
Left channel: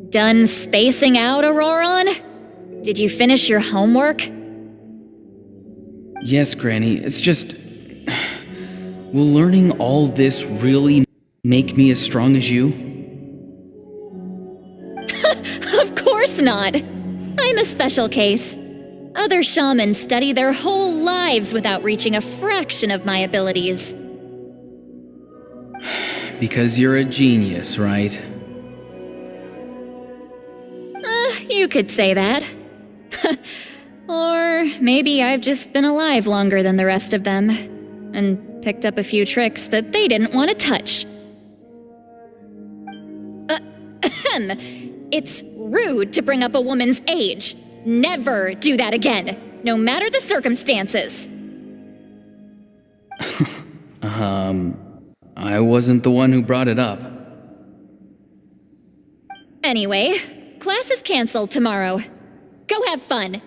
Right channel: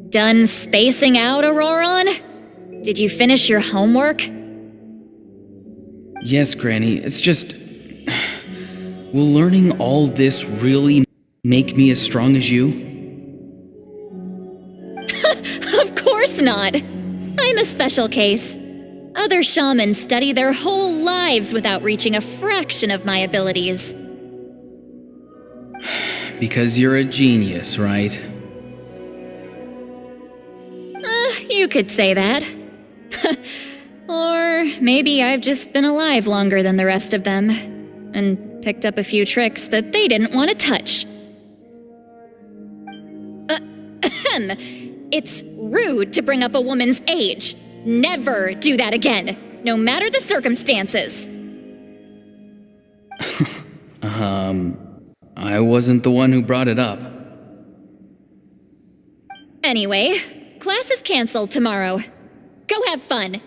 Done spacing out, Auroron? Did you finish your homework? Yes, Granny, it's just... will learning all this really make me as strong as you? Of course not! I'm a special case. Other shamans study their whole lives without reaching a fraction of my abilities. Because you're a genius, right? You could say that. Or maybe I've just been alive longer than the rest of them, and picked up a few tricks that they didn't want to touch. It's rude to bring up a woman's age. Never do that again, no matter the circumstances. I wasn't the one who brought it up. Anyway, class is canceled tomorrow. Go have fun.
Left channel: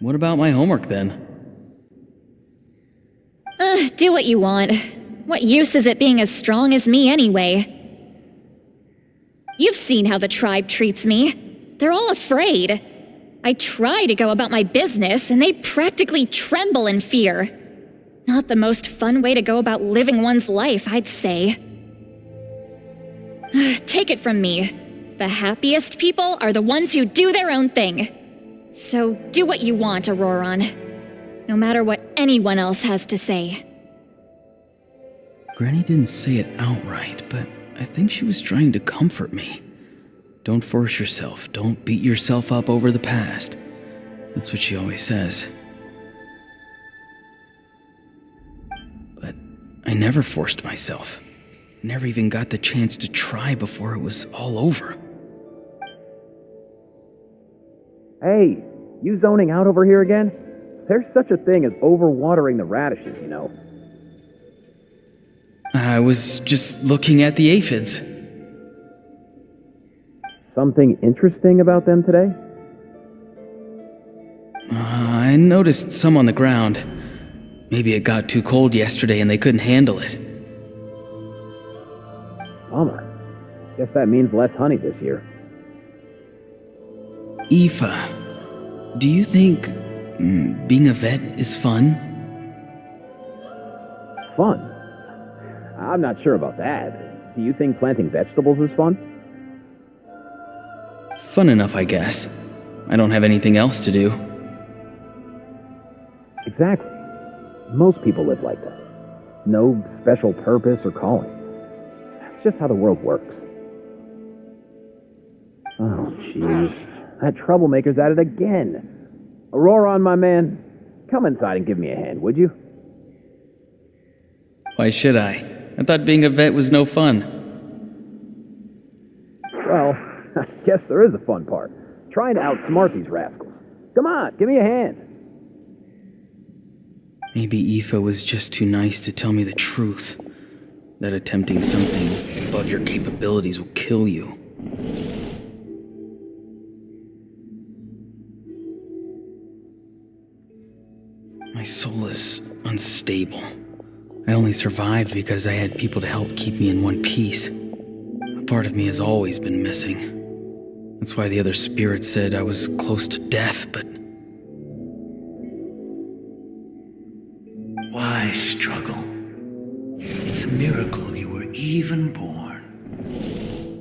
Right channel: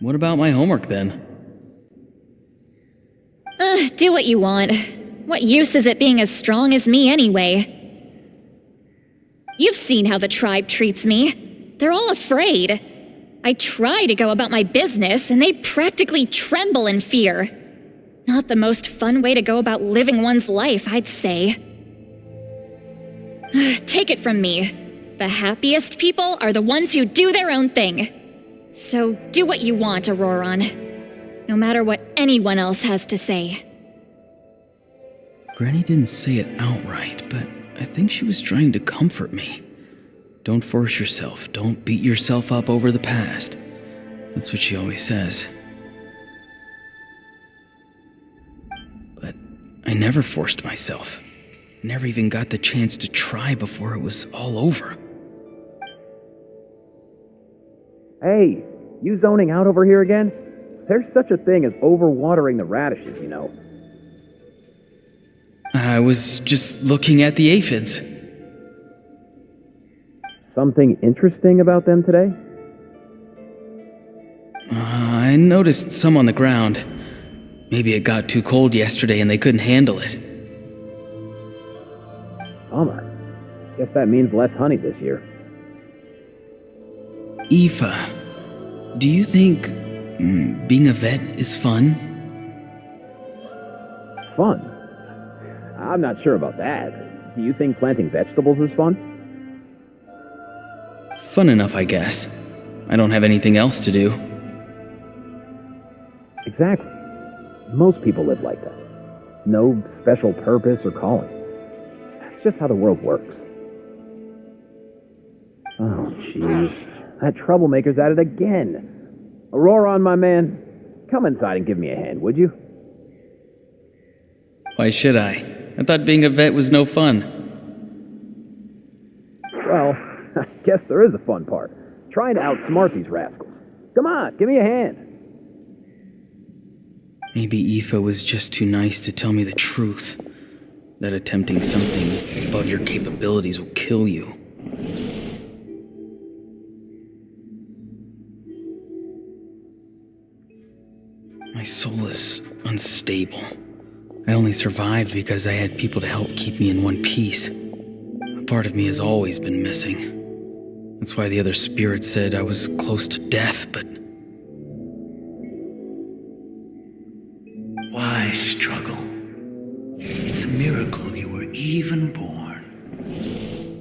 What about my homework then? Do what you want. What use is it being as strong as me anyway? You've seen how the tribe treats me. They're all afraid. I try to go about my business, and they practically tremble in fear. Not the most fun way to go about living one's life, I'd say. Take it from me. The happiest people are the ones who do their own thing. So do what you want, Auroron. No matter what anyone else has to say. Granny didn't say it outright, but I think she was trying to comfort me. Don't force yourself. Don't beat yourself up over the past. That's what she always says. But I never forced myself. I never even got the chance to try before it was all over. Hey, you zoning out over here again? There's such a thing as overwatering the radishes, you know. I was just looking at the aphids. Something interesting about them today? I noticed some on the ground. Maybe it got too cold yesterday and they couldn't handle it. Bummer. Guess that means less honey this year. Aoife, do you think being a vet is fun? Fun? I'm not sure about that. Do you think planting vegetables is fun? Fun enough, I guess. I don't have anything else to do. Exactly. Most people live like that. No special purpose or calling. That's just how the world works. that troublemaker's at it again. Auroron, my man, come inside and give me a hand, would you? Why should I? I thought being a vet was no fun. Well, I guess there is a fun part. Trying to outsmart these rascals. Come on, give me a hand. Maybe Aoife was just too nice to tell me the truth. That attempting something above your capabilities will kill you. My soul is unstable. I only survived because I had people to help keep me in one piece. A part of me has always been missing. That's why the other spirits said I was close to death, but... Why struggle? It's a miracle you were even born.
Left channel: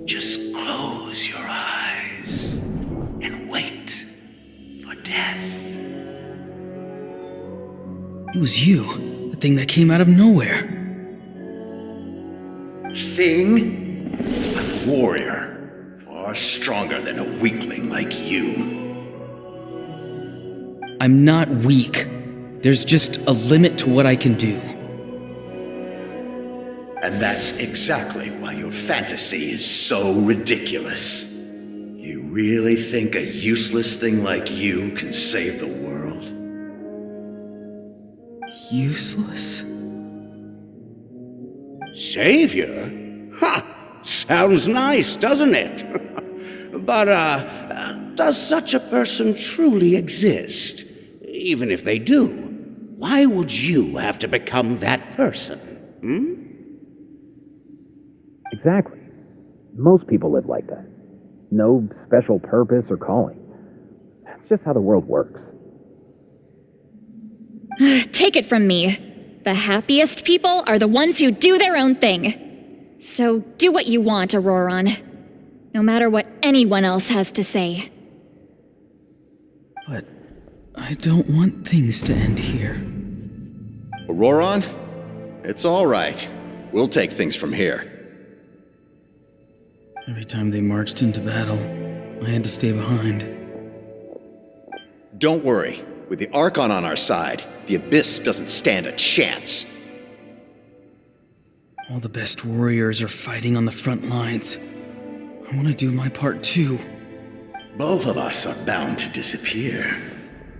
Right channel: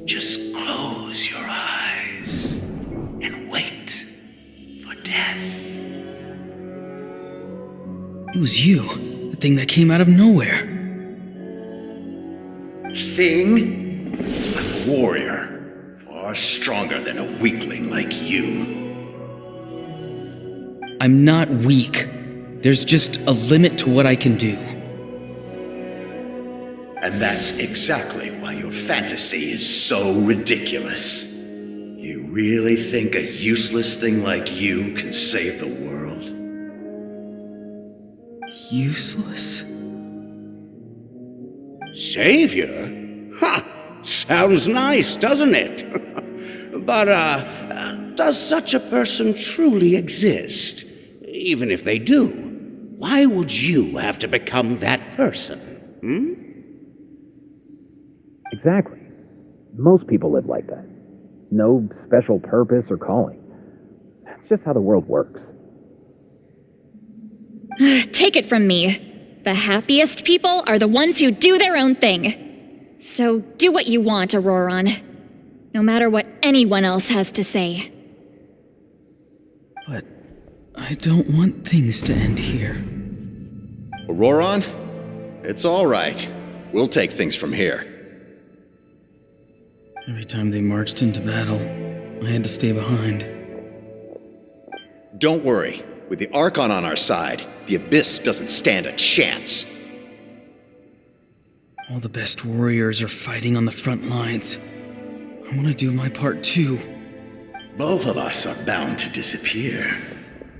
Just close your eyes and wait for death. It was you, the thing that came out of nowhere. Thing? I'm a warrior, far stronger than a weakling like you. I'm not weak. There's just a limit to what I can do. And that's exactly why your fantasy is so ridiculous. You really think a useless thing like you can save the world? Useless? Savior? Ha! Sounds nice, doesn't it? But, does such a person truly exist? Even if they do, why would you have to become that person? Hmm? Exactly. Most people live like that. No special purpose or calling. That's just how the world works. Take it from me. The happiest people are the ones who do their own thing. So do what you want, Auroron. No matter what anyone else has to say. But I don't want things to end here. Auroron? It's all right. We'll take things from here. Every time they marched into battle, I had to stay behind. Don't worry. With the Archon on our side, the Abyss doesn't stand a chance. All the best warriors are fighting on the front lines. I want to do my part too. Both of us are bound to disappear.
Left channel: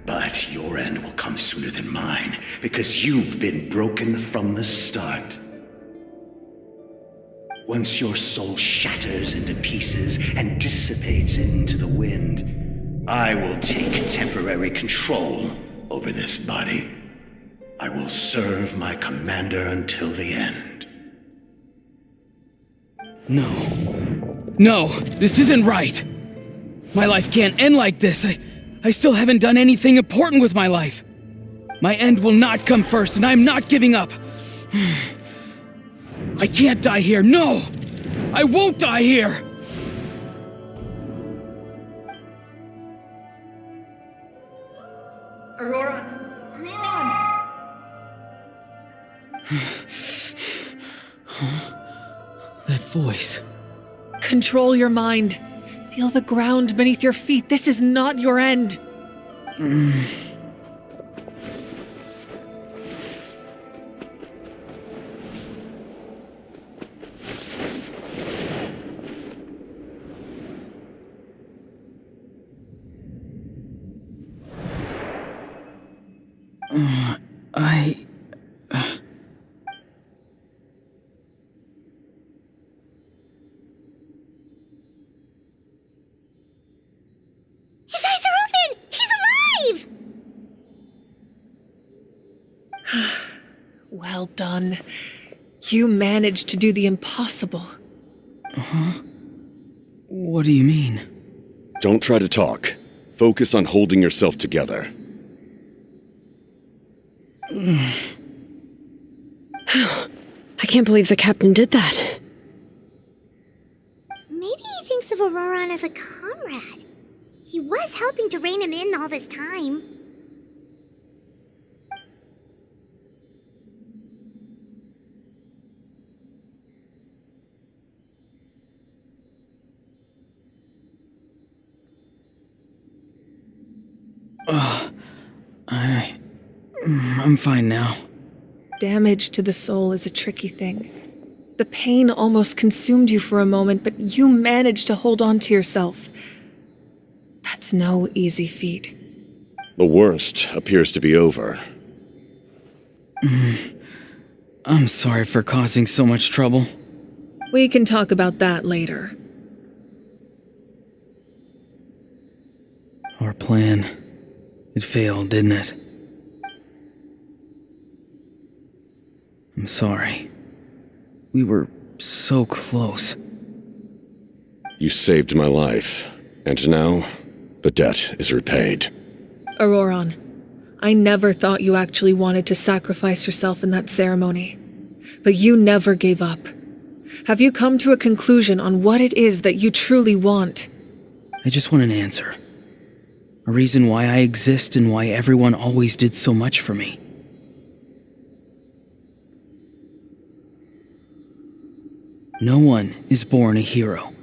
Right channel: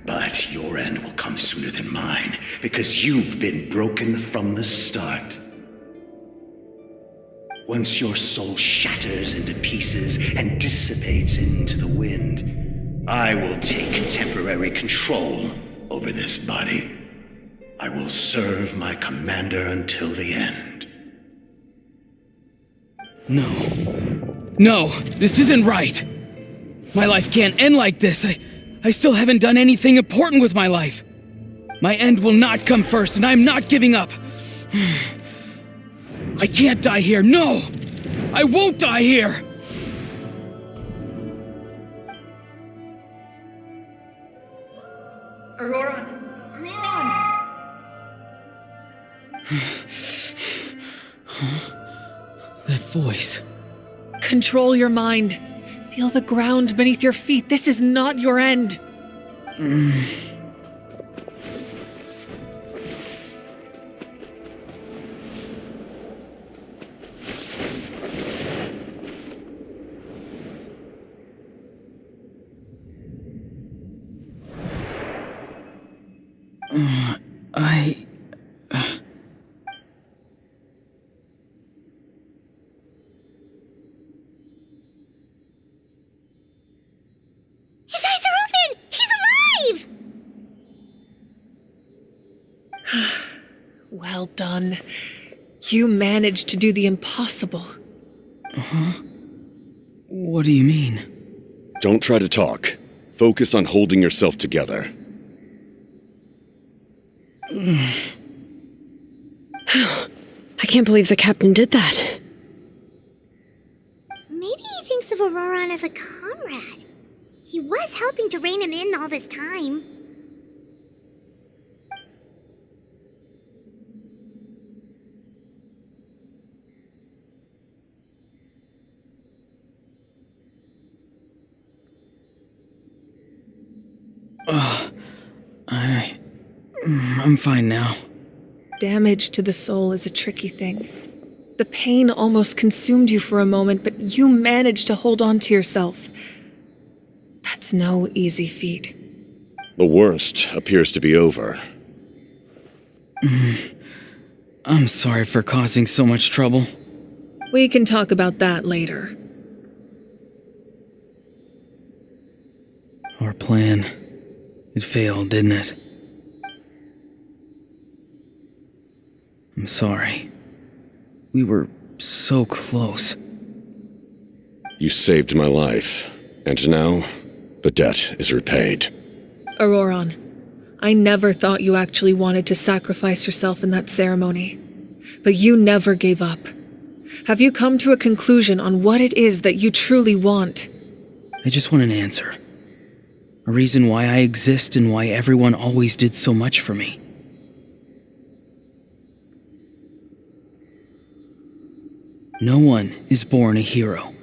But your end will come sooner than mine, because you've been broken from the start. Once your soul shatters into pieces and dissipates into the wind, I will take temporary control over this body. I will serve my commander until the end. No. No, this isn't right. My life can't end like this. I still haven't done anything important with my life. My end will not come first, and I'm not giving up. I can't die here. No! I won't die here! Auroron! Auroron! That voice. Control your mind. Feel the ground beneath your feet. This is not your end. His eyes are open! He's alive! Well done. You managed to do the impossible. Uh-huh. What do you mean? Don't try to talk. Focus on holding yourself together. I can't believe the captain did that. Maybe he thinks of Auroron as a comrade. He was helping to rein him in all this time. I'm fine now. Damage to the soul is a tricky thing. The pain almost consumed you for a moment, but you managed to hold on to yourself. That's no easy feat. The worst appears to be over. I'm sorry for causing so much trouble. We can talk about that later. Our plan, it failed, didn't it? I'm sorry. We were so close. You saved my life, and now the debt is repaid. Auroron, I never thought you actually wanted to sacrifice yourself in that ceremony. But you never gave up. Have you come to a conclusion on what it is that you truly want? I just want an answer. A reason why I exist and why everyone always did so much for me. No one is born a hero,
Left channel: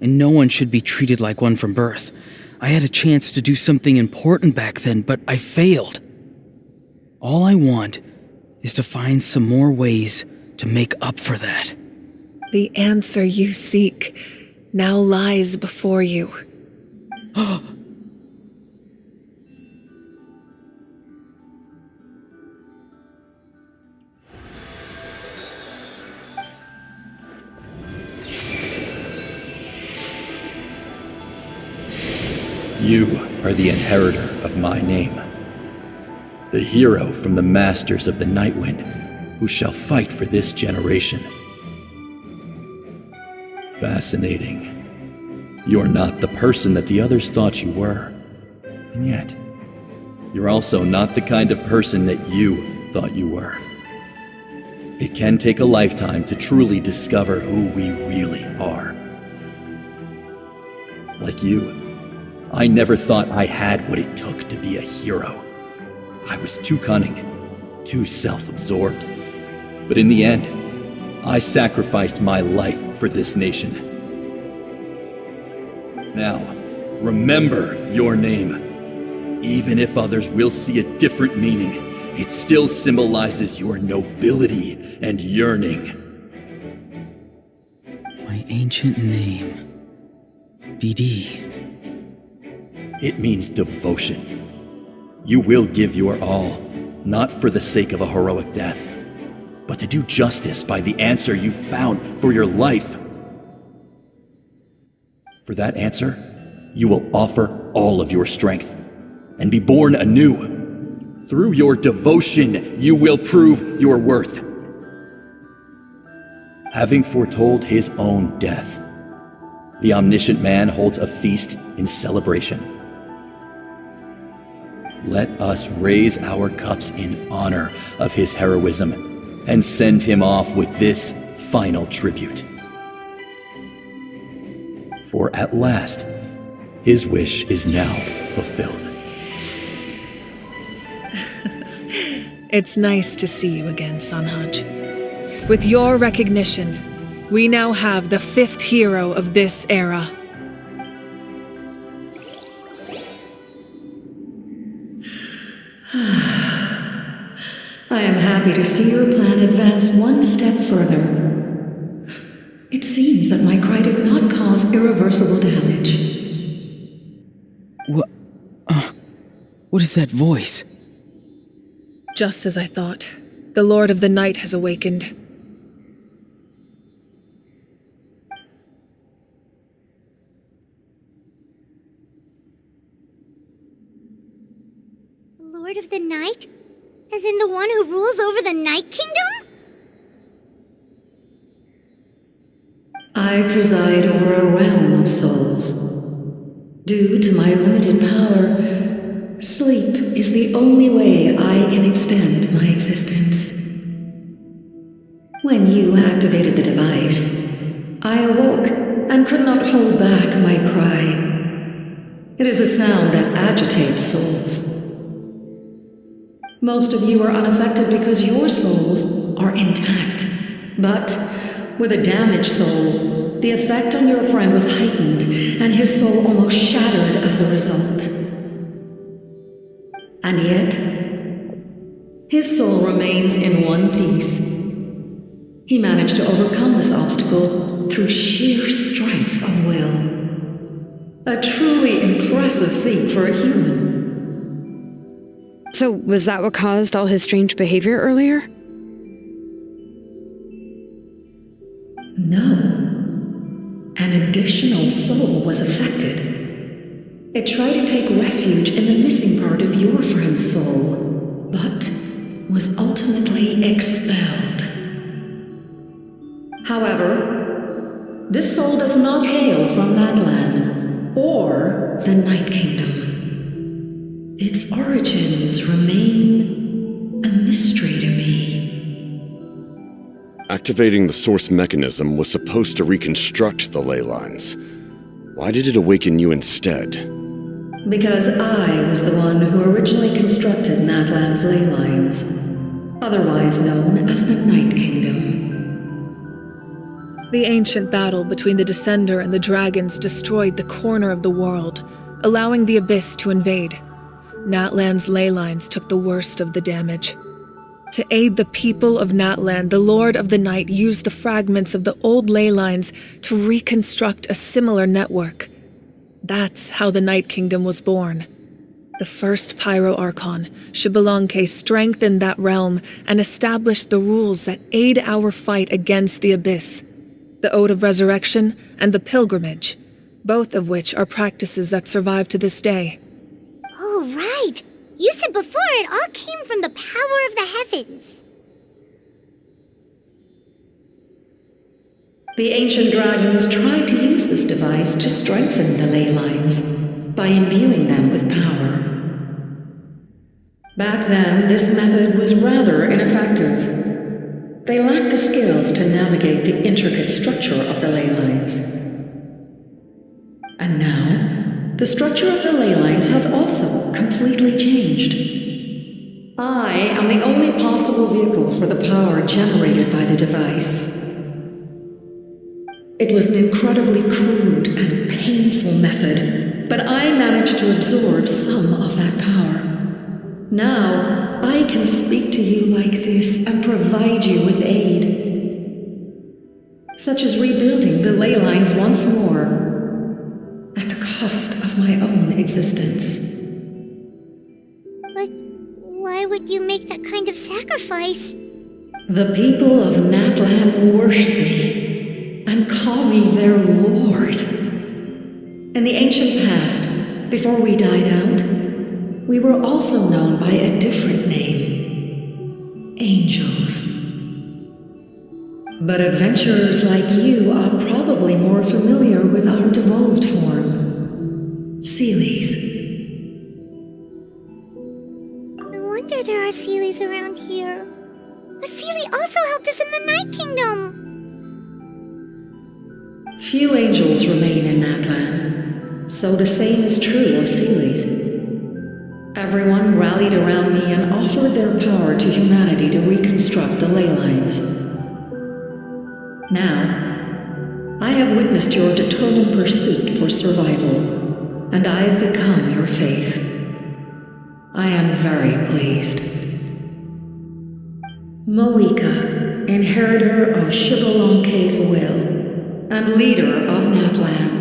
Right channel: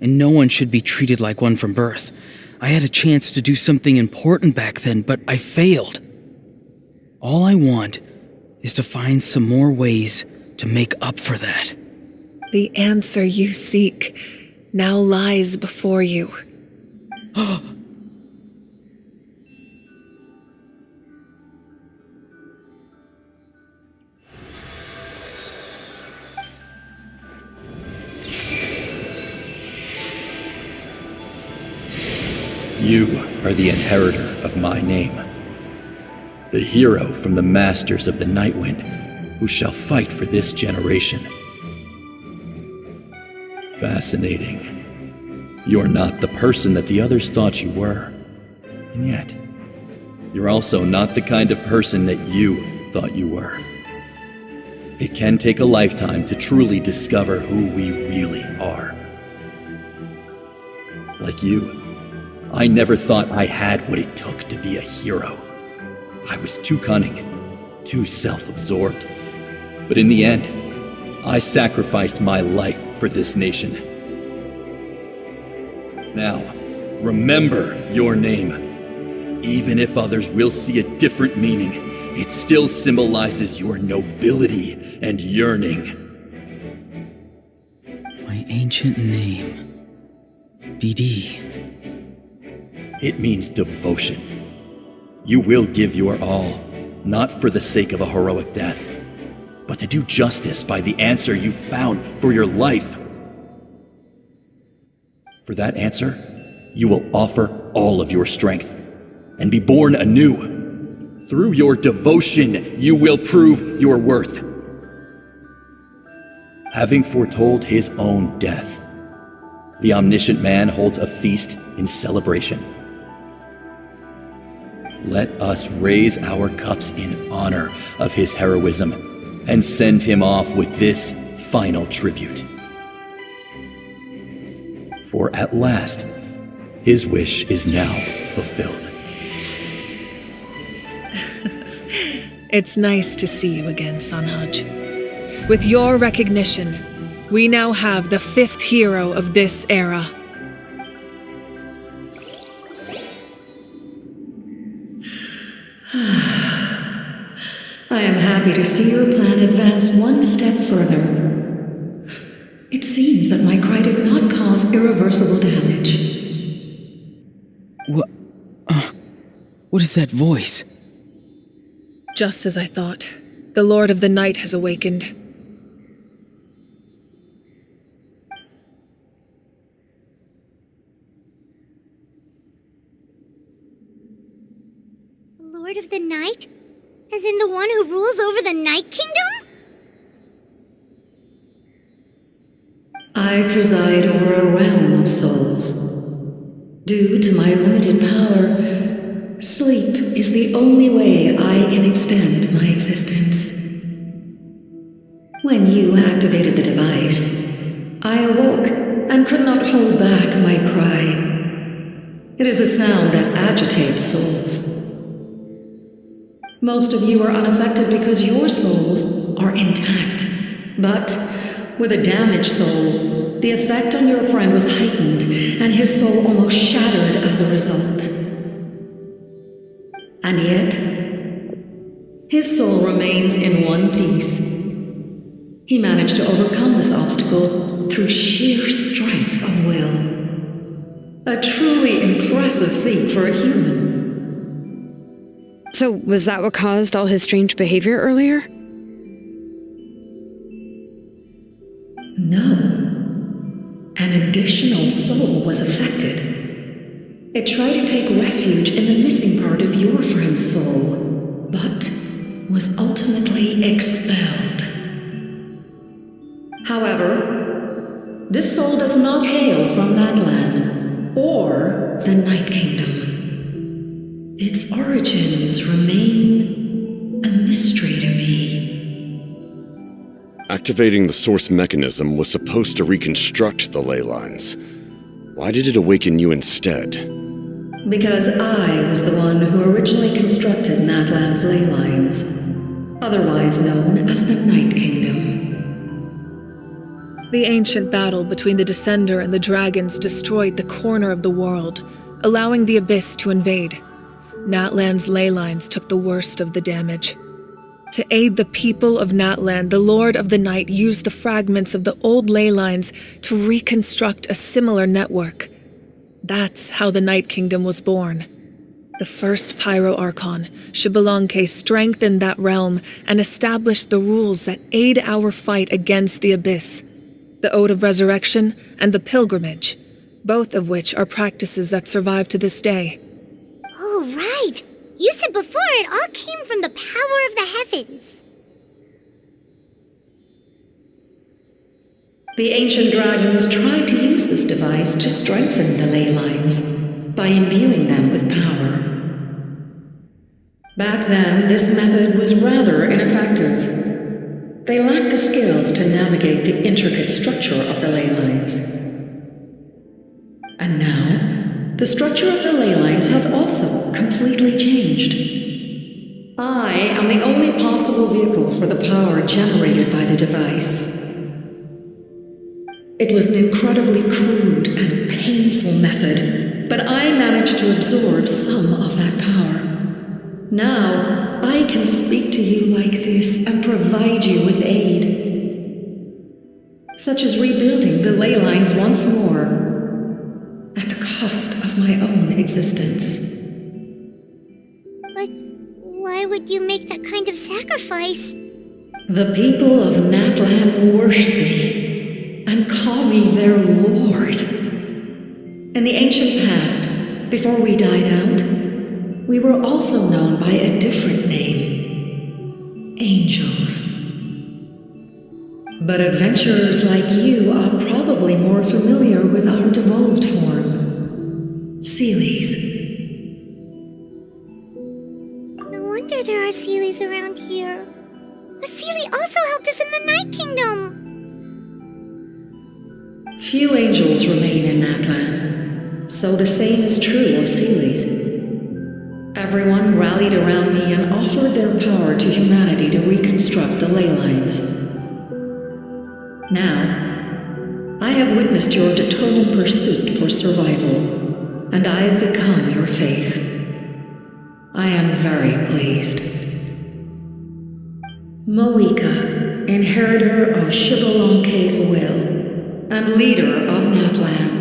and no one should be treated like one from birth. I had a chance to do something important back then, but I failed. All I want is to find some more ways to make up for that. The answer you seek now lies before you. You are the inheritor of my name, the hero from the masters of the Nightwind, who shall fight for this generation. Fascinating. You're not the person that the others thought you were, and yet, you're also not the kind of person that you thought you were. It can take a lifetime to truly discover who we really are. Like you, I never thought I had what it took to be a hero. I was too cunning, too self-absorbed. But in the end, I sacrificed my life for this nation. Now, remember your name. Even if others will see a different meaning, it still symbolizes your nobility and yearning. My ancient name. BD. It means devotion. You will give your all, not for the sake of a heroic death, but to do justice by the answer you found for your life. For that answer, you will offer all of your strength and be born anew. Through your devotion, you will prove your worth. Having foretold his own death, the omniscient man holds a feast in celebration. Let us raise our cups in honor of his heroism and send him off with this final tribute. For at last, his wish is now fulfilled. It's nice to see you again, Sanhaj. With your recognition, we now have the 5th hero of this era. I am happy to see your plan advance one step further. It seems that my cry did not cause irreversible damage. What is that voice? Just as I thought. The Lord of the Night has awakened. The Lord of the Night? As in the one who rules over the Night Kingdom? I preside over a realm of souls. Due to my limited power, sleep is the only way I can extend my existence. When you activated the device, I awoke and could not hold back my cry. It is a sound that agitates souls. Most of you are unaffected because your souls are intact. But with a damaged soul, the effect on your friend was heightened, and his soul almost shattered as a result. And yet, his soul remains in one piece. He managed to overcome this obstacle through sheer strength of will. A truly impressive feat for a human. So, was that what caused all his strange behavior earlier? No. An additional soul was affected. It tried to take refuge in the missing part of your friend's soul, but was ultimately expelled. However, this soul does not hail from Natlan or the Night Kingdom. Its origins remain a mystery to me. Activating the source mechanism was supposed to reconstruct the ley lines. Why did it awaken you instead? Because I was the one who originally constructed Natlan's ley lines, otherwise known as the Night Kingdom. The ancient battle between the Descender and the dragons destroyed the corner of the world, allowing the Abyss to invade. Natlan's ley lines took the worst of the damage. To aid the people of Natlan, the Lord of the Night used the fragments of the old ley lines to reconstruct a similar network. That's how the Night Kingdom was born. The first Pyro Archon, Xbalanque, strengthened that realm and established the rules that aid our fight against the Abyss. The Ode of Resurrection and the Pilgrimage, both of which are practices that survive to this day. Oh, right! You said before it all came from the power of the heavens. The ancient dragons tried to use this device to strengthen the ley lines by imbuing them with power. Back then, this method was rather ineffective. They lacked the skills to navigate the intricate structure of the ley lines. And now, the structure of the ley lines has also completely changed. I am the only possible vehicle for the power generated by the device. It was an incredibly crude and painful method, but I managed to absorb some of that power. Now, I can speak to you like this and provide you with aid, such as rebuilding the ley lines once more, at the cost of my own existence. But why would you make that kind of sacrifice? The people of Natlan worship me and call me their lord. In the ancient past, before we died out, we were also known by a different name: angels. But adventurers like you are probably more familiar with our devolved form, Seelies. No wonder there are Seelies around here. A Seelie also helped us in the Night Kingdom. Few angels remain in Natlan, so the same is true of Seelies. Everyone rallied around me and offered their power to humanity to reconstruct the ley lines. Now, I have witnessed your determined pursuit for survival, and I have become your faith. I am very pleased. Moika, inheritor of Xbalanque's will, and leader of Natlan.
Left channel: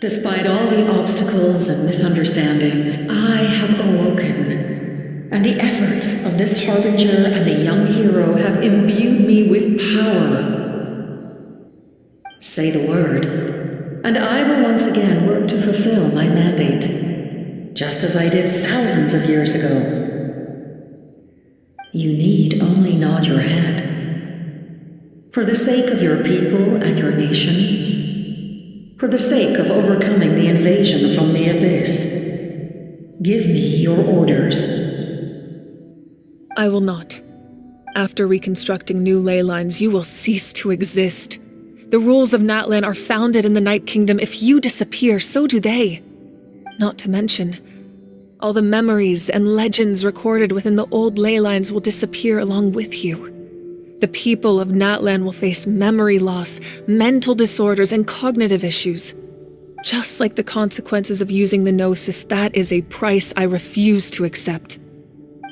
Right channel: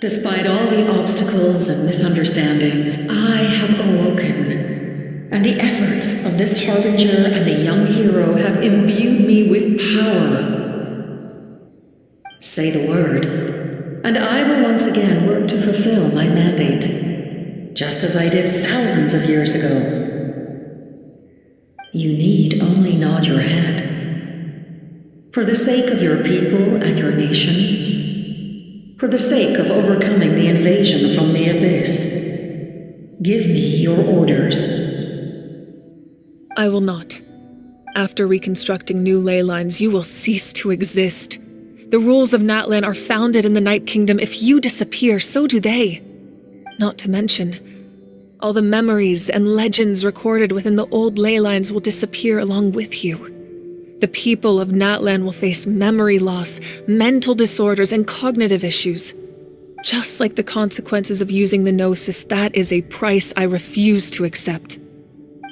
Despite all the obstacles and misunderstandings, I have awoken, and the efforts of this harbinger and the young hero have imbued me with power. Say the word, and I will once again work to fulfill my mandate, just as I did thousands of years ago. You need only nod your head. For the sake of your people and your nation, for the sake of overcoming the invasion from the Abyss, give me your orders. I will not. After reconstructing new ley lines, you will cease to exist. The rules of Natlan are founded in the Night Kingdom. If you disappear, so do they. Not to mention, all the memories and legends recorded within the old ley lines will disappear along with you. The people of Natlan will face memory loss, mental disorders, and cognitive issues. Just like the consequences of using the Gnosis, that is a price I refuse to accept.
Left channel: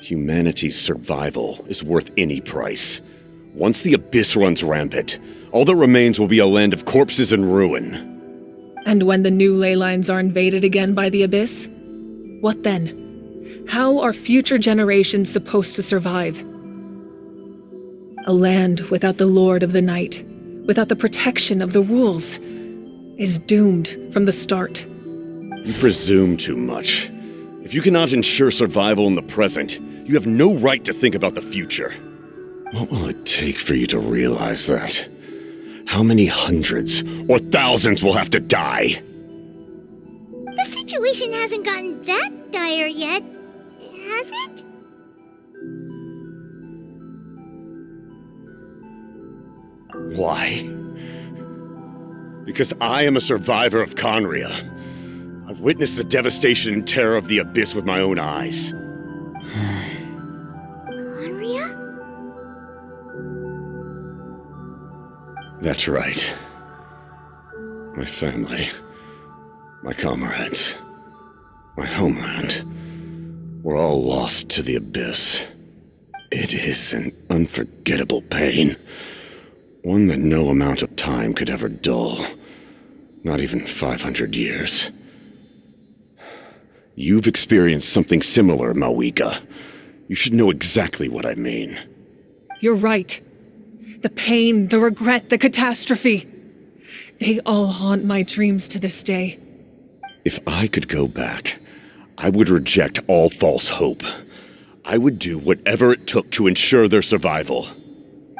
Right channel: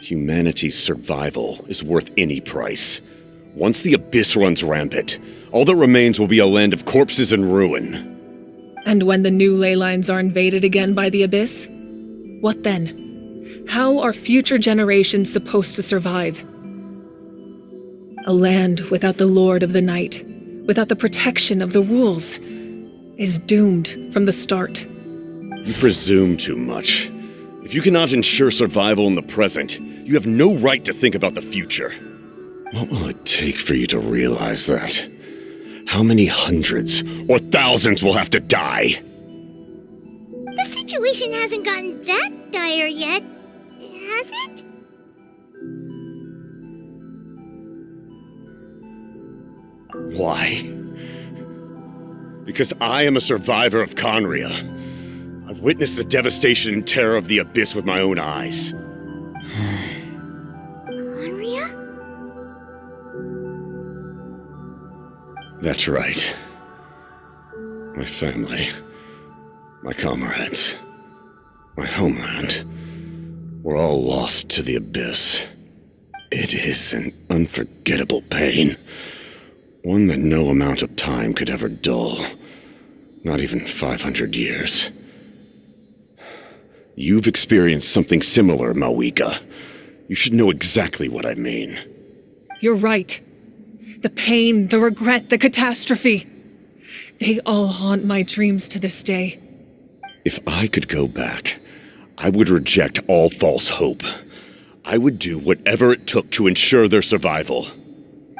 Humanity's survival is worth any price. Once the Abyss runs rampant, all that remains will be a land of corpses and ruin. And when the new ley lines are invaded again by the Abyss? What then? How are future generations supposed to survive? A land without the Lord of the Night, without the protection of the rules, is doomed from the start. You presume too much. If you cannot ensure survival in the present, you have no right to think about the future. What will it take for you to realize that? How many hundreds or thousands will have to die? The situation hasn't gotten that dire yet, has it? Why? Because I am a survivor of Conria. I've witnessed the devastation and terror of the Abyss with my own eyes. Conria? That's right. My family, my comrades, my homeland, were all lost to the Abyss. It is an unforgettable pain. One that no amount of time could ever dull. Not even 500 years. You've experienced something similar, Mawika. You should know exactly what I mean. You're right. The pain, the regret, the catastrophe. They all haunt my dreams to this day. If I could go back, I would reject all false hope. I would do whatever it took to ensure their survival.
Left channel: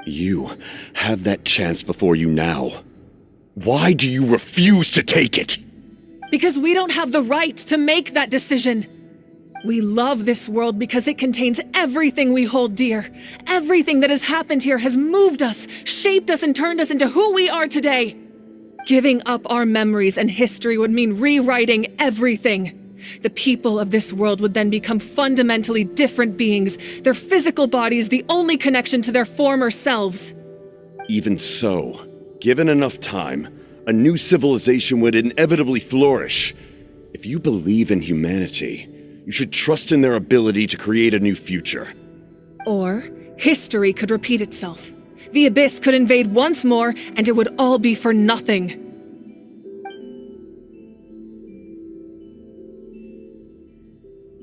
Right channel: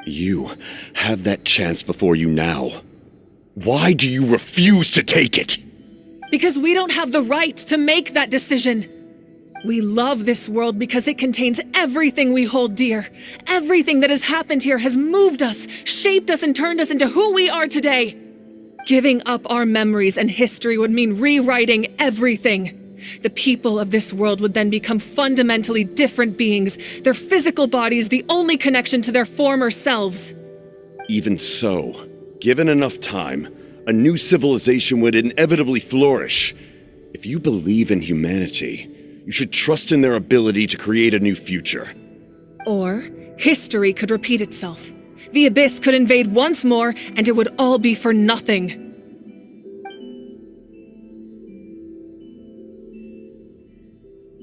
You have that chance before you now. Why do you refuse to take it? Because we don't have the right to make that decision. We love this world because it contains everything we hold dear. Everything that has happened here has moved us, shaped us, and turned us into who we are today. Giving up our memories and history would mean rewriting everything. The people of this world would then become fundamentally different beings, their physical bodies the only connection to their former selves. Even so, given enough time, a new civilization would inevitably flourish. If you believe in humanity, you should trust in their ability to create a new future. Or history could repeat itself. The Abyss could invade once more, and it would all be for nothing.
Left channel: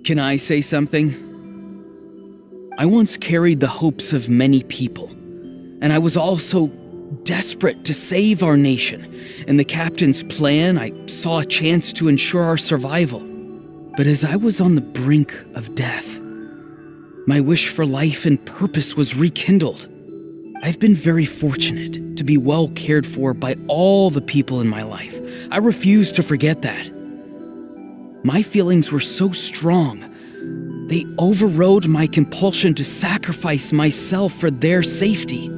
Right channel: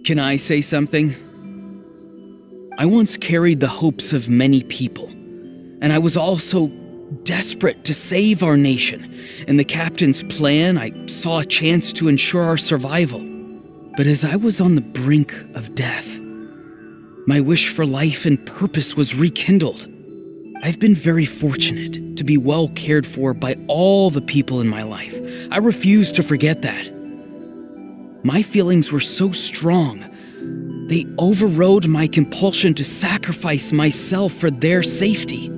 Can I say something? I once carried the hopes of many people, and I was also desperate to save our nation. In the captain's plan, I saw a chance to ensure our survival. But as I was on the brink of death, my wish for life and purpose was rekindled. I've been very fortunate to be well cared for by all the people in my life. I refuse to forget that. My feelings were so strong, they overrode my compulsion to sacrifice myself for their safety.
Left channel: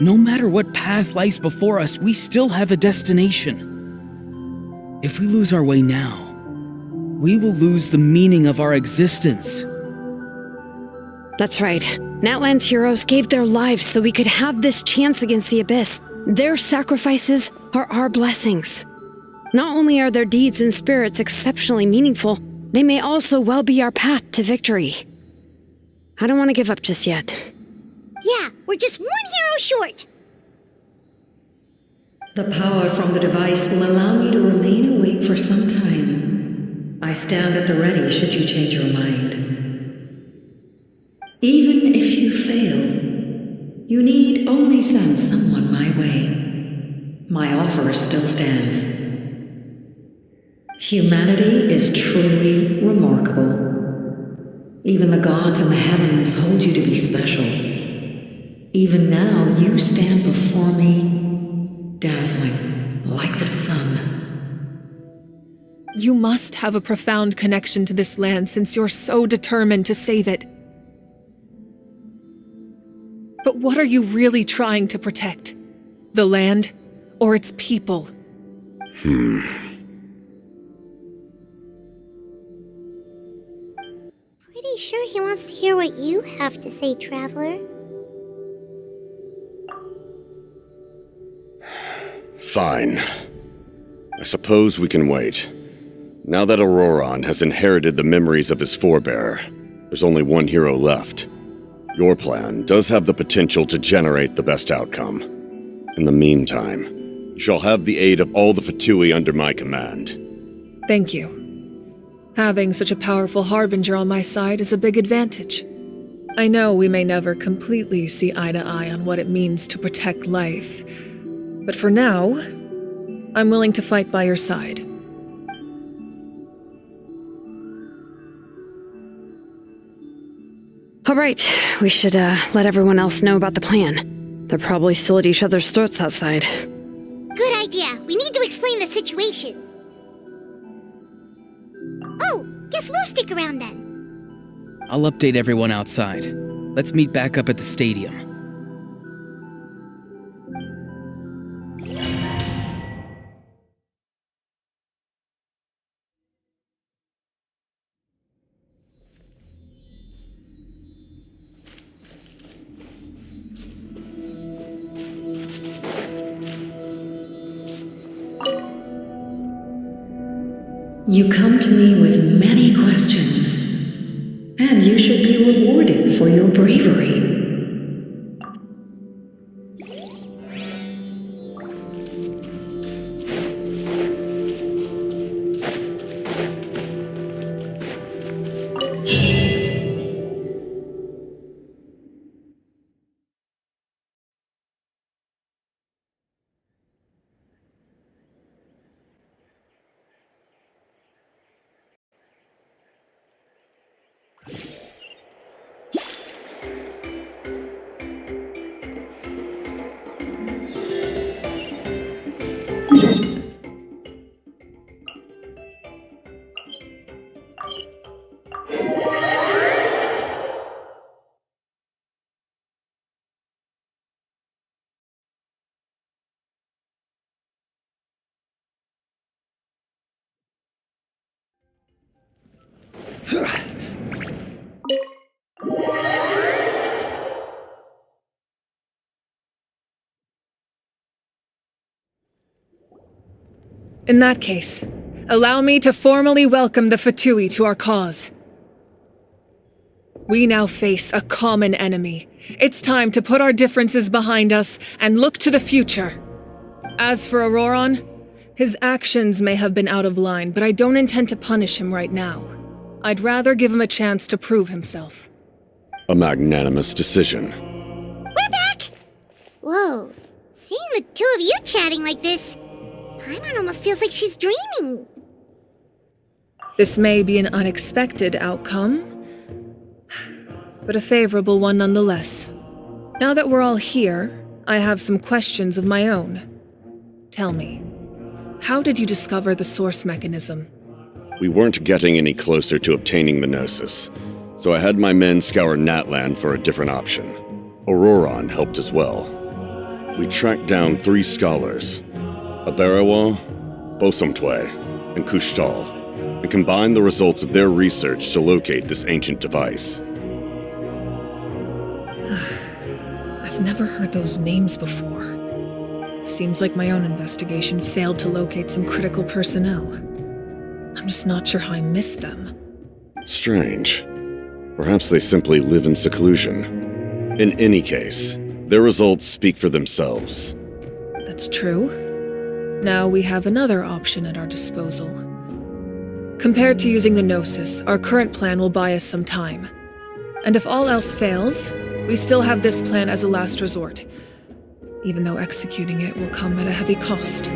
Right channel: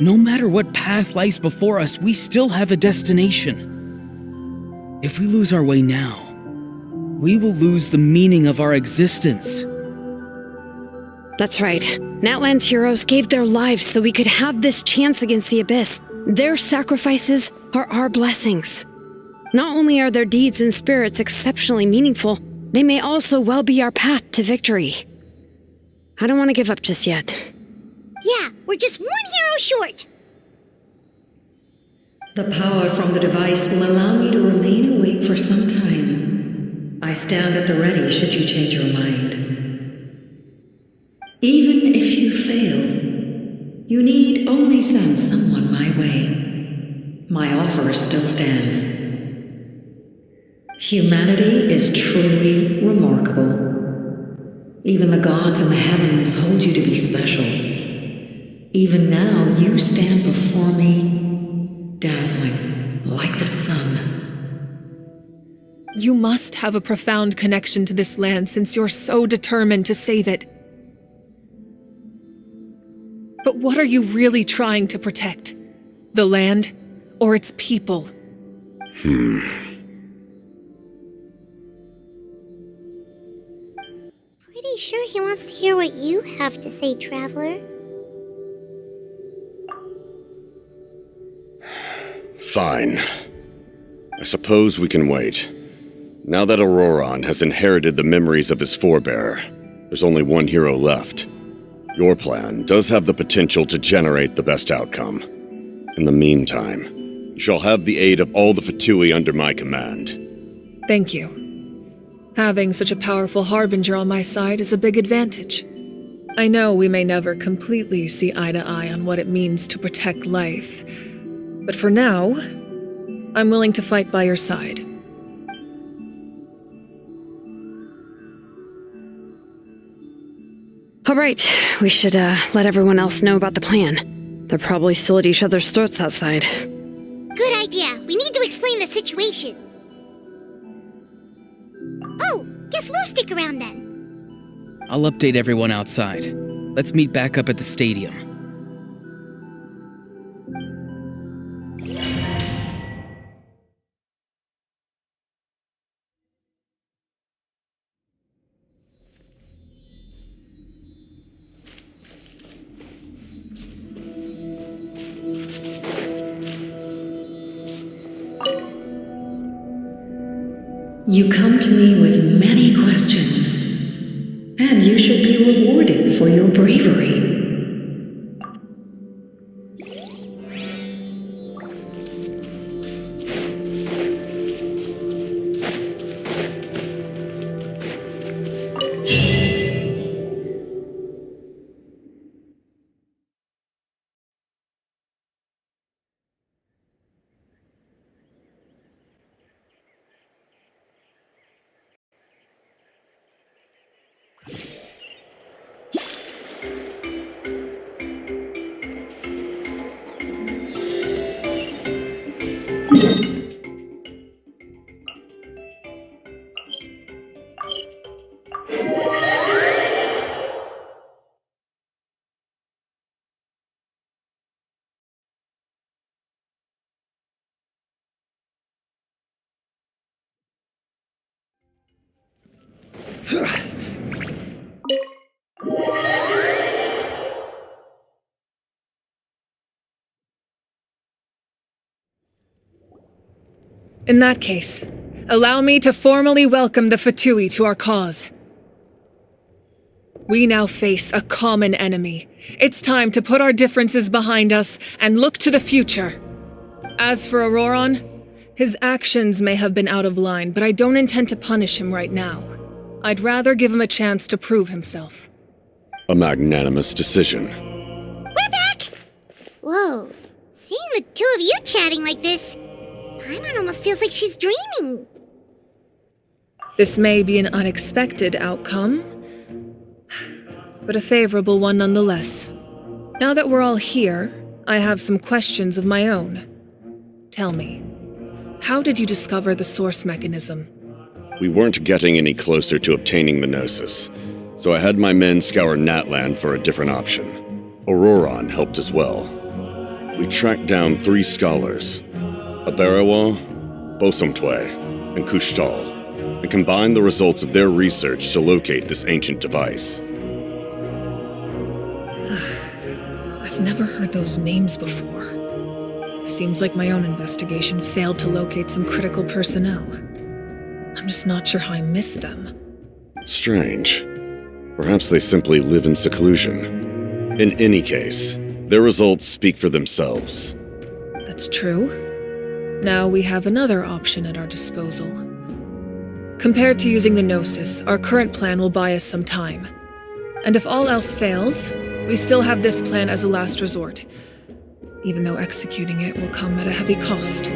No matter what path lies before us, we still have a destination. If we lose our way now, we will lose the meaning of our existence. That's right. Natlan's heroes gave their lives so we could have this chance against the Abyss. Their sacrifices are our blessings. Not only are their deeds and spirits exceptionally meaningful, they may also well be our path to victory. I don't want to give up just yet. Yeah, we're just one hero short. The power from the device will allow me to remain awake for some time. I stand at the ready should you change your mind. Even if you fail, you need only send someone my way. My offer still stands. Humanity is truly remarkable. Even the gods in the heavens hold you to be special. Even now, you stand before me, dazzling like the sun. You must have a profound connection to this land since you're so determined to save it. But what are you really trying to protect? The land or its people? Pretty sure he wants to hear what you have to say, Traveler. Fine. I suppose we can wait. Now that Auroron has inherited the memories of his forebearer, there's only one hero left. Your plan does have the potential to generate the best outcome. In the meantime, you shall have the aid of all the Fatui under my command. Thank you. Having such a powerful harbinger on my side is a big advantage. I know we may never completely see eye to eye on what it means to protect life, but for now, I'm willing to fight by your side. All right, we should let everyone else know about the plan. They're probably still at each other's throats outside. Good idea. We need to explain the situation. Oh, guess we'll stick around then. I'll update everyone outside. Let's meet back up at the stadium. You come to me with many questions, and you should be rewarded for your bravery. In that case, allow me to formally welcome the Fatui to our cause. We now face a common enemy. It's time to put our differences behind us and look to the future. As for Auroron, his actions may have been out of line, but I don't intend to punish him right now. I'd rather give him a chance to prove himself. A magnanimous decision. We're back! Whoa, seeing the two of you chatting like this, Paimon almost feels like she's dreaming. This may be an unexpected outcome, but a favorable one nonetheless. Now that we're all here, I have some questions of my own. Tell me, how did you discover the source mechanism? We weren't getting any closer to obtaining the Gnosis, so I had my men scour Natlan for a different option. Auroron helped as well. We tracked down 3 scholars, Abarawa, Bosomtwe, and Kushtal, and combined the results of their research to locate this ancient device. I've never heard those names before. Seems like my own investigation failed to locate some critical personnel. I'm just not sure how I missed them. Strange. Perhaps they simply live in seclusion. In any case, their results speak for themselves. That's true. Now we have another option at our disposal. Compared to using the Gnosis, our current plan will buy us some time. And if all else fails, we still have this plan as a last resort, even though executing it will come at a heavy cost.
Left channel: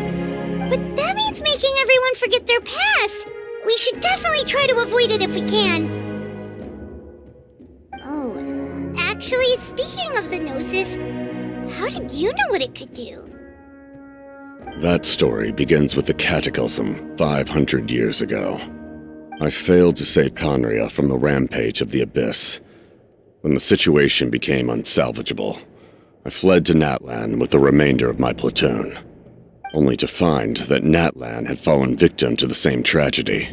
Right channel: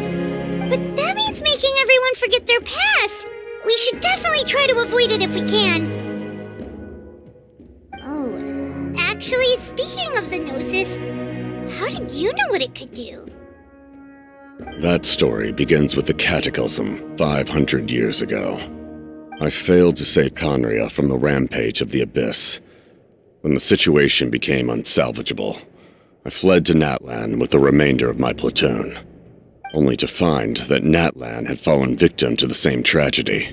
But that means making everyone forget their past! We should definitely try to avoid it if we can. Oh, actually, speaking of the Gnosis, how did you know what it could do? That story begins with the Cataclysm 500 years ago. I failed to save Conria from the rampage of the Abyss. When the situation became unsalvageable, I fled to Natlan with the remainder of my platoon, only to find that Natlan had fallen victim to the same tragedy.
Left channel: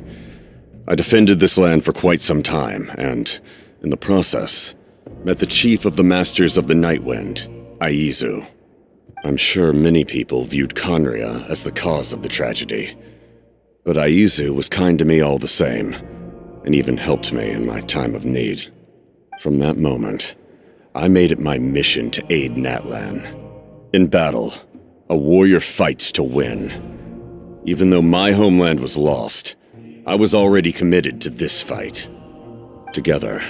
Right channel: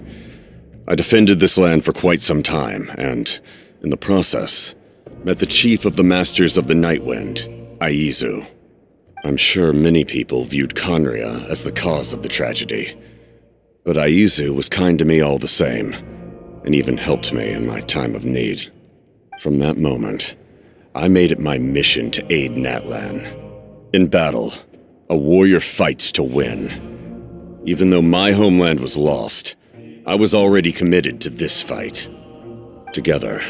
I defended this land for quite some time, and, in the process, met the chief of the Masters of the Night Wind, Aizu. I'm sure many people viewed Conria as the cause of the tragedy, but Aizu was kind to me all the same, and even helped me in my time of need. From that moment, I made it my mission to aid Natlan. In battle, a warrior fights to win. Even though my homeland was lost, I was already committed to this fight. Together,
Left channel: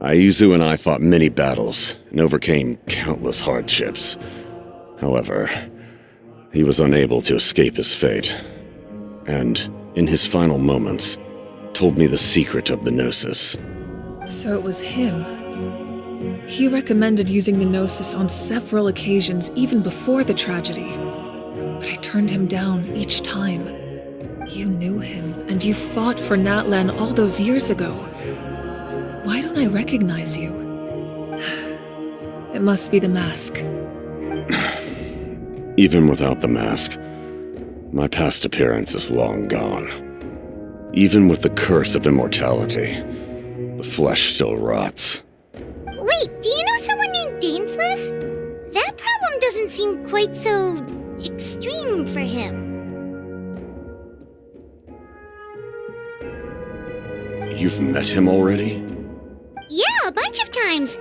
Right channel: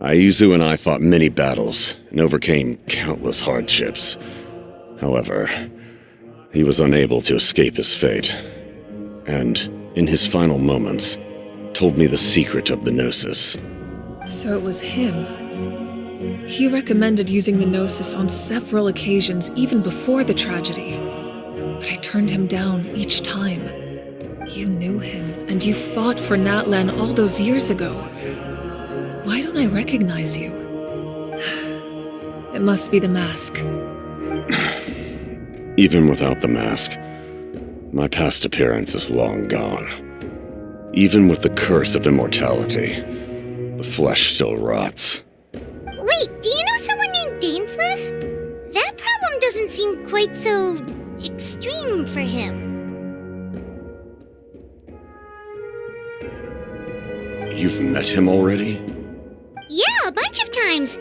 Aizu and I fought many battles and overcame countless hardships. However, he was unable to escape his fate, and, in his final moments, told me the secret of the Gnosis. So it was him. He recommended using the Gnosis on several occasions even before the tragedy. But I turned him down each time. You knew him, and you fought for Natlan all those years ago. Why don't I recognize you? It must be the mask. Even without the mask, my past appearance is long gone. Even with the curse of immortality, the flesh still rots. Wait, do you know someone named Dainsleif? That problem doesn't seem quite so extreme for him. You've met him already? Yeah, a bunch of times.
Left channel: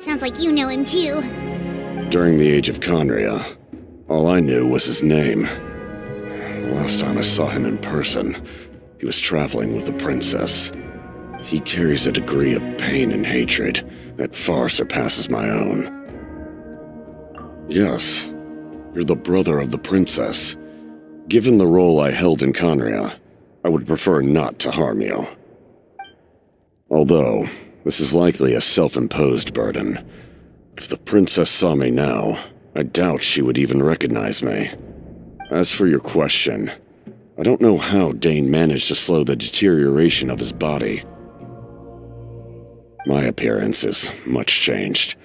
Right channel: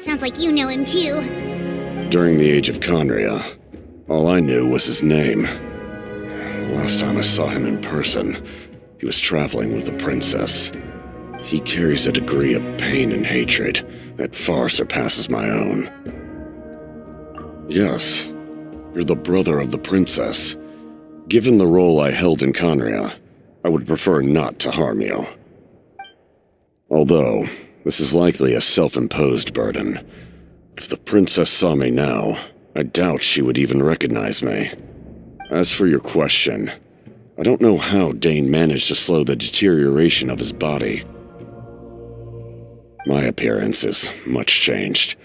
Sounds like you know him too. During the age of Conria, all I knew was his name. The last time I saw him in person, he was traveling with the princess. He carries a degree of pain and hatred that far surpasses my own. Yes, you're the brother of the princess. Given the role I held in Conria, I would prefer not to harm you. Although, this is likely a self-imposed burden. If the princess saw me now, I doubt she would even recognize me. As for your question, I don't know how Dane managed to slow the deterioration of his body. My appearance is much changed,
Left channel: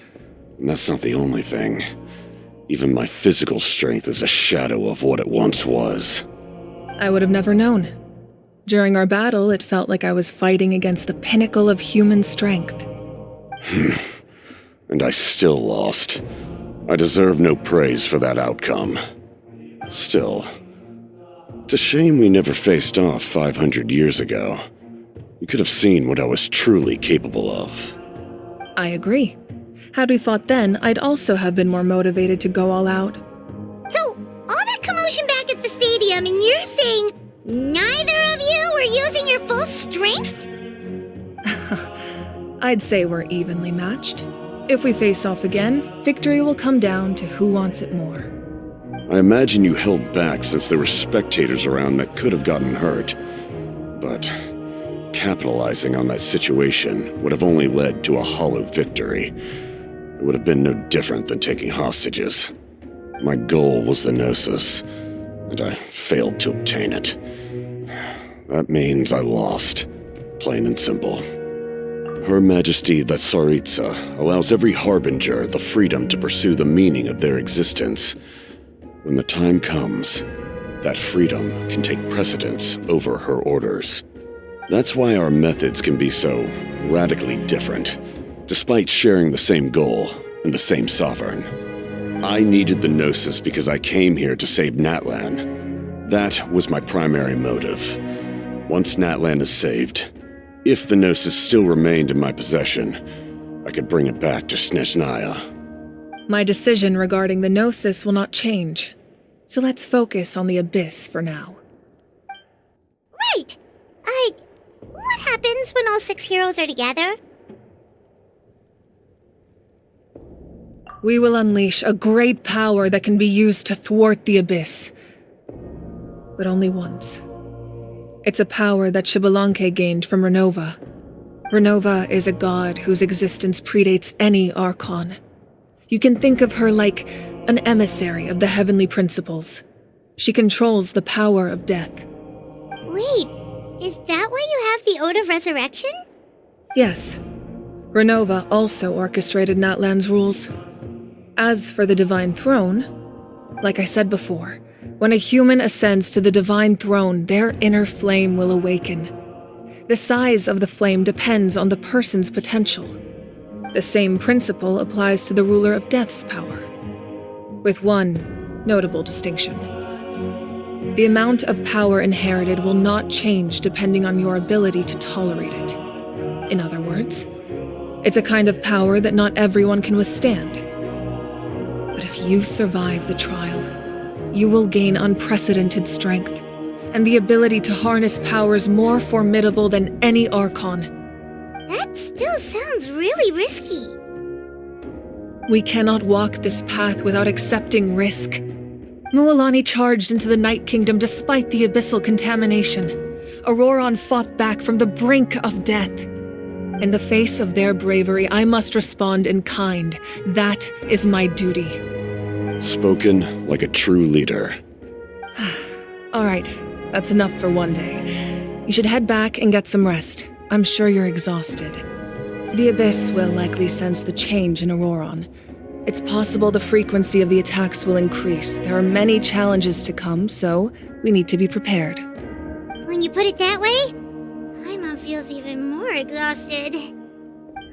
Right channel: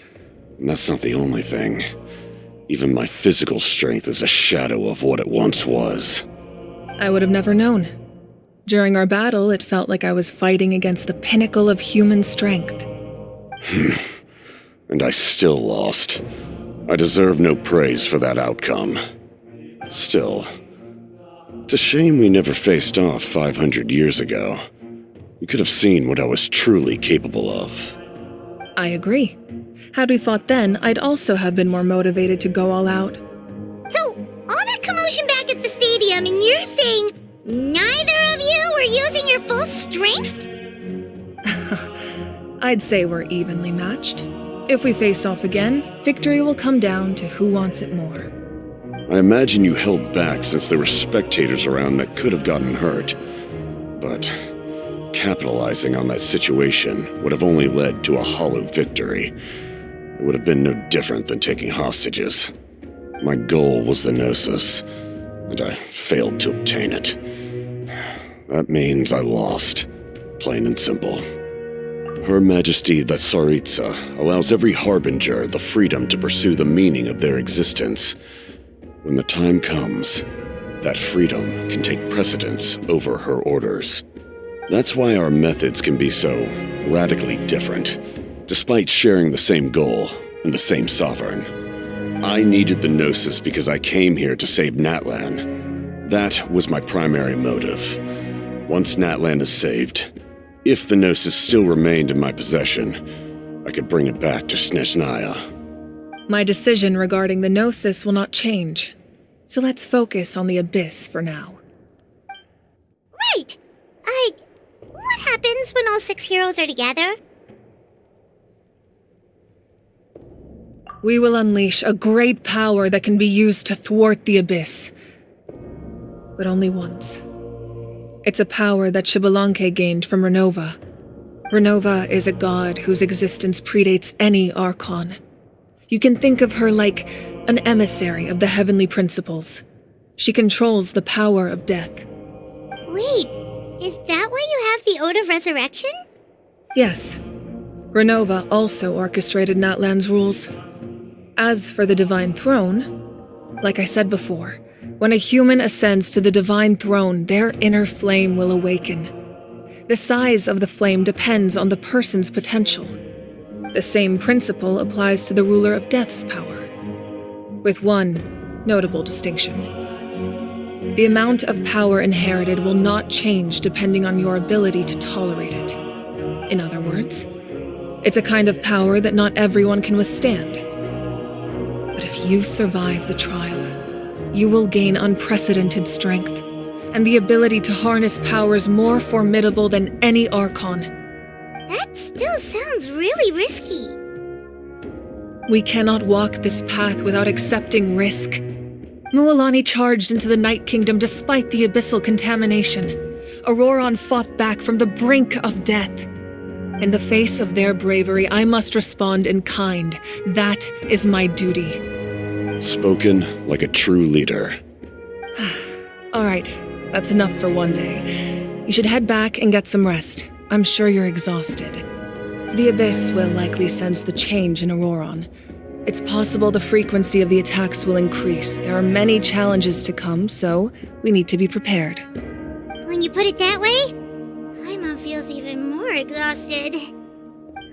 and that's not the only thing. Even my physical strength is a shadow of what it once was. I would have never known. During our battle, it felt like I was fighting against the pinnacle of human strength. And I still lost. I deserve no praise for that outcome. Still, it's a shame we never faced off 500 years ago. You could have seen what I was truly capable of. I agree. Had we fought then, I'd also have been more motivated to go all out. So, all that commotion back at the stadium, and you're saying neither of you were using your full strength? I'd say we're evenly matched. If we face off again, victory will come down to who wants it more. I imagine you held back since there were spectators around that could have gotten hurt. But capitalizing on that situation would have only led to a hollow victory. It would have been no different than taking hostages. My goal was the Gnosis, and I failed to obtain it. That means I lost, plain and simple. Her Majesty the Tsaritsa allows every harbinger the freedom to pursue the meaning of their existence. When the time comes, that freedom can take precedence over her orders. That's why our methods can be so radically different, despite sharing the same goal and the same sovereign. I needed the Gnosis because I came here to save Natlan. That was my primary motive. Once Natlan is saved, if the Gnosis still remained in my possession, I could bring it back to Snezhnaya. My decision regarding the Gnosis will not change. So let's focus on the Abyss for now. Right. What happens when all 6 heroes are together? We will unleash a great power that can be used to thwart the Abyss. But only once. It's a power that Xbalanque gained from Renova. Renova is a god whose existence predates any Archon. You can think of her like an emissary of the heavenly principles. She controls the power of death. Wait, is that why you have the Ode of Resurrection? Yes. Renova also orchestrated Natlan's rules. As for the Divine Throne, like I said before, when a human ascends to the Divine Throne, their inner flame will awaken. The size of the flame depends on the person's potential. The same principle applies to the ruler of Death's power. with one notable distinction. The amount of power inherited will not change depending on your ability to tolerate it. In other words, it's a kind of power that not everyone can withstand. But if you survive the trial, you will gain unprecedented strength and the ability to harness powers more formidable than any Archon. That still sounds really risky. We cannot walk this path without accepting risk. Mualani charged into the Night Kingdom despite the abyssal contamination. Auroron fought back from the brink of death. In the face of their bravery, I must respond in kind. That is my duty. Spoken like a true leader. All right, that's enough for one day. You should head back and get some rest. I'm sure you're exhausted. The Abyss will likely sense the change in Auroron. It's possible the frequency of the attacks will increase. There are many challenges to come, so we need to be prepared. When you put it that way, Paimon feels even more exhausted.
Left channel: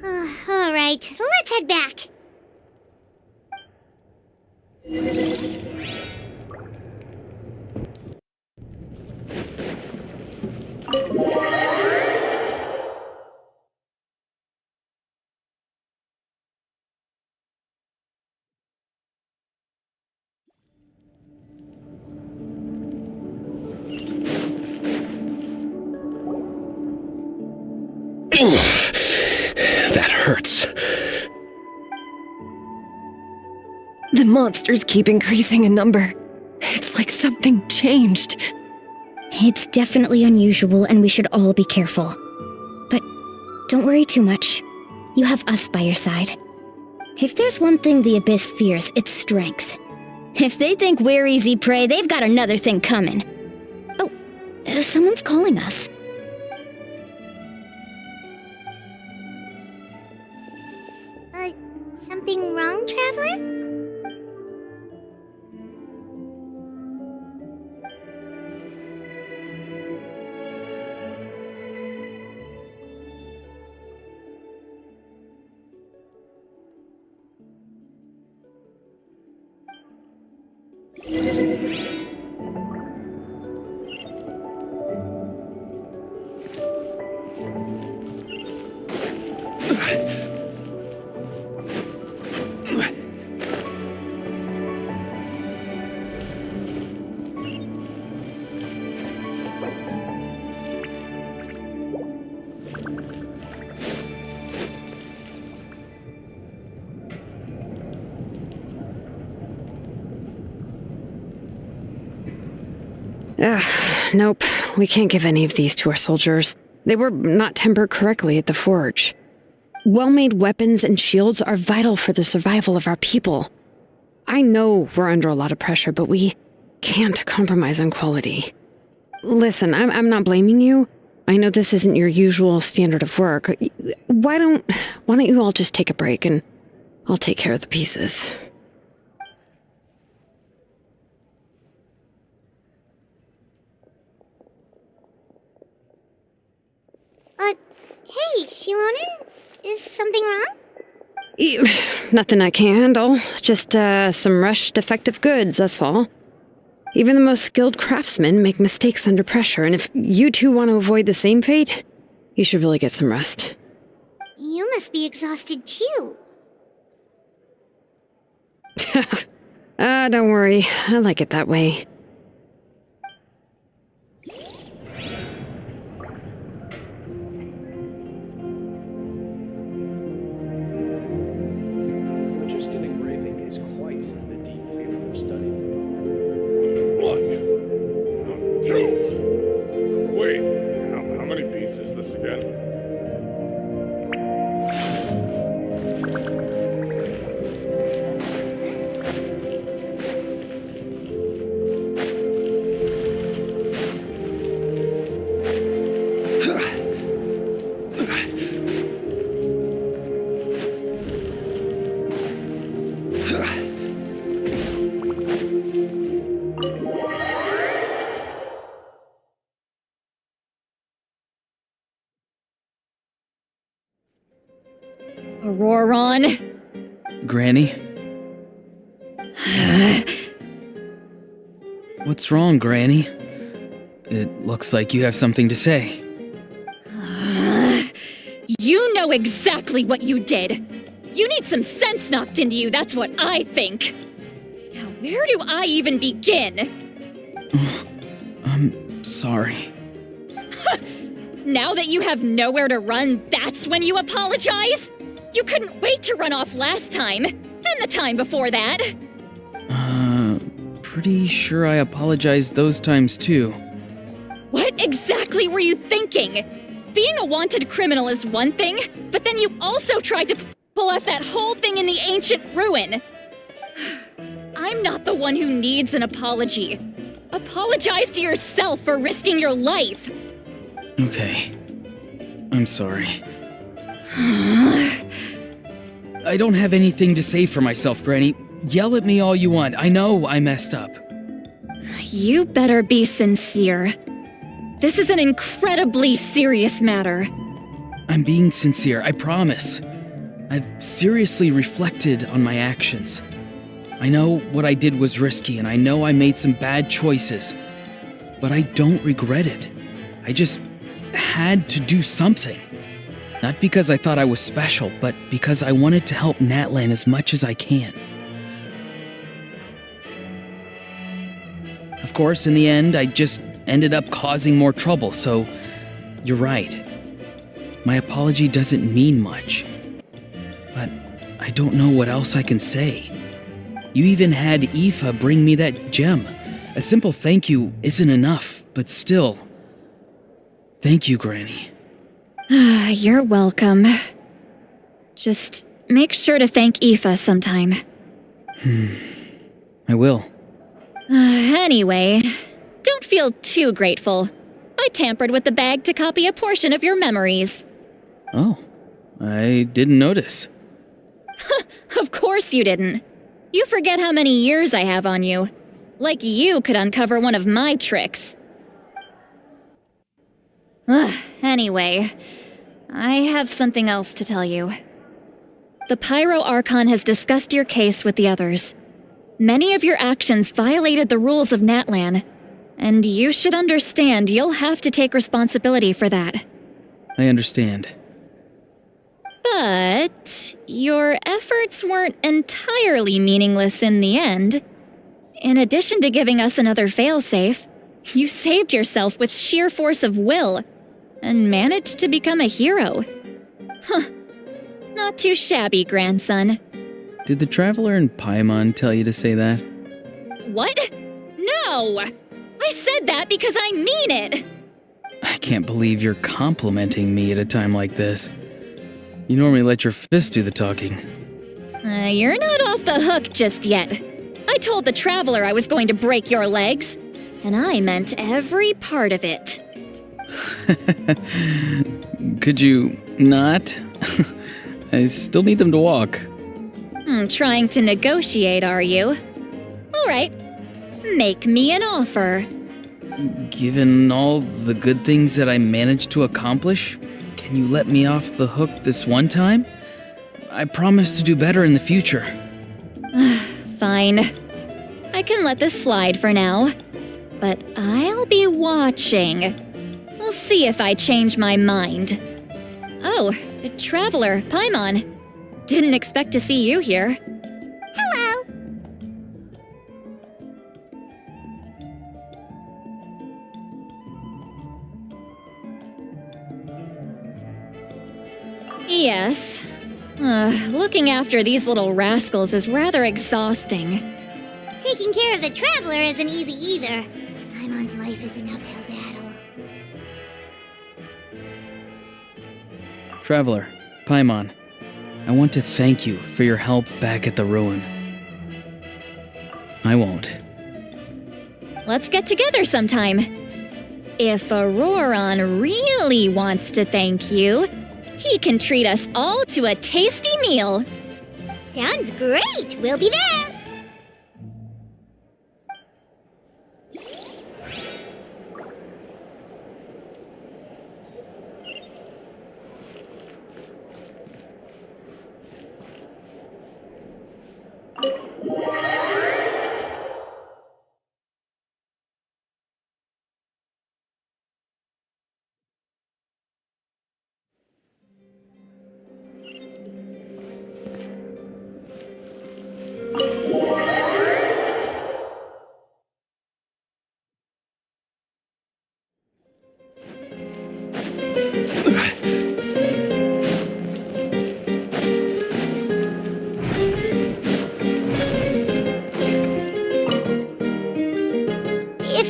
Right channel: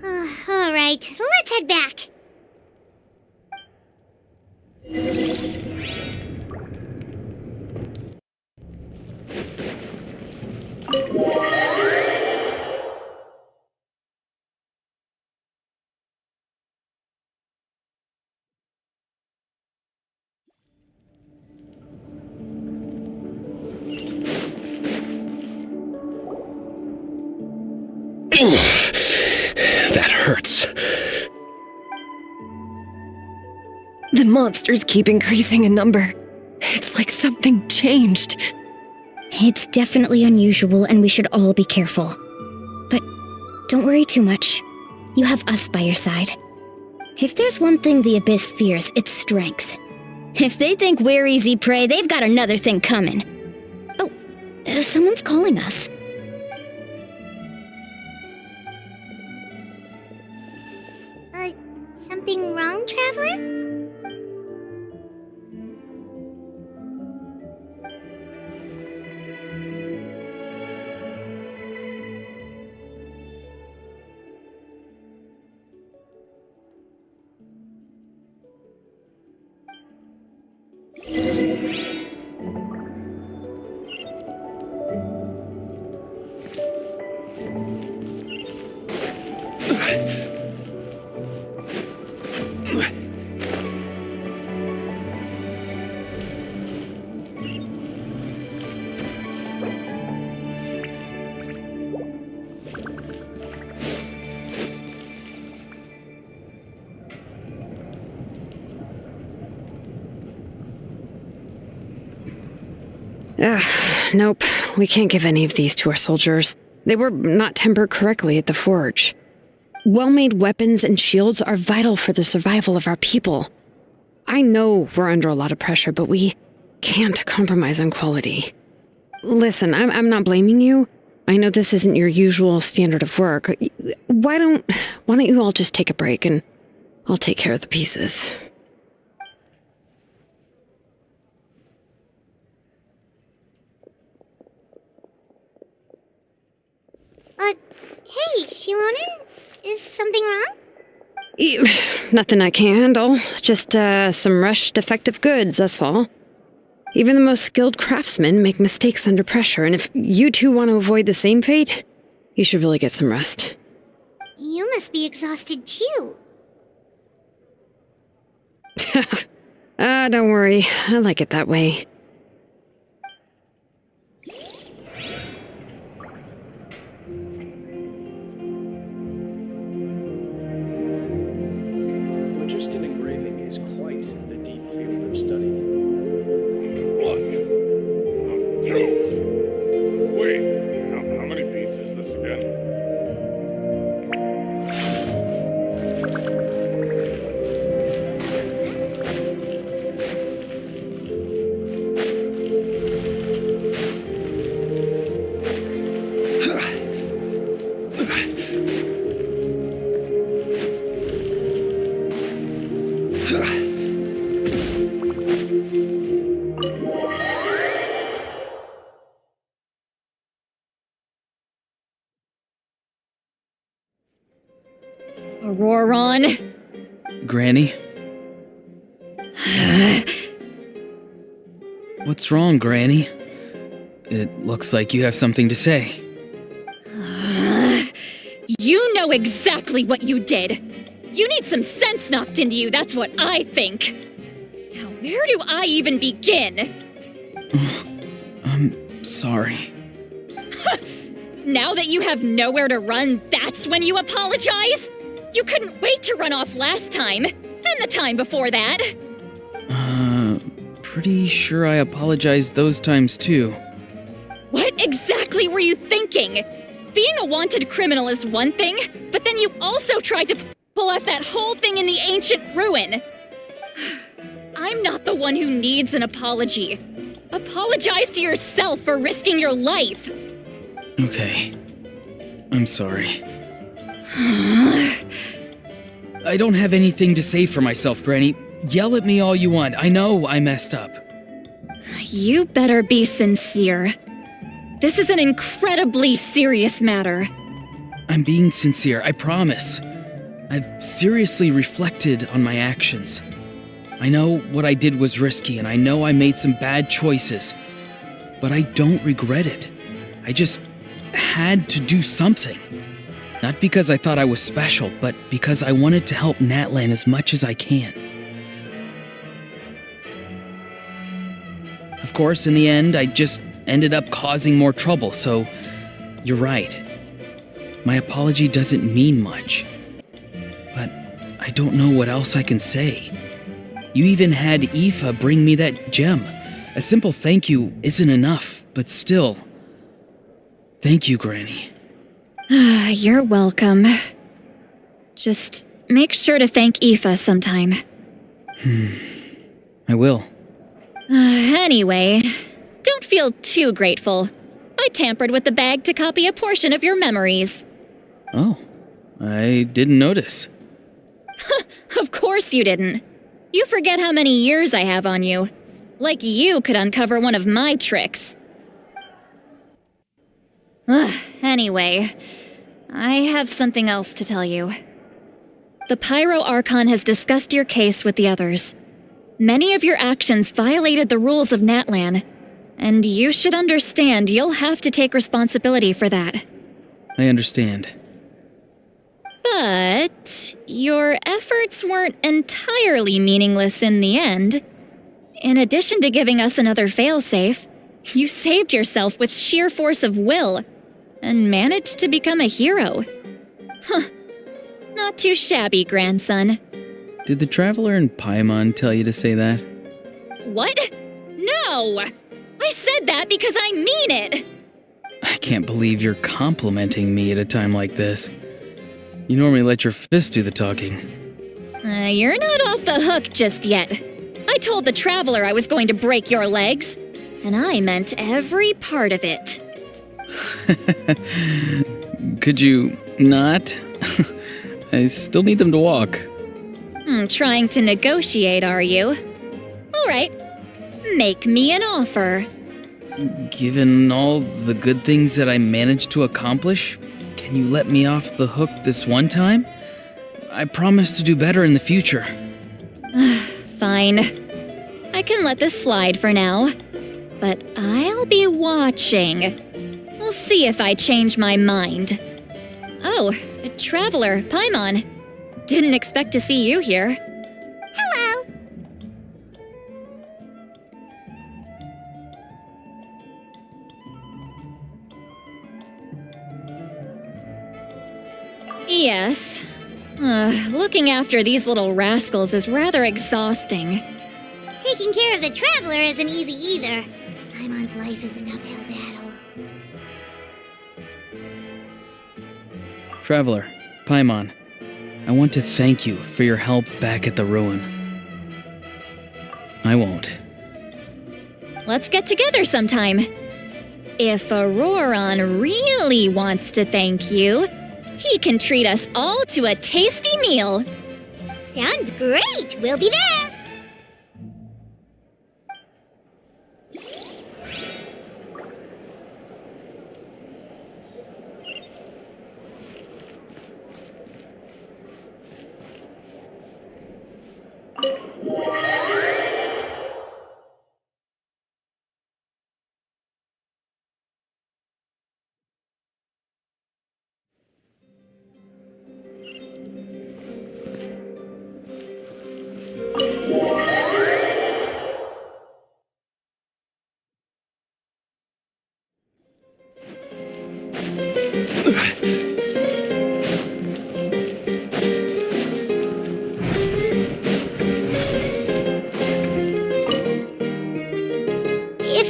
All right, let's head back. That hurts. The monsters keep increasing in number. It's like something changed. It's definitely unusual and we should all be careful. But don't worry too much. You have us by your side. If there's one thing the Abyss fears, it's strength. If they think we're easy prey, they've got another thing coming. Oh, someone's calling us. Something wrong, Traveler? Nope. We can't give any of these to our soldiers. They were not tempered correctly at the forge. Well-made weapons and shields are vital for the survival of our people. I know we're under a lot of pressure, but we can't compromise on quality. Listen, I'm not blaming you. I know this isn't your usual standard of work. Why don't you all just take a break and I'll take care of the pieces. Hey, Shilonen? Is something wrong? Nothing I can handle. Just, some rushed defective goods, that's all. Even the most skilled craftsmen make mistakes under pressure, and if you two want to avoid the same fate, you should really get some rest. You must be exhausted too. Don't worry. I like it that way. Auroron! Granny? What's wrong, Granny? It looks like you have something to say. You know exactly what you did. You need some sense knocked into you, that's what I think. Now, where do I even begin? I'm sorry. Now that you have nowhere to run, that's when you apologize? You couldn't wait to run off last time, and the time before that. Pretty sure I apologized those times too. What exactly were you thinking? Being a wanted criminal is one thing, but then you also tried to pull off that whole thing in the ancient ruin. I'm not the one who needs an apology. Apologize to yourself for risking your life. Okay. I'm sorry. I don't have anything to say for myself, Granny. Yell at me all you want. I know I messed up. You better be sincere. This is an incredibly serious matter. I'm being sincere, I promise. I've seriously reflected on my actions. I know what I did was risky, and I know I made some bad choices. But I don't regret it. I just had to do something. Not because I thought I was special, but because I wanted to help Natlan as much as I can. Of course, in the end, I just ended up causing more trouble, so you're right. My apology doesn't mean much. But I don't know what else I can say. You even had Aoife bring me that gem. A simple thank you isn't enough, but still. Thank you, Granny. You're welcome. Just make sure to thank Aoife sometime. I will. Anyway, don't feel too grateful. I tampered with the bag to copy a portion of your memories. Oh, I didn't notice. Of course you didn't. You forget how many years I have on you. Like you could uncover one of my tricks. Anyway, I have something else to tell you. The Pyro Archon has discussed your case with the others. Many of your actions violated the rules of Natlan, and you should understand you'll have to take responsibility for that. I understand. But your efforts weren't entirely meaningless in the end. In addition to giving us another failsafe, you saved yourself with sheer force of will and managed to become a hero. Not too shabby, grandson. Did the Traveler in Paimon tell you to say that? What? No! I said that because I mean it! I can't believe you're complimenting me at a time like this. You normally let your fist do the talking. You're not off the hook just yet. I told the Traveler I was going to break your legs, and I meant every part of it. Could you not? I still need them to walk. Trying to negotiate, are you? All right. Make me an offer. Given all the good things that I managed to accomplish, can you let me off the hook this one time? I promise to do better in the future. Fine. I can let this slide for now. But I'll be watching. We'll see if I change my mind. Oh, Traveler, Paimon. Didn't expect to see you here. Hello. Yes. Looking after these little rascals is rather exhausting. Taking care of the Traveler isn't easy either. Paimon's life is an uphill battle. Traveler, Paimon, I want to thank you for your help back at the ruin. I won't. Let's get together sometime. If Auroron really wants to thank you, he can treat us all to a tasty meal. Sounds great. We'll be there.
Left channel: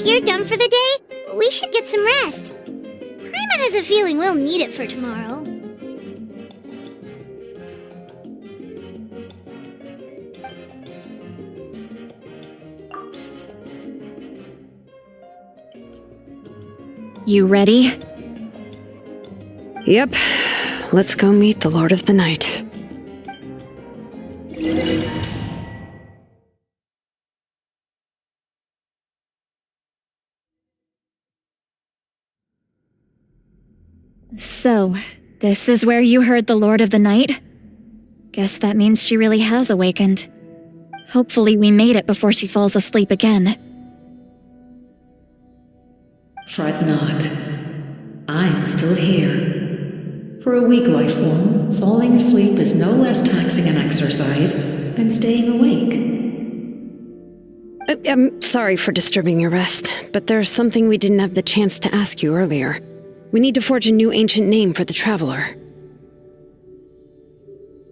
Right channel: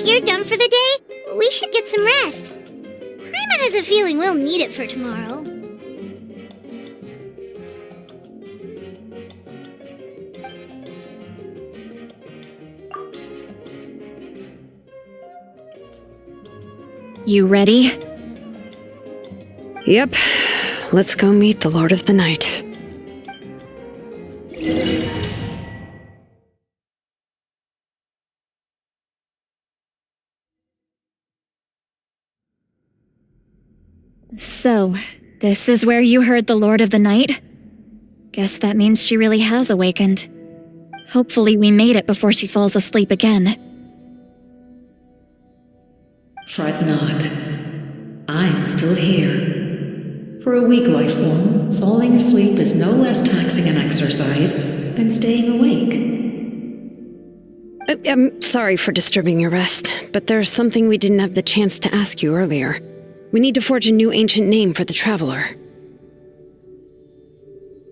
you're done for the day, we should get some rest. Paimon has a feeling we'll need it for tomorrow. You ready? Yep. Let's go meet the Lord of the Night. So, this is where you heard the Lord of the Night? Guess that means she really has awakened. Hopefully we made it before she falls asleep again. Fret not. I'm still here. For a weak life form, falling asleep is no less taxing an exercise than staying awake. I'm sorry for disturbing your rest, but there's something we didn't have the chance to ask you earlier. We need to forge a new ancient name for the Traveler.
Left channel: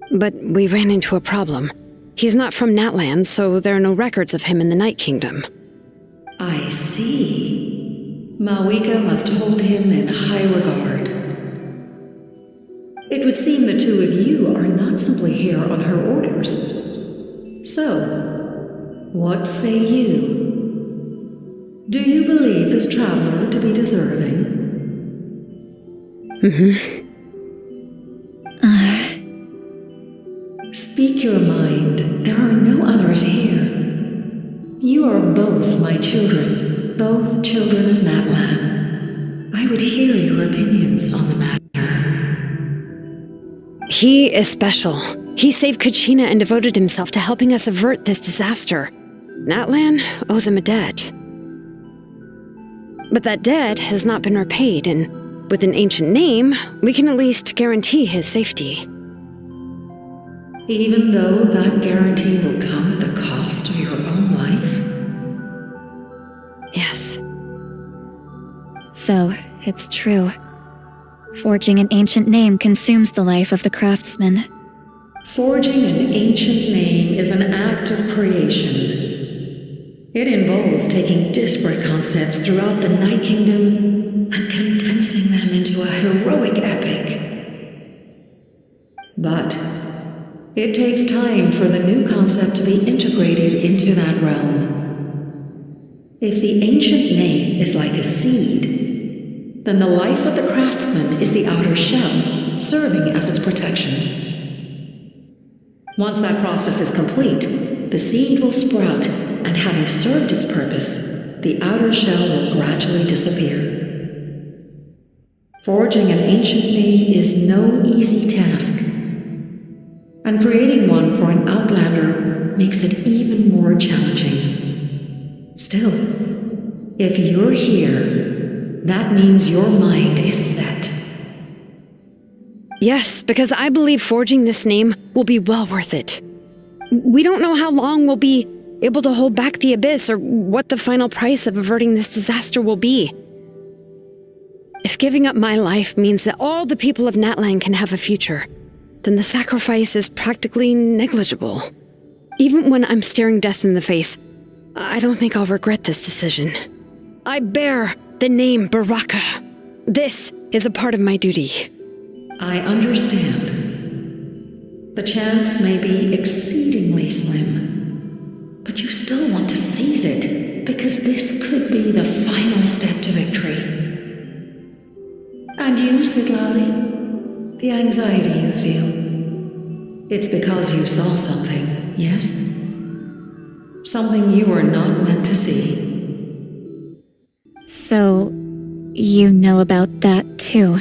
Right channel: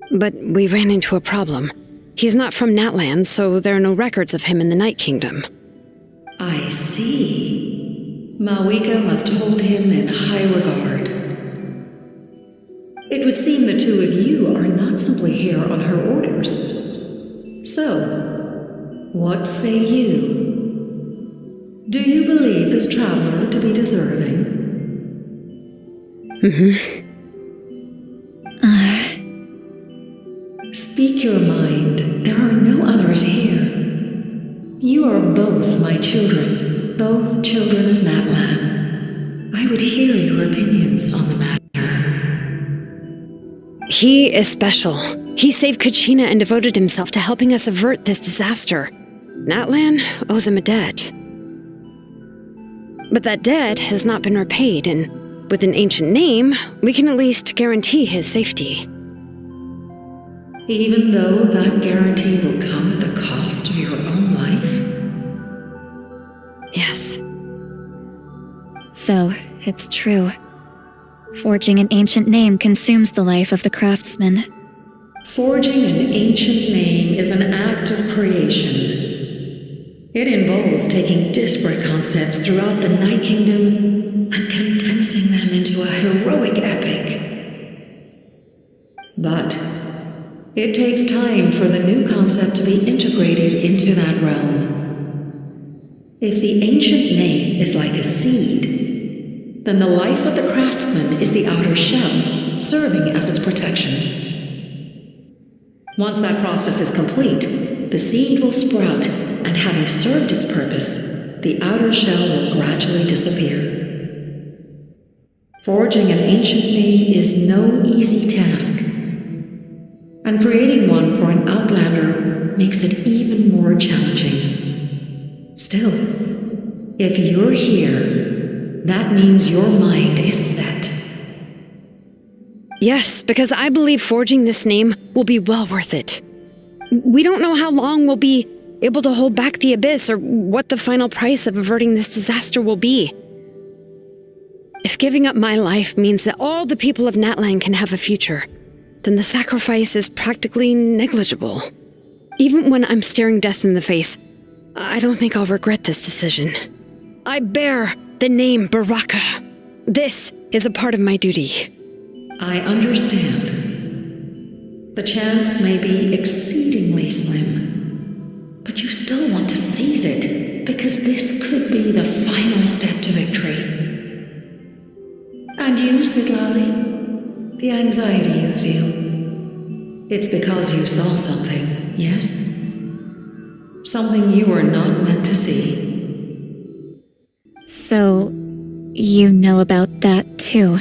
But we ran into a problem. He's not from Natlan, so there are no records of him in the Night Kingdom. I see. Malwika must hold him in high regard. It would seem the two of you are not simply here on her orders. So, what say you? Do you believe this traveler to be deserving? Speak your mind. There are no others here. You are both my children, both children of Natlan. I would hear your opinions on the matter. He is special. He saved Kachina and devoted himself to helping us avert this disaster. Natlan owes him a debt. But that debt has not been repaid, and with an ancient name, we can at least guarantee his safety. Even though that guarantee will come at the cost of your own life? Yes. So, it's true. Forging an ancient name consumes the life of the craftsman. Forging an ancient name is an act of creation. It involves taking disparate concepts throughout the Night Kingdom and condensing them into a heroic epic. But it takes time for the new concept to be integrated into that realm. If the ancient name is like a seed, then the life of the craftsman is the outer shell, serving as its protection. Once that process is complete, the seed will sprout, and having served its purpose, the outer shell will gradually disappear. Forging an ancient name is no easy task, and creating one for an outlander makes it even more challenging. Still, if you're here, that means your mind is set. Yes, because I believe forging this name will be well worth it. We don't know how long we'll be able to hold back the abyss or what the final price of averting this disaster will be. If giving up my life means that all the people of Natlan can have a future, then the sacrifice is practically negligible. Even when I'm staring death in the face, I don't think I'll regret this decision. I bear the name Baraka. This is a part of my duty. I understand. The chance may be exceedingly slim, but you still want to seize it because this could be the final step to victory. And you, Siglali, the anxiety you feel, it's because you saw something, yes? Something you were not meant to see. So, you know about that too.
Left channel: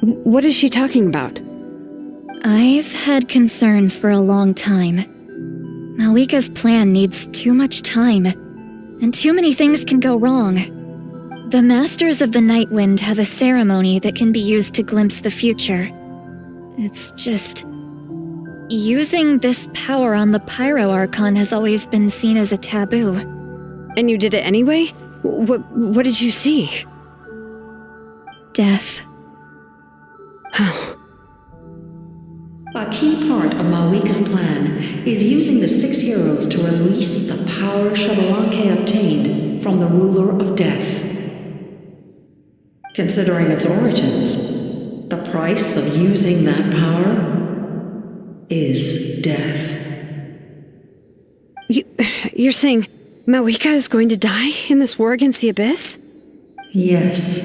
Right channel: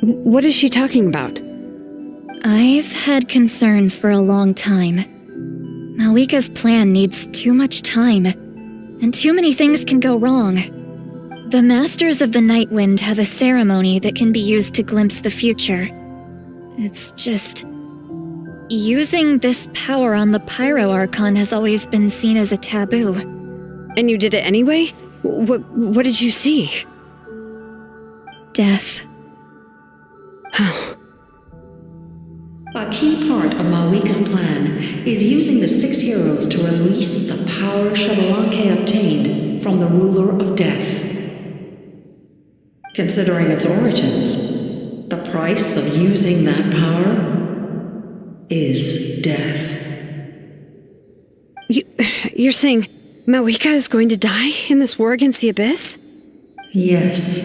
What is she talking about? I've had concerns for a long time. Malwika's plan needs too much time, and too many things can go wrong. The Masters of the Night Wind have a ceremony that can be used to glimpse the future. It's just... using this power on the Pyro Archon has always been seen as a taboo. And you did it anyway? What did you see? Death. A key part of Malwika's plan is using the 6 heroes to release the power Xbalanque obtained from the ruler of death. Considering its origins, the price of using that power is death. You're saying Mawika is going to die in this war against the Abyss? Yes.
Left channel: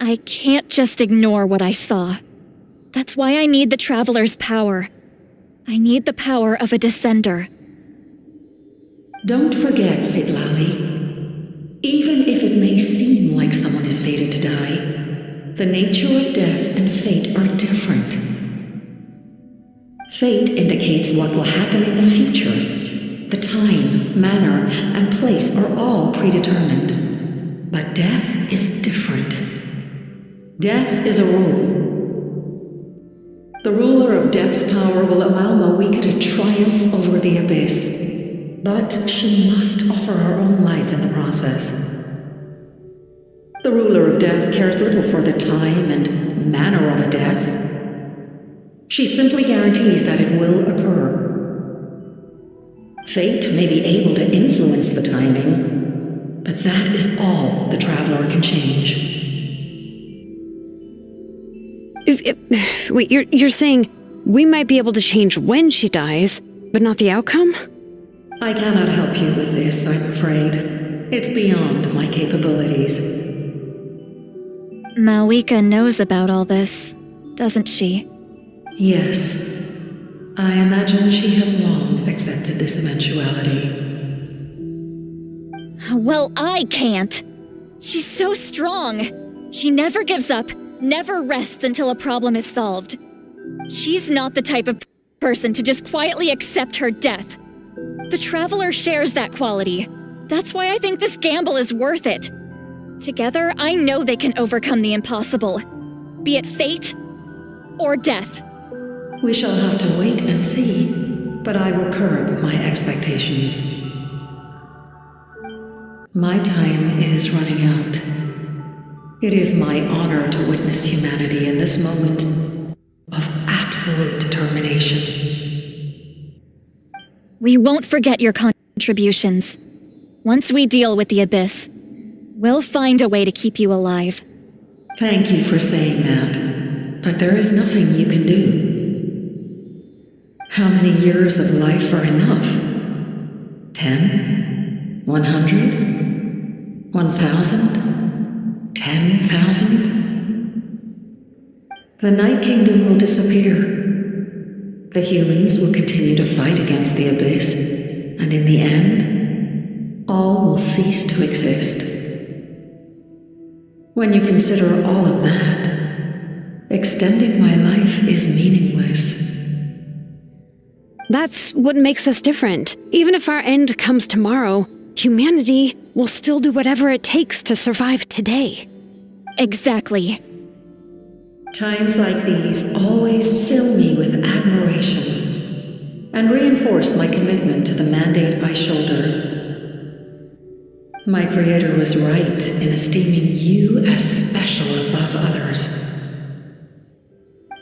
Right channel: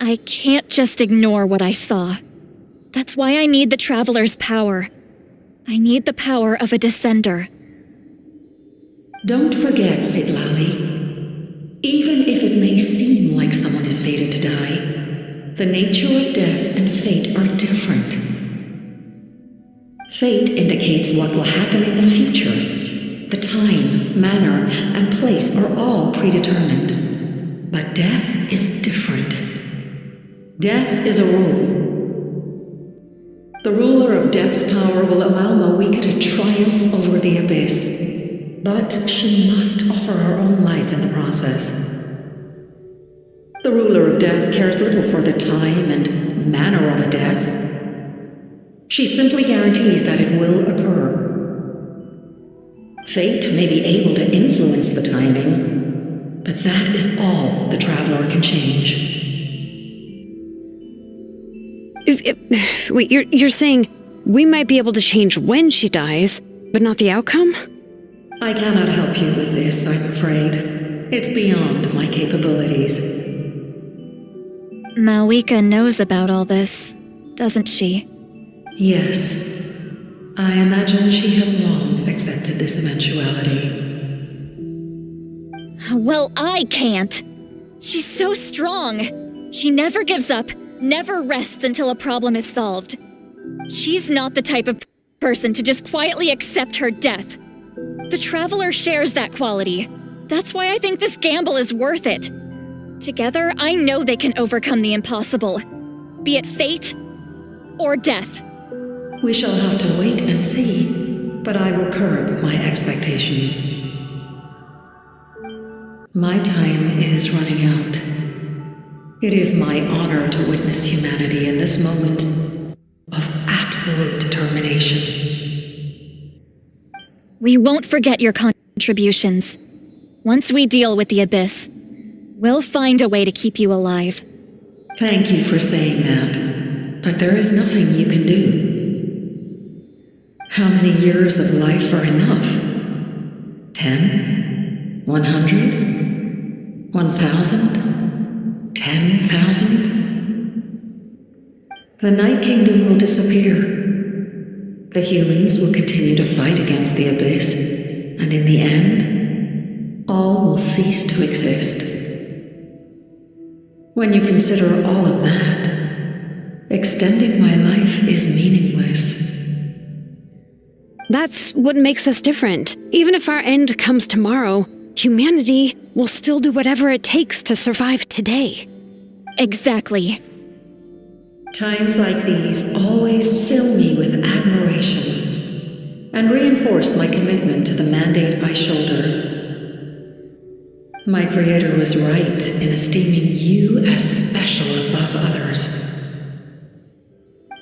I can't just ignore what I saw. That's why I need the Traveler's power. I need the power of a Descender. Don't forget, Siglali. Even if it may seem like someone is fated to die, the nature of death and fate are different. Fate indicates what will happen in the future. The time, manner, and place are all predetermined. But death is different. Death is a rule. The ruler of death's power will allow Mawika to triumph over the Abyss, but she must offer her own life in the process. The ruler of death cares little for the time and manner of a death. She simply guarantees that it will occur. Fate may be able to influence the timing, but that is all the Traveler can change. Wait, you're saying we might be able to change when she dies, but not the outcome? I cannot help you with this, I'm afraid. It's beyond my capabilities. Mawika knows about all this, doesn't she? Yes. I imagine she has long accepted this eventuality. Well, I can't. She's so strong. She never gives up, never rests until a problem is solved. She's not the type of person to just quietly accept her death. The Traveler shares that quality. That's why I think this gamble is worth it. Together, I know they can overcome the impossible. Be it fate or death. We shall have to wait and see, but I will curb my expectations. My time is running out. It is my honor to witness humanity in this moment of absolute determination. We won't forget your contributions. Once we deal with the Abyss, we'll find a way to keep you alive. Thank you for saying that, but there is nothing you can do. How many years of life are enough? 10? 100? 1,000? 10,000? The Night Kingdom will disappear. The humans will continue to fight against the Abyss, and in the end, all will cease to exist. When you consider all of that, extending my life is meaningless. That's what makes us different. Even if our end comes tomorrow, humanity will still do whatever it takes to survive today. Exactly. Times like these always fill me with admiration and reinforce my commitment to the mandate I shoulder. My Creator was right in esteeming you as special above others.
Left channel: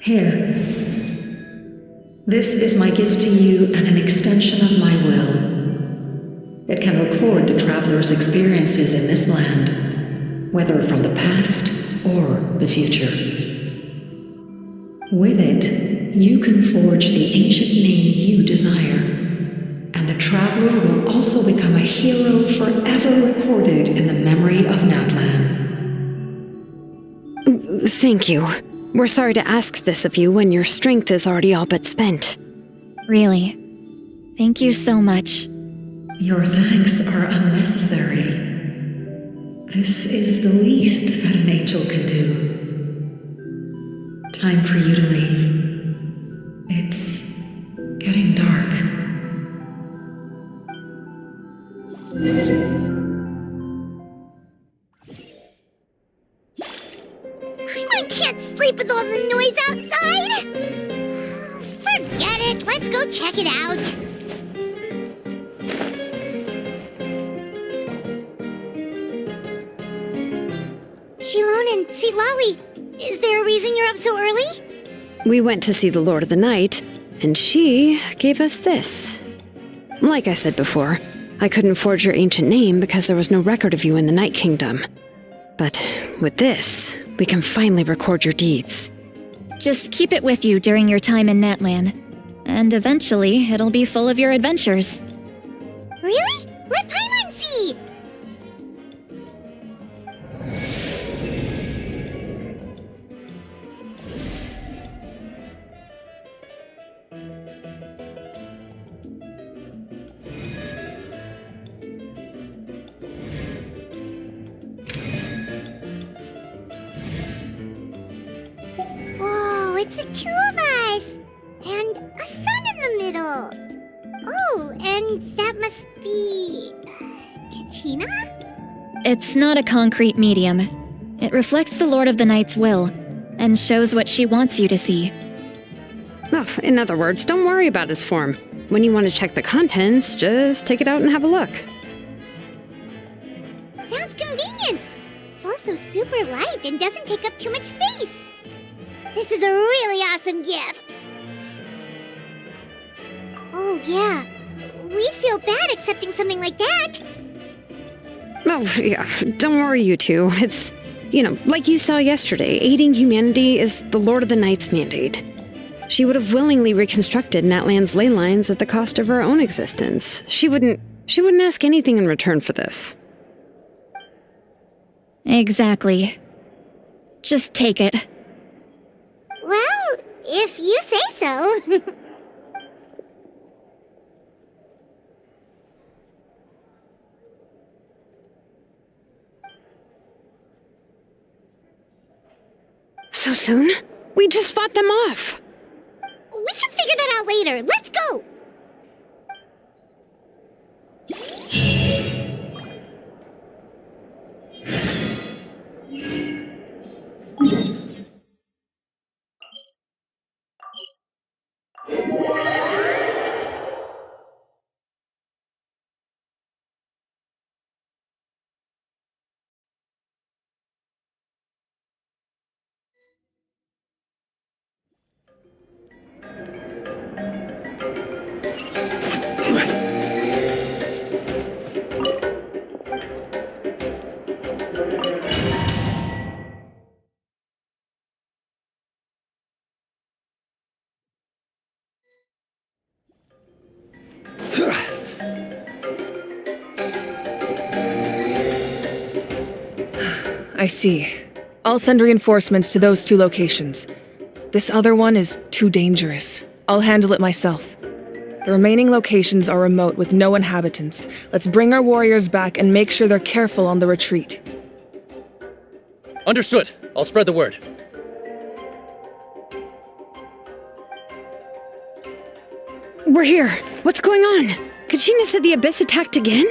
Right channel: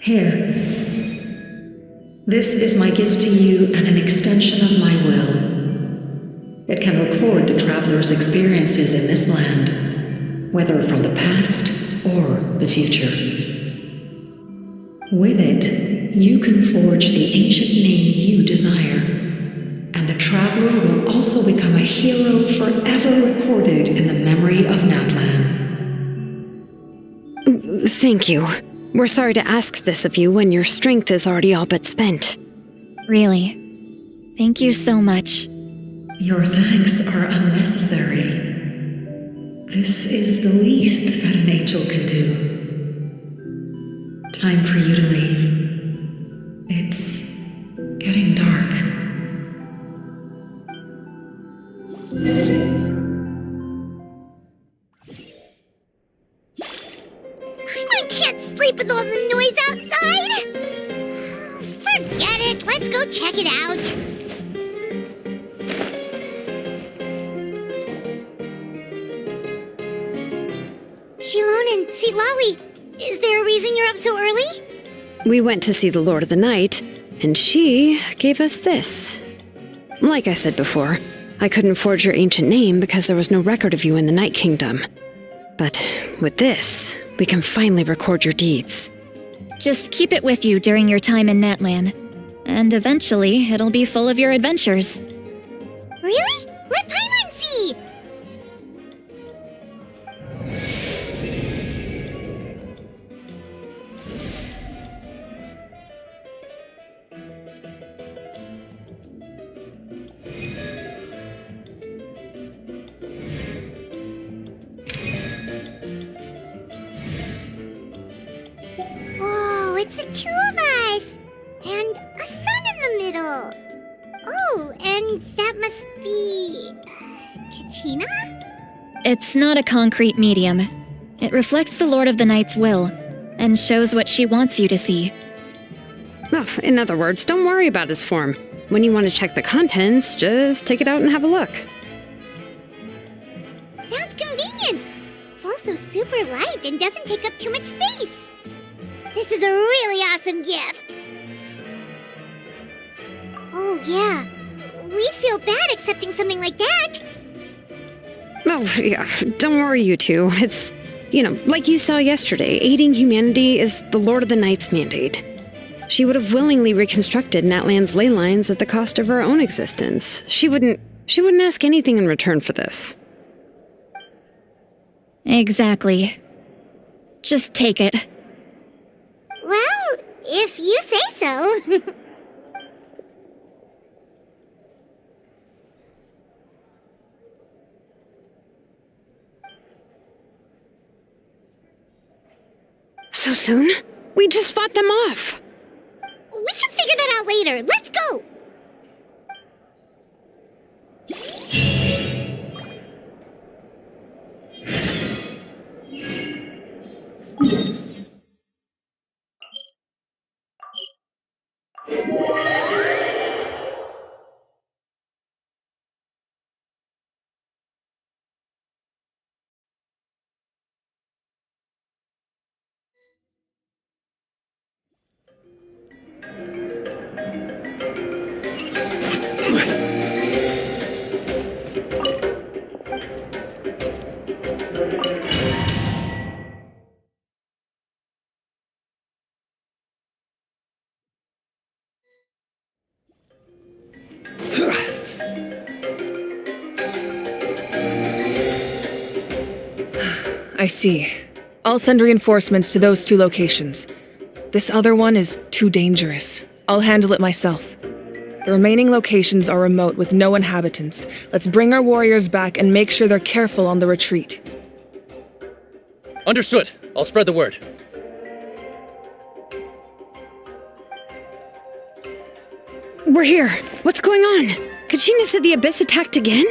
Here. This is my gift to you and an extension of my will. It can record the Traveler's experiences in this land, whether from the past or the future. With it, you can forge the ancient name you desire, and the Traveler will also become a hero forever recorded in the memory of Natlan. Thank you. We're sorry to ask this of you when your strength is already all but spent. Really. Thank you so much. Your thanks are unnecessary. This is the least that an angel can do. Time for you to leave. It's getting dark. I can't sleep with all the noise outside! Forget it, let's go check it out. Shilon and Sitlali, is there a reason you're up so early? We went to see the Lord of the Night, and she gave us this. Like I said before, I couldn't forge your ancient name because there was no record of you in the Night Kingdom. But with this, we can finally record your deeds. Just keep it with you during your time in Natlan, and eventually it'll be full of your adventures. Really? Let Paimon see! Whoa, it's the two of us! And a sun in the middle! Oh, and that must be... Kachina? It's not a concrete medium. It reflects the Lord of the Night's will, and shows what she wants you to see. Well, in other words, don't worry about his form. When you want to check the contents, just take it out and have a look. Sounds convenient! It's also super light and doesn't take up too much space! This is a really awesome gift! Oh yeah, we'd feel bad accepting something like that! Oh, yeah, don't worry, you two. It's, like you saw yesterday, aiding humanity is the Lord of the Night's mandate. She would have willingly reconstructed Natlan's ley lines at the cost of her own existence. She wouldn't ask anything in return for this. Exactly. Just take it. Well, if you say so. So soon? We just fought them off. We can figure that out later. Let's go! I see. I'll send reinforcements to those 2 locations. This other one is too dangerous. I'll handle it myself. The remaining locations are remote with no inhabitants. Let's bring our warriors back and make sure they're careful on the retreat. Understood. I'll spread the word. We're here. What's going on? Kachina said the Abyss attacked again?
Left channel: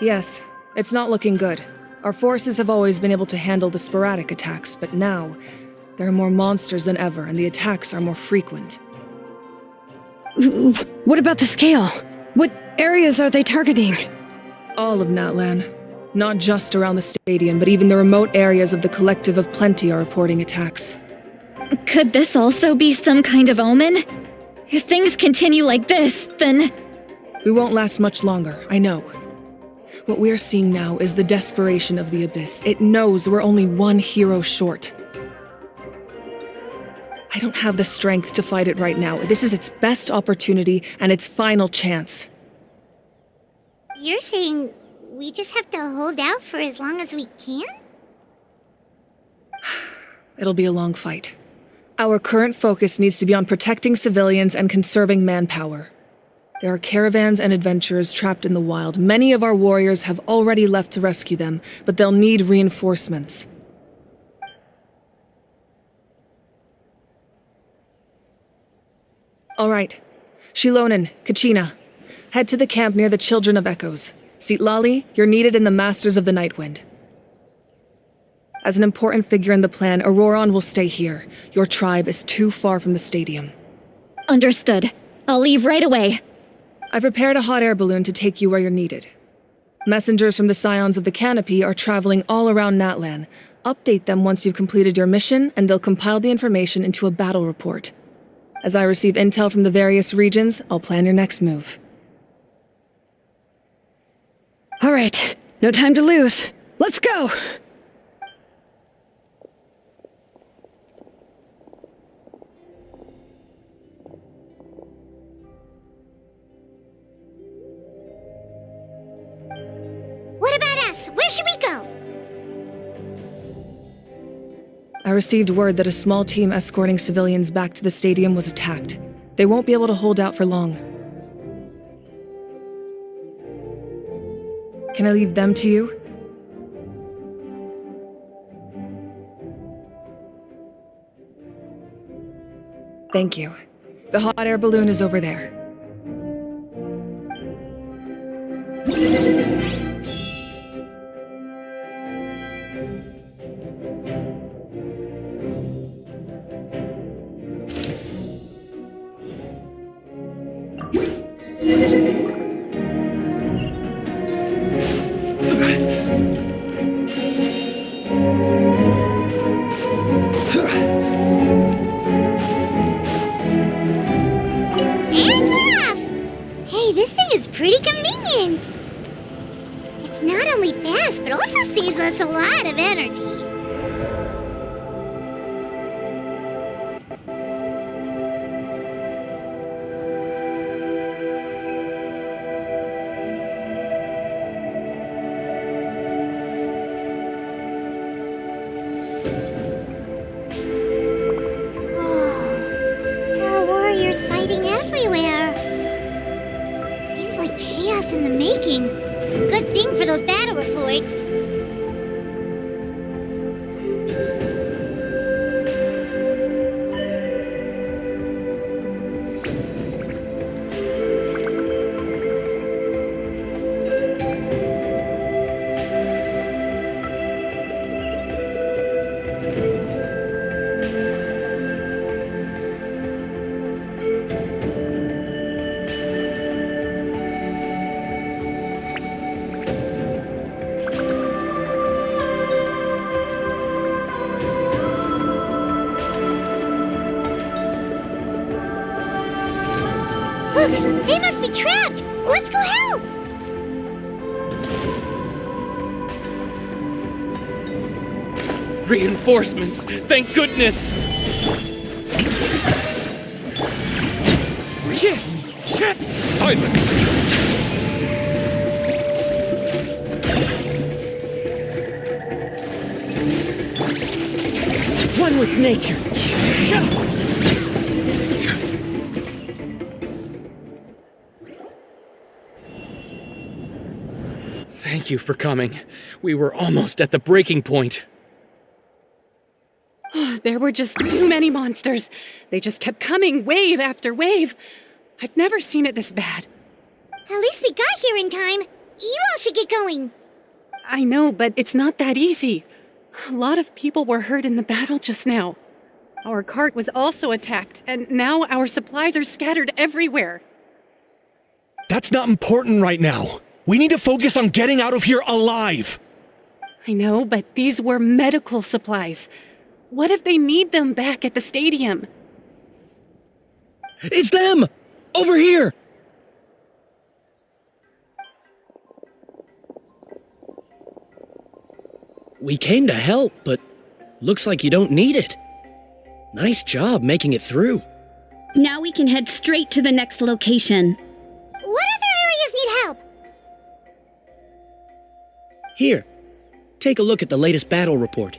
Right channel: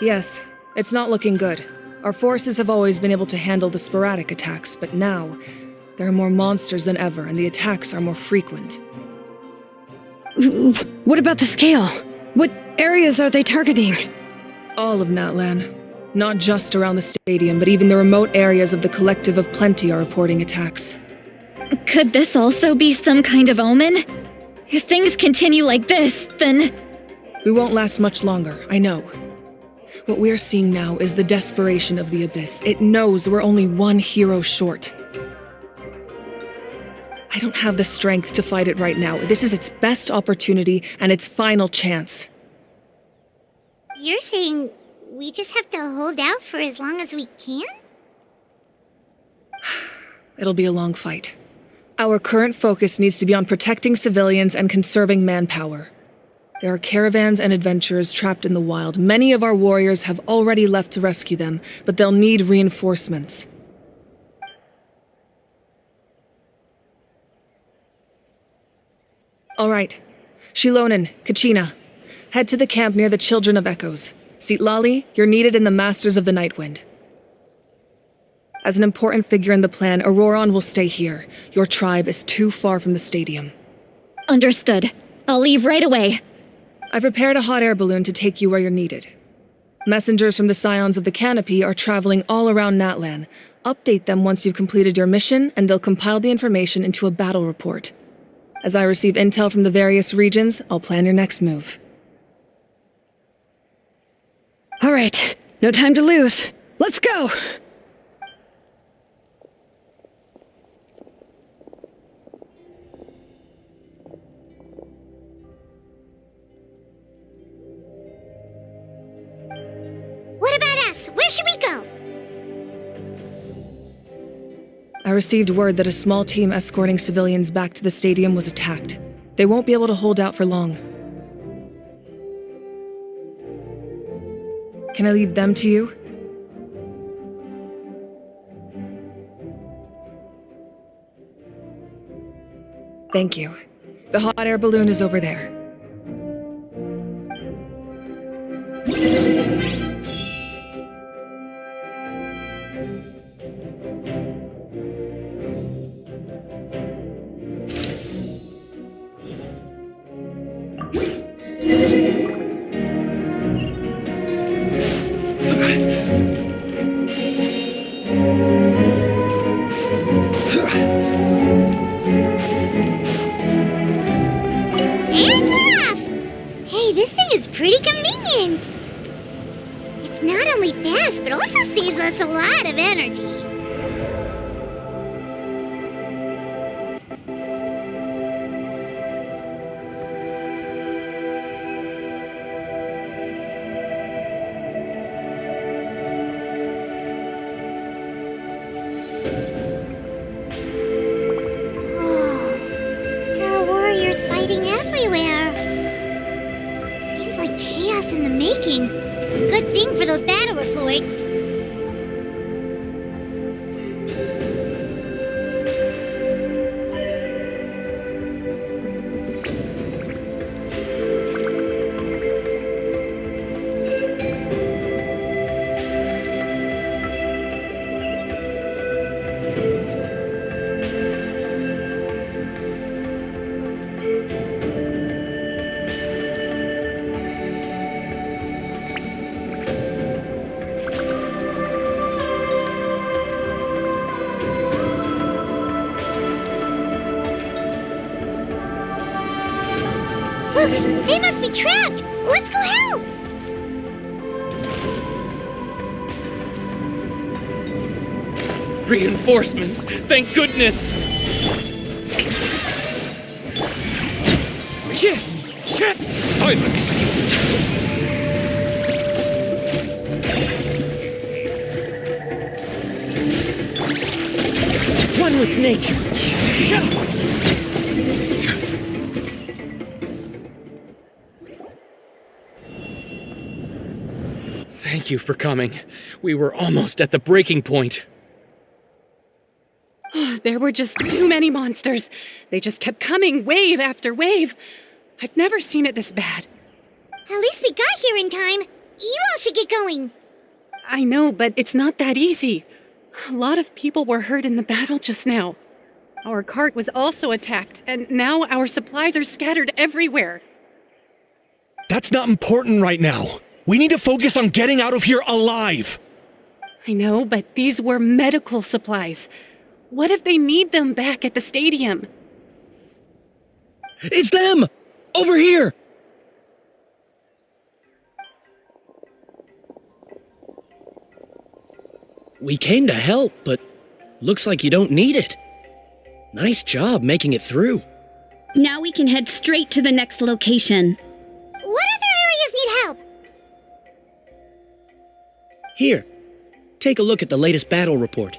Yes, it's not looking good. Our forces have always been able to handle the sporadic attacks, but now, there are more monsters than ever, and the attacks are more frequent. What about the scale? What areas are they targeting? All of Natlan. Not just around the stadium, but even the remote areas of the Collective of Plenty are reporting attacks. Could this also be some kind of omen? If things continue like this, then... We won't last much longer, I know. What we're seeing now is the desperation of the Abyss. It knows we're only one hero short. I don't have the strength to fight it right now. This is its best opportunity and its final chance. You're saying we just have to hold out for as long as we can? It'll be a long fight. Our current focus needs to be on protecting civilians and conserving manpower. There are caravans and adventurers trapped in the wild. Many of our warriors have already left to rescue them, but they'll need reinforcements. All right. Shilonen, Kachina, head to the camp near the Children of Echoes. Sitlali, you're needed in the Masters of the Nightwind. As an important figure in the plan, Auroron will stay here. Your tribe is too far from the stadium. Understood. I'll leave right away. I prepared a hot air balloon to take you where you're needed. Messengers from the Scions of the Canopy are traveling all around Natlan. Update them once you've completed your mission, and they'll compile the information into a battle report. As I receive intel from the various regions, I'll plan your next move. All right, no time to lose. Let's go! What about us? Where should we go? I received word that a small team escorting civilians back to the stadium was attacked. They won't be able to hold out for long. Can I leave them to you? Thank you. The hot air balloon is over there. Hey, this thing is pretty convenient. It's not only fast, but also saves us a lot of energy. Whoa, there are warriors fighting everywhere. Seems like chaos in the making. Good thing for those battle reports. Look, they must be trapped. Let's go help. Reinforcements! Thank goodness! Shit! Shit! Silence! One with nature! Thank you for coming. We were almost at the breaking point. There were just too many monsters. They just kept coming, wave after wave. I've never seen it this bad. At least we got here in time. You all should get going. I know, but it's not that easy. A lot of people were hurt in the battle just now. Our cart was also attacked, and now our supplies are scattered everywhere. That's not important right now. We need to focus on getting out of here alive. I know, but these were medical supplies. What if they need them back at the stadium? It's them! Over here! We came to help, but looks like you don't need it. Nice job making it through. Now we can head straight to the next location. What other areas need help? Here, take a look at the latest battle report.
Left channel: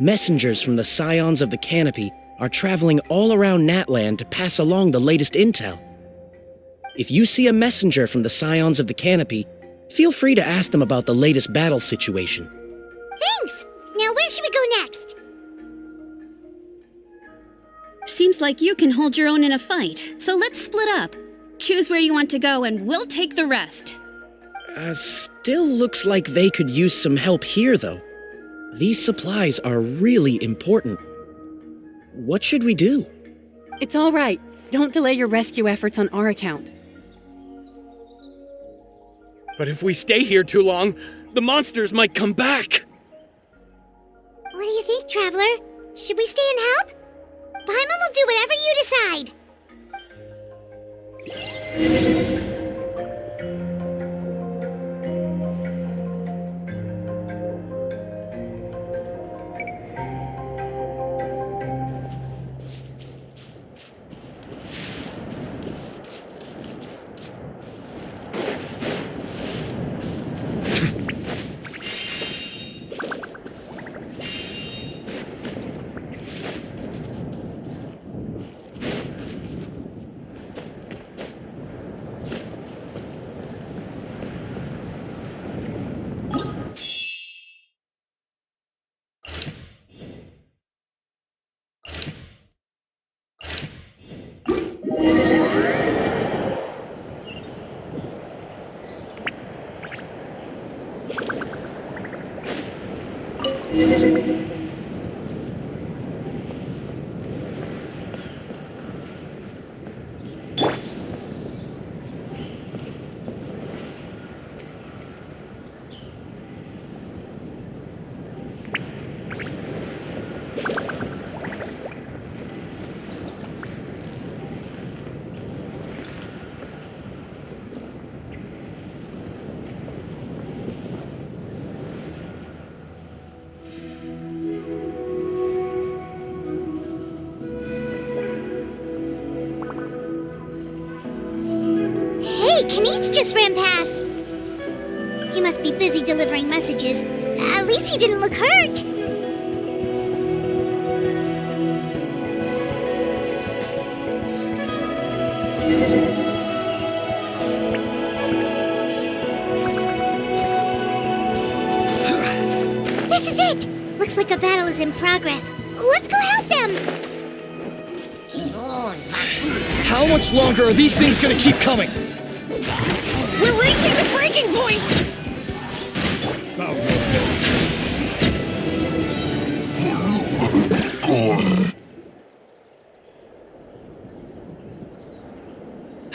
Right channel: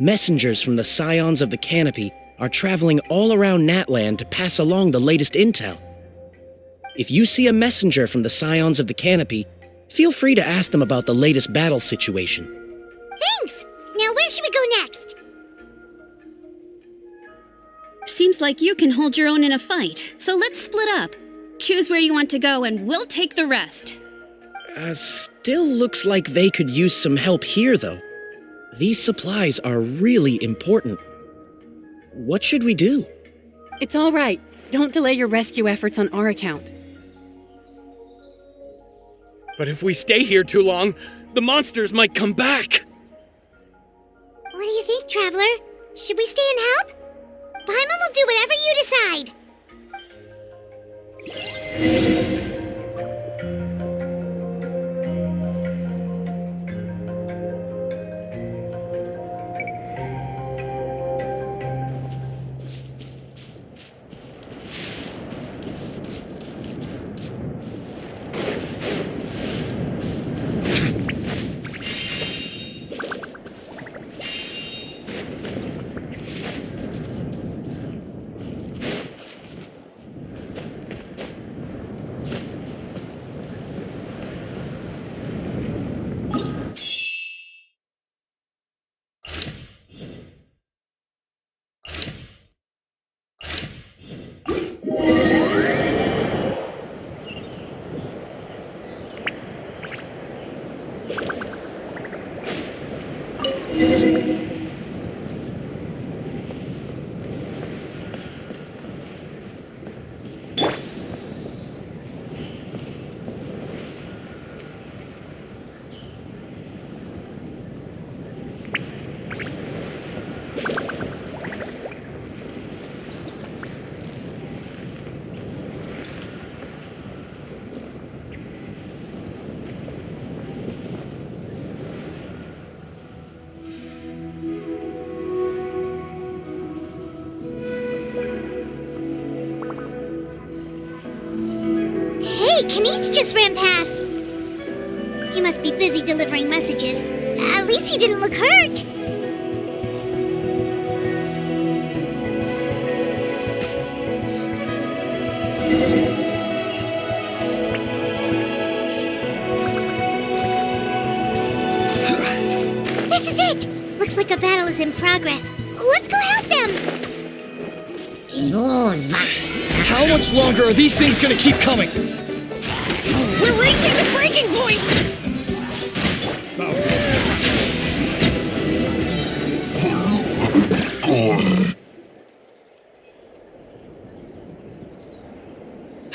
Messengers from the Scions of the Canopy are traveling all around Natlan to pass along the latest intel. If you see a messenger from the Scions of the Canopy, feel free to ask them about the latest battle situation. Thanks! Now where should we go next? Seems like you can hold your own in a fight, so let's split up. Choose where you want to go and we'll take the rest. Still looks like they could use some help here, though. These supplies are really important. What should we do? It's all right. Don't delay your rescue efforts on our account. But if we stay here too long, the monsters might come back. What do you think, Traveler? Should we stay and help? Paimon will do whatever you decide. Kanich just ran past. He must be busy delivering messages. At least he didn't look hurt. This is it! Looks like a battle is in progress. Let's go help them! How much longer are these things gonna keep coming? We're reaching the breaking point!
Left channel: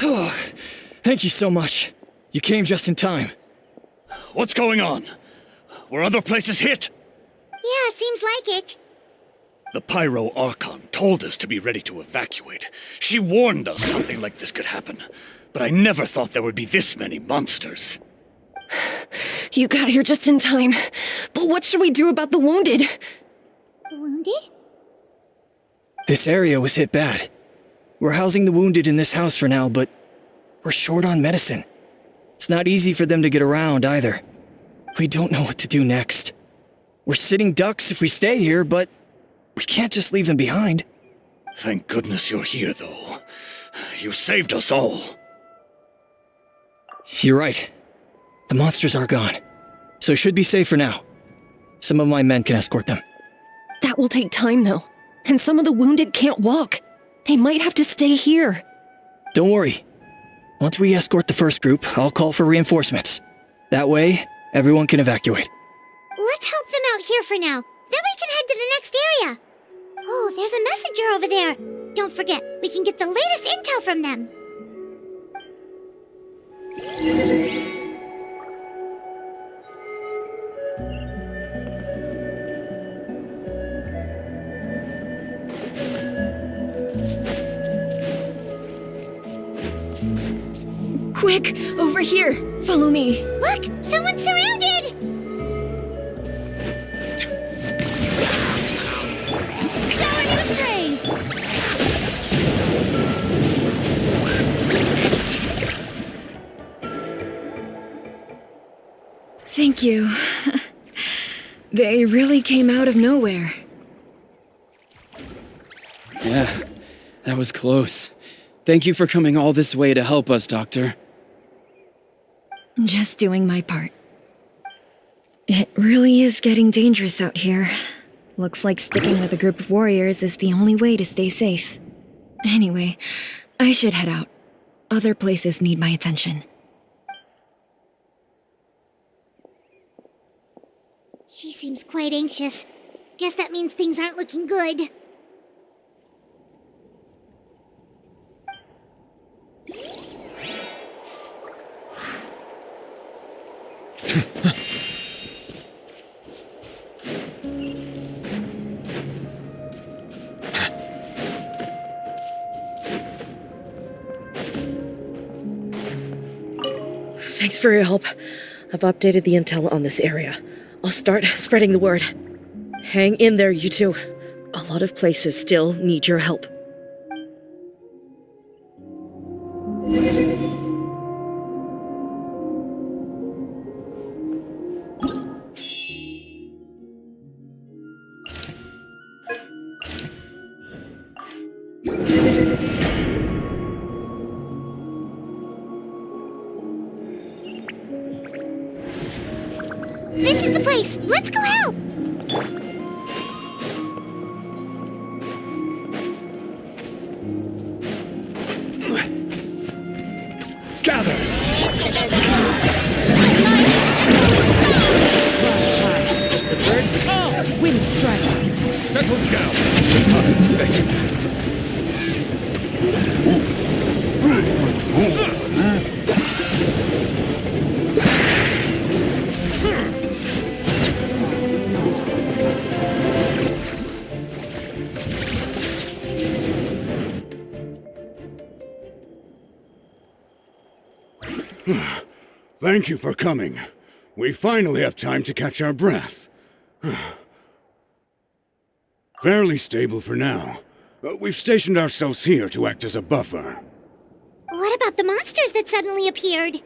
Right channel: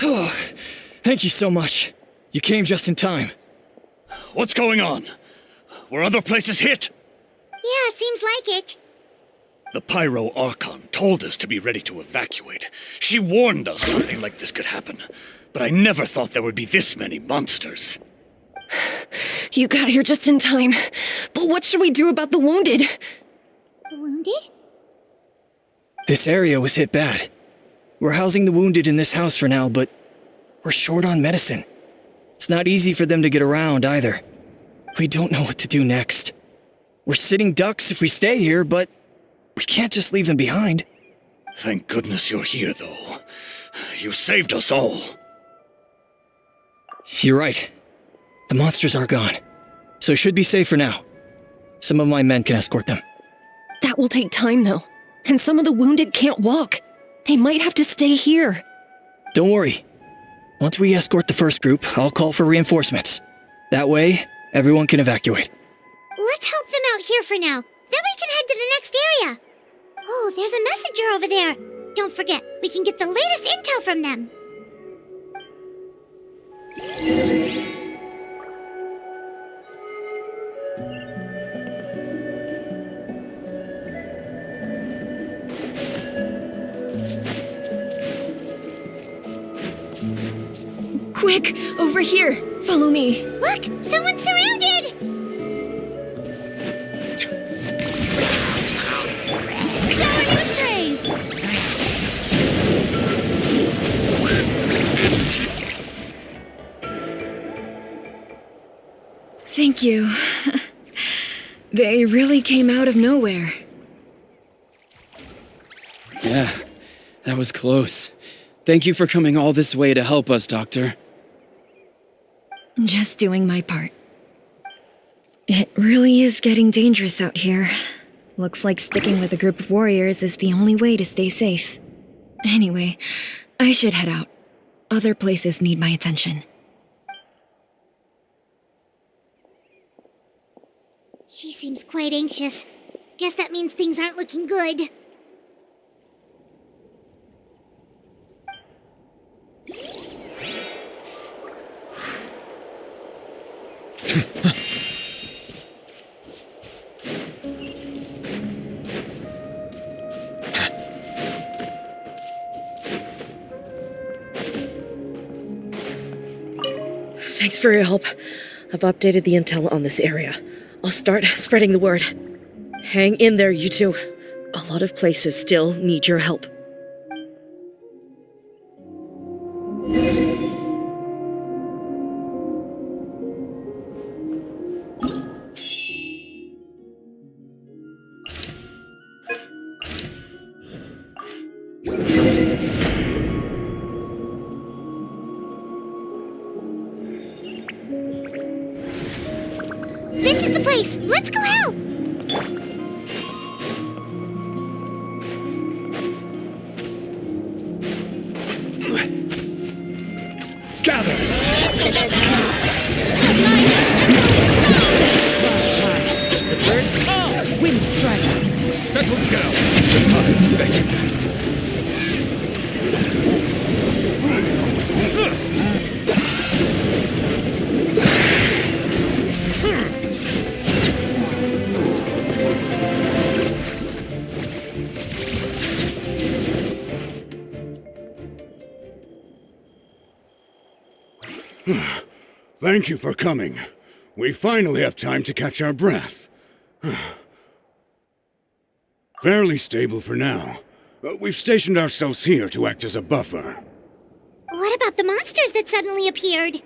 Oh, thank you so much. You came just in time. What's going on? Were other places hit? Yeah, seems like it. The Pyro Archon told us to be ready to evacuate. She warned us something like this could happen. But I never thought there would be this many monsters. You got here just in time. But what should we do about the wounded? The wounded? This area was hit bad. We're housing the wounded in this house for now, but we're short on medicine. It's not easy for them to get around either. We don't know what to do next. We're sitting ducks if we stay here, but we can't just leave them behind. Thank goodness you're here, though. You saved us all. You're right. The monsters are gone, so it should be safe for now. Some of my men can escort them. That will take time, though. And some of the wounded can't walk. They might have to stay here. Don't worry. Once we escort the first group, I'll call for reinforcements. That way, everyone can evacuate. Let's help them out here for now. Then we can head to the next area. Oh, there's a messenger over there. Don't forget, we can get the latest intel from them. Quick, over here. Follow me. Look, someone's surrounded! Showering you with praise! Thank you. They really came out of nowhere. Yeah, that was close. Thank you for coming all this way to help us, Doctor. Just doing my part. It really is getting dangerous out here. Looks like sticking with a group of warriors is the only way to stay safe. Anyway, I should head out. Other places need my attention. She seems quite anxious. Guess that means things aren't looking good. Thanks for your help. I've updated the intel on this area. I'll start spreading the word. Hang in there, you two. A lot of places still need your help. This is the place! Let's go help! Gather! The birds come! Wind strike! Settle down! The time is begging. Thank you for coming. We finally have time to catch our breath. Fairly stable for now. We've stationed ourselves here to act as a buffer. What about the monsters that suddenly appeared?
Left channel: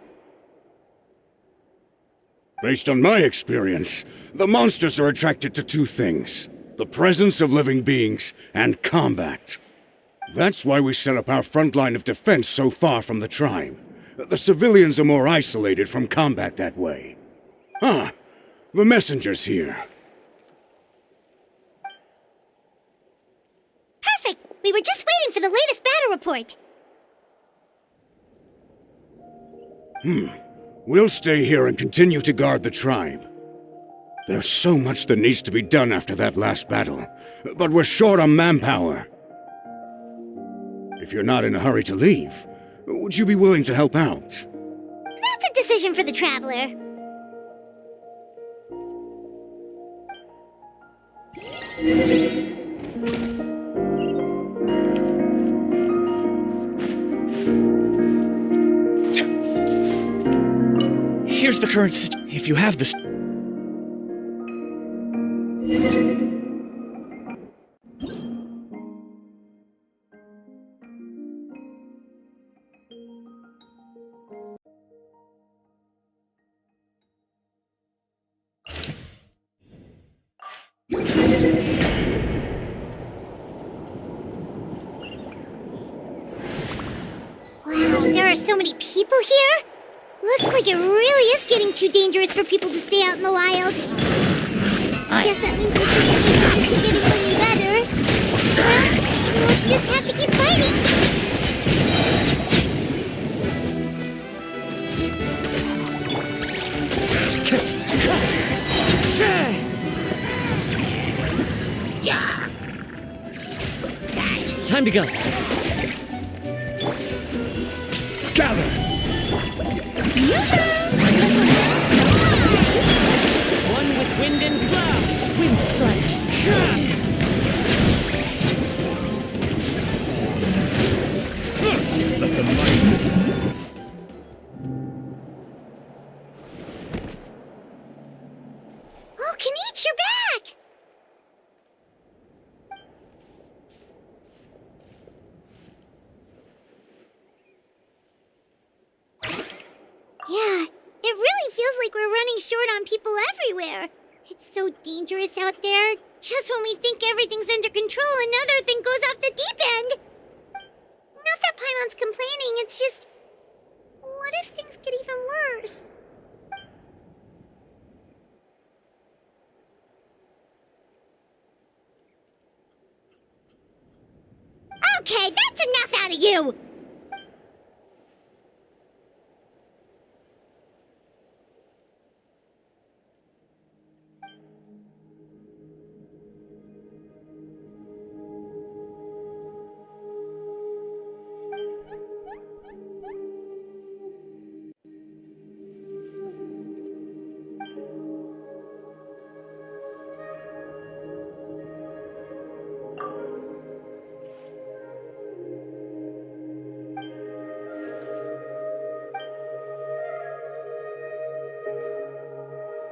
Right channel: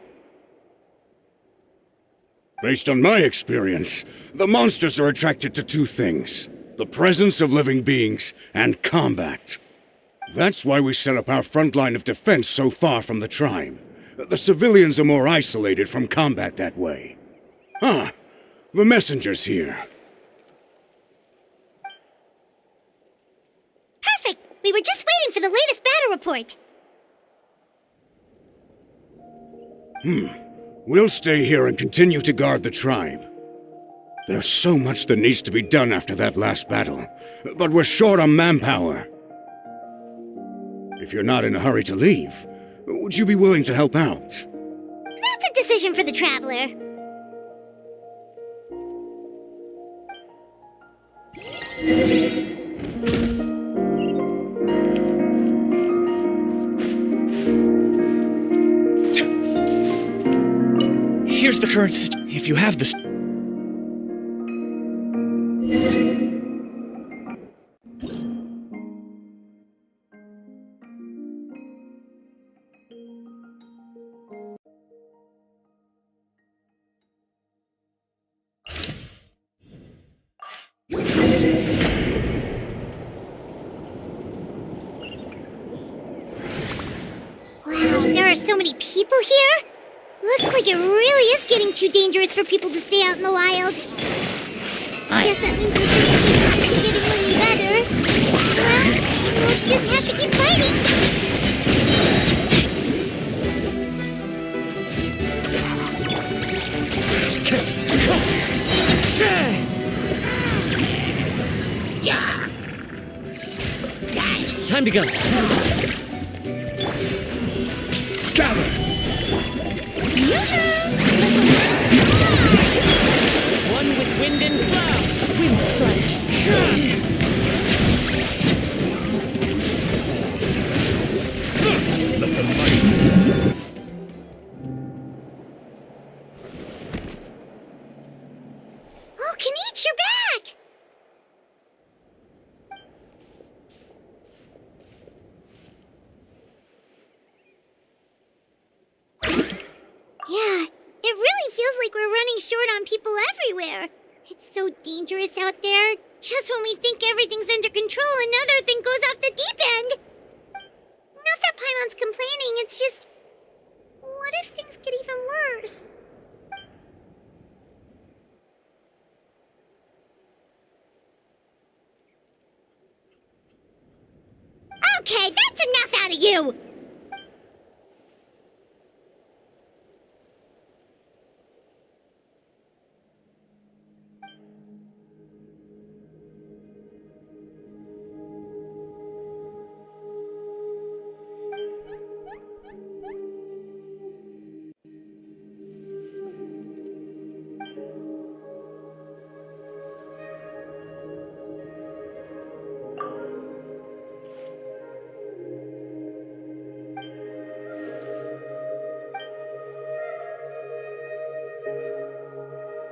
Based on my experience, the monsters are attracted to two things: the presence of living beings and combat. That's why we set up our front line of defense so far from the tribe. The civilians are more isolated from combat that way. Ah, the messenger's here. Perfect! We were just waiting for the latest battle report. We'll stay here and continue to guard the tribe. There's so much that needs to be done after that last battle, but we're short on manpower. If you're not in a hurry to leave, would you be willing to help out? That's a decision for the Traveler. Here's the current situation. If you have this. Wow, there are so many people here? Looks like it really is getting too dangerous for people to stay out in the wild. I guess that means the situation isn't getting any better. Well, we'll just have to keep fighting. Time to go. Gather! One with wind and cloud. Wind strike. Let the might. Oh, Kanichi, you're back! Yeah, it really feels like we're running short on people everywhere. It's so dangerous out there. Just when we think everything's under control, another thing goes off the deep end. Not that Paimon's complaining, it's just... what if things get even worse? Okay, that's enough out of you!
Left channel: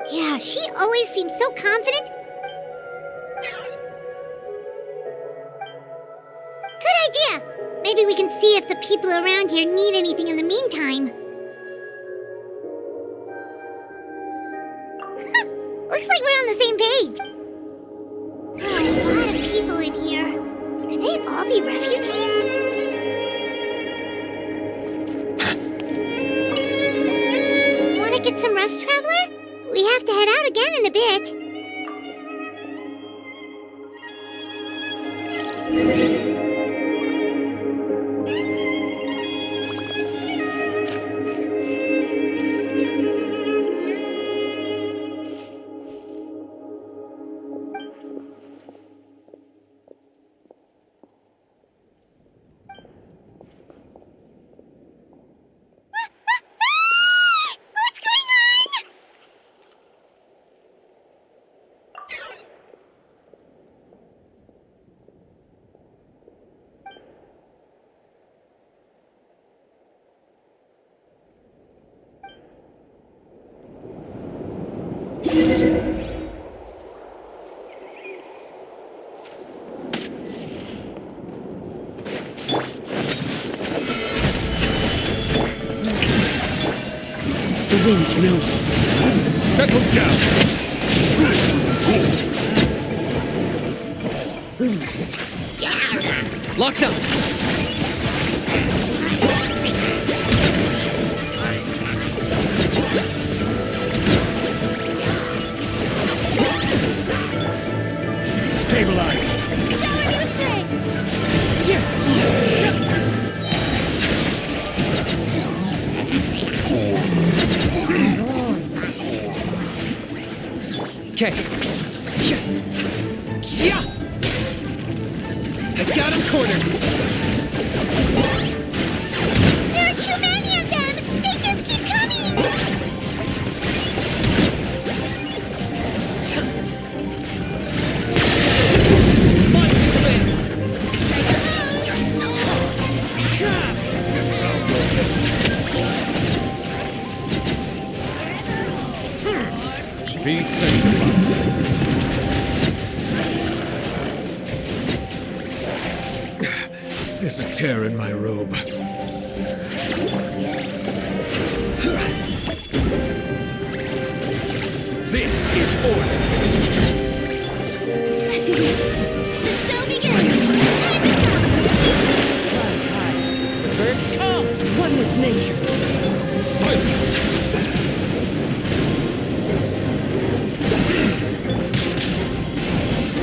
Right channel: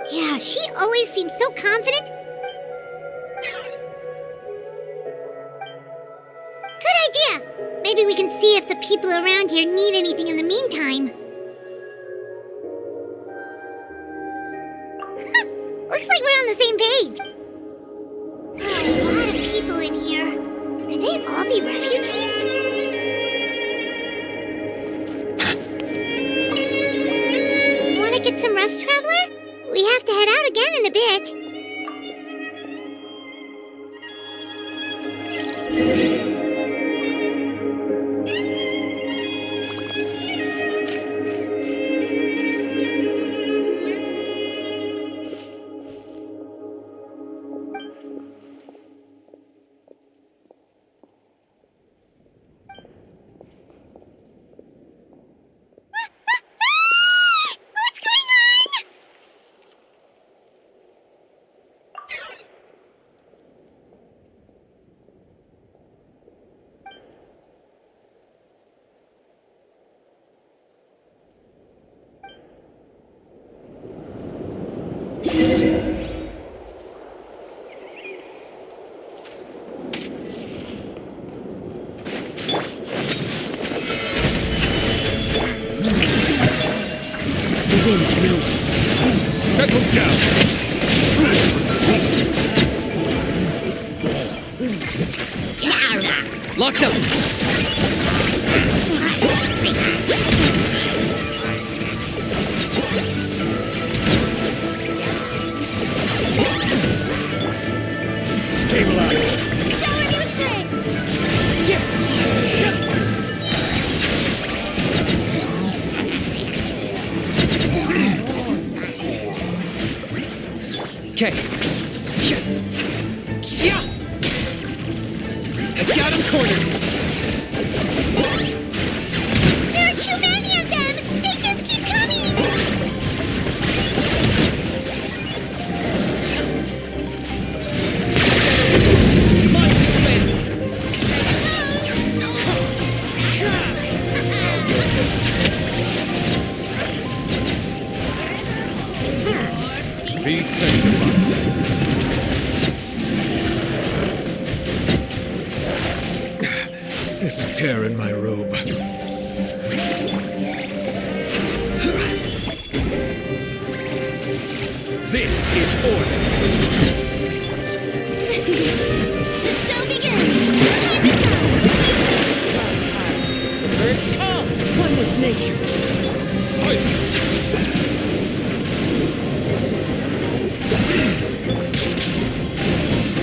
Yeah, she always seems so confident. Good idea! Maybe we can see if the people around here need anything in the meantime. Looks like we're on the same page. There are a lot of people in here. Could they all be refugees? Want to get some rest, Traveler? We have to head out again in a bit. wind knows it. Settle down! Locked up! Stabilize! Shower me with Okay. Yeah! I got him cornered! There are too many of them! They just keep coming! Shadow Blast! Mine to command! Now you're dead. Be sanctified. There's a tear in my robe. This is order! The show begins! Time to shine! Clouds high. The birds calm. One with nature. Silence!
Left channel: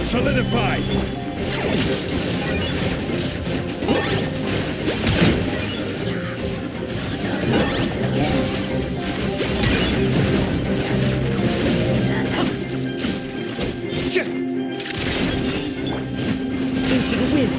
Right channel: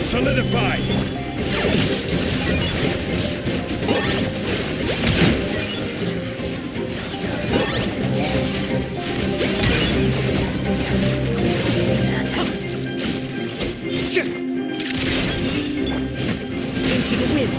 Solidify! Into the wind.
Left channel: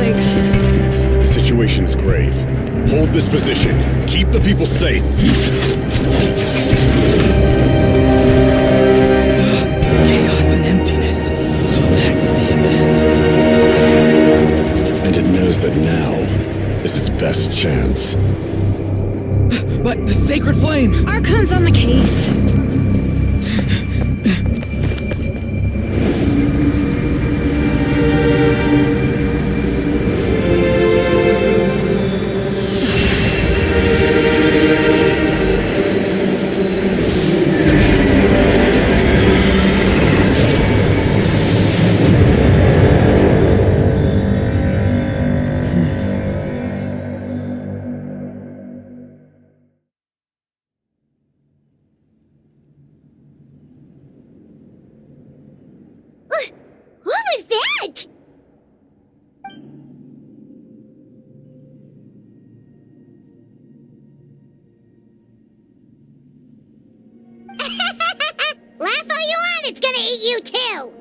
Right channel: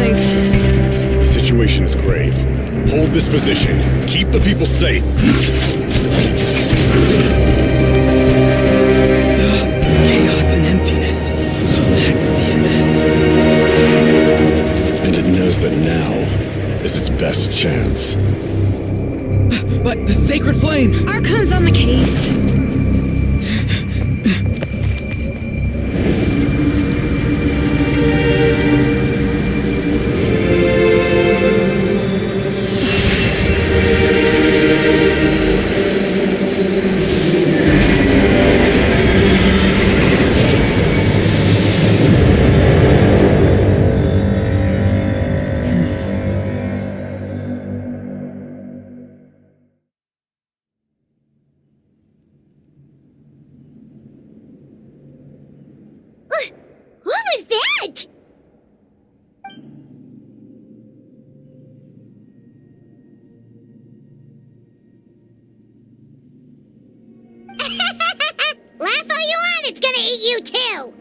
Thanks. The situation is grave. Hold this position. Keep the people safe. Chaos and emptiness. So that's the abyss. And it knows that now is its best chance. But the sacred flame! Archon's on the case. What was that? Laugh all you want, it's gonna eat you too!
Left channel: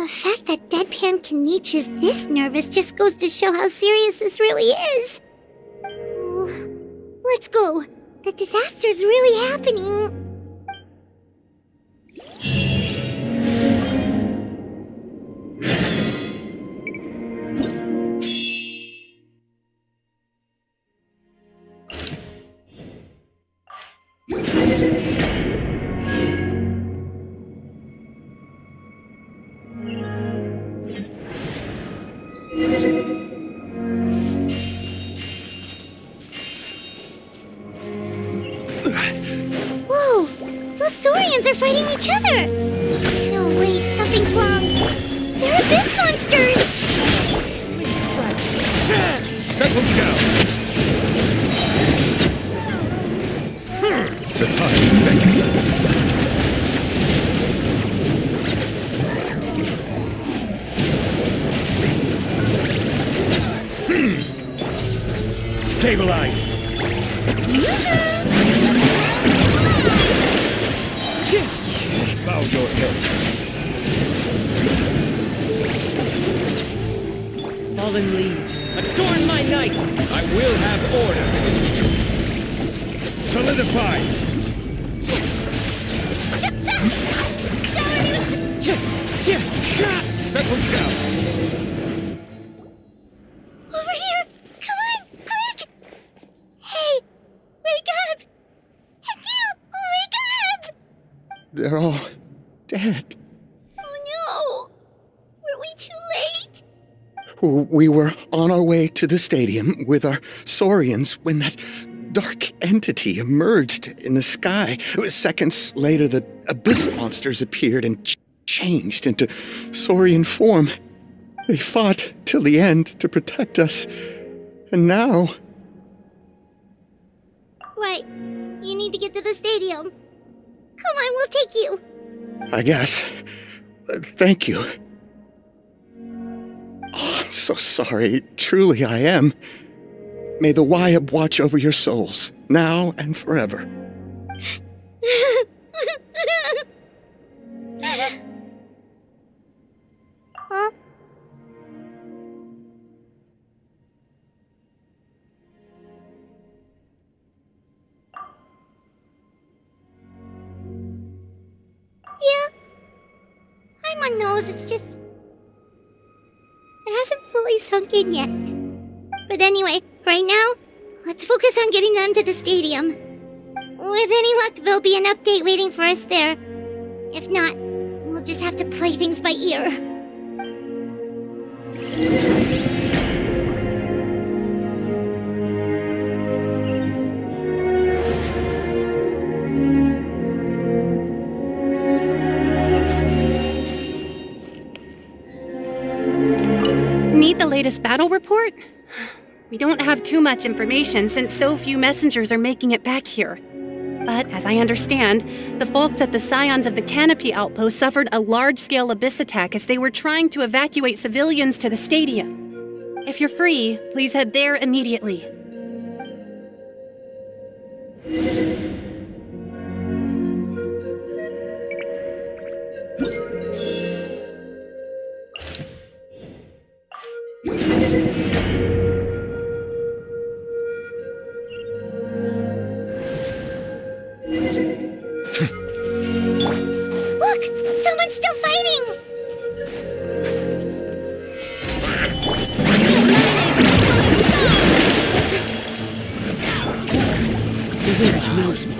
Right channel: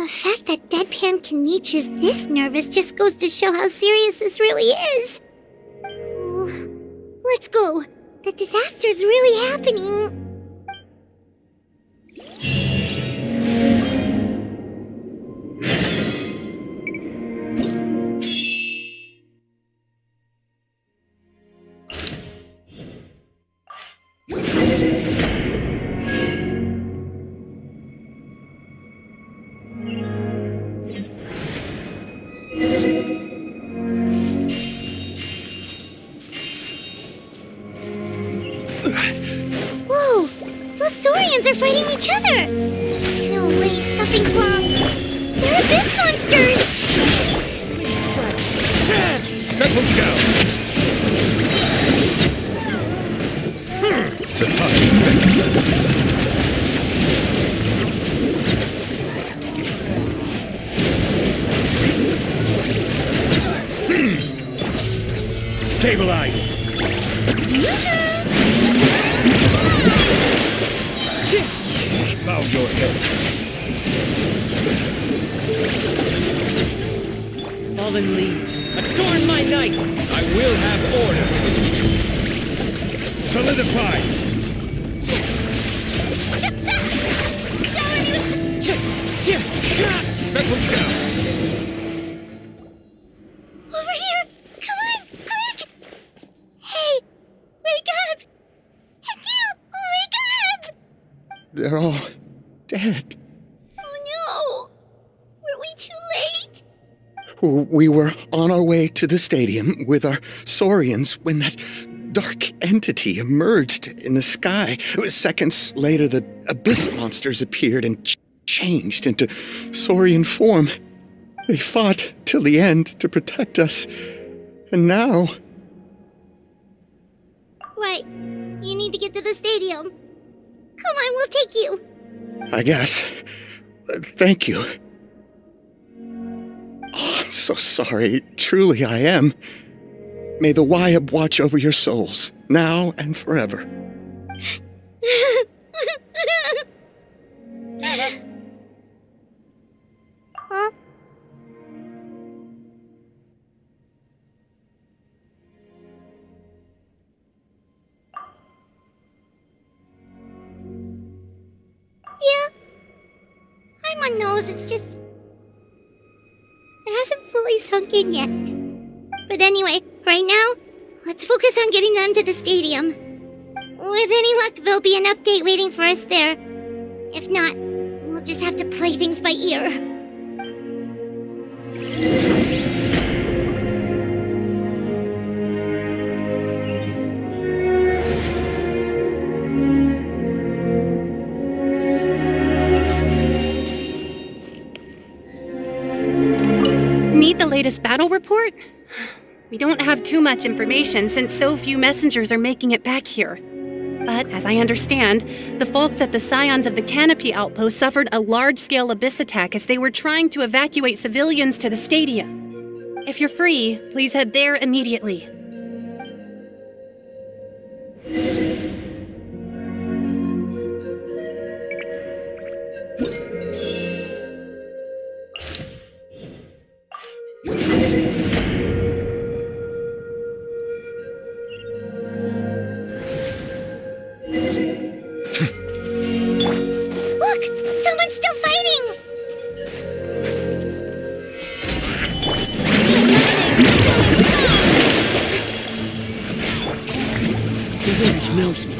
The fact that Deadpan Kanichi is this nervous just goes to show how serious this really is. Oh, let's go. The disaster's really happening. Whoa! Those Saurians are fighting each other! No, wait, something's wrong. They're abyss monsters! Please strike. Settle down. The time is beckoning. Stabilize. Bow your head. Fallen leaves, adorn my night. I will have order. Solidify. Settle down. Over here! Come on, quick! Hey, wake up! And you, wake up! They're all dead. Oh no! Were we too late? We were on our way to the stadium with our Saurians when that dark entity emerged in the sky. Seconds later, the abyss monsters appeared and changed into Saurian form. They fought till the end to protect us. And now... Right. You need to get to the stadium. Come on, we'll take you. I guess. Thank you. Oh, I'm so sorry. Truly I am. May the Wyab watch over your souls, now and forever. Huh? Yeah. I'm on nose, it's just... It hasn't fully sunk in yet. But anyway, right now, let's focus on getting them to the stadium. With any luck, there'll be an update waiting for us there. If not, we'll just have to play things by ear. Need the latest battle report? We don't have too much information since so few messengers are making it back here. But as I understand, the folks at the Scions of the Canopy outpost suffered a large-scale abyss attack as they were trying to evacuate civilians to the stadium. If you're free, please head there immediately. Look! Someone's still fighting! The wind knows me.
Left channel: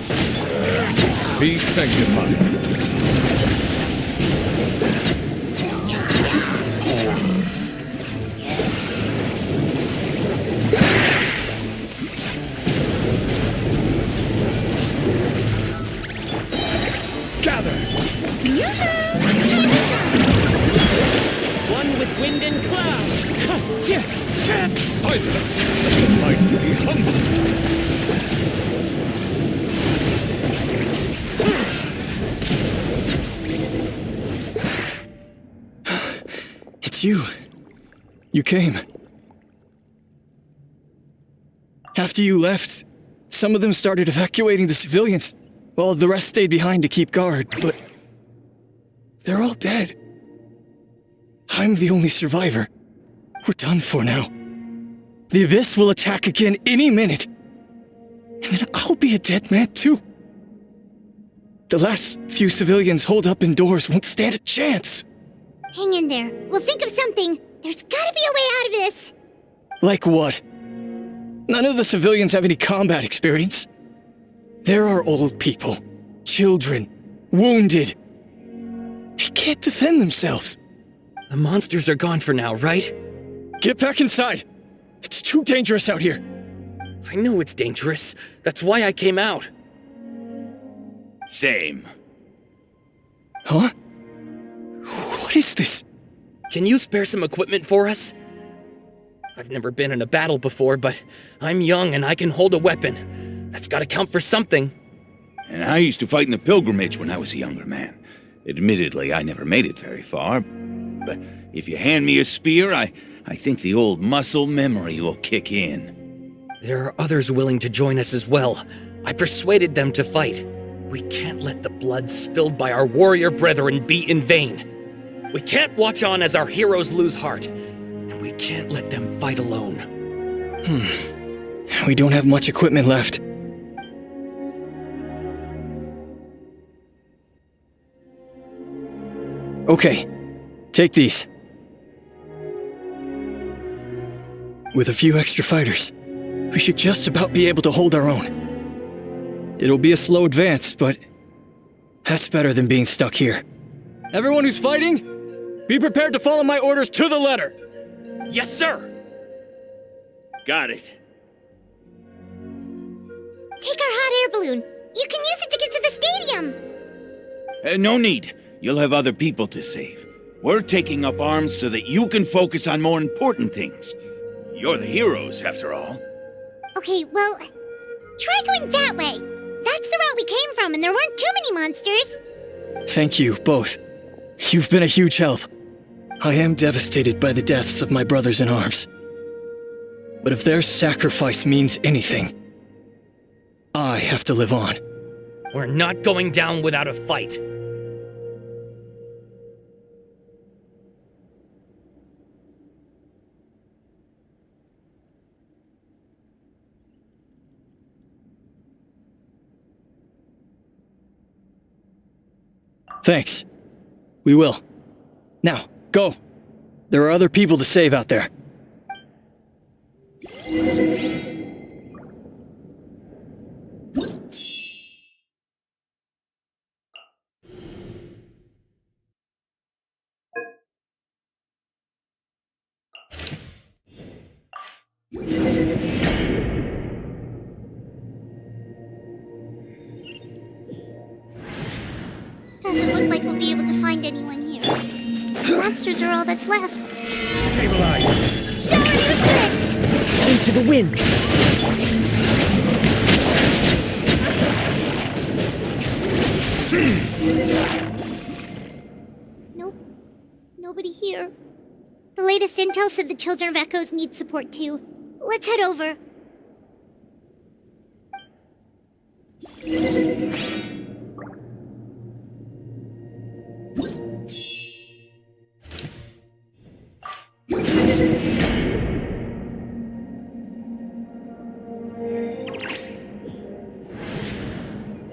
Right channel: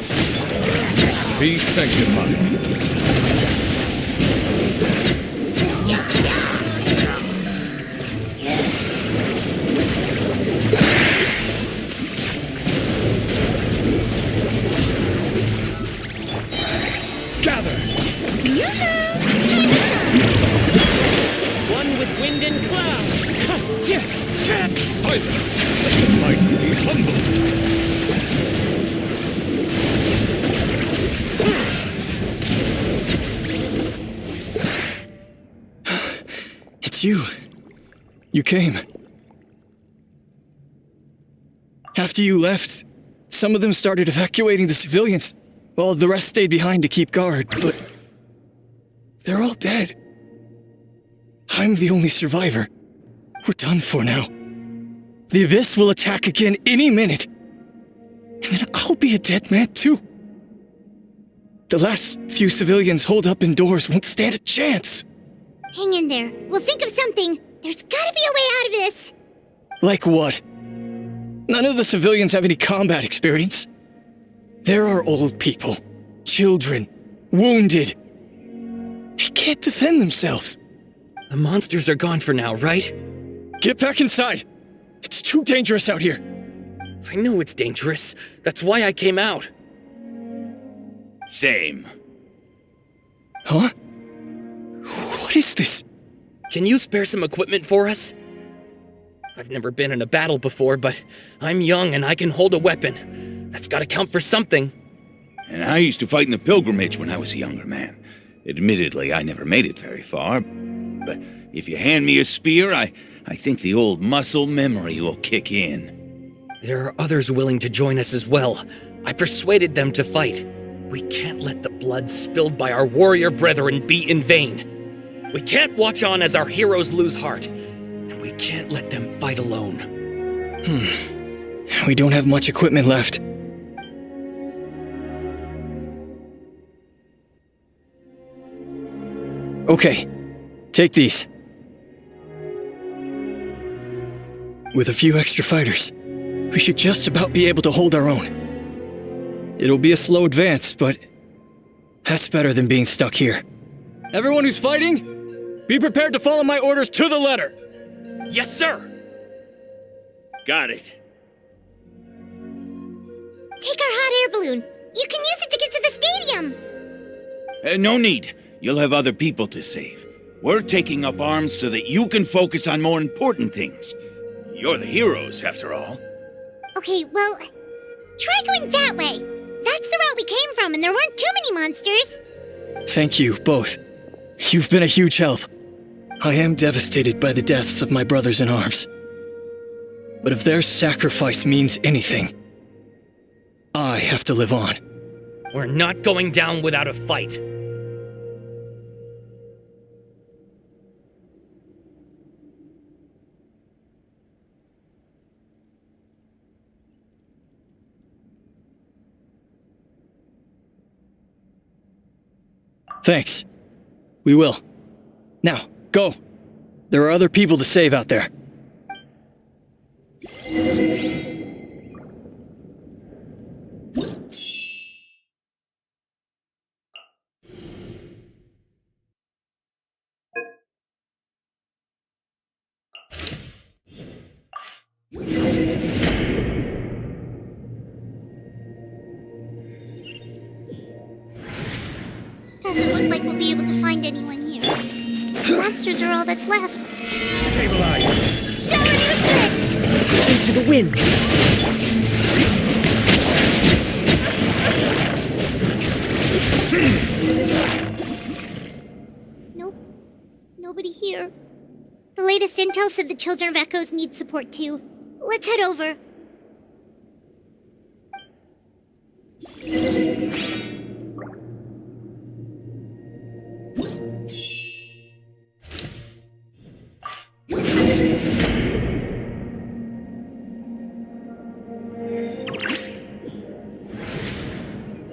Be sanctified. Gather! One with wind and cloud! Silence! Let the mighty be humbled! It's you. You came. After you left, some of them started evacuating the civilians, while the rest stayed behind to keep guard, but they're all dead. I'm the only survivor. We're done for now. The Abyss will attack again any minute. And then I'll be a dead man too. The last few civilians holed up indoors won't stand a chance. Hang in there. We'll think of something. There's gotta be a way out of this. Like what? None of the civilians have any combat experience. There are old people, children, wounded. They can't defend themselves. The monsters are gone for now, right? Get back inside. It's too dangerous out here. I know it's dangerous. That's why I came out. Same. Huh? What is this? Can you spare some equipment for us? I've never been in a battle before, but I'm young and I can hold a weapon. That's gotta count for something. And I used to fight in the pilgrimage when I was a younger man. Admittedly, I never made it very far. But if you hand me a spear, I think the old muscle memory will kick in. There are others willing to join us as well. I persuaded them to fight. We can't let the blood spilled by our warrior brethren be in vain. We can't watch on as our heroes lose heart. And we can't let them fight alone. We don't have much equipment left. Okay, take these. With a few extra fighters, we should just about be able to hold our own. It'll be a slow advance, but that's better than being stuck here. Everyone who's fighting, be prepared to follow my orders to the letter. Yes, sir! Got it. Take our hot air balloon. You can use it to get to the stadium. No need. You'll have other people to save. We're taking up arms so that you can focus on more important things. You're the heroes, after all. Okay, well, try going that way. That's the route we came from, and there weren't too many monsters. Thank you, both. You've been a huge help. I am devastated by the deaths of my brothers in arms. But if their sacrifice means anything, I have to live on. We're not going down without a fight. Thanks. We will. Now, go. There are other people to save out there. Doesn't look like we'll be able to find anyone here. The monsters are all that's left. Stabilize! Shower nuclear! Into the wind! Nope. Nobody here. The latest intel said the Children of Echoes need support too. Let's head over.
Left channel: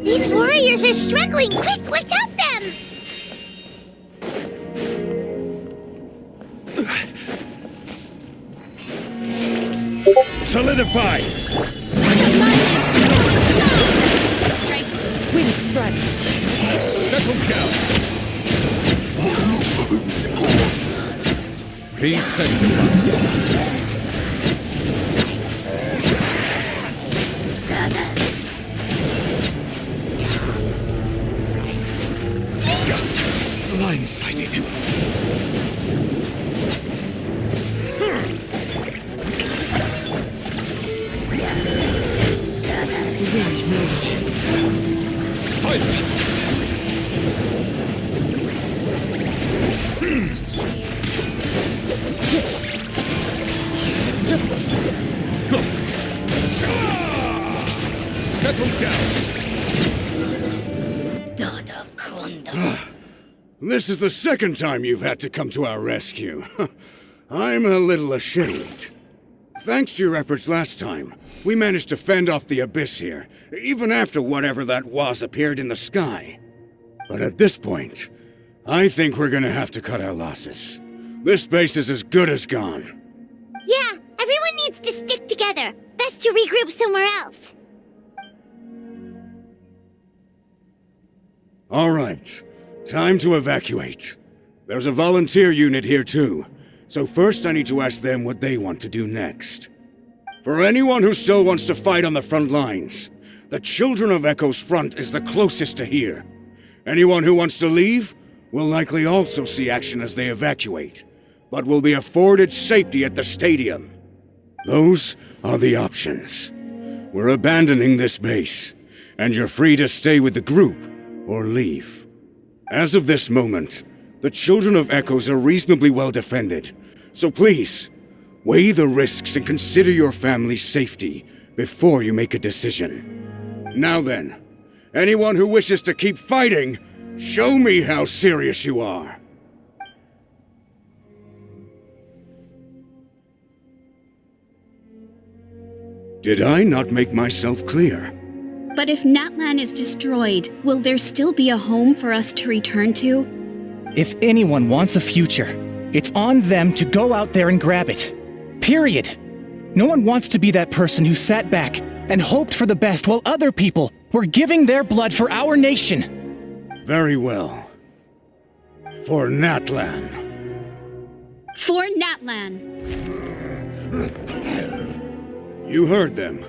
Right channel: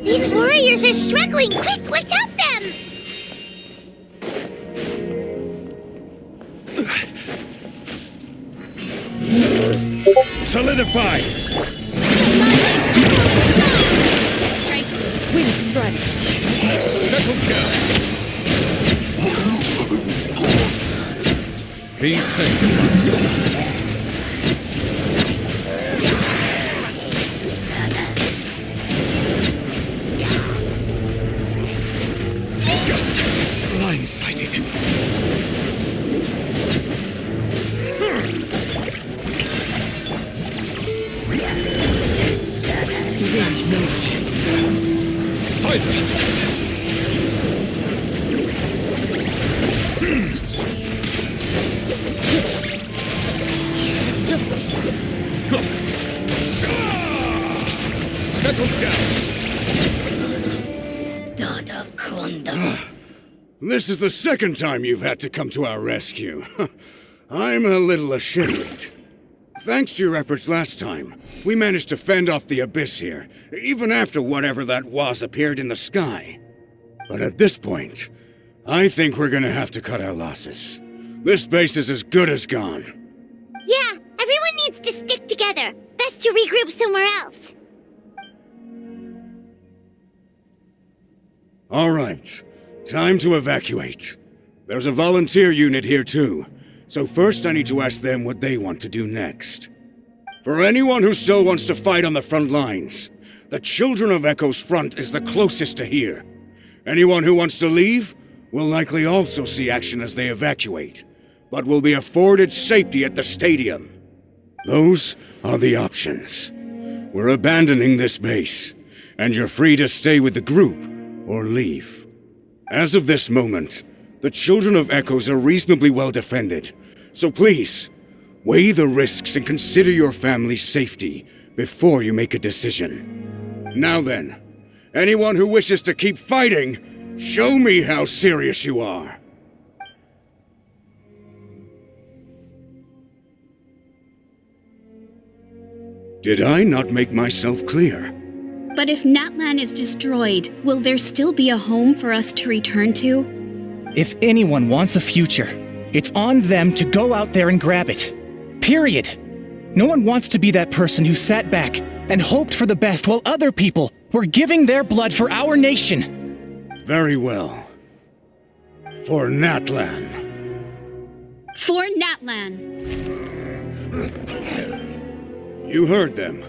These warriors are struggling! Quick, let's help them! Solidify! Wind strategy! Settle down! Be sanctified! Blindsided. The wind knows that. Silence! Settle down! This is the second time you've had to come to our rescue. I'm a little ashamed. Thanks to your efforts last time, we managed to fend off the abyss here, even after whatever that was appeared in the sky. But at this point, I think we're gonna have to cut our losses. This base is as good as gone. Yeah, everyone needs to stick together. Best to regroup somewhere else. All right, time to evacuate. There's a volunteer unit here too, so first I need to ask them what they want to do next. For anyone who still wants to fight on the front lines, the Children of Echo's front is the closest to here. Anyone who wants to leave will likely also see action as they evacuate, but will be afforded safety at the stadium. Those are the options. We're abandoning this base, and you're free to stay with the group or leave. As of this moment, the Children of Echoes are reasonably well defended, so please, weigh the risks and consider your family's safety before you make a decision. Now then, anyone who wishes to keep fighting, show me how serious you are. Did I not make myself clear? But if Natlan is destroyed, will there still be a home for us to return to? If anyone wants a future, it's on them to go out there and grab it. Period. No one wants to be that person who sat back and hoped for the best while other people were giving their blood for our nation. Very well. For Natlan. For Natlan. You heard them.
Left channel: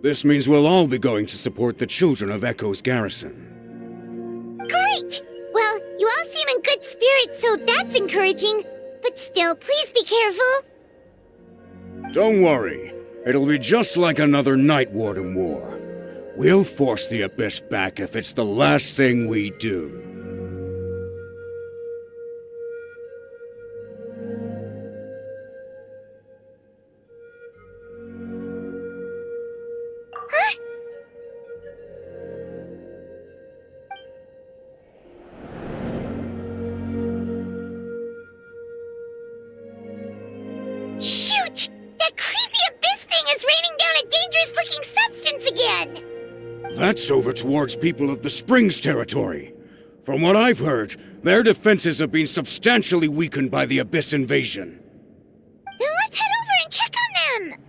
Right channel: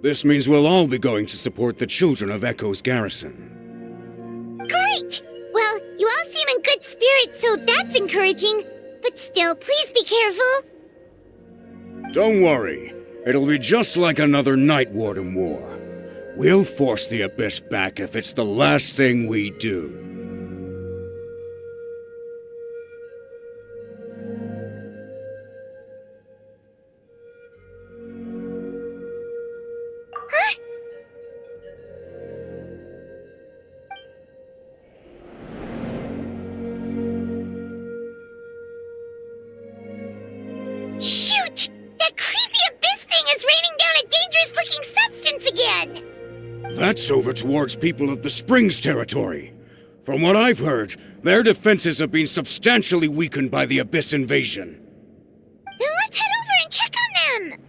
This means we'll all be going to support the Children of Echo's garrison. Great! Well, you all seem in good spirits, so that's encouraging. But still, please be careful. Don't worry. It'll be just like another Night Warden war. We'll force the Abyss back if it's the last thing we do. Shoot! That creepy abyss thing is raining down a dangerous-looking substance again! That's over towards people of the Springs territory. From what I've heard, their defenses have been substantially weakened by the Abyss invasion. Then let's head over and check on them!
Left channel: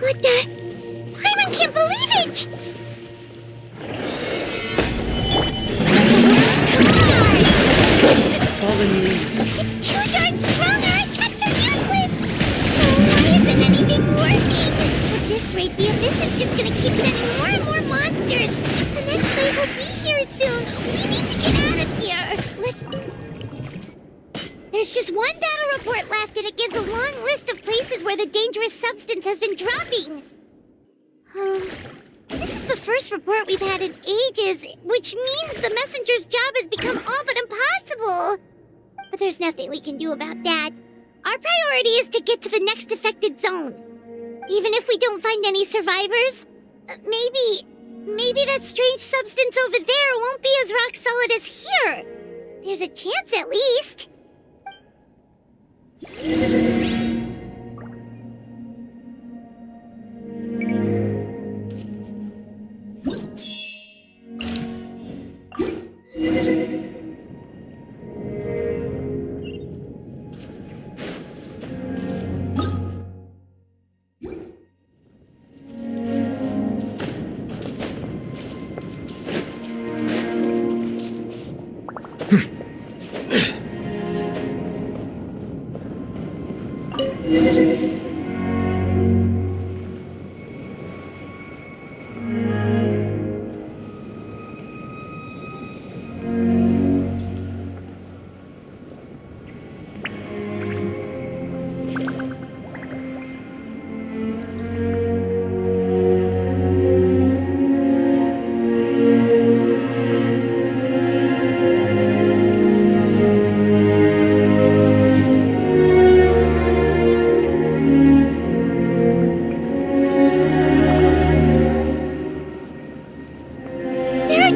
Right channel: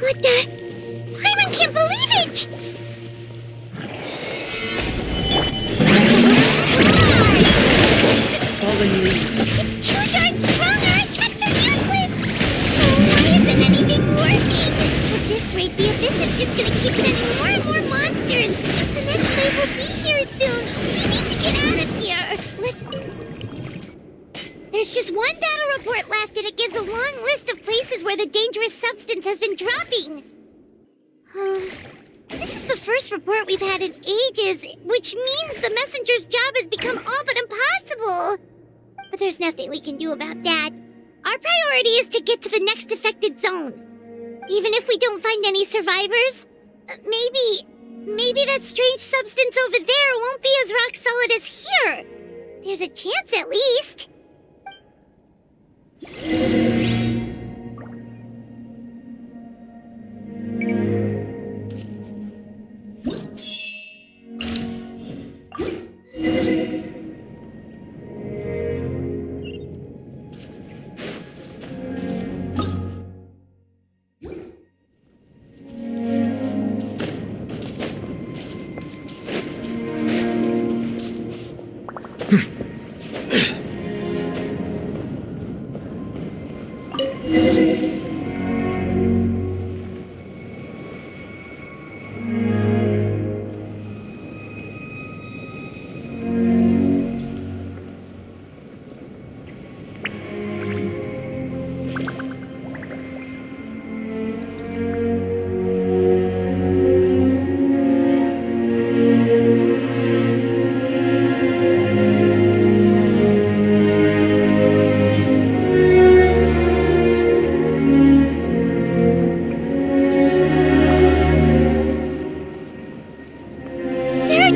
What the? Hyman can't believe it! Fallen leaves. It's too darn strong! Our attacks are useless! Why isn't anything working? At this rate, the Abyss is just gonna keep sending more and more monsters! The next wave will be here soon! We need to get out of here! There's just one battle report left, and it gives a long list of places where the dangerous substance has been dropping. This is the first report we've had in ages, which means the messenger's job has become all but impossible. But there's nothing we can do about that. Our priority is to get to the next affected zone. Even if we don't find any survivors, maybe that strange substance over there won't be as rock solid as here. There's a chance at least.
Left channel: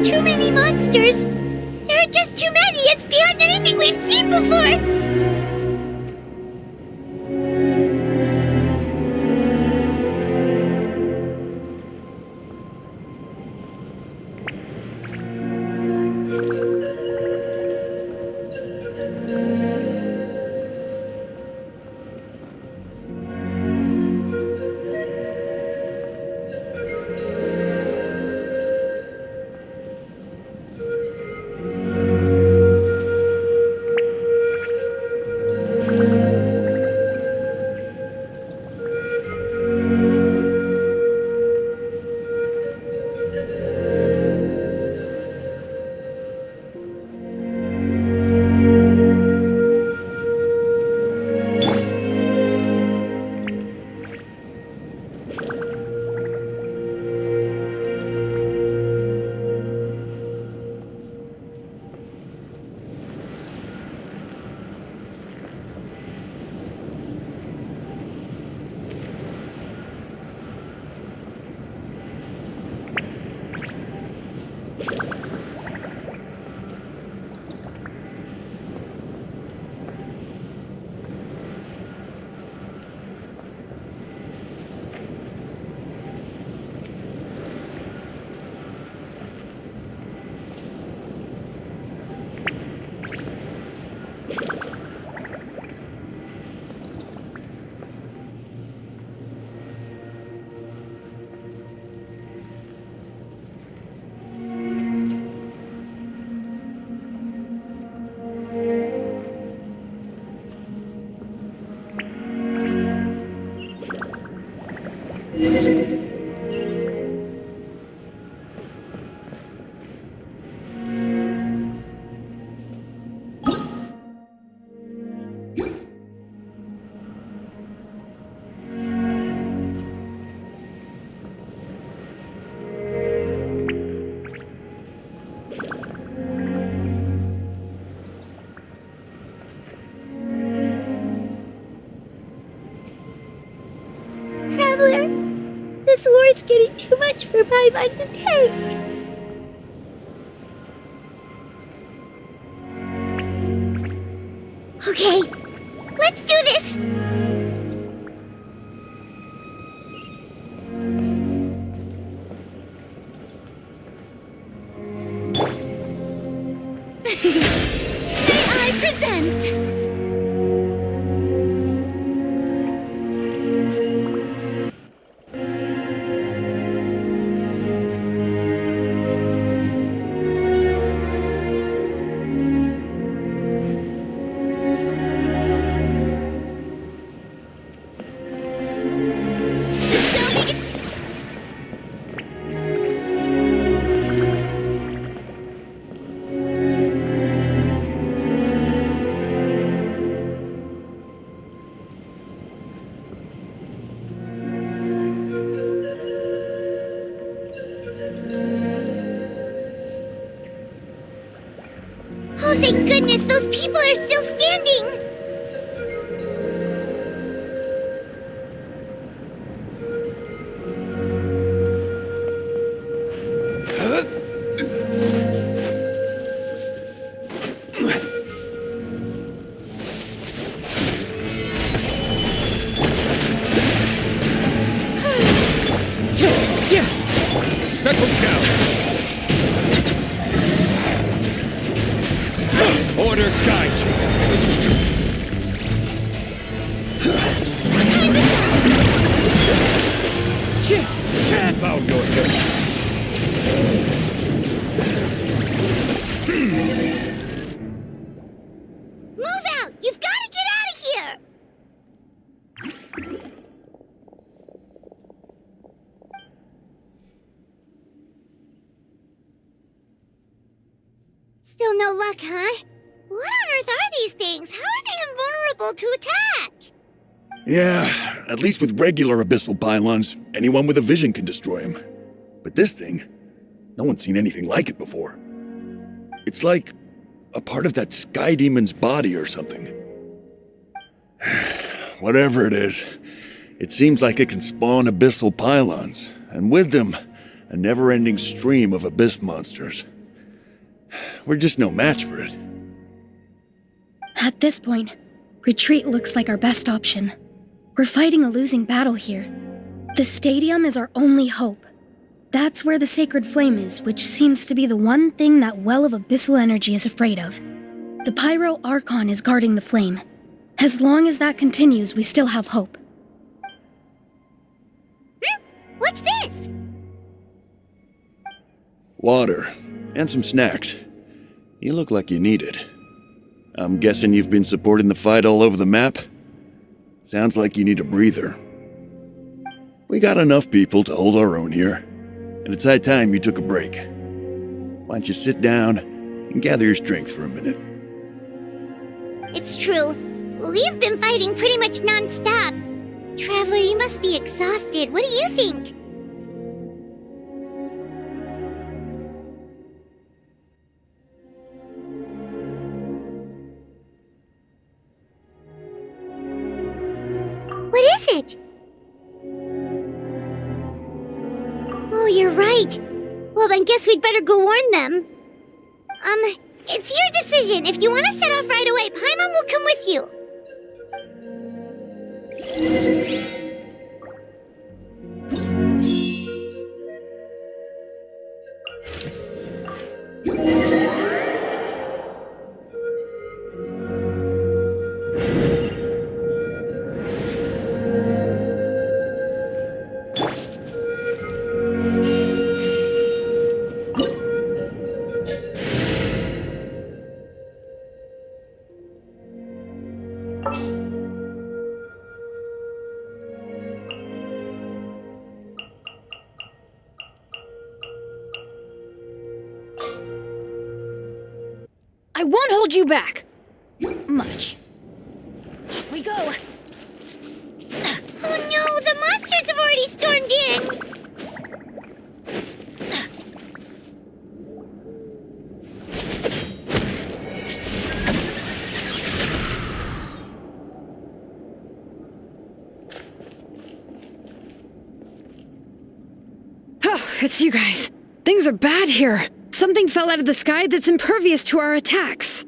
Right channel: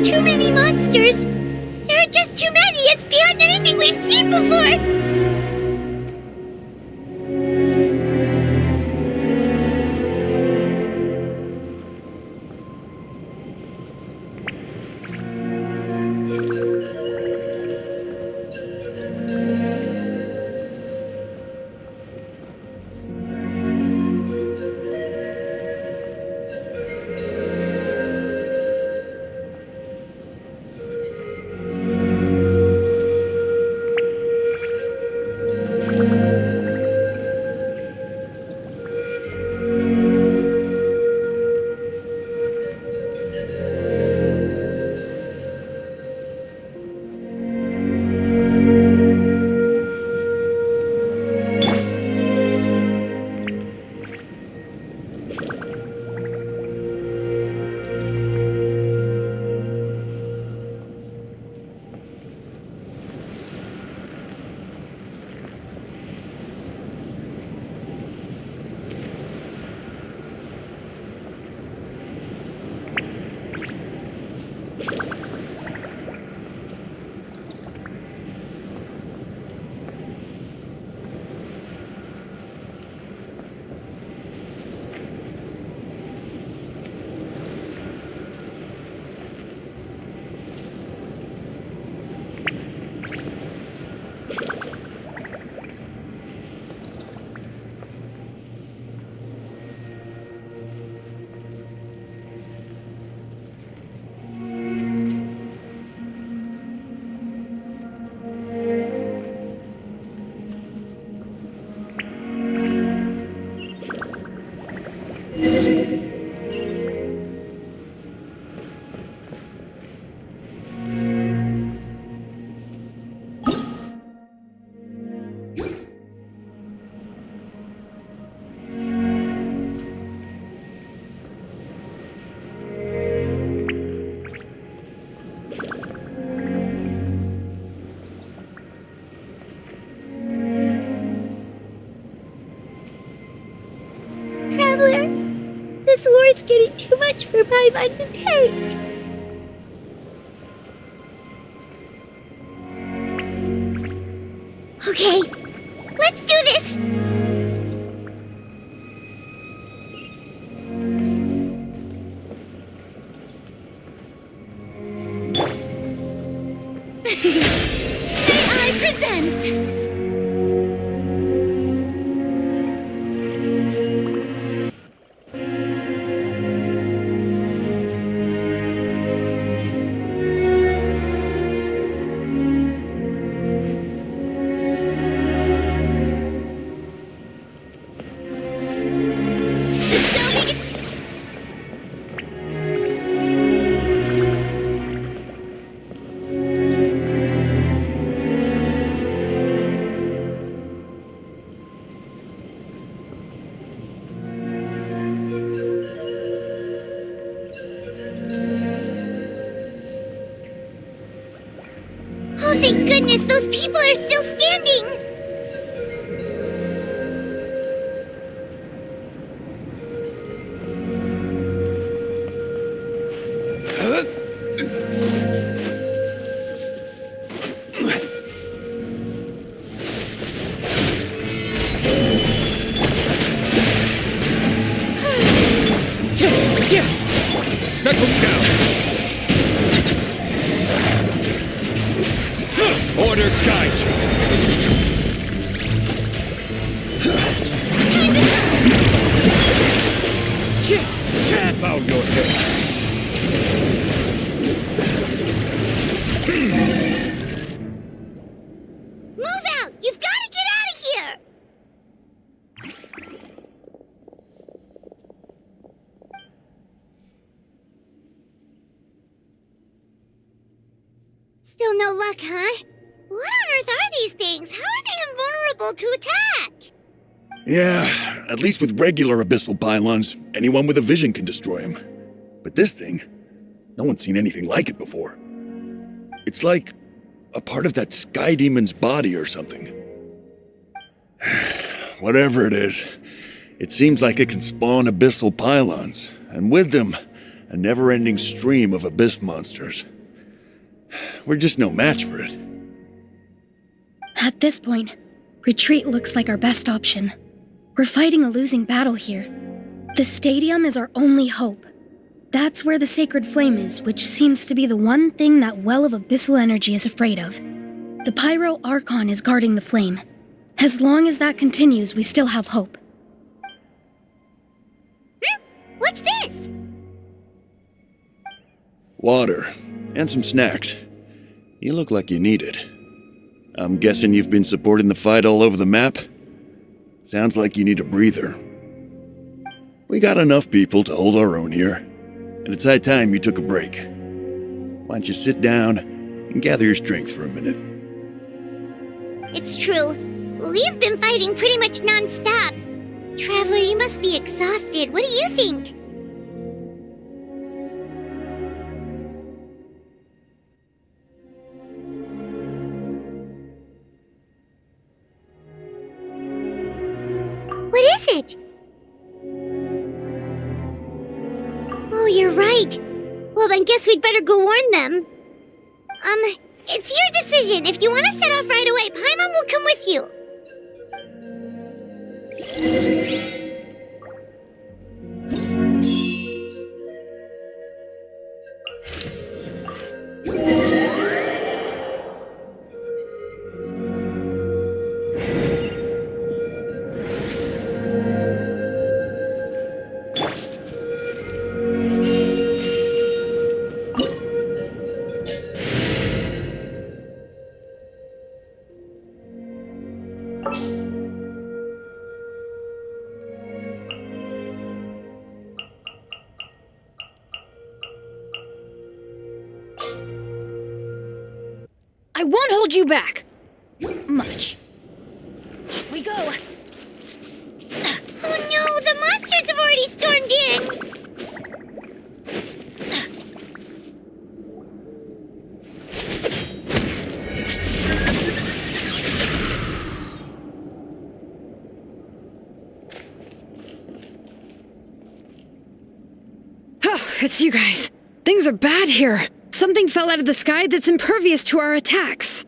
too many monsters. There are just too many. It's beyond anything we've seen before. Traveler, this war's getting too much for my mind to take. Okay, let's do this! May I present? Oh, thank goodness, those people are still standing! Settle down! Order guide you! Bow your head! Move out! You've got to get out of here! Still no luck, huh? What on earth are these things? How are they invulnerable to attack? Yeah, at least with regular abyssal pylons, anyone with a vision can destroy them. But this thing, no one's seen anything like it before. It's like a part of that sky demon's body or something. Whatever it is, it seems like it can spawn abyssal pylons, and with them, a never-ending stream of abyss monsters. We're just no match for it. At this point, retreat looks like our best option. We're fighting a losing battle here. The stadium is our only hope. That's where the sacred flame is, which seems to be the one thing that well of abyssal energy is afraid of. The Pyro Archon is guarding the flame. As long as that continues, we still have hope. What's this? Water. And some snacks. You look like you need it. I'm guessing you've been supporting the fight all over the map? Sounds like you need a breather. We got enough people to hold our own here, and it's high time you took a break. Why don't you sit down and gather your strength for a minute? It's true. We've been fighting pretty much non-stop. Traveler, you must be exhausted. What do you think? What is it? Oh, you're right. Well, then guess we'd better go warn them. It's your decision. If you want to set off right away, Paimon will come with you. I won't hold you back. Much. Off we go. Oh no, the monsters have already stormed in. Oh, it's you guys. Things are bad here. Something fell out of the sky that's impervious to our attacks.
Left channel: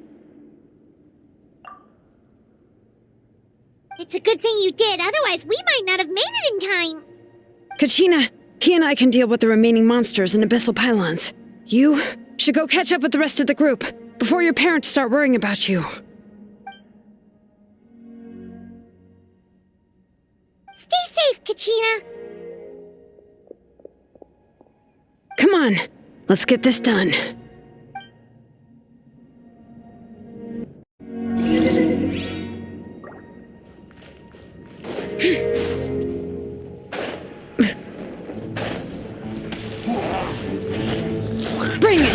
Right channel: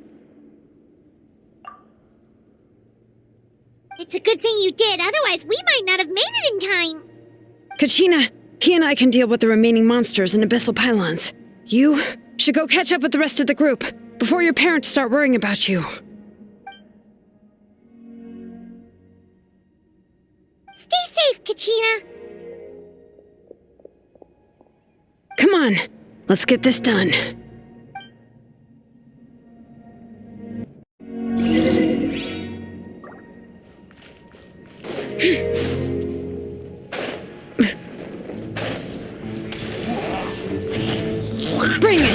It's a good thing you did, otherwise we might not have made it in time. Kachina, he and I can deal with the remaining monsters and abyssal pylons. You should go catch up with the rest of the group before your parents start worrying about you. Stay safe, Kachina. Come on, let's get this done. Bring it!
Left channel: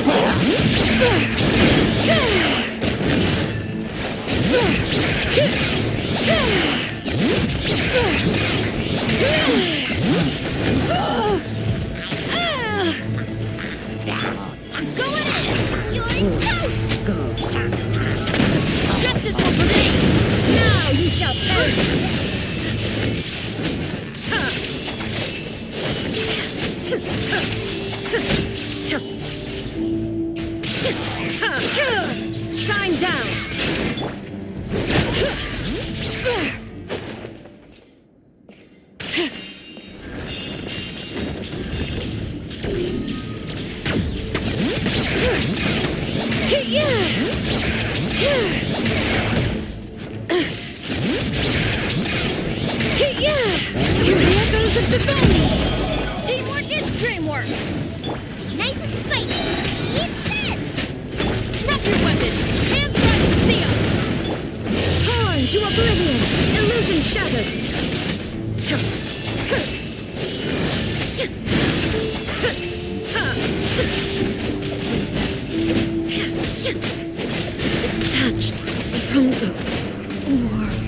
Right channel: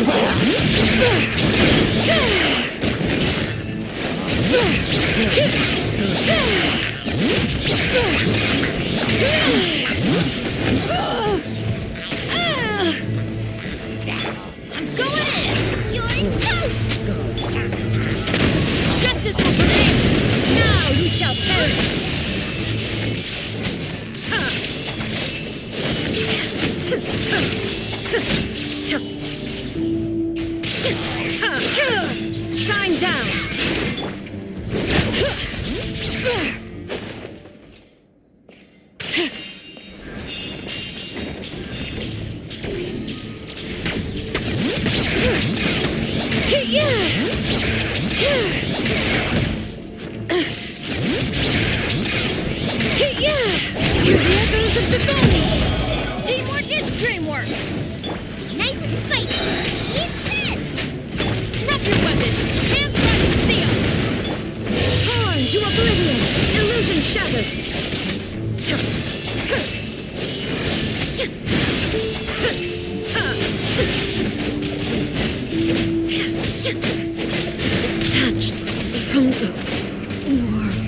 I'm going in! You're toast! Justice will prevail! Now you shall perish! Shine down! Hear the echoes of the valley! Teamwork is dreamwork! Nice and spicy! Eat this! Drop your weapons! Hands right and see 'em! Torn to oblivion! Illusion shattered! Detached from the world.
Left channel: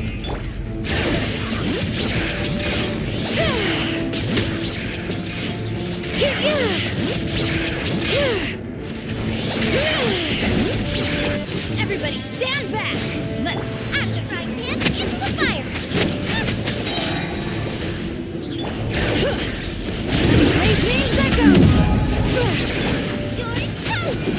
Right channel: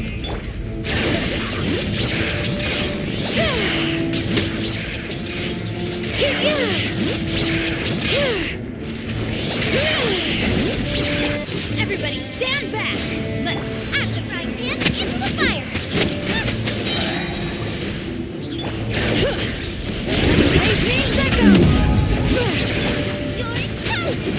Everybody stand back! Let's add the frying pan into the fire! Lightning's echo! You're toast!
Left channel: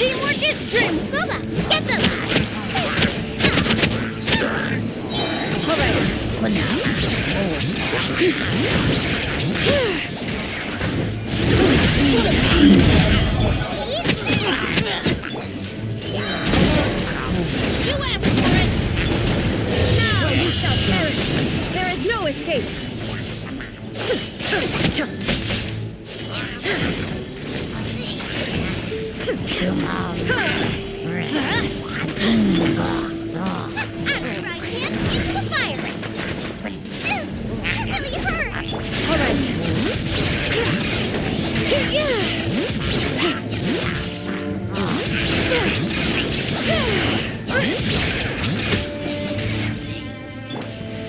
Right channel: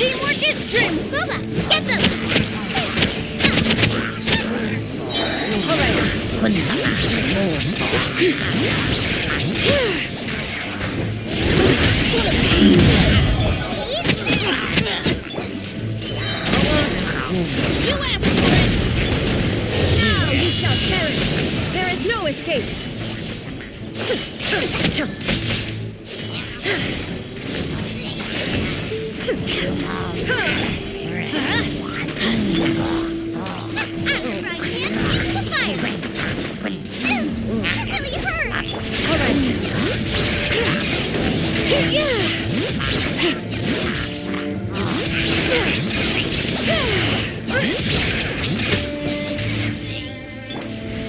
Teamwork is dream! Booba, get them! All right. You asked for it! Now you shall perish. There is no escape. Into the fire! That really hurt! All right.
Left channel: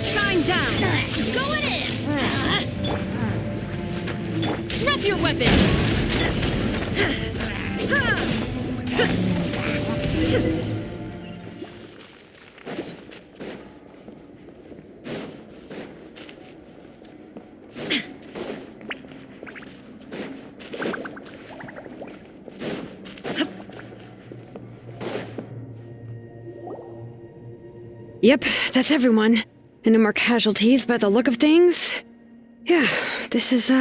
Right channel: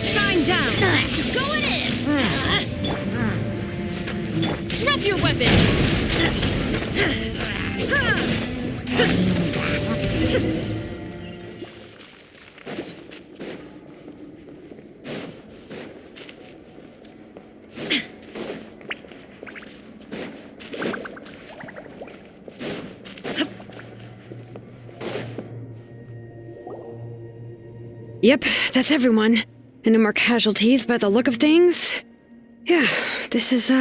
Shine down. Going in! Drop your weapons. Yep, that's everyone. And no more casualties by the look of things. Yeah, this is,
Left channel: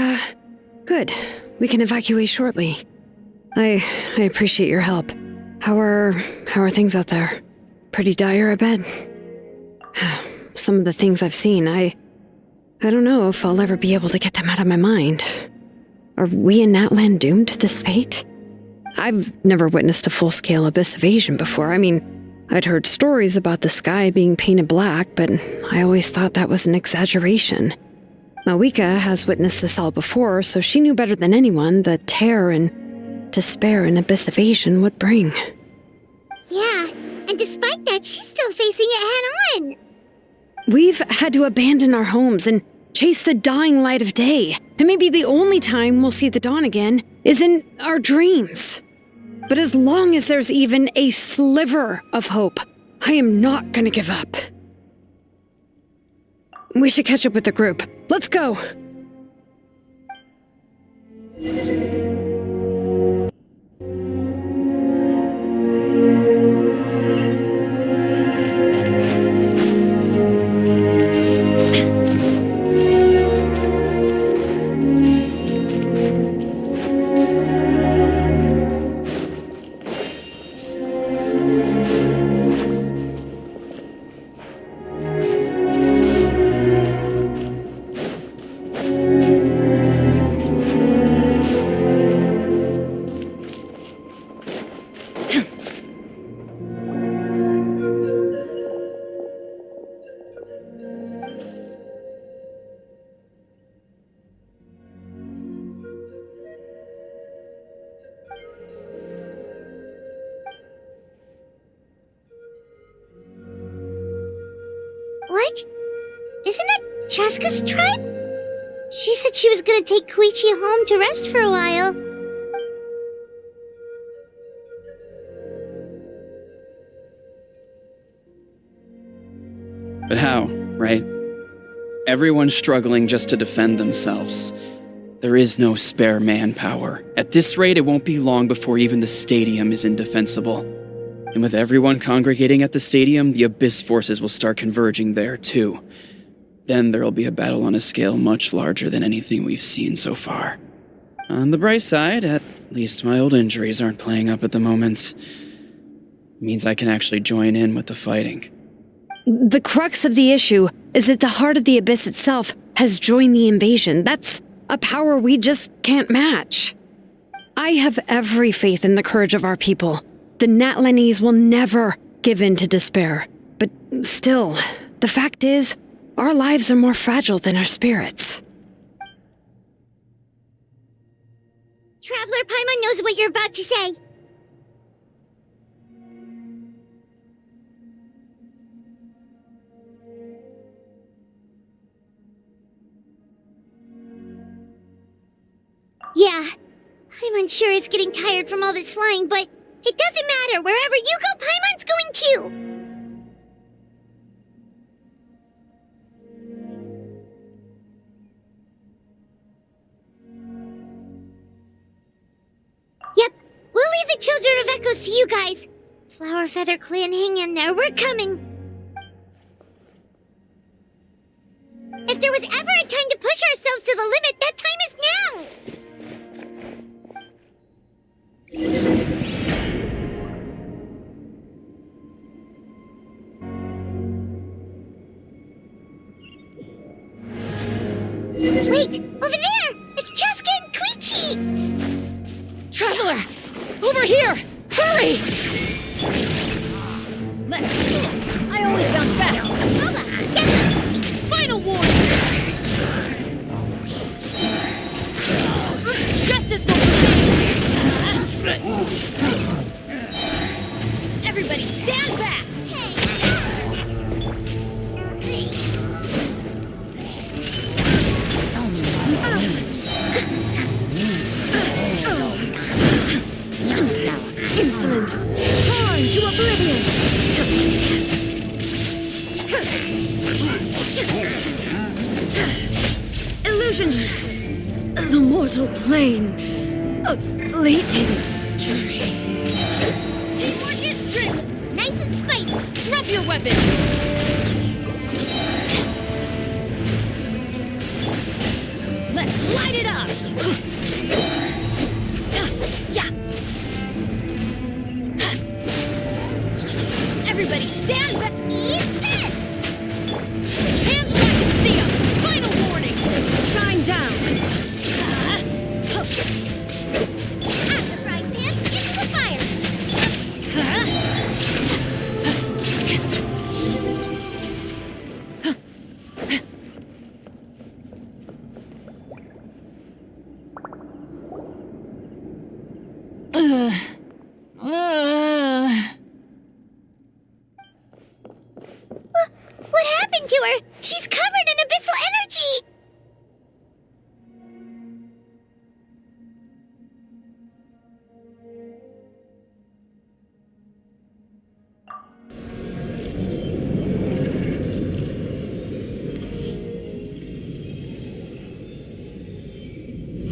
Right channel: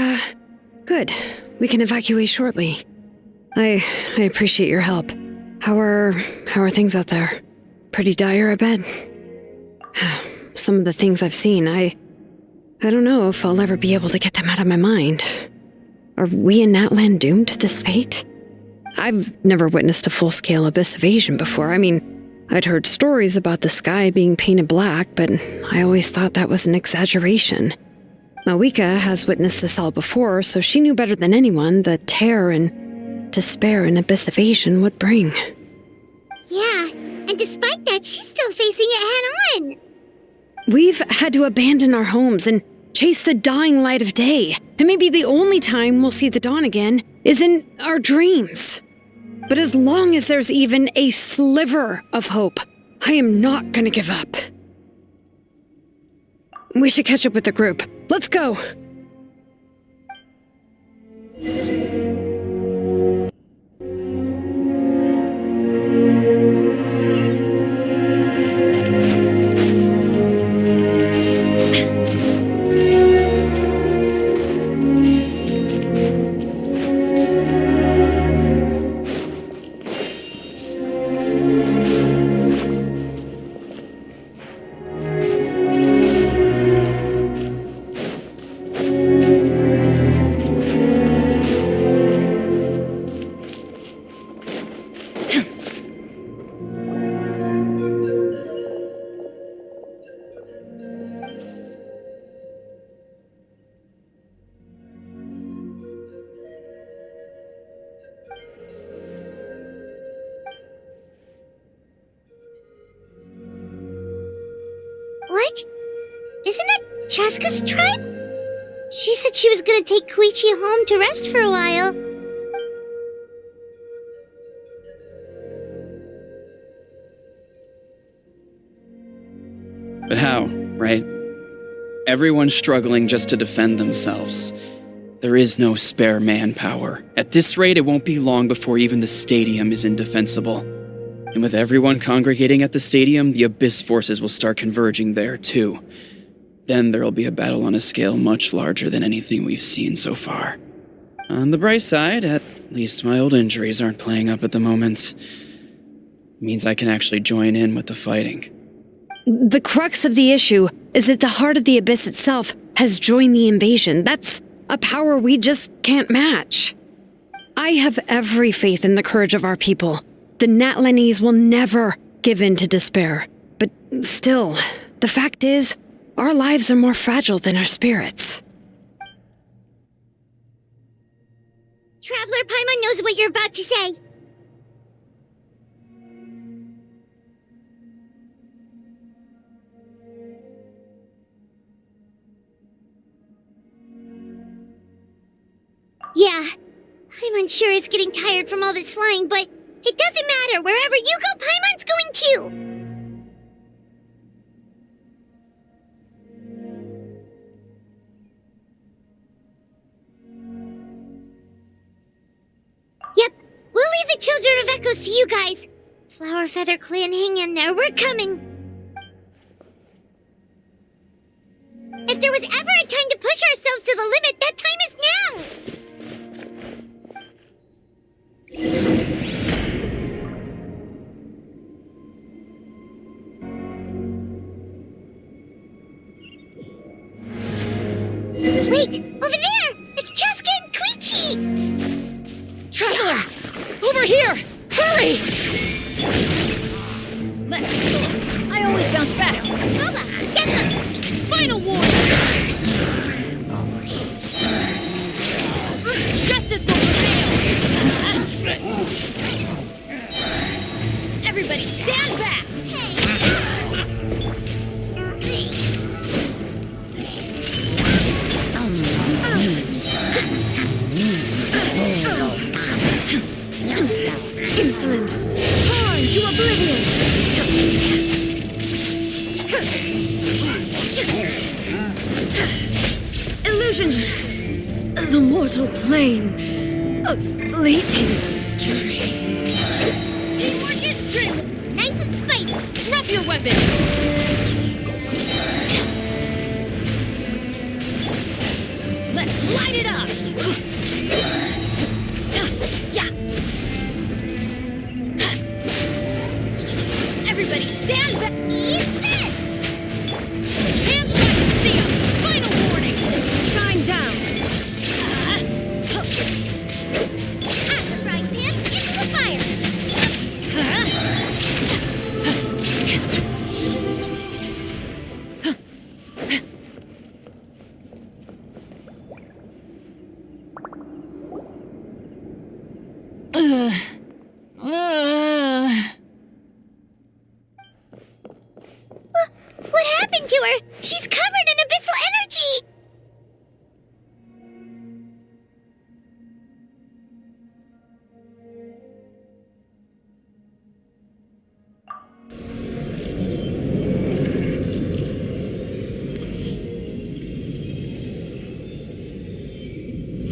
good. We can evacuate shortly. I appreciate your help. How are things out there? Pretty dire, I bet. Some of the things I've seen, I don't know if I'll ever be able to get them out of my mind. Are we in Natlan doomed to this fate? I've never witnessed a full-scale abyss invasion before. I mean, I'd heard stories about the sky being painted black, but I always thought that was an exaggeration. Mawika has witnessed this all before, so she knew better than anyone the terror and despair an abyss invasion would bring. Yeah, and despite that, she's still facing it head-on! We've had to abandon our homes and chase the dying light of day, and maybe the only time we'll see the dawn again is in our dreams. But as long as there's even a sliver of hope, I am not gonna give up. We should catch up with the group. Let's go! What? Isn't that Chaska's tribe? She said she was gonna take Koichi home to rest for a while. But how, right? Everyone's struggling just to defend themselves. There is no spare manpower. At this rate, it won't be long before even the stadium is indefensible. And with everyone congregating at the stadium, the Abyss forces will start converging there, too. Then there'll be a battle on a scale much larger than anything we've seen so far. On the bright side, at least my old injuries aren't playing up at the moment. Means I can actually join in with the fighting. The crux of the issue is that the heart of the Abyss itself has joined the invasion. That's a power we just can't match. I have every faith in the courage of our people. The Natlanese will never give in to despair. But still, the fact is, our lives are more fragile than our spirits. Traveler Paimon knows what you're about to say. Yeah, I'm unsure it's getting tired from all this flying, but it doesn't matter. Wherever you go, Paimon's going too. Yep, we'll leave the Children of Echoes to you guys. Flower Feather Clan, hang in there. We're coming. If there was ever a time to push ourselves to the limit, that time is now! Wait! Over there! It's Cheska and Koichi! Traveler! Over here! Hurry! Let's. I always bounce back. Oba, get them! Final warning! Justice will prevail! Everybody stand back! Insolent! Torn to oblivion! Illusion! The mortal plane! A fleeting dream! Teamwork is dream! Nice and spicy! Drop your weapons! Let's light it up! Everybody stand back! Eat this! Hands back and see 'em! Final warning! Shine down! Out the frying pan, into the fire! What happened to her? She's covered in abyssal energy!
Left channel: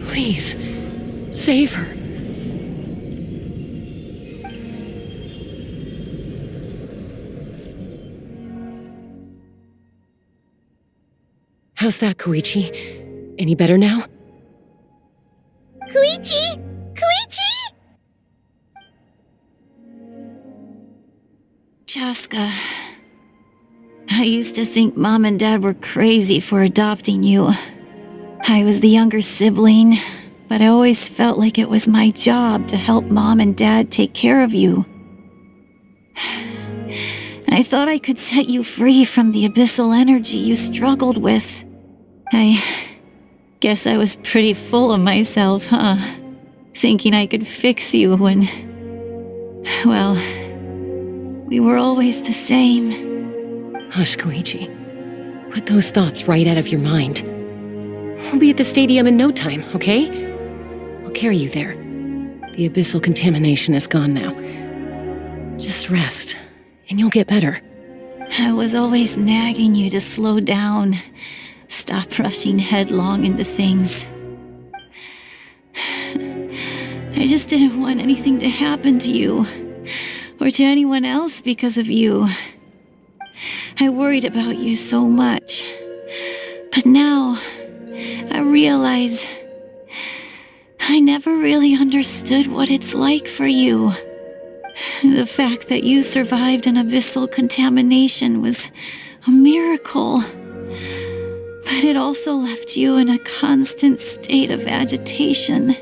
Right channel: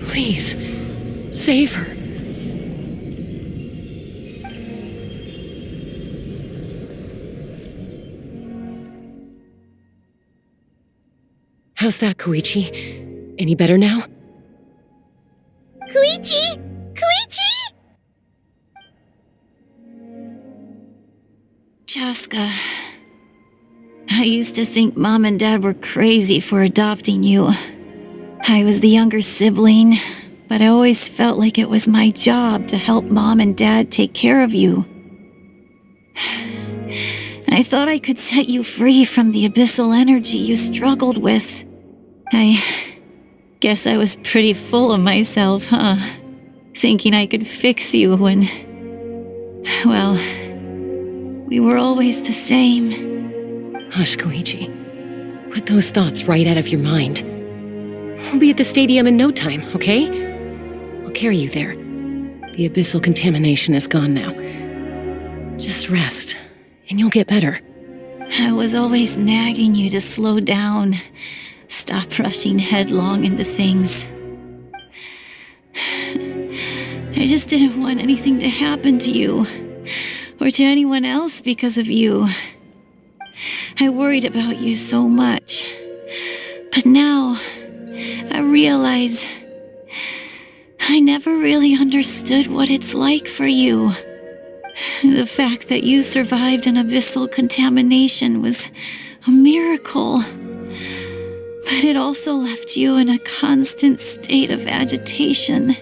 Please, save her. How's that, Koichi? Any better now? Koichi! Koichi! Cheska, I used to think Mom and Dad were crazy for adopting you. I was the younger sibling, but I always felt like it was my job to help Mom and Dad take care of you. I thought I could set you free from the abyssal energy you struggled with. I guess I was pretty full of myself, huh? Thinking I could fix you when... well, we were always the same. Hush, Koichi. Put those thoughts right out of your mind. We'll be at the stadium in no time, okay? I'll carry you there. The abyssal contamination is gone now. Just rest, and you'll get better. I was always nagging you to slow down. Stop rushing headlong into things. I just didn't want anything to happen to you, or to anyone else because of you. I worried about you so much. But now, I realize I never really understood what it's like for you. The fact that you survived an abyssal contamination was a miracle. But it also left you in a constant state of agitation.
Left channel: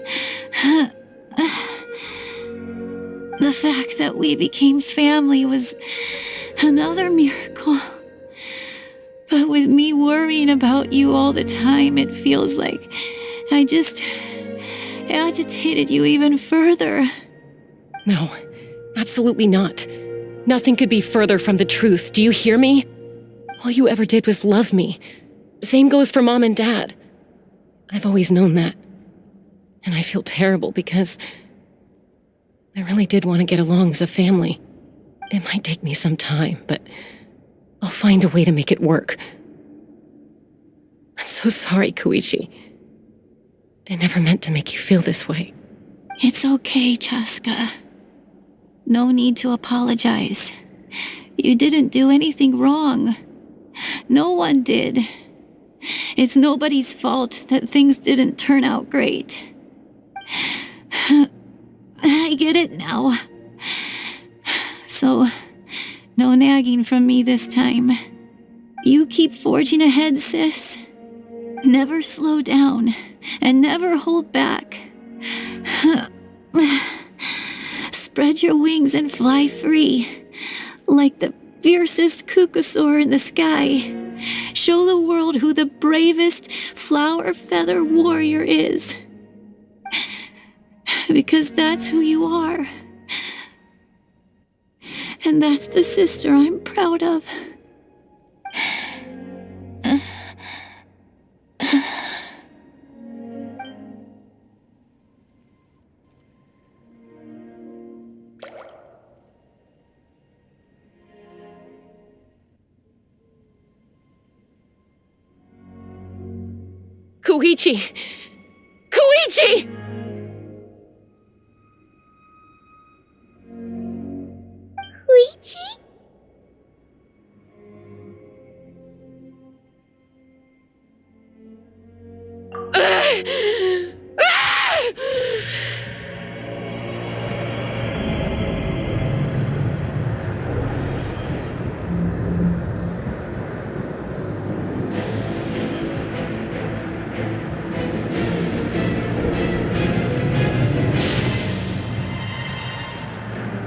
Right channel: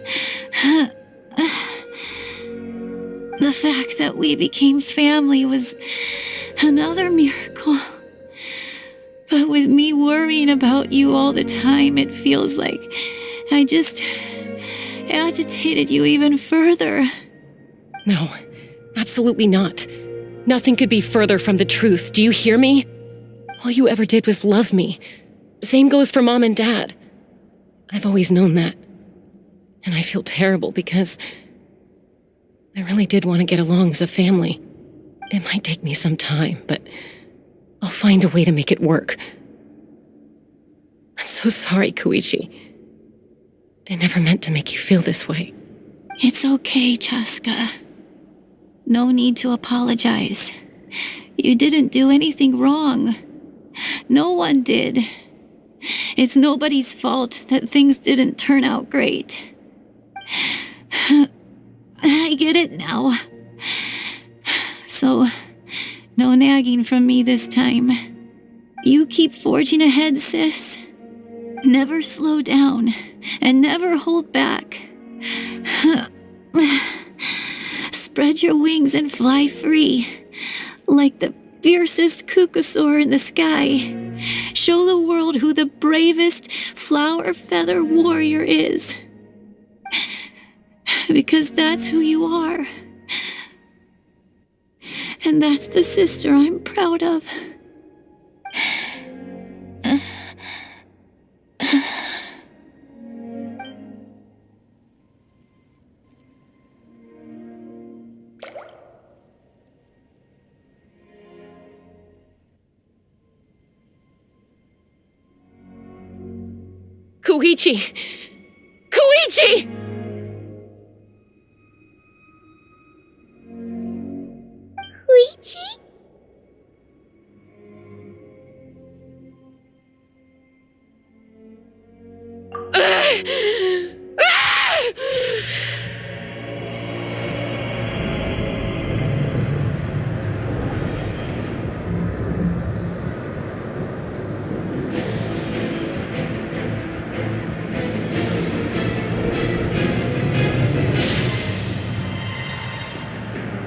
The fact that we became family was another miracle. But with me worrying about you all the time, it feels like I just agitated you even further. No, absolutely not. Nothing could be further from the truth. Do you hear me? All you ever did was love me. Same goes for Mom and Dad. I've always known that. And I feel terrible because I really did want to get along as a family. It might take me some time, but I'll find a way to make it work. I'm so sorry, Koichi. I never meant to make you feel this way. It's okay, Chaska. No need to apologize. You didn't do anything wrong. No one did. It's nobody's fault that things didn't turn out great. I get it now. So, no nagging from me this time. You keep forging ahead, sis. Never slow down, and never hold back. Spread your wings and fly free, like the fiercest kukusaur in the sky. Show the world who the bravest flower feather warrior is. Because that's who you are. And that's the sister I'm proud of. Koichi! Koichi! Koichi?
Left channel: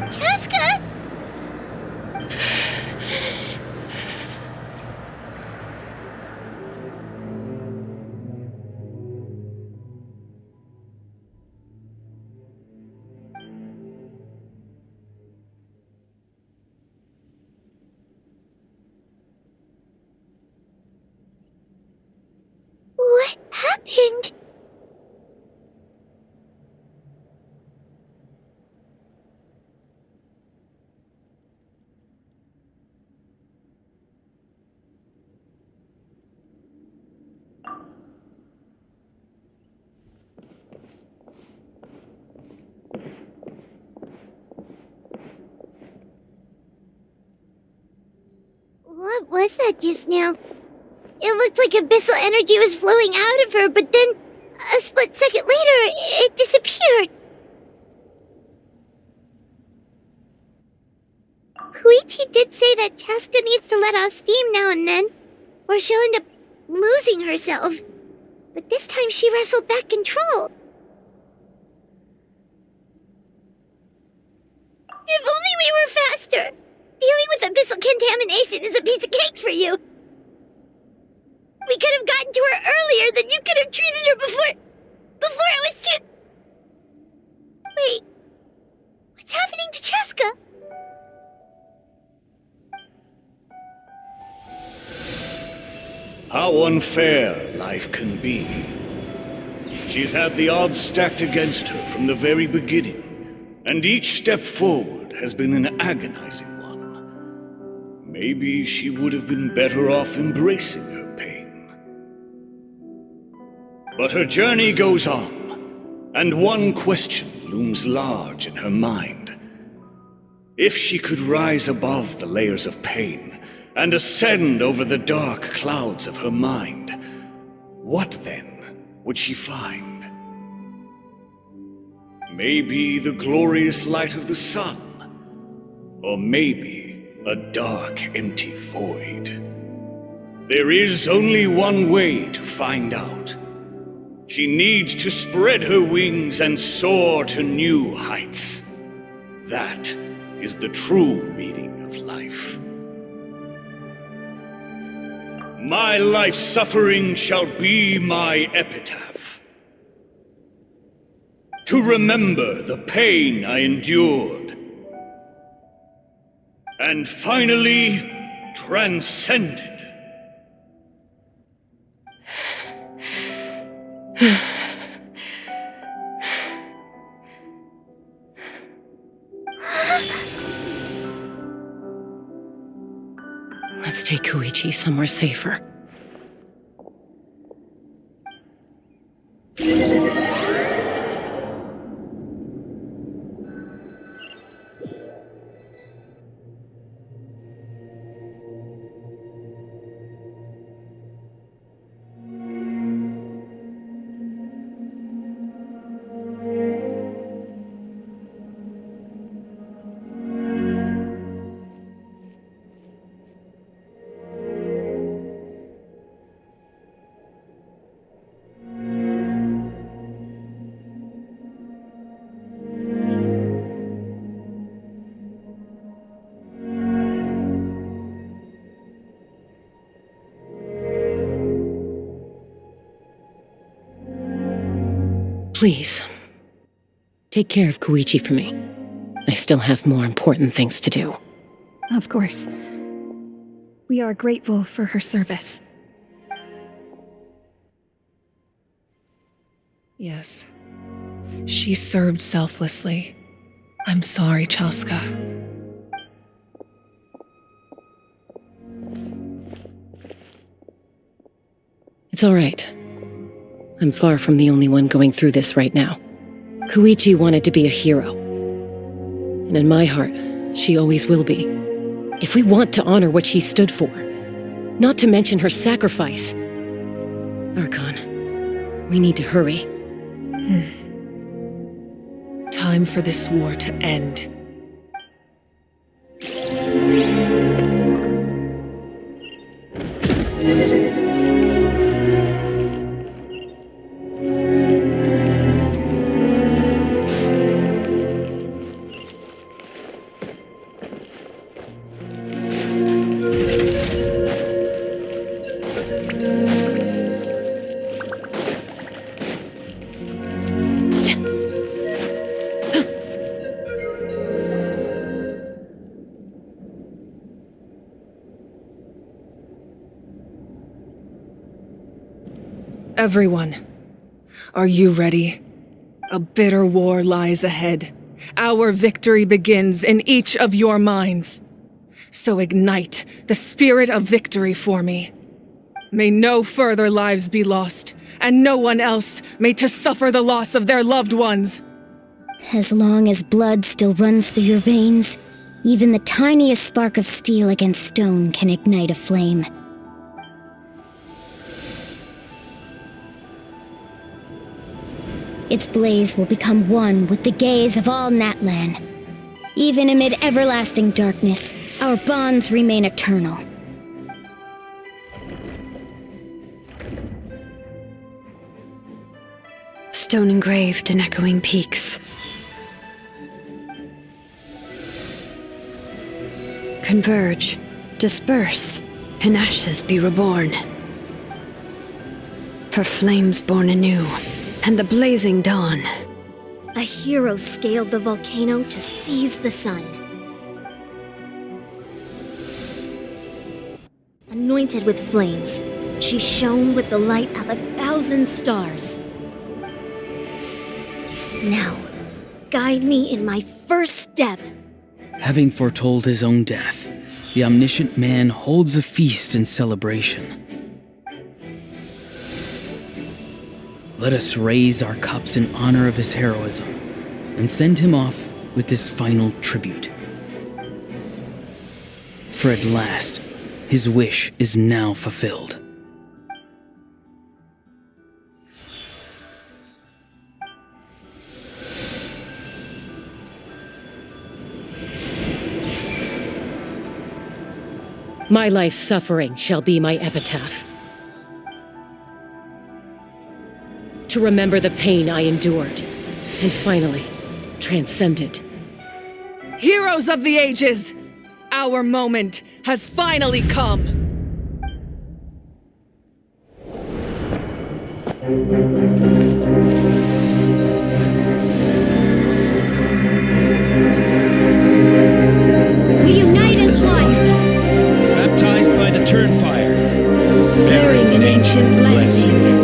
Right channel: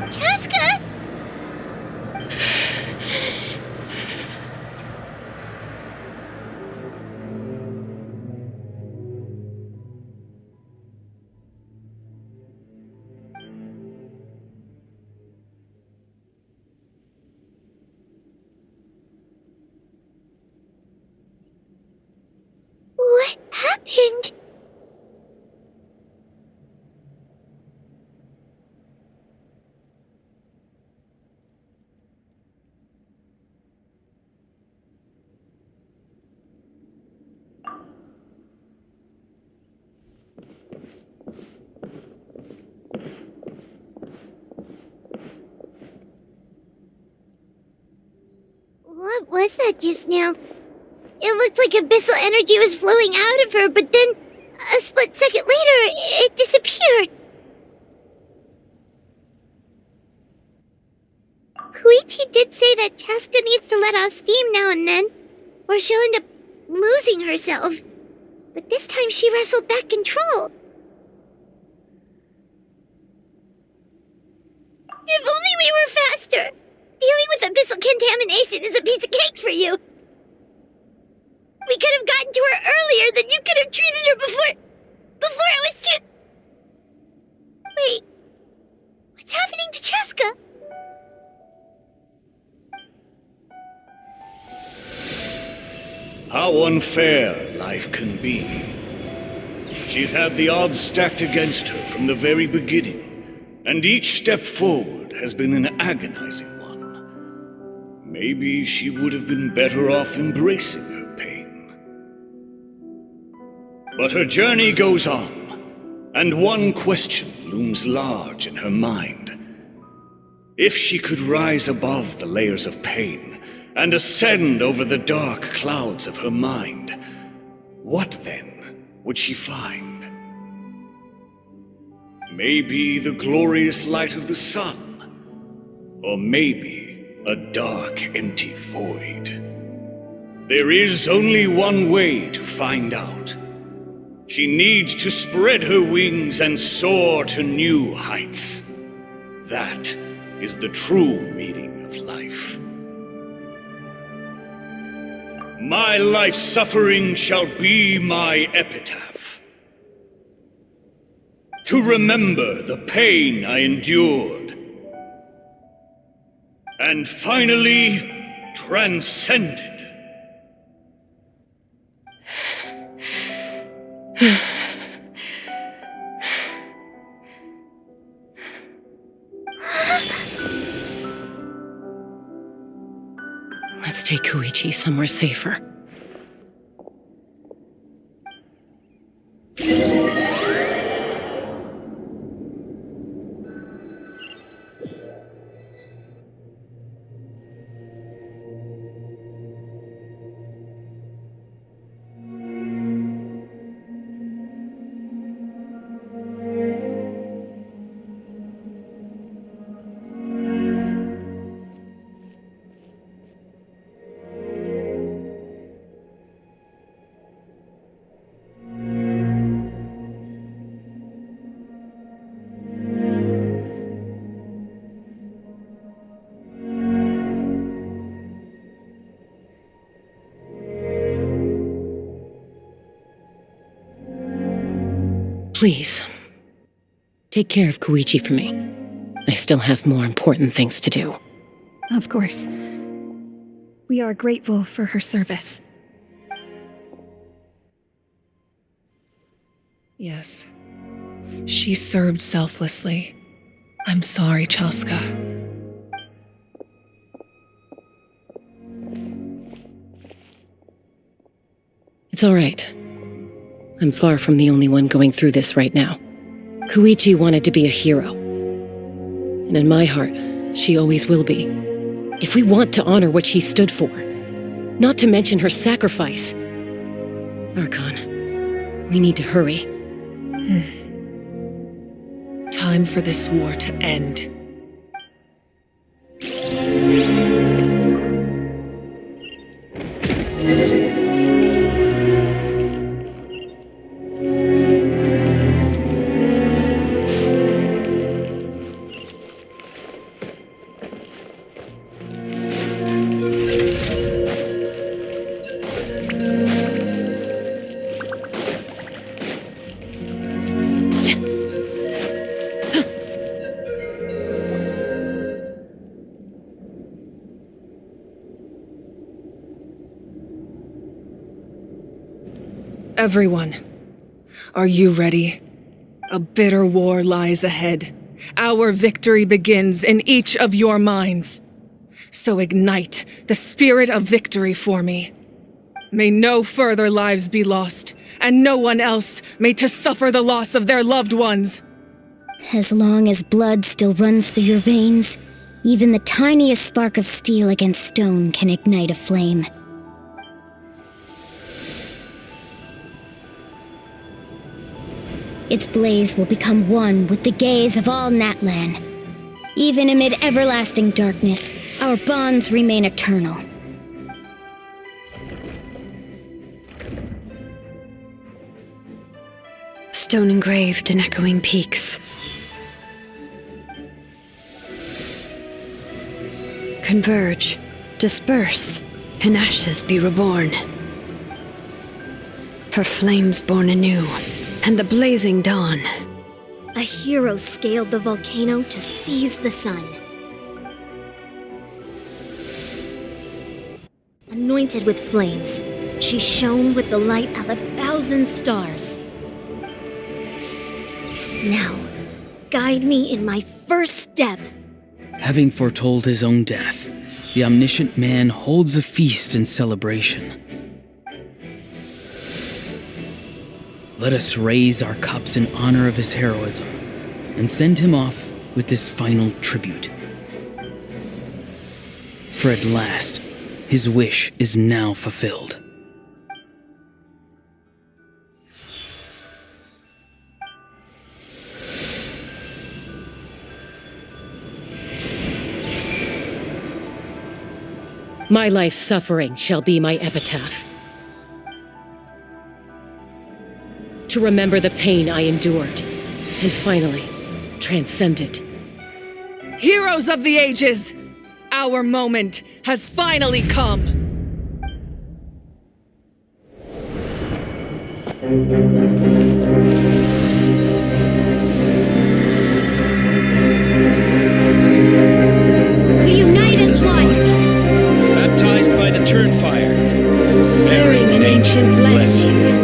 Chaska? What happened? What was that just now? It looked like abyssal energy was flowing out of her, but then, a split second later, it disappeared. Koichi did say that Chaska needs to let off steam now and then, or she'll end up losing herself. But this time she wrestled back control. If only we were faster! Dealing with abyssal contamination is a piece of cake for you. We could have gotten to her earlier, then you could have treated her before it was too... Wait, what's happening to Chaska? How unfair life can be. She's had the odds stacked against her from the very beginning, and each step forward has been an agonizing one. Maybe she would have been better off embracing her pain. But her journey goes on, and one question looms large in her mind. If she could rise above the layers of pain and ascend over the dark clouds of her mind, what then would she find? Maybe the glorious light of the sun, or maybe a dark, empty void. There is only one way to find out. She needs to spread her wings and soar to new heights. That is the true meaning of life. My life's suffering shall be my epitaph. To remember the pain I endured, and finally transcended. Let's take Koichi somewhere safer. Please, take care of Koichi for me. I still have more important things to do. Of course. We are grateful for her service. Yes. She served selflessly. I'm sorry, Chaska. It's all right. I'm far from the only one going through this right now. Koichi wanted to be a hero. And in my heart, she always will be. If we want to honor what she stood for, not to mention her sacrifice. Archon, we need to hurry. Time for this war to end. Everyone, are you ready? A bitter war lies ahead. Our victory begins in each of your minds. So ignite the spirit of victory for me. May no further lives be lost, and no one else may to suffer the loss of their loved ones. As long as blood still runs through your veins, even the tiniest spark of steel against stone can ignite a flame. Its blaze will become one with the gaze of all Natlan. Even amid everlasting darkness, our bonds remain eternal. Stone engraved in echoing peaks. Converge, disperse, in ashes be reborn. For flames born anew, and the blazing dawn. A hero scaled the volcano to seize the sun. Anointed with flames, she shone with the light of 1,000 stars. Now, guide me in my first step. Having foretold his own death, the omniscient man holds a feast in celebration. Let us raise our cups in honor of his heroism and send him off with this final tribute. For at last, his wish is now fulfilled. My life's suffering shall be my epitaph. To remember the pain I endured, and finally, transcend it. Heroes of the ages! Our moment has finally come! We unite as one! Baptized by the Turnfire. Bearing an ancient blessing.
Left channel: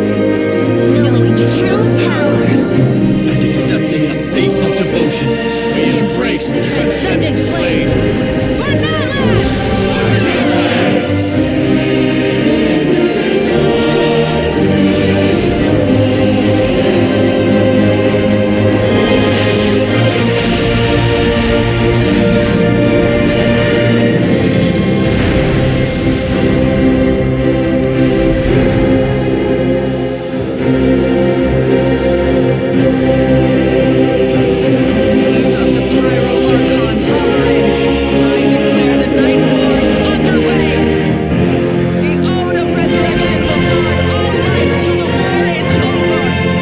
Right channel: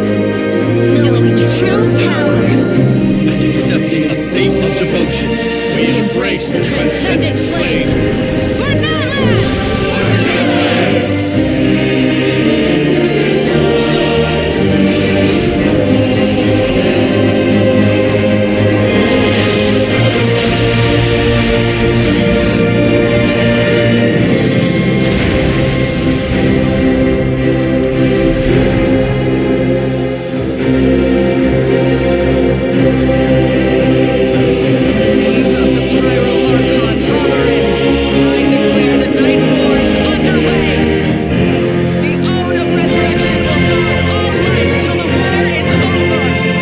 Knowing true power. And accepting a fate of devotion. We embrace the transcendent flame. For Natlan! For Natlan! of the Pyro Archon Hoverin, I declare the Night Wars underway! The Ode of Resurrection will guard all life till the war is over!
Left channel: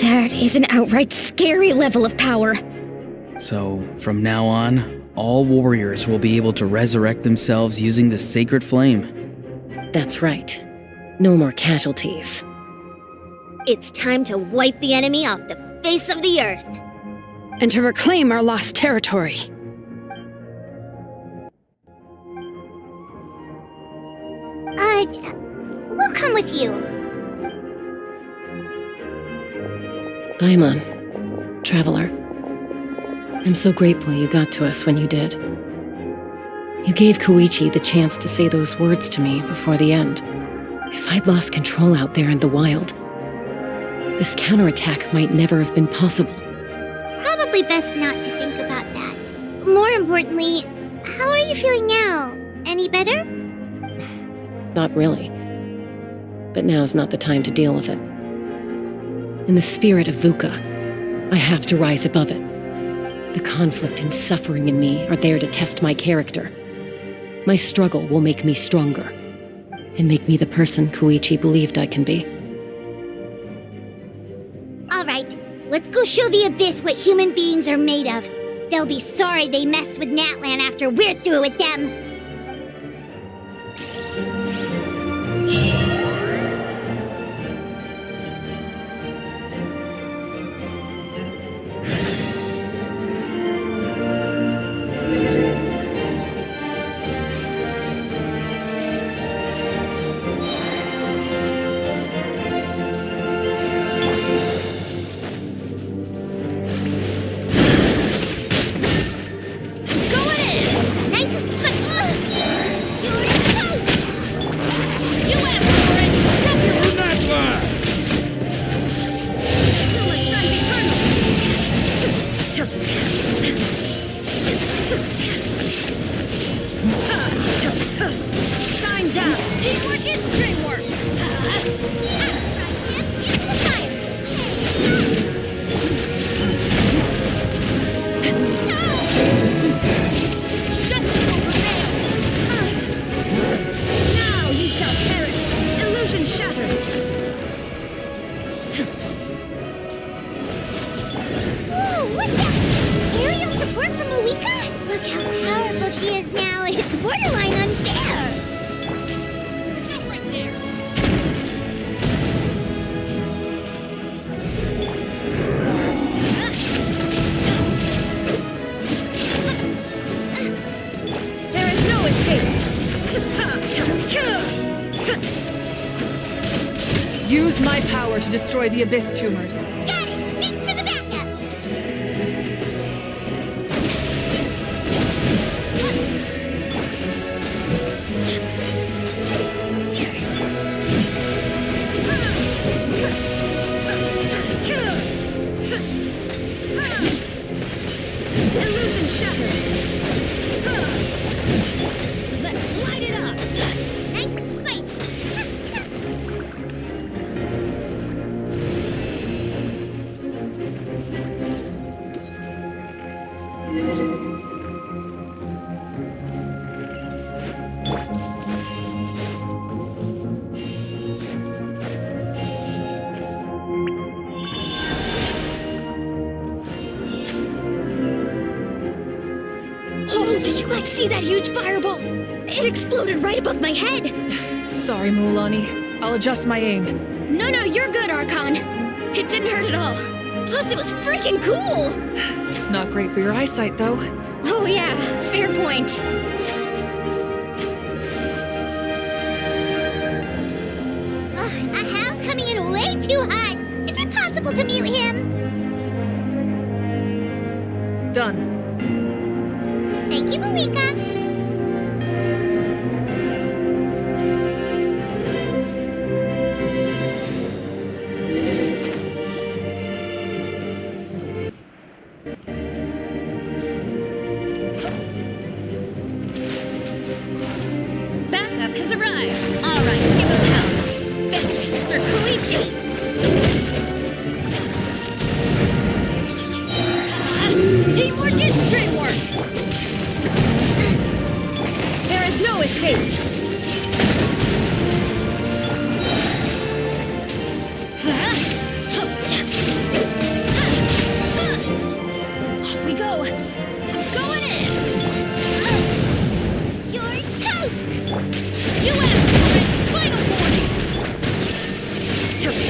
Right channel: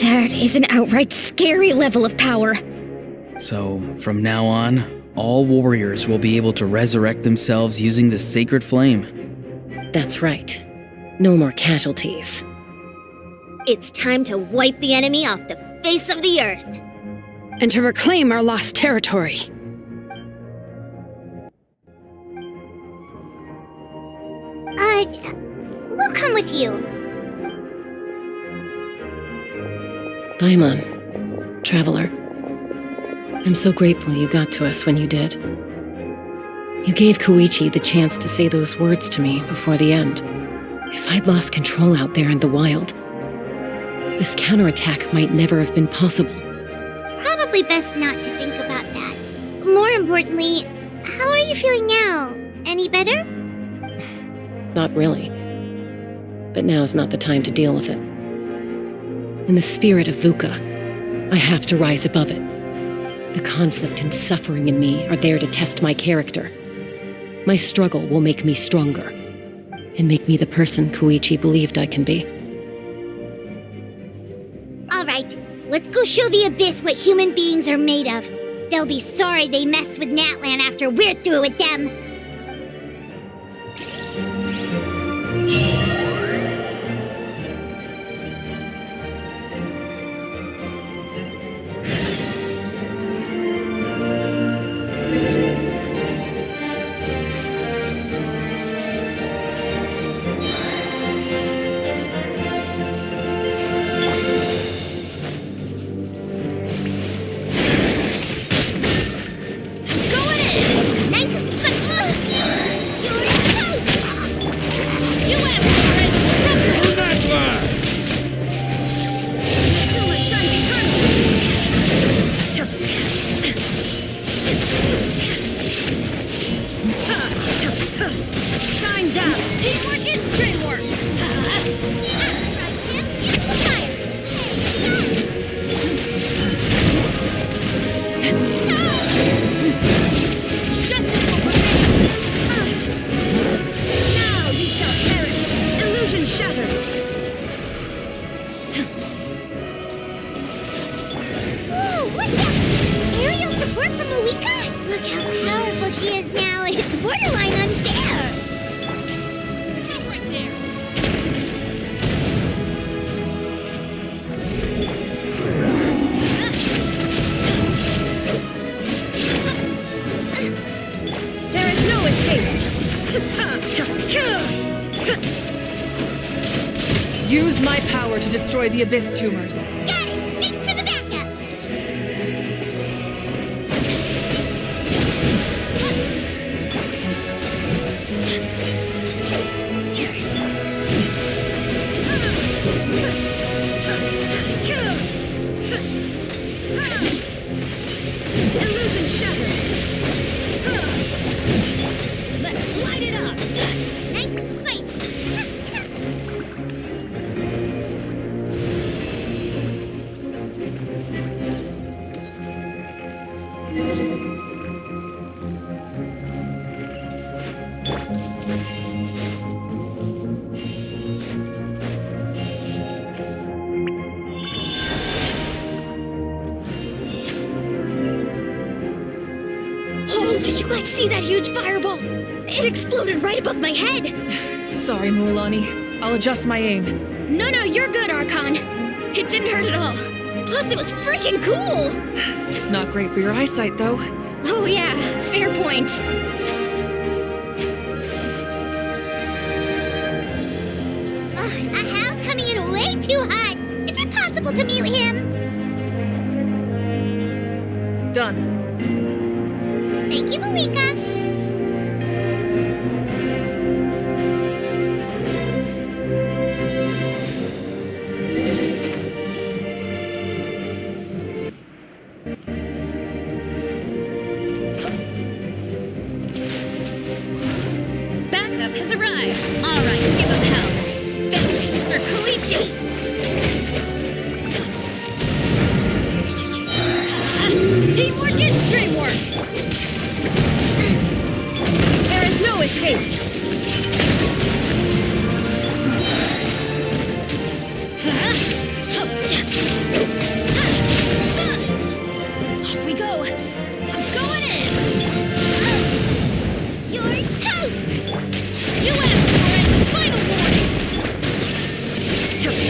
That is an outright scary level of power. So, from now on, all warriors will be able to resurrect themselves using the sacred flame. That's right. No more casualties. It's time to wipe the enemy off the face of the earth. And to reclaim our lost territory. We'll come with you. Paimon, Traveler. I'm so grateful you got to us when you did. You gave Koichi the chance to say those words to me before the end. If I'd lost control out there in the wild, this counterattack might never have been possible. Probably best not to think about that. More importantly, how are you feeling now? Any better? Not really. But now's not the time to deal with it. In the spirit of VUCA, I have to rise above it. The conflict and suffering in me are there to test my character. My struggle will make me stronger, and make me the person Koichi believed I can be. Alright, let's go show the Abyss what human beings are made of. They'll be sorry they messed with Natlan after we're through with them. Shine down! Teamwork is dreamwork! At the right hand is the fire! Justice will prevail! Now you shall perish! Illusion shattered! Ooh, what's that? Aerial support from Awika? Look how powerful she is now. It's borderline unfair. Stop right there! There is no escape! Use my power to destroy the Abyss tumors. Got it. Thanks for the backup. Illusion shattered! Let's light it up! Nice and spicy. Oh, did you guys see that huge fireball? It exploded right above my head. Sorry, Mualani. I'll adjust my aim. No, you're good, Archon. It didn't hurt at all. Plus, it was freaking cool. Not great for your eyesight, though. Oh yeah, fair point. Ugh, Ahal's coming in way too hot. Is it possible to mute him? Done. Thank you, Malika. backup has arrived. All right, give them hell. Vengeance for Koichi. Teamwork is dreamwork. There is no escape. Off we go. I'm going in. You're toast! You asked for it! Final warning!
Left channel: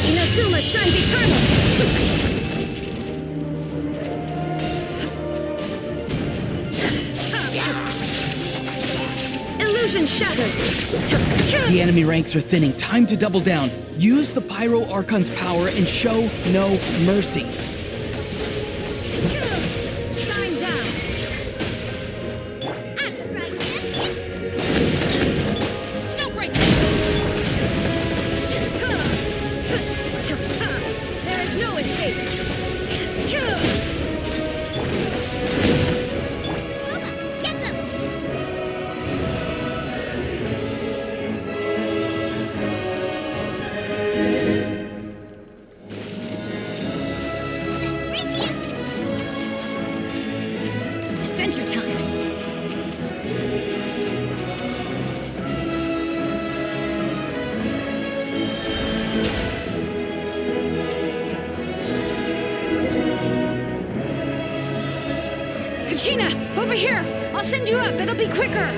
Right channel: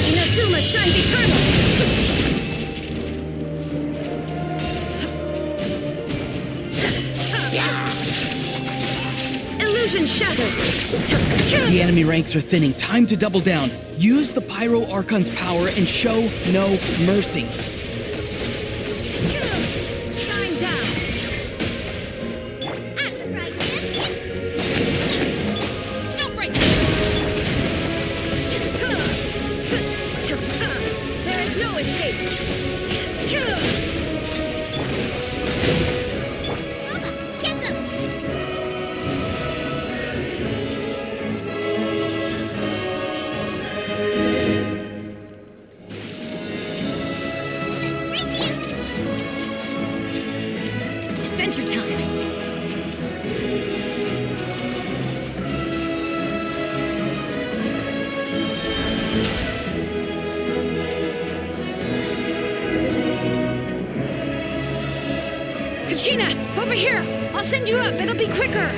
Inazuma shines eternal! Illusion shattered! The enemy ranks are thinning. Time to double down. Use the Pyro Archon's power and show no mercy. Shine down! Stop right there! There is no escape! Get them! Race you! Adventure time! Kachina, over here! I'll send you up, it'll be quicker!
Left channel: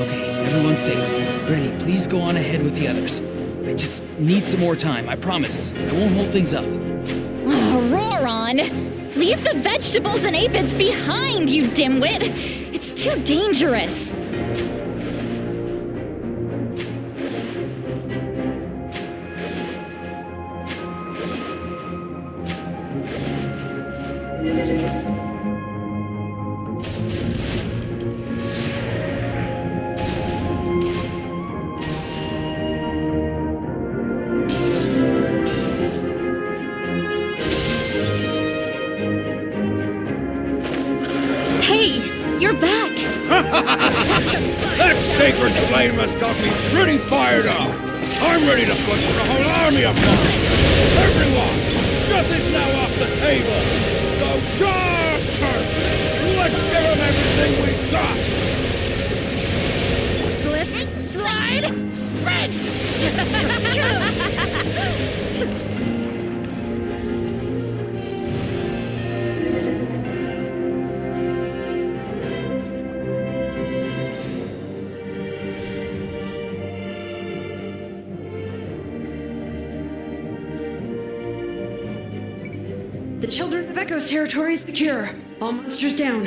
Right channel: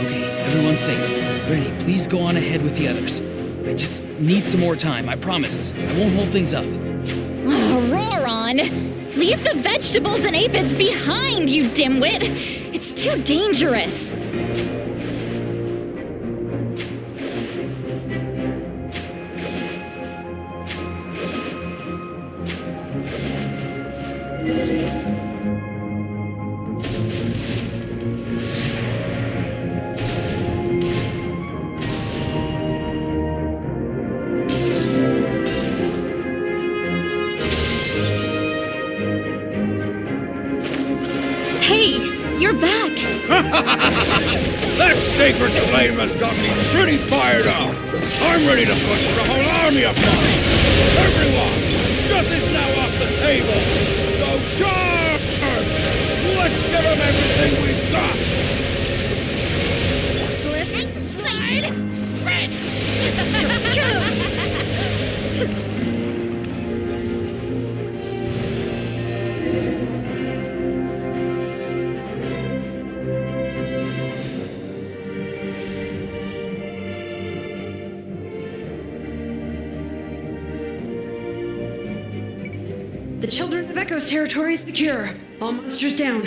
Okay, everyone's safe. Granny, please go on ahead with the others. I just need some more time, I promise. I won't hold things up. Roar on! Leave the vegetables and aphids behind, you dimwit! It's too dangerous! Hey, you're back! That sacred flame has got me pretty fired up! I'm ready to butcher a whole army of mine! Everyone! Death is now off the table! So charge! Let's give them everything we've got! Nice and spicy! Sprint! The Children of Echo's territory is secure. All monsters down.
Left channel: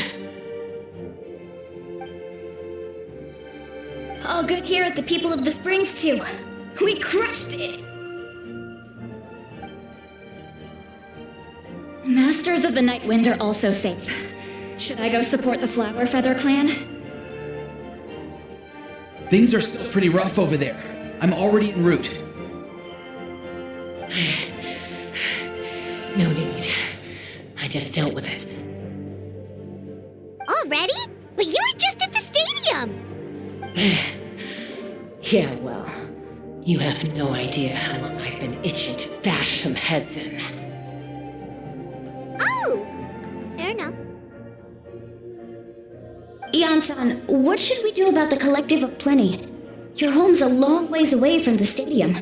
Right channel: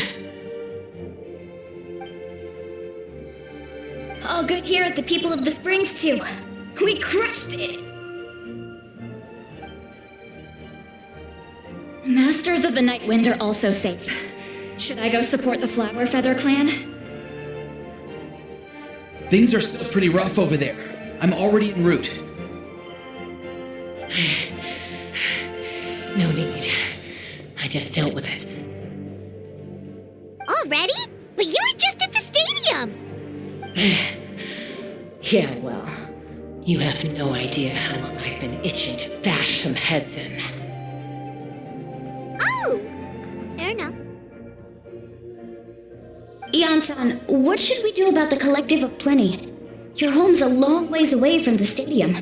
All good here at the People of the Springs, too. We crushed it! Masters of the Night Wind are also safe. Should I go support the Flower Feather clan? Things are still pretty rough over there. I'm already en route. No need. I just dealt with it. Already? But you were just at the stadium! Yeah, well, you have no idea how long I've been itching to bash some heads in. Oh! Fair enough. Ian-san, what should we do about the Collective of Plenty? Your home's a long ways away from the stadium.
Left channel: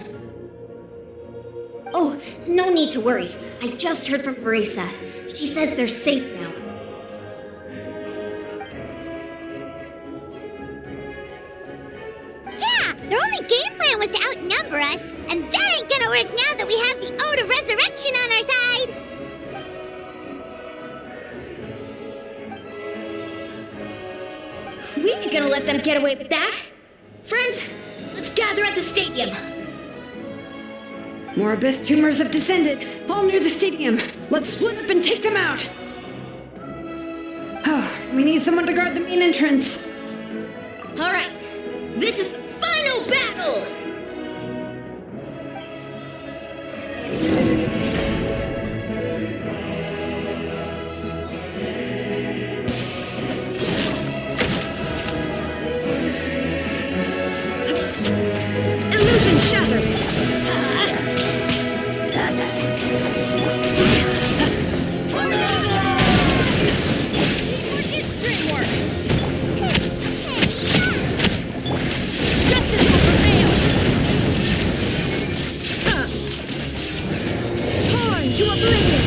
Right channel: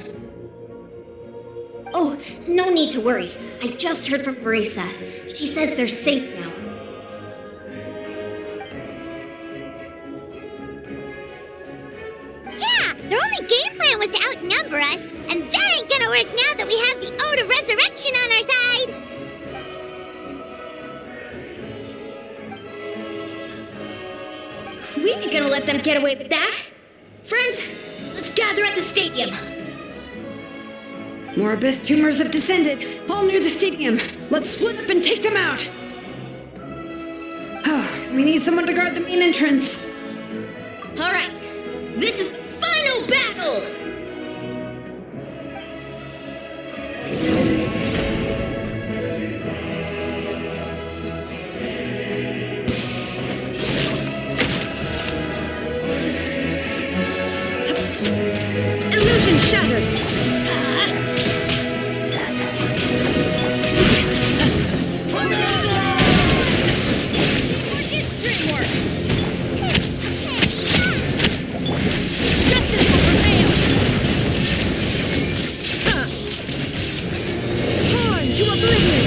Oh, no need to worry. I just heard from Verisa. She says they're safe now. Yeah! Their only game plan was to outnumber us, and that ain't gonna work now that we have the Ode of Resurrection on our side! We ain't gonna let them get away with that. Friends, let's gather at the stadium. More abyss tumors have descended, all near the stadium. Let's split up and take them out. Oh, we need someone to guard the main entrance. All right, this is the final battle! Illusion shattered! Dreamwork! Justice will prevail! Horn to oblivion!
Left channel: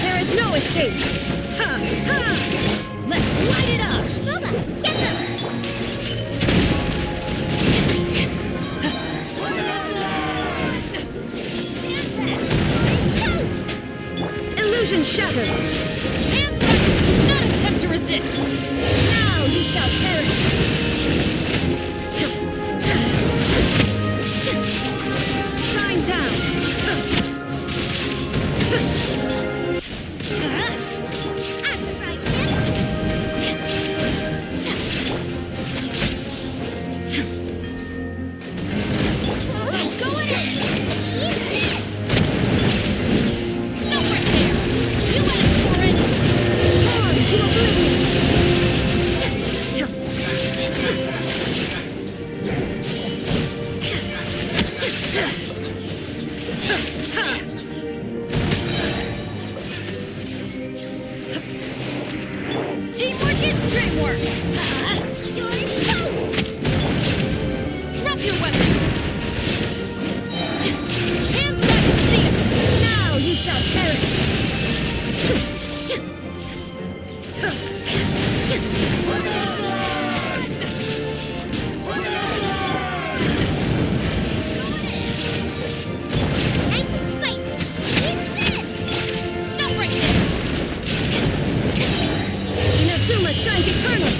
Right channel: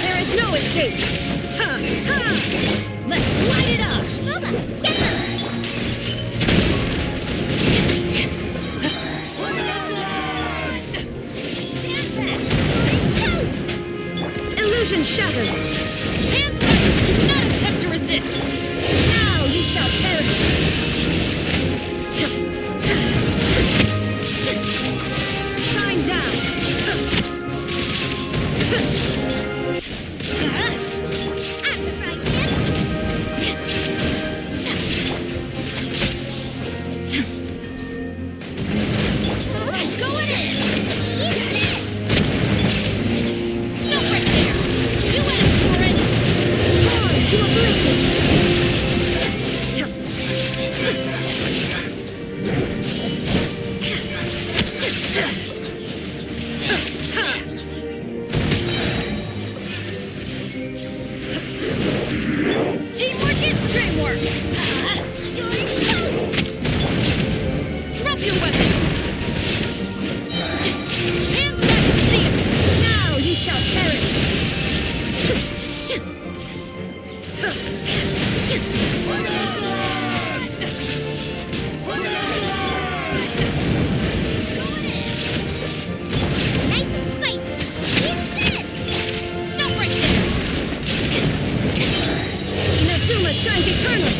There is no escape! Let's light it up! Booba, get them! Illusion shattered! Hands ready! Do not attempt to resist! Now you shall perish! Shine down! At the right Going in! Stop right there! You asked for it! Horn to oblivion! Teamwork is dreamwork! You're toast! Drop your weapons! Hands ready! See it! Now you shall perish! Nice and spicy. Eat this! Stop right there! Inazuma shines eternal!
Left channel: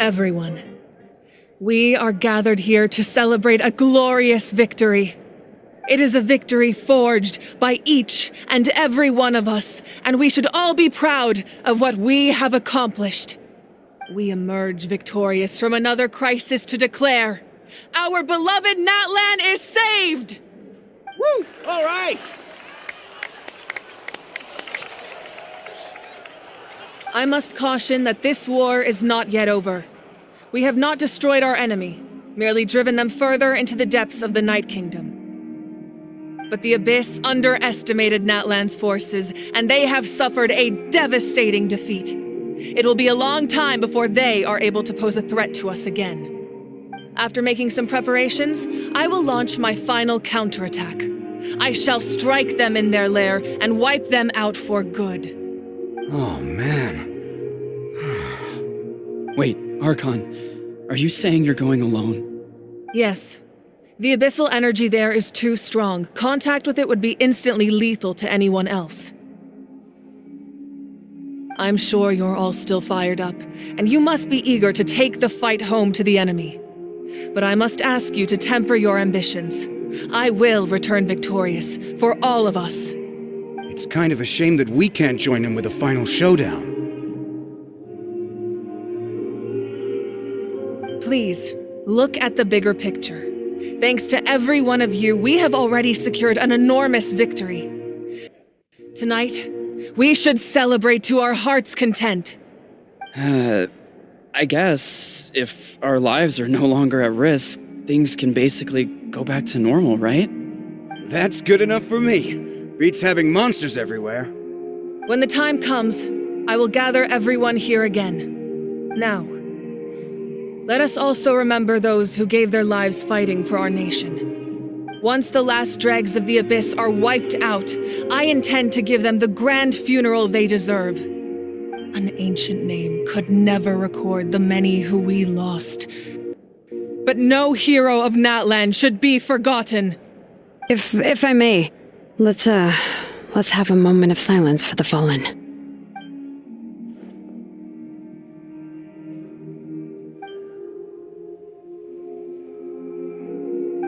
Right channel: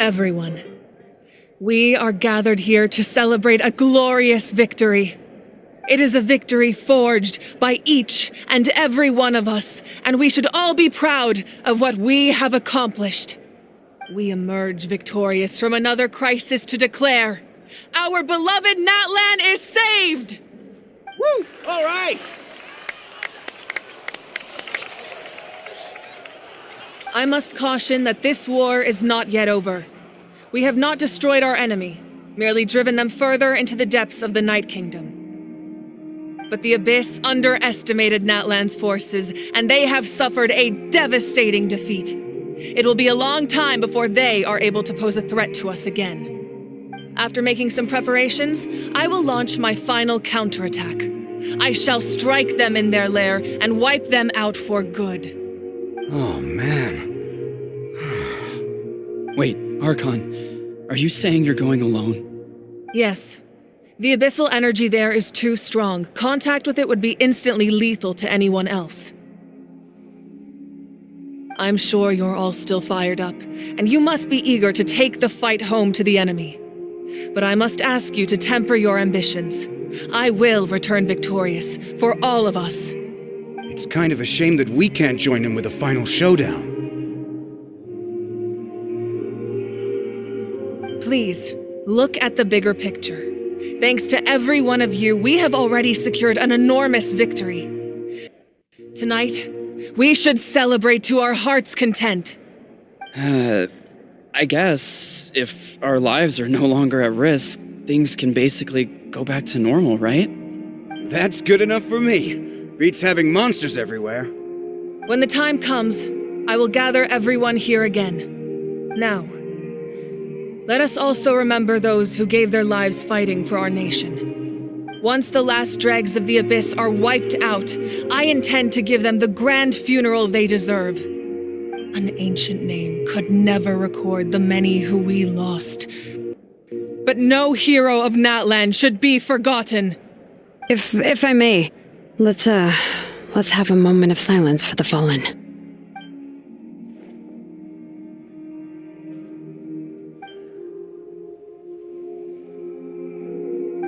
Everyone, we are gathered here to celebrate a glorious victory. It is a victory forged by each and every one of us, and we should all be proud of what we have accomplished. We emerge victorious from another crisis to declare, our beloved Natlan is saved! Woo! All right! I must caution that this war is not yet over. We have not destroyed our enemy, merely driven them further into the depths of the Night Kingdom. But the Abyss underestimated Natlan's forces, and they have suffered a devastating defeat. It will be a long time before they are able to pose a threat to us again. After making some preparations, I will launch my final counterattack. I shall strike them in their lair and wipe them out for good. Oh, man. Wait, Archon, are you saying you're going alone? Yes. The abyssal energy there is too strong. Contact with it would be instantly lethal to anyone else. I'm sure you're all still fired up, and you must be eager to take the fight home to the enemy. But I must ask you to temper your ambitions. I will return victorious, for all of us. It's kind of a shame that we can't join him with a final showdown. Please, look at the bigger picture. Thanks to every one of you, we have already secured an enormous victory. Tonight, we should celebrate to our heart's content. I guess if our lives are no longer at risk, things can basically go back to normal, right? That's good enough for me. Beats having monsters everywhere. When the time comes, I will gather everyone here again. Now, let us also remember those who gave their lives fighting for our nation. Once the last dregs of the Abyss are wiped out, I intend to give them the grand funeral they deserve. An ancient name could never record the many who we lost. But no hero of Natlan should be forgotten. If I may, let's have a moment of silence for the fallen.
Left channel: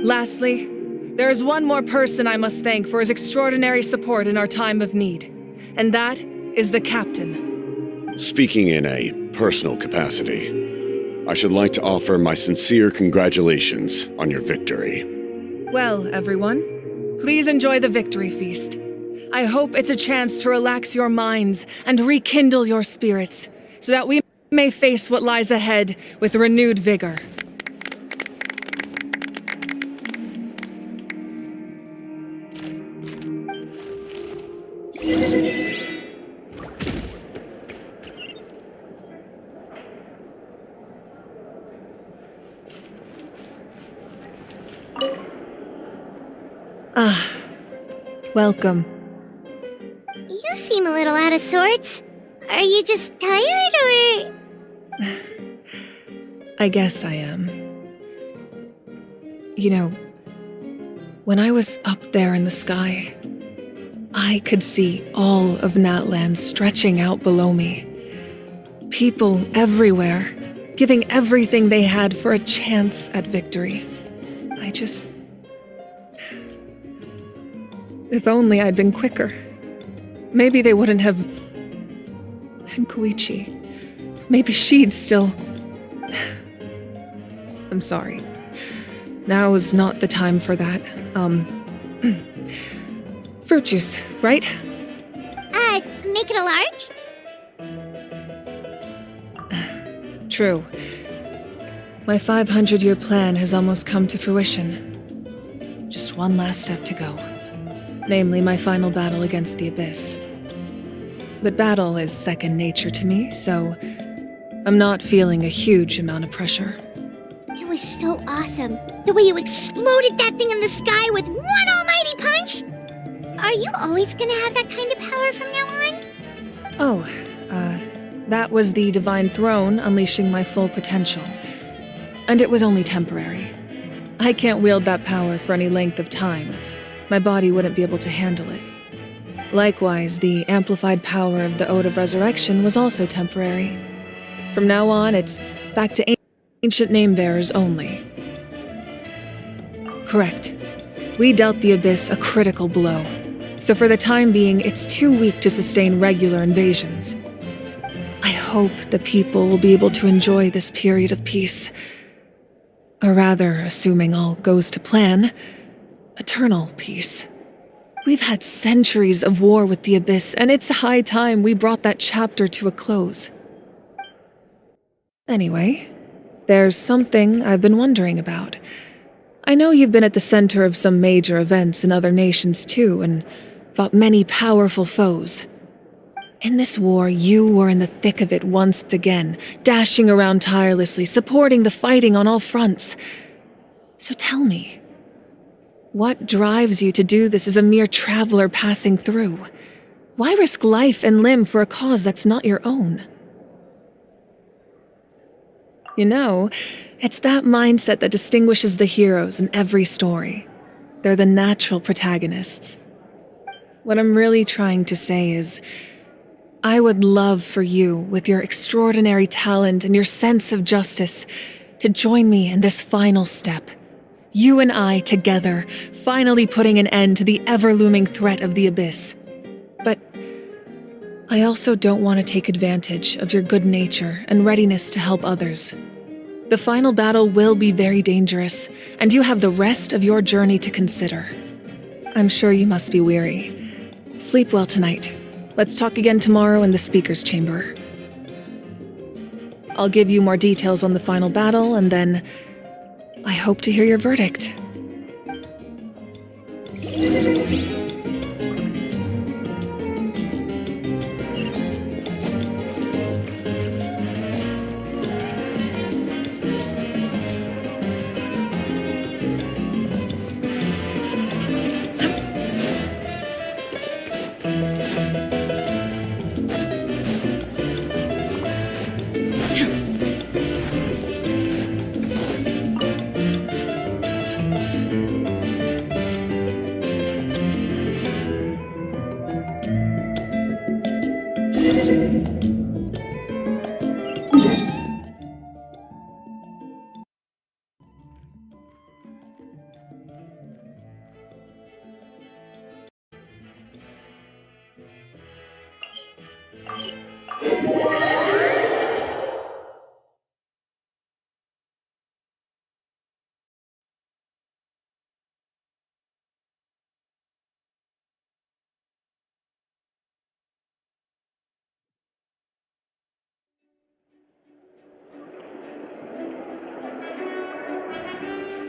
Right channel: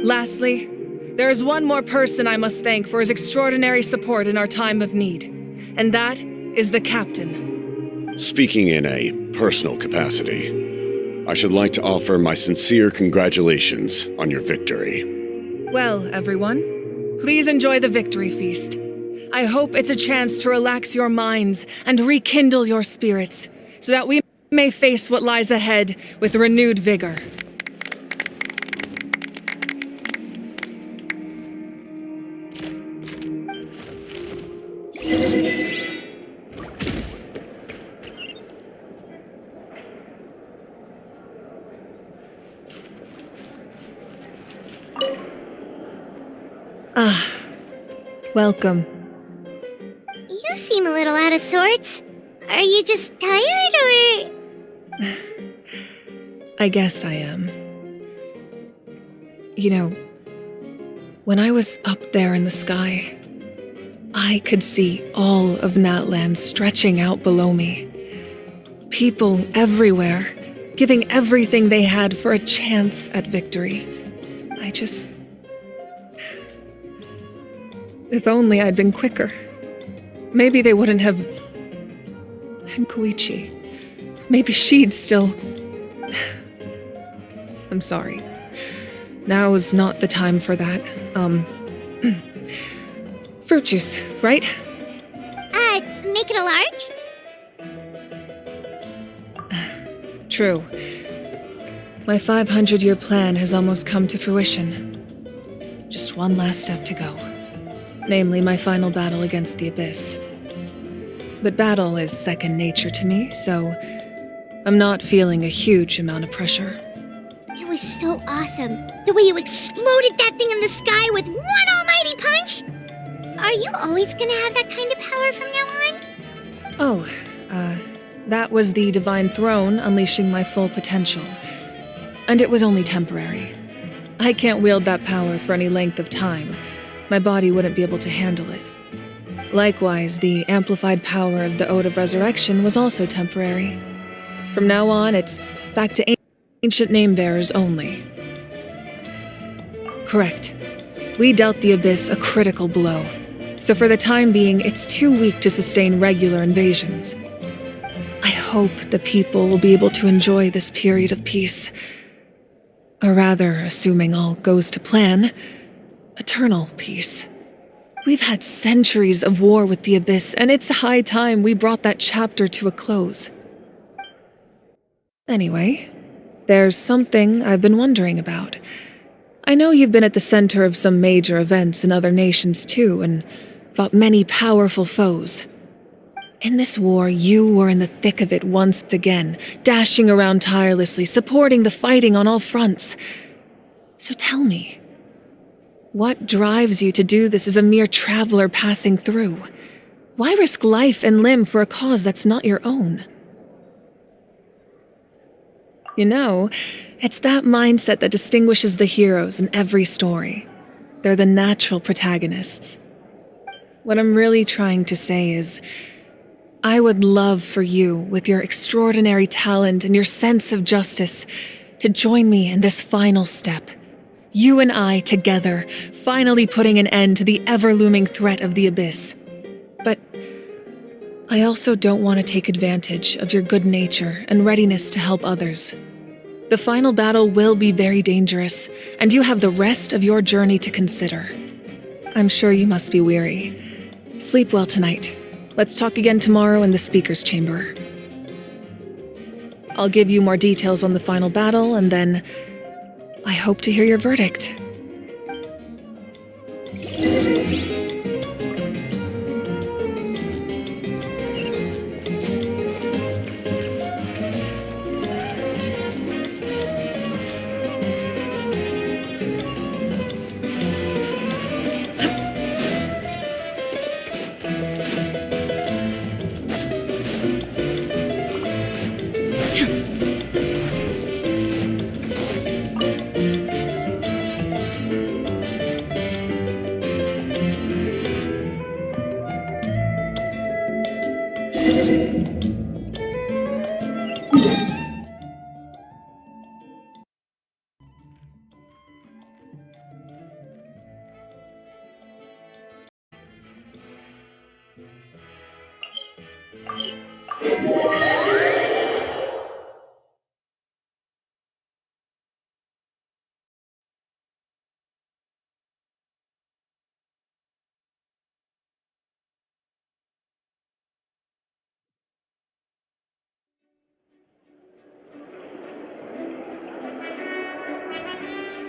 Lastly, there is one more person I must thank for his extraordinary support in our time of need, and that is the captain. Speaking in a personal capacity, I should like to offer my sincere congratulations on your victory. Well, everyone, please enjoy the victory feast. I hope it's a chance to relax your minds and rekindle your spirits, so that we may face what lies ahead with renewed vigor. Welcome. You seem a little out of sorts. Are you just tired, or...? I guess I am. You know, when I was up there in the sky, I could see all of Natlan stretching out below me. People everywhere, giving everything they had for a chance at victory. If only I'd been quicker. Maybe they wouldn't have... And Koichi. Maybe she'd still... I'm sorry. Now is not the time for that. Fruit juice, right? Make it a large? True. My 500-year plan has almost come to fruition. Just one last step to go. Namely, my final battle against the Abyss. But battle is second nature to me, so I'm not feeling a huge amount of pressure. It was so awesome. The way you exploded that thing in the sky with one almighty punch! Are you always gonna have that kind of power from now on? That was the Divine Throne unleashing my full potential. And it was only temporary. I can't wield that power for any length of time. My body wouldn't be able to handle it. Likewise, the amplified power of the Ode of Resurrection was also temporary. From now on, it's back to ancient name-bearers only. Correct. We dealt the Abyss a critical blow, so for the time being, it's too weak to sustain regular invasions. I hope the people will be able to enjoy this period of peace. Or rather, assuming all goes to plan, eternal peace. We've had centuries of war with the Abyss, and it's high time we brought that chapter to a close. Anyway, there's something I've been wondering about. I know you've been at the center of some major events in other nations too, and fought many powerful foes. In this war, you were in the thick of it once again, dashing around tirelessly, supporting the fighting on all fronts. So tell me, what drives you to do this as a mere traveler passing through? Why risk life and limb for a cause that's not your own? You know, it's that mindset that distinguishes the heroes in every story. They're the natural protagonists. What I'm really trying to say is, I would love for you, with your extraordinary talent and your sense of justice, to join me in this final step. You and I together, finally putting an end to the ever-looming threat of the Abyss. But I also don't want to take advantage of your good nature and readiness to help others. The final battle will be very dangerous, and you have the rest of your journey to consider. I'm sure you must be weary. Sleep well tonight. Let's talk again tomorrow in the speaker's chamber. I'll give you more details on the final battle, and then I hope to hear your verdict.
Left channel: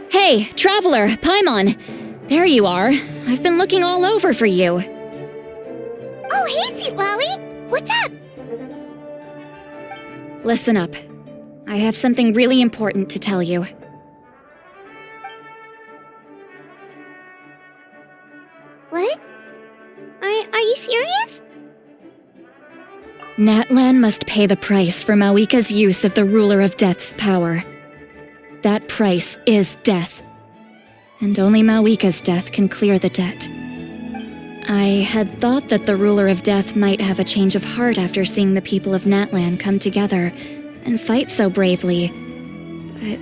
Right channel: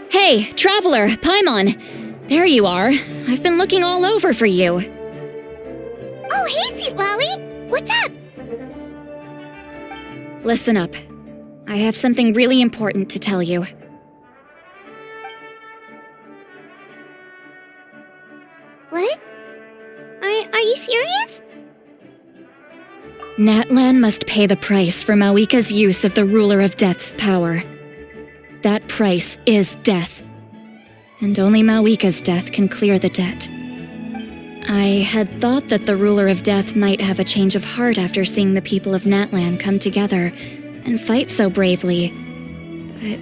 Hey, Traveler, Paimon! There you are. I've been looking all over for you. Oh, hey, Sweet Lolly! What's up? Listen up. I have something really important to tell you. What? Are you serious? Natlan must pay the price for Mawika's use of the Ruler of Death's power. That price is death. And only Mawika's death can clear the debt. I had thought that the Ruler of Death might have a change of heart after seeing the people of Natlan come together and fight so bravely, but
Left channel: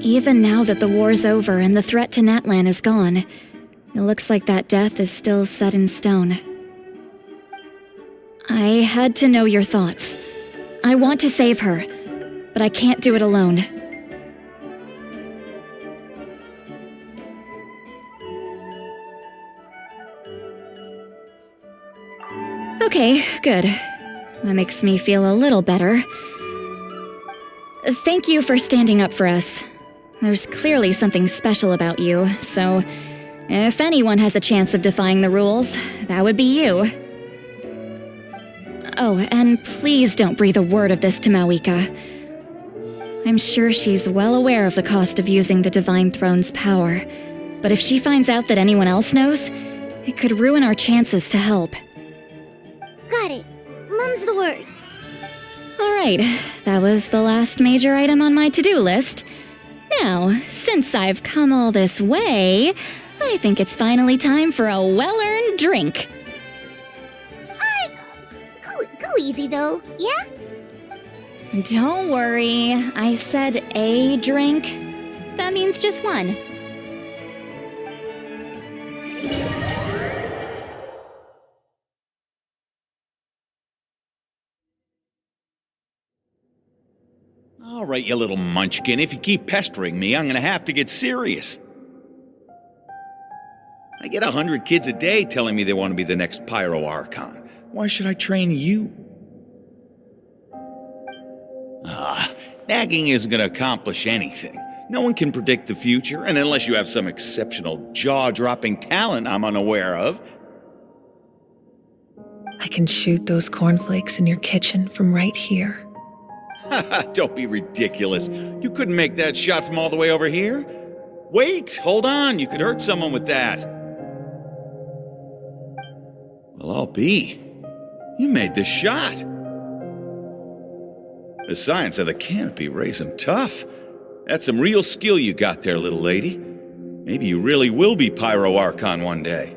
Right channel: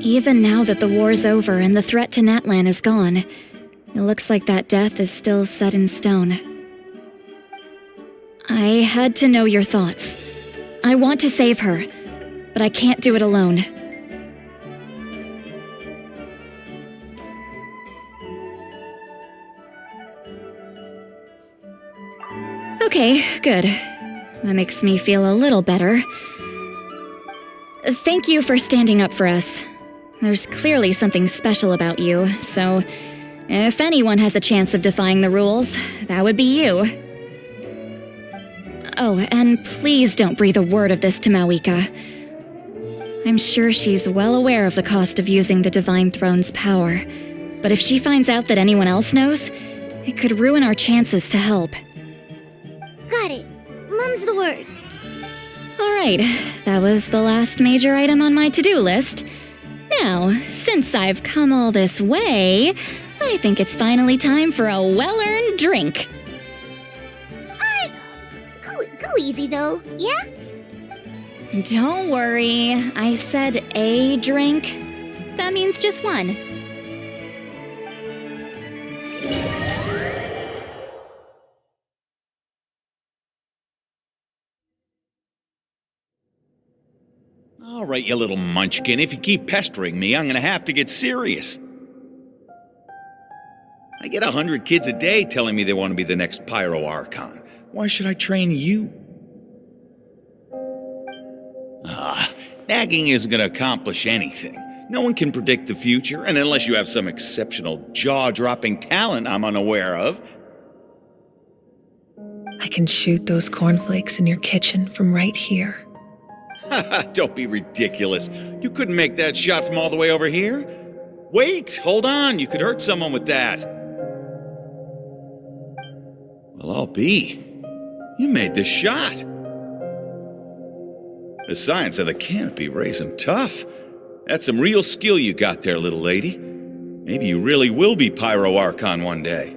even now that the war's over and the threat to Natlan is gone, it looks like that death is still set in stone. I had to know your thoughts. I want to save her, but I can't do it alone. Okay, good. That makes me feel a little better. Thank you for standing up for us. There's clearly something special about you, so if anyone has a chance of defying the rules, that would be you. Oh, and please don't breathe a word of this to Mawika. I'm sure she's well aware of the cost of using the Divine Throne's power, but if she finds out that anyone else knows, it could ruin our chances to help. Got it. Mum's the word. Alright, that was the last major item on my to-do list. Now, since I've come all this way, I think it's finally time for a well-earned drink. Go easy, though, yeah? Don't worry, I said a drink. That means just one. All right, you little munchkin. If you keep pestering me, I'm gonna have to get serious. I get 100 kids a day telling me they want to be the next Pyro Archon. Why should I train you? Nagging isn't gonna accomplish anything. No one can predict the future, and unless you have some exceptional jaw-dropping talent I'm unaware of. I can shoot those cornflakes in your kitchen from right here. Don't be ridiculous. You couldn't make that shot from all the way over here. Wait, hold on. You could hurt someone with that. Well, I'll be. You made this shot. The science of the canopy raised him tough. That's some real skill you got there, little lady. Maybe you really will be Pyro Archon one day.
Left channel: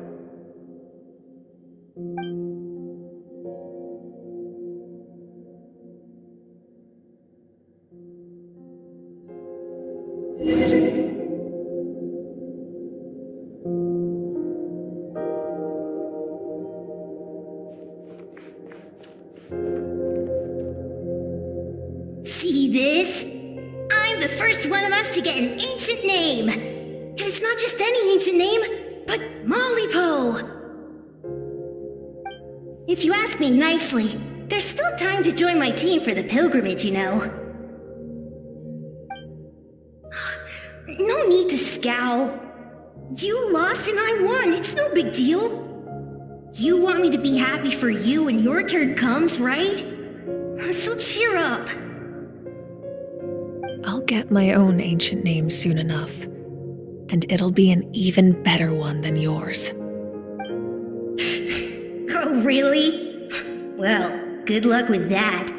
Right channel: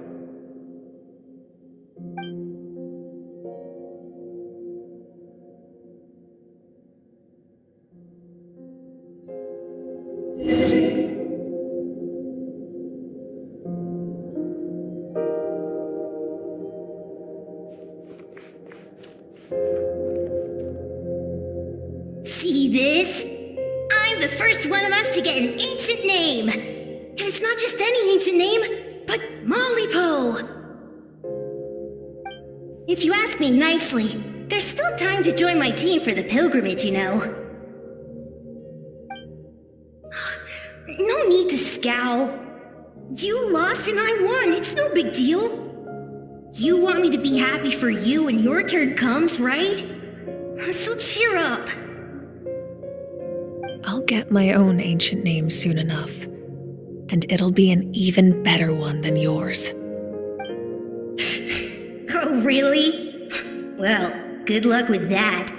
See this? I'm the first one of us to get an ancient name. And it's not just any ancient name, but Mollypo. If you ask me nicely, there's still time to join my team for the pilgrimage, you know. No need to scowl. You lost and I won, it's no big deal. You want me to be happy for you when your turn comes, right? So cheer up. I'll get my own ancient name soon enough, and it'll be an even better one than yours. Oh, really? Well, good luck with that.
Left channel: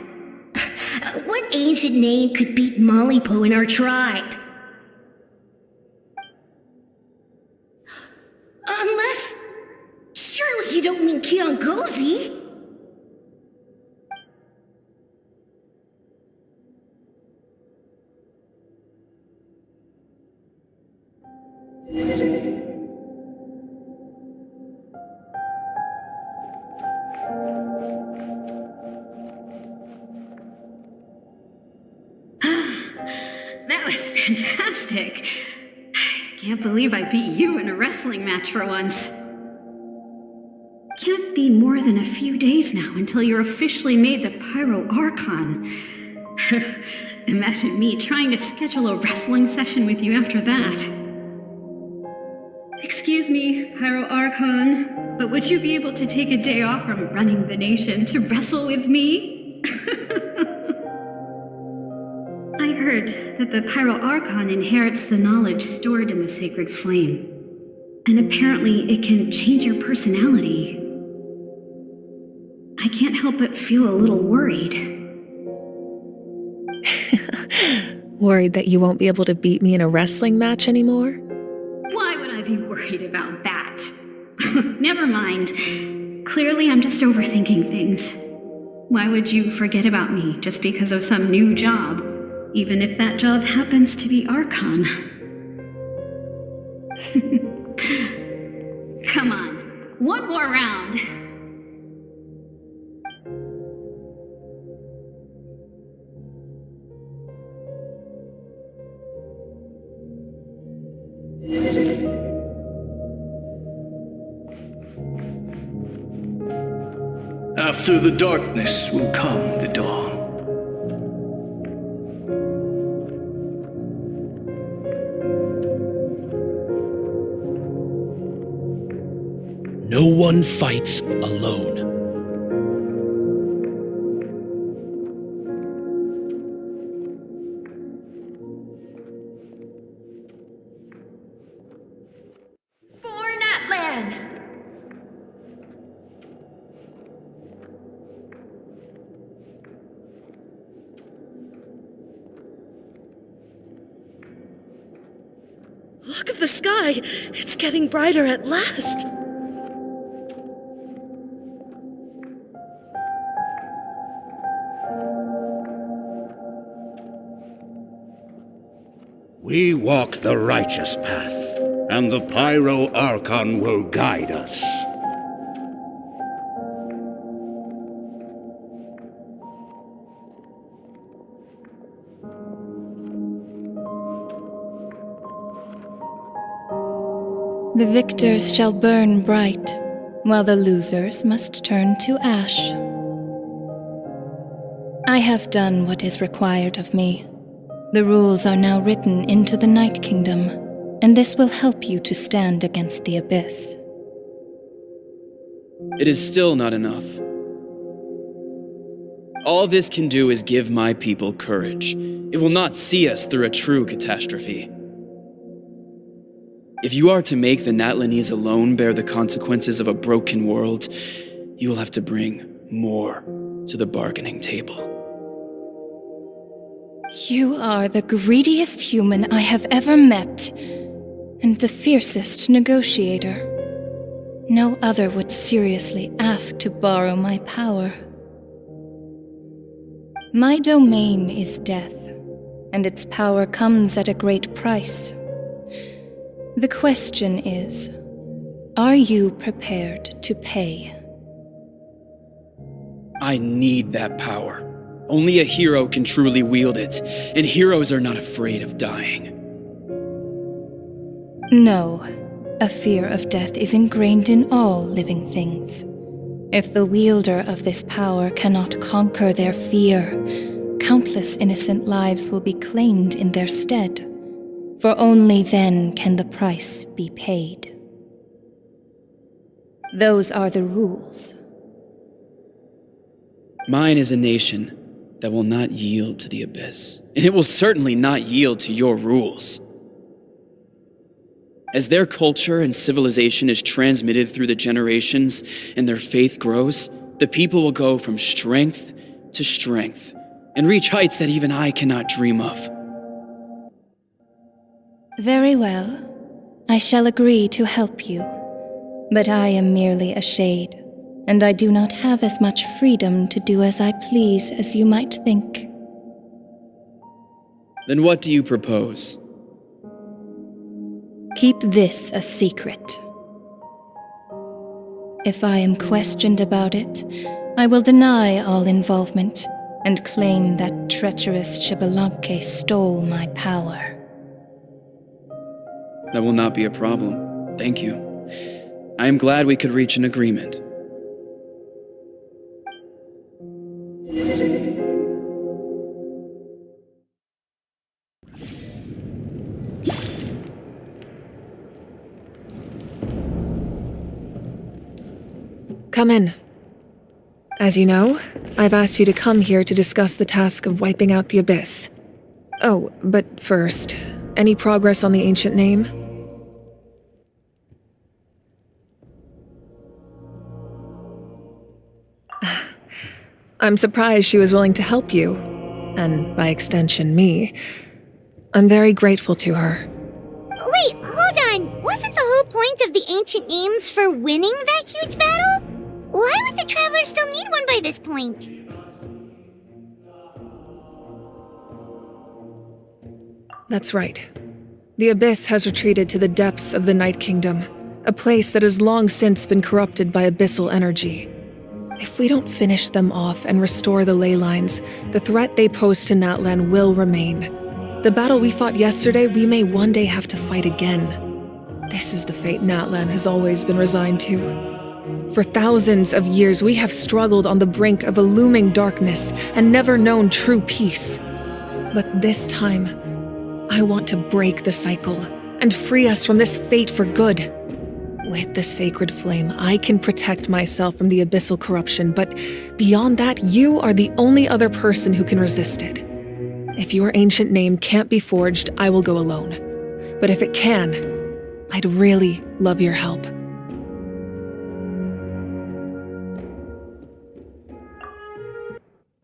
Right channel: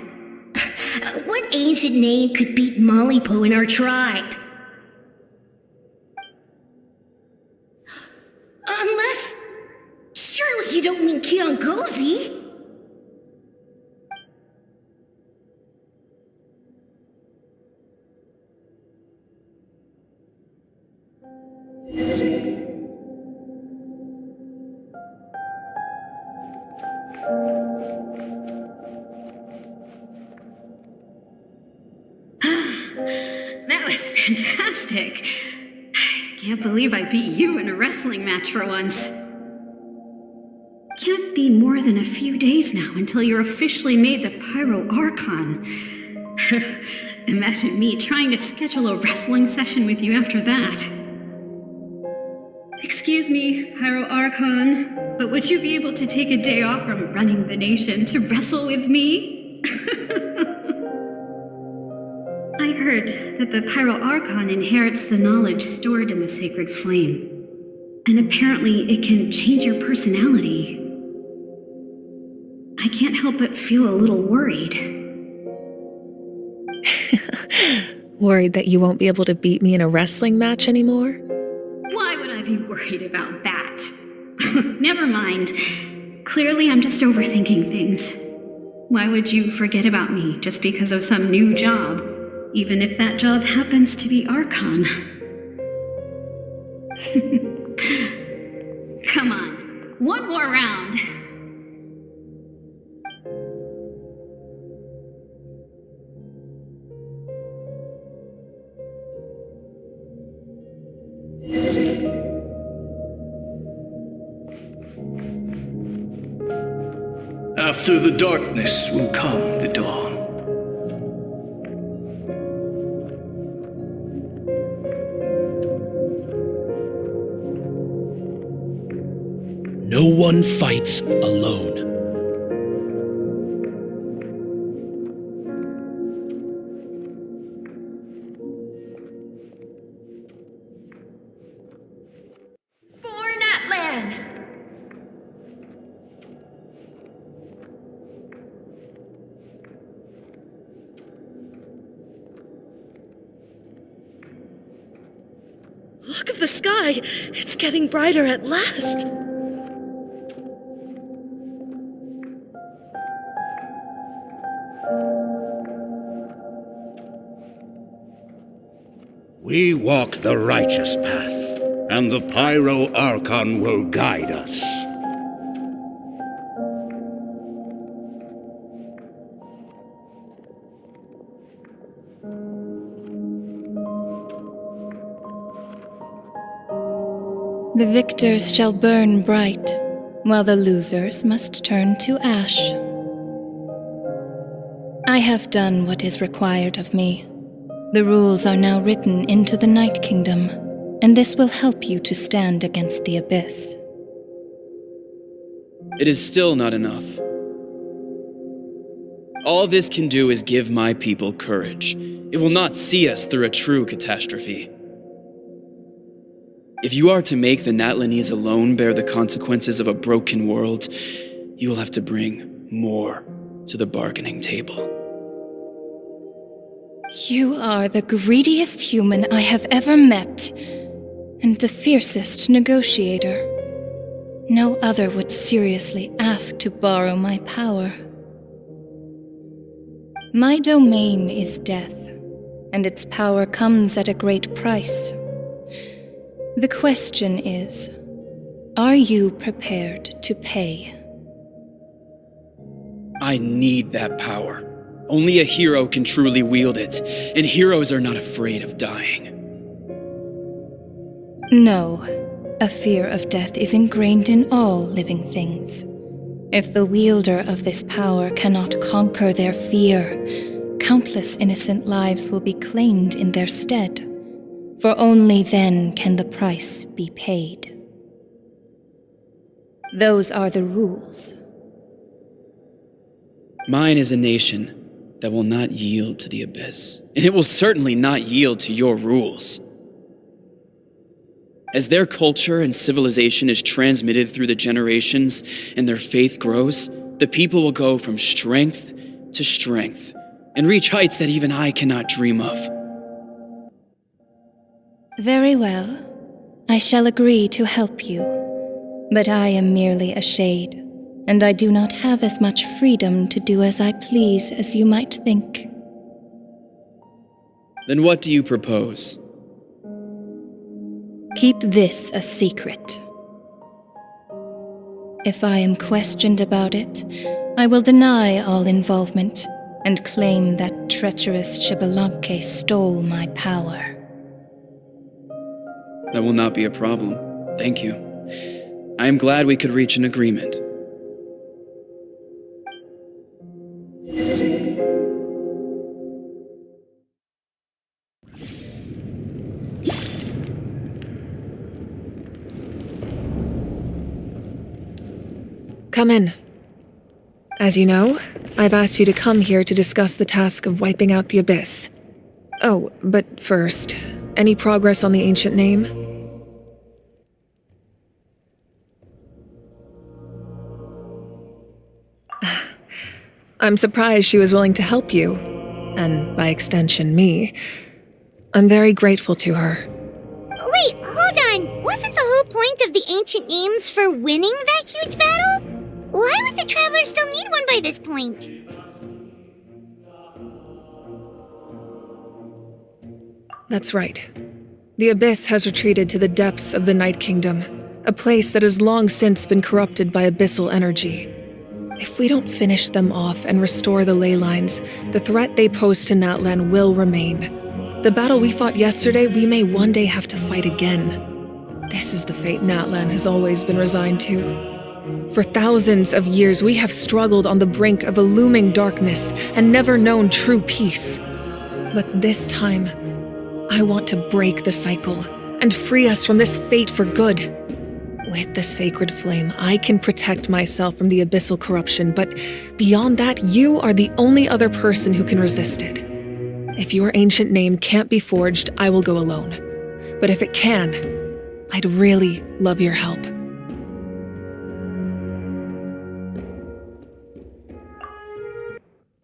What ancient name could beat Mollypo in our tribe? Unless... surely you don't mean Kiangozi? That was fantastic. Can't believe I beat you in a wrestling match for once. Can't be more than a few days now until you're officially made the Pyro Archon. Imagine me trying to schedule a wrestling session with you after that. Excuse me, Pyro Archon, but would you be able to take a day off from running the nation to wrestle with me? I heard that the Pyro Archon inherits the knowledge stored in the sacred flame, and apparently it can change your personality. I can't help but feel a little worried. Worried that you won't be able to beat me in a wrestling match anymore? Why would I be worried about that? Never mind. Clearly, I'm just overthinking things. Why would you forget about me just because of some new job, even if that job happens to be Archon? Come on, one more round. After the darkness will come the dawn. No one fights alone. For Natlan! Look at the sky! It's getting brighter at last! We walk the righteous path, and the Pyro Archon will guide us. The victors shall burn bright, while the losers must turn to ash. I have done what is required of me. The rules are now written into the Night Kingdom, and this will help you to stand against the Abyss. It is still not enough. All this can do is give my people courage. It will not see us through a true catastrophe. If you are to make the Natlanese alone bear the consequences of a broken world, you will have to bring more to the bargaining table. You are the greediest human I have ever met, and the fiercest negotiator. No other would seriously ask to borrow my power. My domain is death, and its power comes at a great price. The question is, are you prepared to pay? I need that power. Only a hero can truly wield it, and heroes are not afraid of dying. No, a fear of death is ingrained in all living things. If the wielder of this power cannot conquer their fear, countless innocent lives will be claimed in their stead, for only then can the price be paid. Those are the rules. Mine is a nation that will not yield to the Abyss, and it will certainly not yield to your rules. As their culture and civilization is transmitted through the generations and their faith grows, the people will go from strength to strength and reach heights that even I cannot dream of. Very well. I shall agree to help you. But I am merely a shade, and I do not have as much freedom to do as I please as you might think. Then what do you propose? Keep this a secret. If I am questioned about it, I will deny all involvement and claim that treacherous Xbalanque stole my power. That will not be a problem. Thank you. I am glad we could reach an agreement. Come in. As you know, I've asked you to come here to discuss the task of wiping out the Abyss. Oh, but first, any progress on the ancient name? I'm surprised she was willing to help you, and by extension, me. I'm very grateful to her. Wait, hold on. Wasn't the whole point of the ancient names for winning that huge battle? Why would the Traveler still need one by this point? That's right. The Abyss has retreated to the depths of the Night Kingdom, a place that has long since been corrupted by abyssal energy. If we don't finish them off and restore the ley lines, the threat they pose to Natlan will remain. The battle we fought yesterday, we may one day have to fight again. This is the fate Natlan has always been resigned to. For thousands of years, we have struggled on the brink of a looming darkness and never known true peace. But this time, I want to break the cycle and free us from this fate for good. With the sacred flame, I can protect myself from the abyssal corruption, but beyond that, you are the only other person who can resist it. If your ancient name can't be forged, I will go alone. But if it can, I'd really love your help.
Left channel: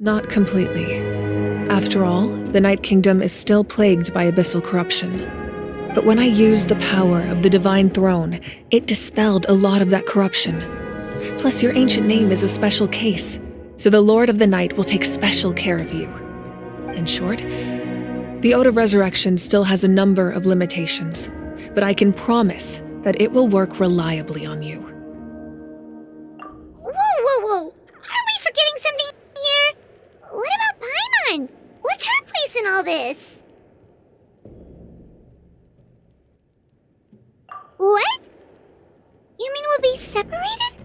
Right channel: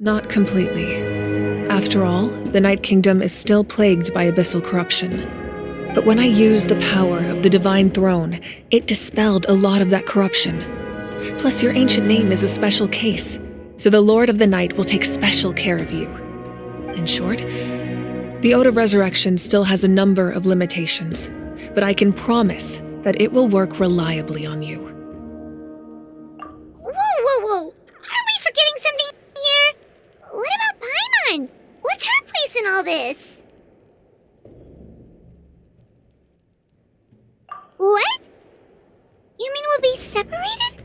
Not completely. After all, the Night Kingdom is still plagued by abyssal corruption. But when I used the power of the Divine Throne, it dispelled a lot of that corruption. Plus, your ancient name is a special case, so the Lord of the Night will take special care of you. In short, the Ode of Resurrection still has a number of limitations, but I can promise that it will work reliably on you. Whoa! Aren't we forgetting something here? What about Paimon? What's her place in all this? What? You mean we'll be separated?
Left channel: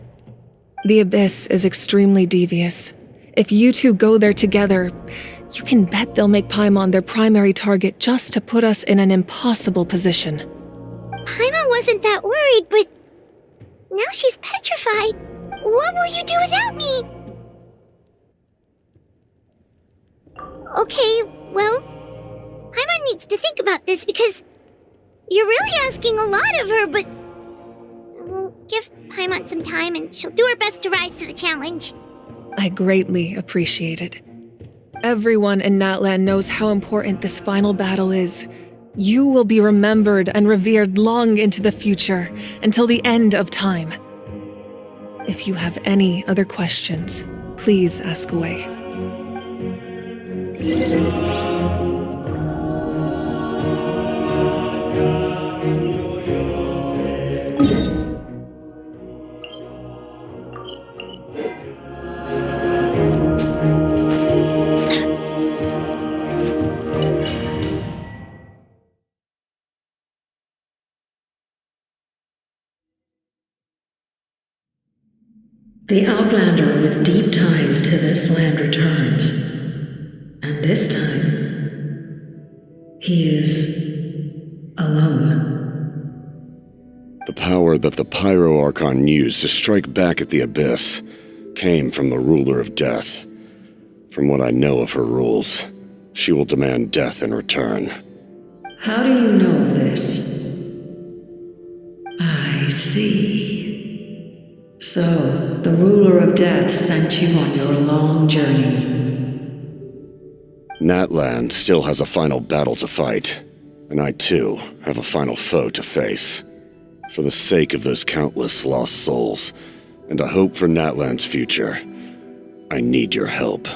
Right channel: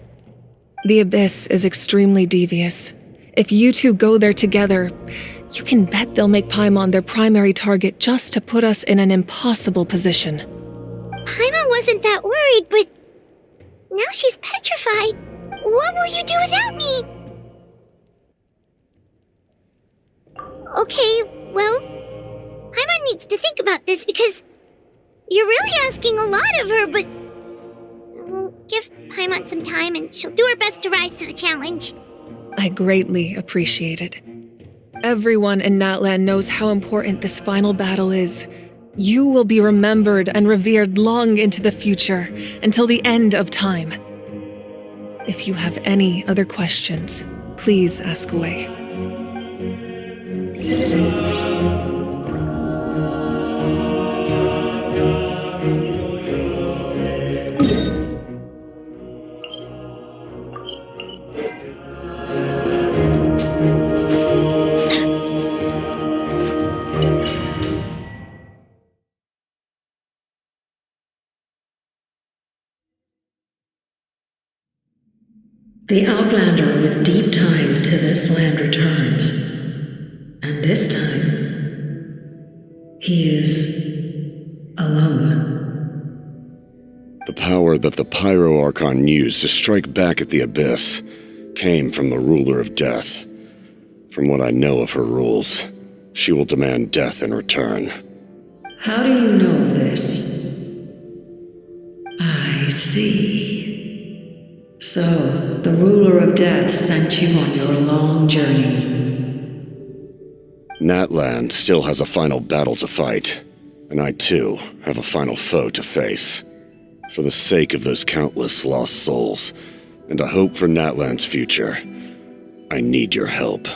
The Abyss is extremely devious. If you two go there together, you can bet they'll make Paimon their primary target just to put us in an impossible position. Paimon wasn't that worried, but now she's petrified. What will you do without me? Okay, well, Paimon needs to think about this because you're really asking a lot of her, but we'll give Paimon some time and she'll do her best to rise to the challenge. I greatly appreciate it. Everyone in Natlan knows how important this final battle is. You will be remembered and revered long into the future, until the end of time. If you have any other questions, please ask away. The Outlander with deep ties to this land returns. And this time, he is alone. The power that the Pyro Archon used to strike back at the Abyss came from the Ruler of Death. From what I know of her rules, she will demand death in return. How do you know of this? I see. So, the Ruler of Death sent you on your long journey. Natlan still has a final battle to fight, and I too have a final foe to face. For the sake of those countless lost souls, and a hope for Natlan's future, I need your help.